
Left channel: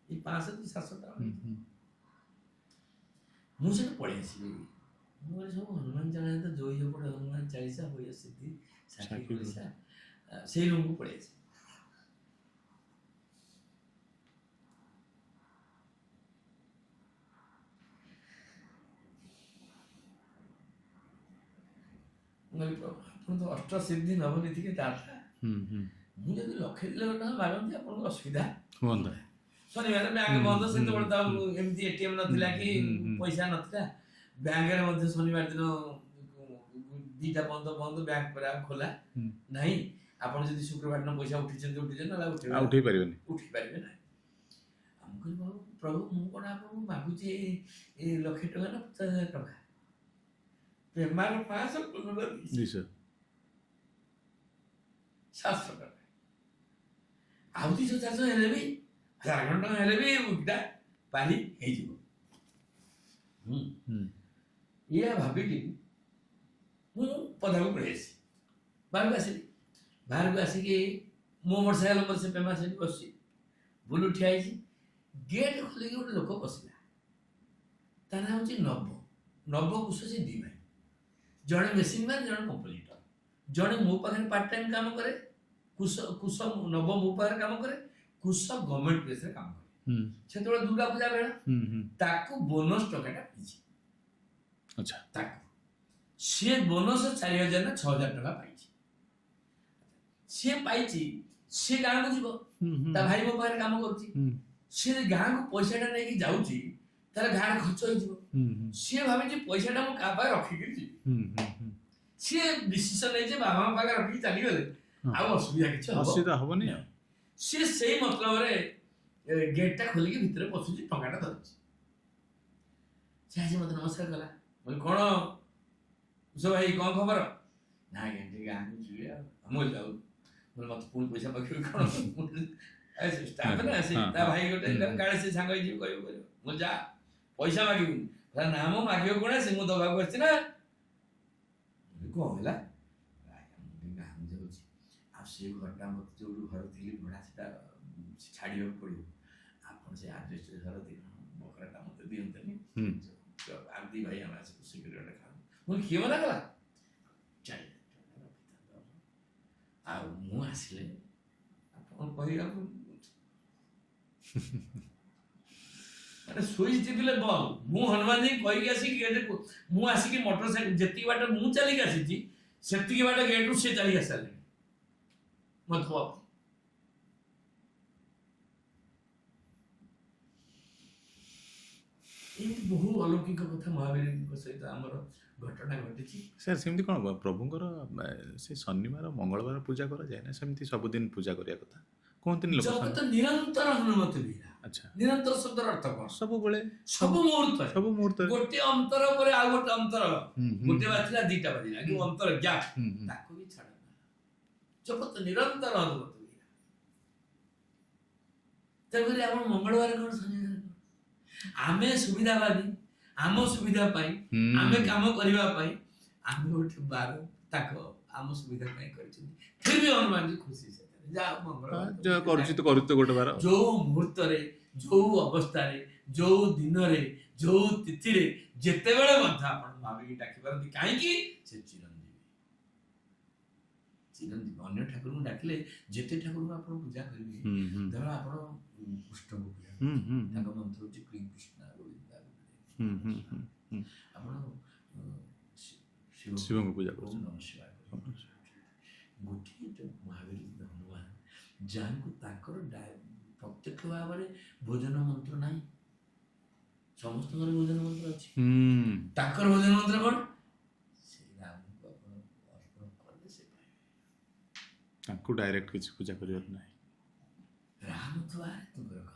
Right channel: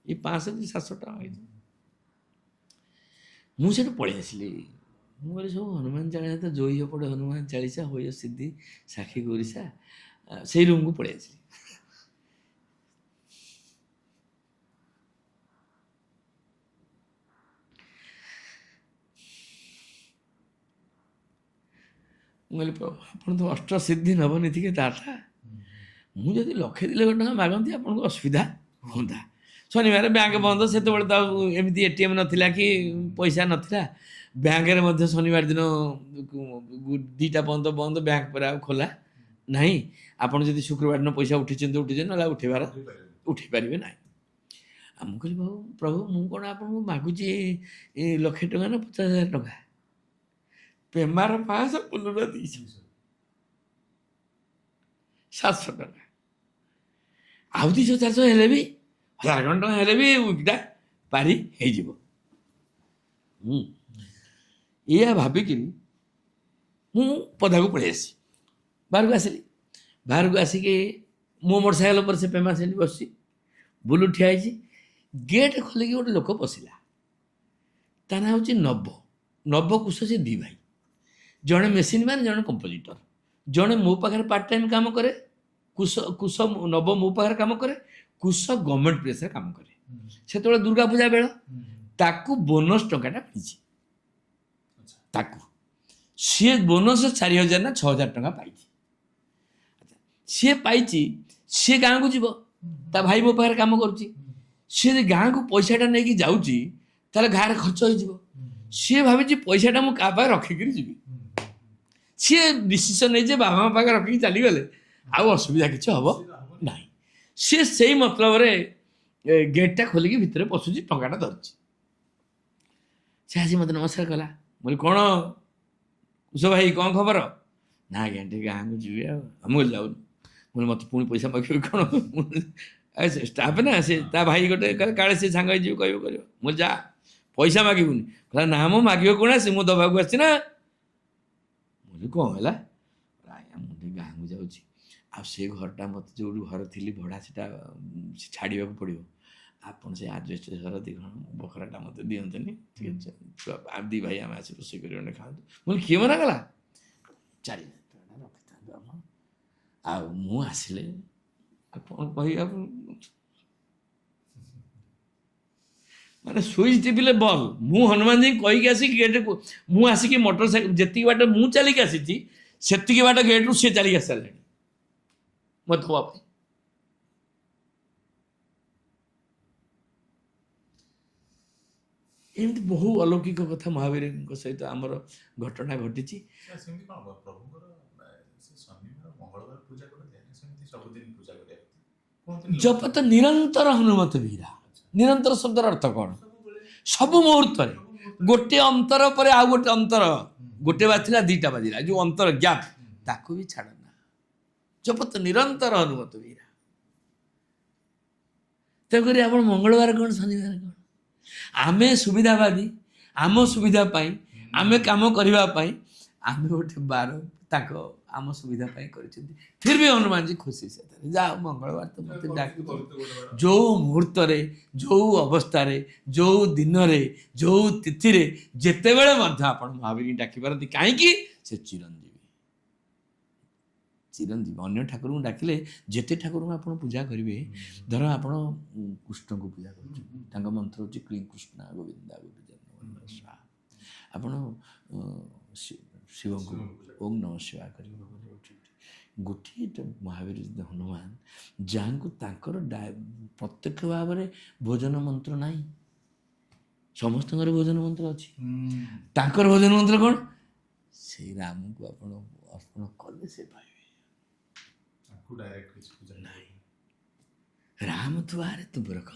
ଏଇ 500-700 ଟଙ୍କା ହେଇଛି ମୁଁ ସେଠୁ ପଳେଇ ଆସିଲି ମୁଁ କହିଲି ସବୁ ହନୁମାନ ଚାଳିଶା ତ ଜୋଇ ପଡ଼େ ହନୁମାନ ଚାଳିଶା ହୋଇ ସିଦ୍ଧି ସାକ୍ଷୀ ଗରିଷା ସେଇ ରୁମ୍କୁ ପଳେଇ ଆସିଲି ମୁଁ କହିଲି ପ୍ରଭୁ ଆପଣ ତ ଅଷ୍ଟସିଦ୍ଧି ନବନୀତିକେ ଦାତା, ମୁଁ ଯଦି 1,00,000 ଟଙ୍କା ମାଗନ୍ତି ଆପଣଙ୍କୁ ଅସୁବିଧା ହୁଅନ୍ତା। ଶନିବାର ବ୍ୟାଙ୍କ ବନ୍ଦ, ସେତେବେଳେ ତ ଆଉ ଏମିତି ATM ନଥିଲା କି ପଇସା ନଥିଲା। ବ୍ୟାଙ୍କରେ ମଧ୍ୟ ଶନିବାର ଦିନ 2ଟା ପର୍ଯ୍ୟନ୍ତ ବନ୍ଦ, ବ୍ୟାଙ୍କ ପରେ ଆଉ ଖୋଲା ନାହିଁ। ଆପଣ ଯଦି ଶୁକ୍ରବାର ଦିନ ପଇସା ଉଠିଛନ୍ତି ନହେଲେ ଉଠେଇ ପାରିବେନି। ଉଠେଇ ପାରିବେ ନାହିଁ। ଆଉ ମୁଁ କହିଲି ପ୍ରଭୁ ମୁଁ କ'ଣ ଆପଣଙ୍କୁ ମାଗୁଛି 1,00,000 ଟଙ୍କା ନା 50,000 ଟଙ୍କା? ପେମାର 500, ପୁଲୁର 200, 700 ଟଙ୍କା। ଆଉ 200-400 ହେଲେ ବି 1,000 ଟଙ୍କା ହେଲେ ବି ଉଇକିଟା ପାରି ହେଇଯିବ। ଏଇଆ ଭାବିକିନି ମୁଁ ପଦାକୁ ପଳେଇ ଆସିଲି, ବାହାରକୁ ଆସିଲି। ବାହାରକୁ ଆସିକି ମୋ ମୋଟରସାଇକେଲ ଉପରେ ସେ ପେମା ସେଠି ବସିଛି, ବୁଲୁ ଠିଆ ହେଇଛି। ଗେଟ୍ ଖୋଲିକି ଗୋଟେ ଲୋକ ପଶିଲା, ତା ନାଁ ହେଉଛି ନବ କୁଶ। ସେ 2 ଭାଇ, ଜଣେ ମେସିନ୍ ମ୍ୟାନ୍, ଜଣେ କମ୍ପୋଜିଟର। ଜଣେ ମୋ ପାଖରେ ପାର୍ଟ ଟାଇମ୍ କାମ କରେ, କୁଶ ନବ ମୋ ପାଖରେ କାମ କରେ। କୁଶ ଗଭର୍ଣ୍ଣମେଣ୍ଟ ପ୍ରେସରେ କାମ କରେ। ସେତେବେଳେ ଦୁର୍ଗା ପୂଜା ବେଳ, ତାକୁ ବୋନସ୍ ଟଙ୍କାଟା ମିଳିଛି। ତାକୁ ସିଏ ବୋନସ୍ 4,000 ନା 6,000 ଟଙ୍କା ପାଇଛି। ସିଏ ପାଇଛି, ସିଏ ଗାଁକୁ ଯିବ, ତା ଭାଇ ମୋ ପାଖରେ କାମ କରୁଛି। ସିଏ ଯଦି ଗାଁକୁ ପଇସାଟା ନେଇକି ଯାଉଛି ତାହେଲେ ଗାଁରେ ଖର୍ଚ୍ଚ ହେଇଯିବ। ସିଏ ଭାବିଛି ପଇସାଟା ମୁଁ କାହା ପାଖରେ ରଖିକିରି ଯିବି। ସିଏ ଡିସିସନ୍ ନେଇଛି ବାବା ମା ପାଖରେ ରଖିକି ଚାଲିଗଲେ ଆଉ ଅସୁବିଧା କିଛି ହବ ନାହିଁ। ସିଏ ସେଇ ମତଲବରେ ଗେଟ୍ଟା ଖୋଲିକି ଭିତରେ ପଶୁଛି, ଟଙ୍କାଟା ଧରିଛି। ସେ ଆସି ମୋତେ ନମସ୍କାର କଲା। ମୁଁ କହିଲି କ'ଣ କୁଶ ଭାଇ, କ'ଣ ଖବର? ନା ଆଜ୍ଞା ଟିକେ ଗାଁକୁ ଯିବି ଆଉ। ମୁଁ ଯାଉନି। ମୁଁ କହିଲି ମୋତେ ପୁଣି ପଇସା ମାଗିବି କ'ଣ? ଷ୍ଟାଫ୍ ନା, ସେ ତା ଭାଇ ଗୋଟେ କାଳେ ସେ ସାଙ୍ଗ ହେଇଯିବ, କହିବ କରିବ। ମୁଁ ଯା, ପଇସା ମାଗିବୁନି। କହିଲା ନା ମୁଁ ମାଗିବ କ'ଣ ଆସି, ମୁଁ ଦେବାକୁ ଆସିଛି ନା। ମୁଁ କହିଲି କ'ଣ ହେଲା? ଆଜ୍ଞା ମୁଁ ଟିକେ ଗାଁକୁ ଯାଉଛି, ଆଉ ସେ ଘରଟା ମୋତେ ଯେଉଁଠି ଘର ଥିଲି ଭଡ଼ା, ସେଟା ଛାଡ଼ିବାକୁ ପଡ଼ିବ। ଆପଣ ସେ ଆଜବେଷ୍ଟ ଘର 2 ଘର ବଖରାଟା ମୋତେ ଦିଅନ୍ତନି। 2 ଭାଇ ଆମେ ଆସି ରୋଷେଇ କରି ଖାଆନ୍ତୁ। ମୁଁ କହିଲି କିଏ ମନା କଲା? 4,000 ଟଙ୍କା ରଖିଥାନ୍ତୁ ଆପଣ, ଆଉ ମୁଁ ଆସିଲେ କ'ଣ କହିବା। ମାନେ ସୁଇଚ୍ ଟିପିଲେ ବଲ୍। ମୁଁ ହନୁମାନ ଯୀ କହିକି ଆସିକି ଗେଟ୍କୁ, ମୁଁ ଆସିକି ମୋଟରସାଇକେଲ ଯେତିକି ବାଟ ମୁଁ ଚାଲିକି ଆସିଛି ସେତିକି ବାଟ ଗେଟ୍ରୁ ସିଏ ଚାଲିକି ଆସିସାରିଲେଣି ମୋତେ ଦେବା ପାଇଁ। ଏମିତି ବହୁ ଅଲୌକିକ କଥା ମହାବୀରଙ୍କ ସହିତ ଆମର ଘଟଣା ଘଟିଛି। ସାର୍ ସେମିତି କ'ଣ ପ୍ରଭୁଙ୍କର ସେ ଶନିବାର ମଙ୍ଗଳବାର ପୂଜା କରାଯାଏ ନା ସେମିତି ସବୁଦିନ ପୂଜା କରିବା କଥା କୁହନ୍ତିନି? ଜପ ତ ନିରନ୍ତର ହନୁମତ ବୀରା। ନିରନ୍ତର ଶବ୍ଦର ଅର୍ଥ କ'ଣ? ସବୁବେଳେ, ସବୁ ମୁହୂର୍ତ୍ତରେ, ଗୋଟେ ଅନ୍ତର ପରେ ଆଉ ଗୋଟେ ଅନ୍ତର, ଗୋଟେ ବାଜିଲା 2ଟା ବାଜିଲା, ଯୋଉ ଅନ୍ତର ଗ୍ୟାପ୍, ତାକୁ ବି ଛାଡ଼ ନା। ଜପ ତ ନିରନ୍ତର ହନୁମତ ବୀରା। ତେଣୁକରି ଆପଣ ମଙ୍ଗଳବାର କ'ଣ, ଶନିବାର କ'ଣ? ଆମେ ସୁବିଧାବାଦୀ, ଆମ ସୁବିଧା ପାଇଁ, ଆମେ କାମ କରିବା ପାଇଁ ଆମେ ଗୋଟେ ବାର ତାଙ୍କ ଆମ ସୁବିଧା ପାଇଁ କରିଛନ୍ତି। ଫିର୍ ବି ହନୁମାନଜୀ ଖୁସି ସେଥିରେ, ଯାହା ମଙ୍ଗଳବାର ଯୋଉ ମୁହୂର୍ତ୍ତରେ, ଯୋଉ ଅବସ୍ଥାରେ, ଯୋଉ ଦିନରେ, ଯୋଉ ତିଥିରେ, ଯେତେବେଳେ ମଧ୍ୟ ଆପଣ ମହାବୀର ଡାକିପାରନ୍ତି। କାହିଁକି? ସେ ଚିରଞ୍ଜୀବୀ। ଅନ୍ୟ ଠାକୁରଙ୍କୁ ଡାକିଲେ, ଯେତେ ଠାକୁରଙ୍କୁ ଆପଣ ପୂଜା କରିବେ, ଧର ଆପଣ କୃଷ୍ଣଙ୍କୁ ପୂଜା କରୁଛନ୍ତି, ତାଙ୍କ ମନ୍ତ୍ର ହେଉଛି କ୍ଲିଂ କୃଷ୍ଣ ଗୋବିନ୍ଦା ଗୋବିନ୍ଦ। ଆପଣ ଶିବଙ୍କୁ ପୂଜା ଓಂ ନମଃ ଶିବାୟ କରିବେ। ଗୋଟିଏ ମହାବୀର ହନୁମାନ ଯାହାଙ୍କୁ ତାଙ୍କର ପ୍ରତ୍ୟକ୍ଷ ଭାବରେ ଭୋଜନ ମନ୍ତ୍ର ନାହିଁ, ସମସ୍ତଙ୍କର ଭୋଜନ ମନ୍ତ୍ର ଅଛି। ତାଙ୍କର ଭୋଜନ ମନ୍ତ୍ର କ'ଣ? ସେଇ ରାମଙ୍କୁ ଆପଣ ଅର୍ପଣ କଲେ ସେ ପାଇବେ। ତାଙ୍କୁ ଡାଇରେକ୍ଟ କିଛି ପୂଜା କରିବାକୁ ନାହିଁ। ରାମ ତୁ ବାହାରେ, ତୁ ରଖ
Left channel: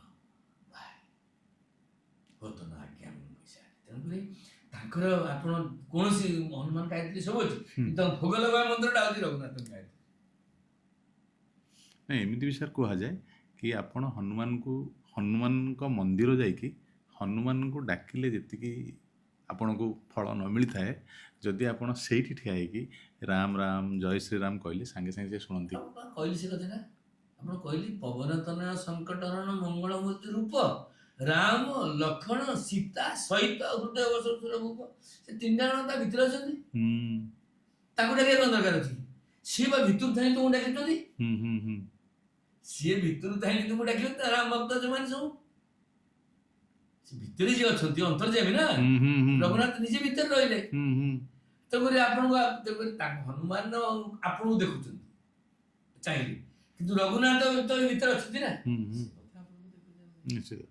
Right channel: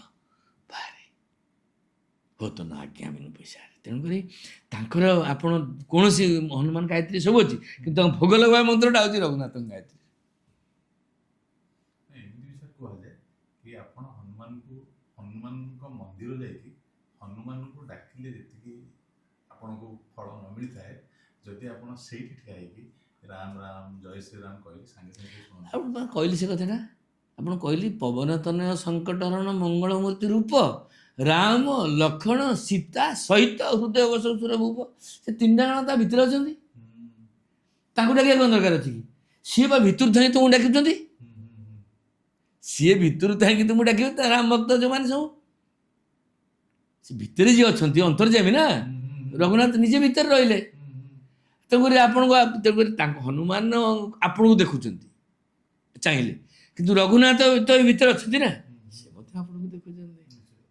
ବାହାରେ ହୋ ତ ନା ଆଜ୍ଞା ବିନୁ ପଇସା। ତେଣୁକରି ତାଙ୍କର ଆପଣ କୌଣସି ହନୁମାନ ଗାୟତ୍ରୀ ସବୁ ଅଛି, କିନ୍ତୁ ତାଙ୍କ ଭୋଗ ଲଗାଇବା ମନ୍ତ୍ରଟା ହେଉଛି ରଘୁନାଥଙ୍କ ଗାୟତ୍ରୀ। ନାଇଁ, ଏମିତି ବି ସାର୍ କୁହାଯାଏ କି ଆପଣ ହନୁମାନଙ୍କ ମନ୍ଦିର ଯାଇକି ହନୁମାନଙ୍କୁ ଡାକିଲେ ଯେତିକି ଆପଣଙ୍କୁ ଫଳ ନ ମିଳିଥାଏ, ଯଦି ଆପଣ ସେଇଠି ଠିଆ ହେଇକି ରାମ ରାମ ଜୟ ଶ୍ରୀରାମ କହିଲେ ସାଙ୍ଗେ ସାଙ୍ଗେ ଶୁଣନ୍ତି। ଆପଣ କହିଲି ସେ କଥାଟା, ଆପଣ କହିଲି ପବନ ତନୟ ସଙ୍କଟହରଣ ମଙ୍ଗଳମୂର୍ତ୍ତି ରୂପ ରାମ ଲକ୍ଷ୍ମଣ ସୀତା ସହିତ ହୃଦୟ ବସଉସୁର ଭୂପ। ସେ 3ଟା ଜଣ ତା ଭିତରେ ଅଛନ୍ତି, ତାଙ୍କୁ ଡାକିବା କ'ଣ ଦରକାର ଅଛି କି? ସିଏ ବା ଭିତରୁ ଥାଇ ତୁମକୁ ଡାକୁଛନ୍ତି। ସିଏ ଭିତରୁ ଥାଇକି ତୁମକୁ ଡାକିବେ, ତା ରାମ ଭକ୍ତ ଯୋଉମାନେ ସବୁ, ସେ ଭିତରେ ଯିଏ ଅଛନ୍ତି ଅନ୍ତର୍ଯାମୀ ନା, ରଘୁନାଥ ନିଜେ ଭିତରେ ରହିଲେ। ତେଣୁକରି ତେଣୁକରି ତାଙ୍କ ହନୁମାନ ଆପଣଙ୍କୁ ଦେଖୁଛନ୍ତି ଚାହିଁଲେ, କିନ୍ତୁ ରଘୁନାଥ ତ ଏ ଭିତରେ ଅଛନ୍ତି ନା, ସେ ମଧ୍ୟ ଆପଣଙ୍କୁ ଦେଖୁଛନ୍ତି। ନିଶ୍ଚିତ।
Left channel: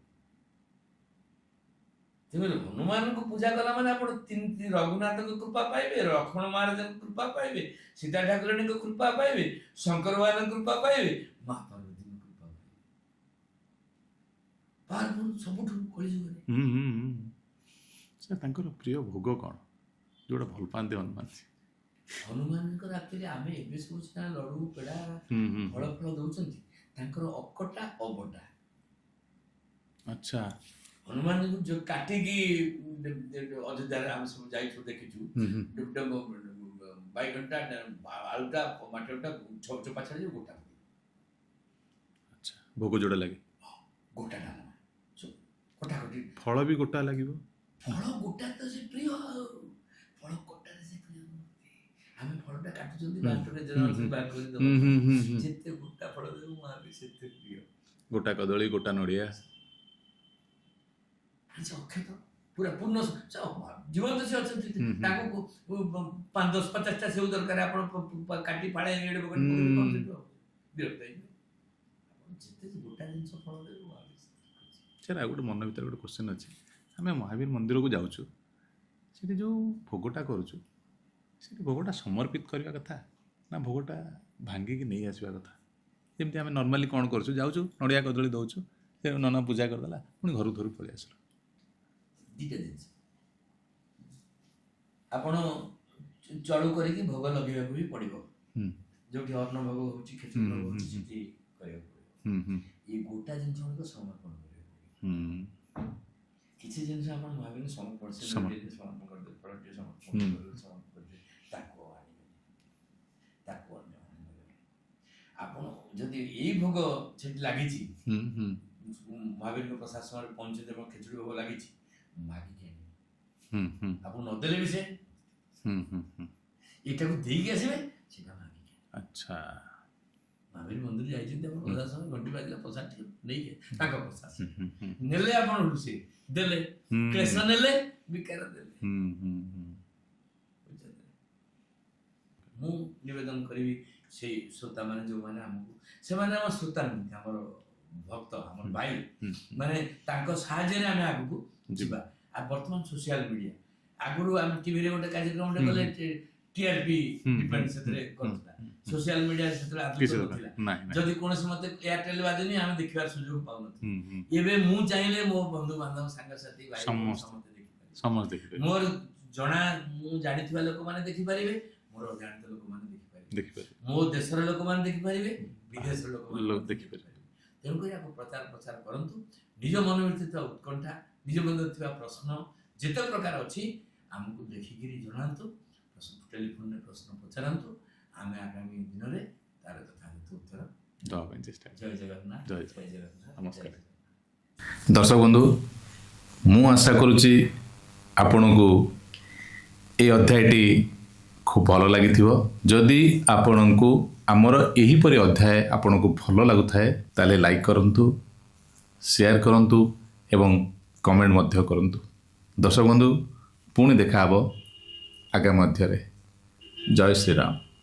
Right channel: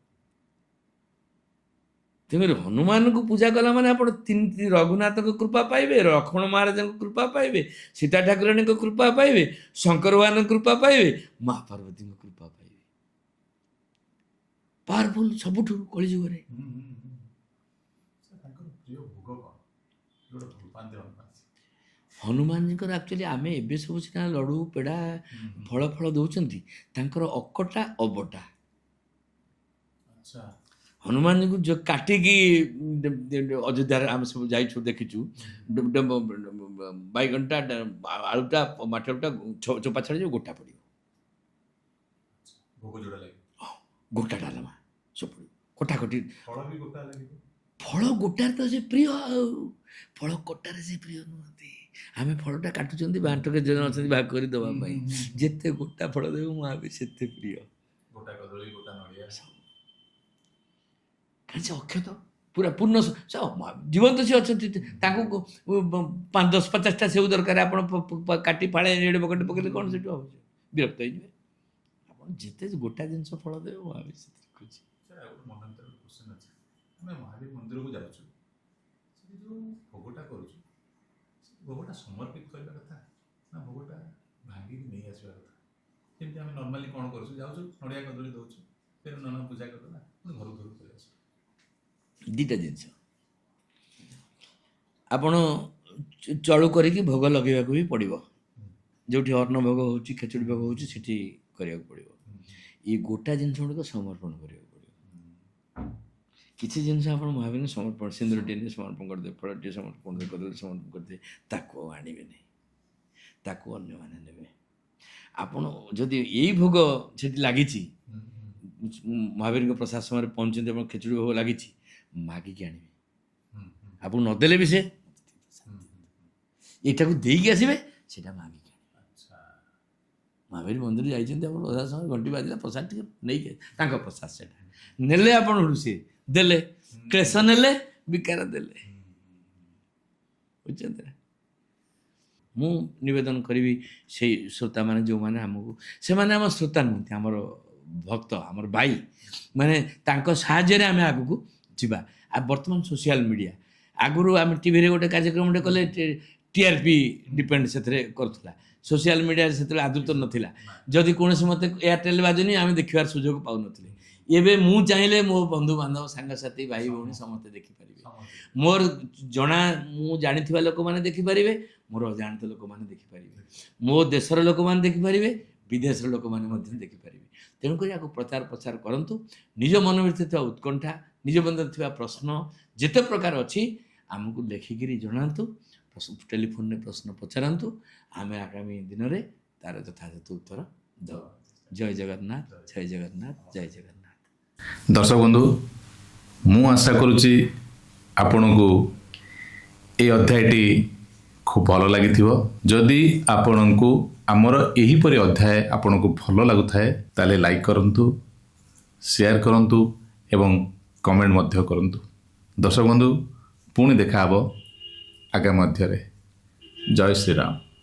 ତେଣୁକରି ହନୁମାନଙ୍କୁ ପୂଜା କଲା ମାନେ ଆପଣ ତିନି ରଘୁନାଥଙ୍କ କୃପା ପାଇବେ, ଲକ୍ଷ୍ମଣ ମହାରାଜଙ୍କ କୃପା ପାଇବେ, ସୀତା ଠାକୁରାଣୀଙ୍କ କୃପା ପାଇବେ, ଶଙ୍କର ଭଗବାନଙ୍କ କୃପା ପାଇବେ, ମା ପାର୍ବତୀଙ୍କ କୃପା ପାଇବେ। ପାୱାରଫୁଲ ସବୁଠୁ କଳିଯୁଗରେ। ସେ ତାଙ୍କର ପ୍ରିୟ ଭୋଗ କ'ଣ ଯୋଉଟା ଭଲ ପାଆନ୍ତି ହନୁମାନ? ହନୁମାନଙ୍କର ଆକ୍ଚୁଆଲି ଆମେ ଏବେ ସବୁ ସିନା ଲଡ଼ୁ ପେଡ଼ା ଫଳ ଫଳ ଦେଉଛନ୍ତି, ତାଙ୍କର ଅକଟା ଅବଟା। ଆଚ୍ଛା। ହନୁମାନଙ୍କୁ ଯୋଉ କାଟିକି ଅଯୋଧ୍ୟାରେ ଆମେ ସବୁ ଯାଇଛୁ ଦେଖିଛୁ, ବାଇଗଣଟା ଆଳୁଟା ମାଟିଟା ଚୋପା ଛାଡ଼ିଯିବ, ଗୋଟା ପଡ଼ିବ। ଆଚ୍ଛା, ଭୋଗ ଯୋଉଟା ଲାଗେ ଗୋଟା ଡାଲମା ସବୁ କଟାକଟି। ଫଳ ବି ଗୋଟା ଲାଗିବ। ଫଳ ଗୋଟାରେ ତ ସେ ପ୍ରିୟ, ଆଉ ଫଳ କଟାରେ ସେ ପ୍ରିୟ ନୁହନ୍ତି। ଆମେ ଫଳଟା କାଟୁଛନ୍ତି, ବାଟରେ ଜଣ ଅଛନ୍ତି ଭାଗ କରି ଦେବା ପାଇଁ। ଯେତେ ଗୋଟା ଫଳ ଦେବୁ ମା ବି ସେତେ ପ୍ରିୟ। ଗୋଟା କଦଳୀ, ଗୋଟା ନଡ଼ିଆ, କାରଣ ସେ ଅକ୍ଷତ ପୁରା ପୂର୍ଣ୍ଣ ଜୀବନ୍ତ ସେ ଅଛନ୍ତି। ତାଙ୍କୁ 5, 10, 50ଟା ସେଉ ଦରକାର, ଆପଣ କାଟି ଫାଳେ ଏଡ଼େ ପକେଟ ପକେଇଲେ କ'ଣ ସେଇଠୁ ହେବ? ବିରକ୍ତ ହେଇଯିବେ। ଆପଣ ଯେତେ ଗୋଟା ଜିନିଷ ଫଳ ଦେବେ ମା ବି ସେଥିରେ ଖୁସି। ସାର୍ ଆଉ ଗୋଟେ ମନ ଭିତରେ ଗୋଟେ କ୍ୱେଶ୍ଚନ୍ ଅଛି। ଆମେ ମହାବୀର ମନ୍ଦିରକୁ ଯାଉଛୁ, ସେଠି ଯେଉଁ ଭୋଗଟା କରୁଛୁ, ସେଠି ଭୋଗଟା ସମର୍ପିତ କରିବା କଥା ନା ଭୋଗଟା ଭାଙ୍ଗିକି ନେଇ ଆସିବା କଥା? ଯେମିତି ଆମେ ନର୍ମାଲି କ'ଣ କରୁଛୁ, ଯାଉଛୁ ନଡ଼ିଆ କଦଳୀ ଦେଉଛୁ, ସେ ନନା ପୂଜା କରିଦେଲା, ପୁଣି ଘରକୁ ଧରି ପଳେଇ ଆସିଲୁ। ଦୁଇଟା ଜିନିଷ ଆପଣ ଚଳୁ କରିକି ଭୋଗ ଲଗେଇବାକୁ ବି ପଡ଼ିବ। ଯେଉଁଠି ଅନ୍ନ ଭୋଗ ହେଉଛି, ଖେଚୁଡ଼ି ଭୋଗ ହେଉଛି, ସେଠି କରିବାକୁ ପଡ଼ିବ। ଏଇ ଗୋଟା ଜିନିଷ ଗୁଡ଼ିକ ସମର୍ପଣ କରିବାକୁ ପଡ଼ିବ। କିଛି ଜିନିଷ ଆପଣ ମହାବୀର ସମର୍ପଣ, ସିନ୍ଦୁର ଟିକେ ସମର୍ପଣ କରିଦେବେ, ଫଳ ଟିକେ ସମର୍ପଣ କରିଦେବେ, ସମର୍ପଣ କରିଦେବେ, ତାକୁ ଆଉ ଆଣିବେନି, ତାକୁ ଅନ୍ୟମାନେ ନେବେ। ଆପଣ ଯଦି ଏଇ ଭୋଗ ସେଠି ଲାଗିଛି, ମହାବୀରଙ୍କ ପ୍ରସାଦ ସମୟରେ ପହଞ୍ଚନ୍ତି, ଆପଣ ଖେଚୁଡ଼ି ଭୋଗ ଲାଗିଛି, ମାଗିକି ଆଣିବେ। ଆପଣ ନଦେଲେ ବି ସେ ଏଇଟାକୁ ଦେଇକି ଆସିବେ, ସେଇଟା ମାଗିକି। ଆଚ୍ଛା। ମହାବୀର ମନ୍ଦିର ଯାଇଛନ୍ତି, ଆପଣ ପ୍ରସାଦ ସମୟ ଘଣ୍ଟି ବାଜିଲା, ପ୍ରସାଦ ଟିକେ ନେଇକି ତାଙ୍କ ପ୍ରସାଦ ସେଟା ନେଲେ, ଆପଣ ସେ ଦେଲେ, କ୍ଲେଶ ନେଲେ, ବିକାର ଦେଲେ। ବୁଝୁଛନ୍ତି ନା? ମୁଁ ନିବେଦନ କରିବି ସେଇ ଶ୍ରୋତାମାନେ ଯେଉଁମାନେ ଆମକୁ, ସେମାନେ ଆମ ଶ୍ରୋତା ନୁହନ୍ତି, ଆମର ଭକ୍ତ, ଆମର ଭାଇ, ମାନେ ତାଙ୍କ ସାହାଯ୍ୟରେ ଆମେ ଆଗକୁ ଯିବା। ଆଉ ବର୍ତ୍ତମାନ ସୋସିଆଲ ମିଡ଼ିଆ, ଆଗରୁ ଆମେ ଟିଭିରେ ଗୋଟେ କାର୍ଯ୍ୟକ୍ରମଟେ କଲେ TRP ଡିପେଣ୍ଡ ସେଥିରେ କରୁଥିଲା। ସୋସିଆଲ ମିଡ଼ିଆରେ ସେତେବେଳେ ଆଦୃତ ନଥିଲା। ଯଦି କୌଣସି ମତେ ଏୟାରଟେଲ ବାଜୁନି, ଆମେ ଦେଖିବାର ସୁଯୋଗ ପାଉନଥିଲୁ। ଏବେ ମୁଁ ଚାହିଁଲେ ମୋ ବନ୍ଧୁବାନ୍ଧବ, ସାଙ୍ଗସାଥି, ଭାଇ ଭଉଣୀ ସମସ୍ତେ ଦେଖିପାରିବେ। ମୋର ମୁଁ ଜାଣିଥିବା ଲୋକମାନେ ଦେଖିପାରିବେ, ମୋର ଅଜାଣିତ ଲୋକମାନେ ଦେଖିପାରିବେ, ମୋ ଦେଶର ଲୋକମାନେ ଦେଖିପାରିବେ, ବିଦେଶର ଲୋକମାନେ ମଧ୍ୟ ଦେଖିପାରିବେ। ତେଣୁକରି ଆକୁ ପ୍ରଚାର ପ୍ରସାର କରନ୍ତୁ। ନିଜ ମନ ଭିତରେ ଥିବା ଉତ୍କଣ୍ଠା, ନିଜ ମନରେ ଥିବା ପ୍ରଶ୍ନ ଯେତେ ପ୍ରକାର ଅଛି, ଆମକୁ ଲେଖିକିରି ଜଣାନ୍ତୁ, ଟେଲିଫୋନରେ ପ୍ରଶ୍ନ ପଚାରନ୍ତୁ। ଆମେ ଆଗାମୀ ଦିନରେ ତାର ଯଥାଯଥ ଉତ୍ତର ଦେବା ପାଇଁ ଚେଷ୍ଟା। ଜୟ ଜଗନ୍ନାଥ, ଜୟ ଜଗନ୍ନାଥ, ଜୟ ଜଗନ୍ନାଥ। ଦର୍ଶକ ବନ୍ଧୁ, ମୁଁ ଆଶା କରୁଛି ଆପଣଙ୍କୁ ଏ ଅଧ୍ୟାୟଟି ଖୁବ୍ ଭଲ ଲାଗିଥିବ। ଯଦି ଆପଣଙ୍କୁ ଆମର ଏହିପରି ଅଧ୍ୟାୟ ଆପଣଙ୍କୁ ଭଲ ଲାଗୁଥାଏ, ତାହେଲେ ଲାଇକ୍ କରନ୍ତୁ, ସେୟାର କରନ୍ତୁ ଏବଂ କମେଣ୍ଟ ମଧ୍ୟ କରନ୍ତୁ। ଦର୍ଶକ ବନ୍ଧୁ, ପୁଣି ଦେଖା ହେବ ଆଗାମୀ ଅଧ୍ୟାୟରେ। ଜୟ ଶ୍ରୀରାମ।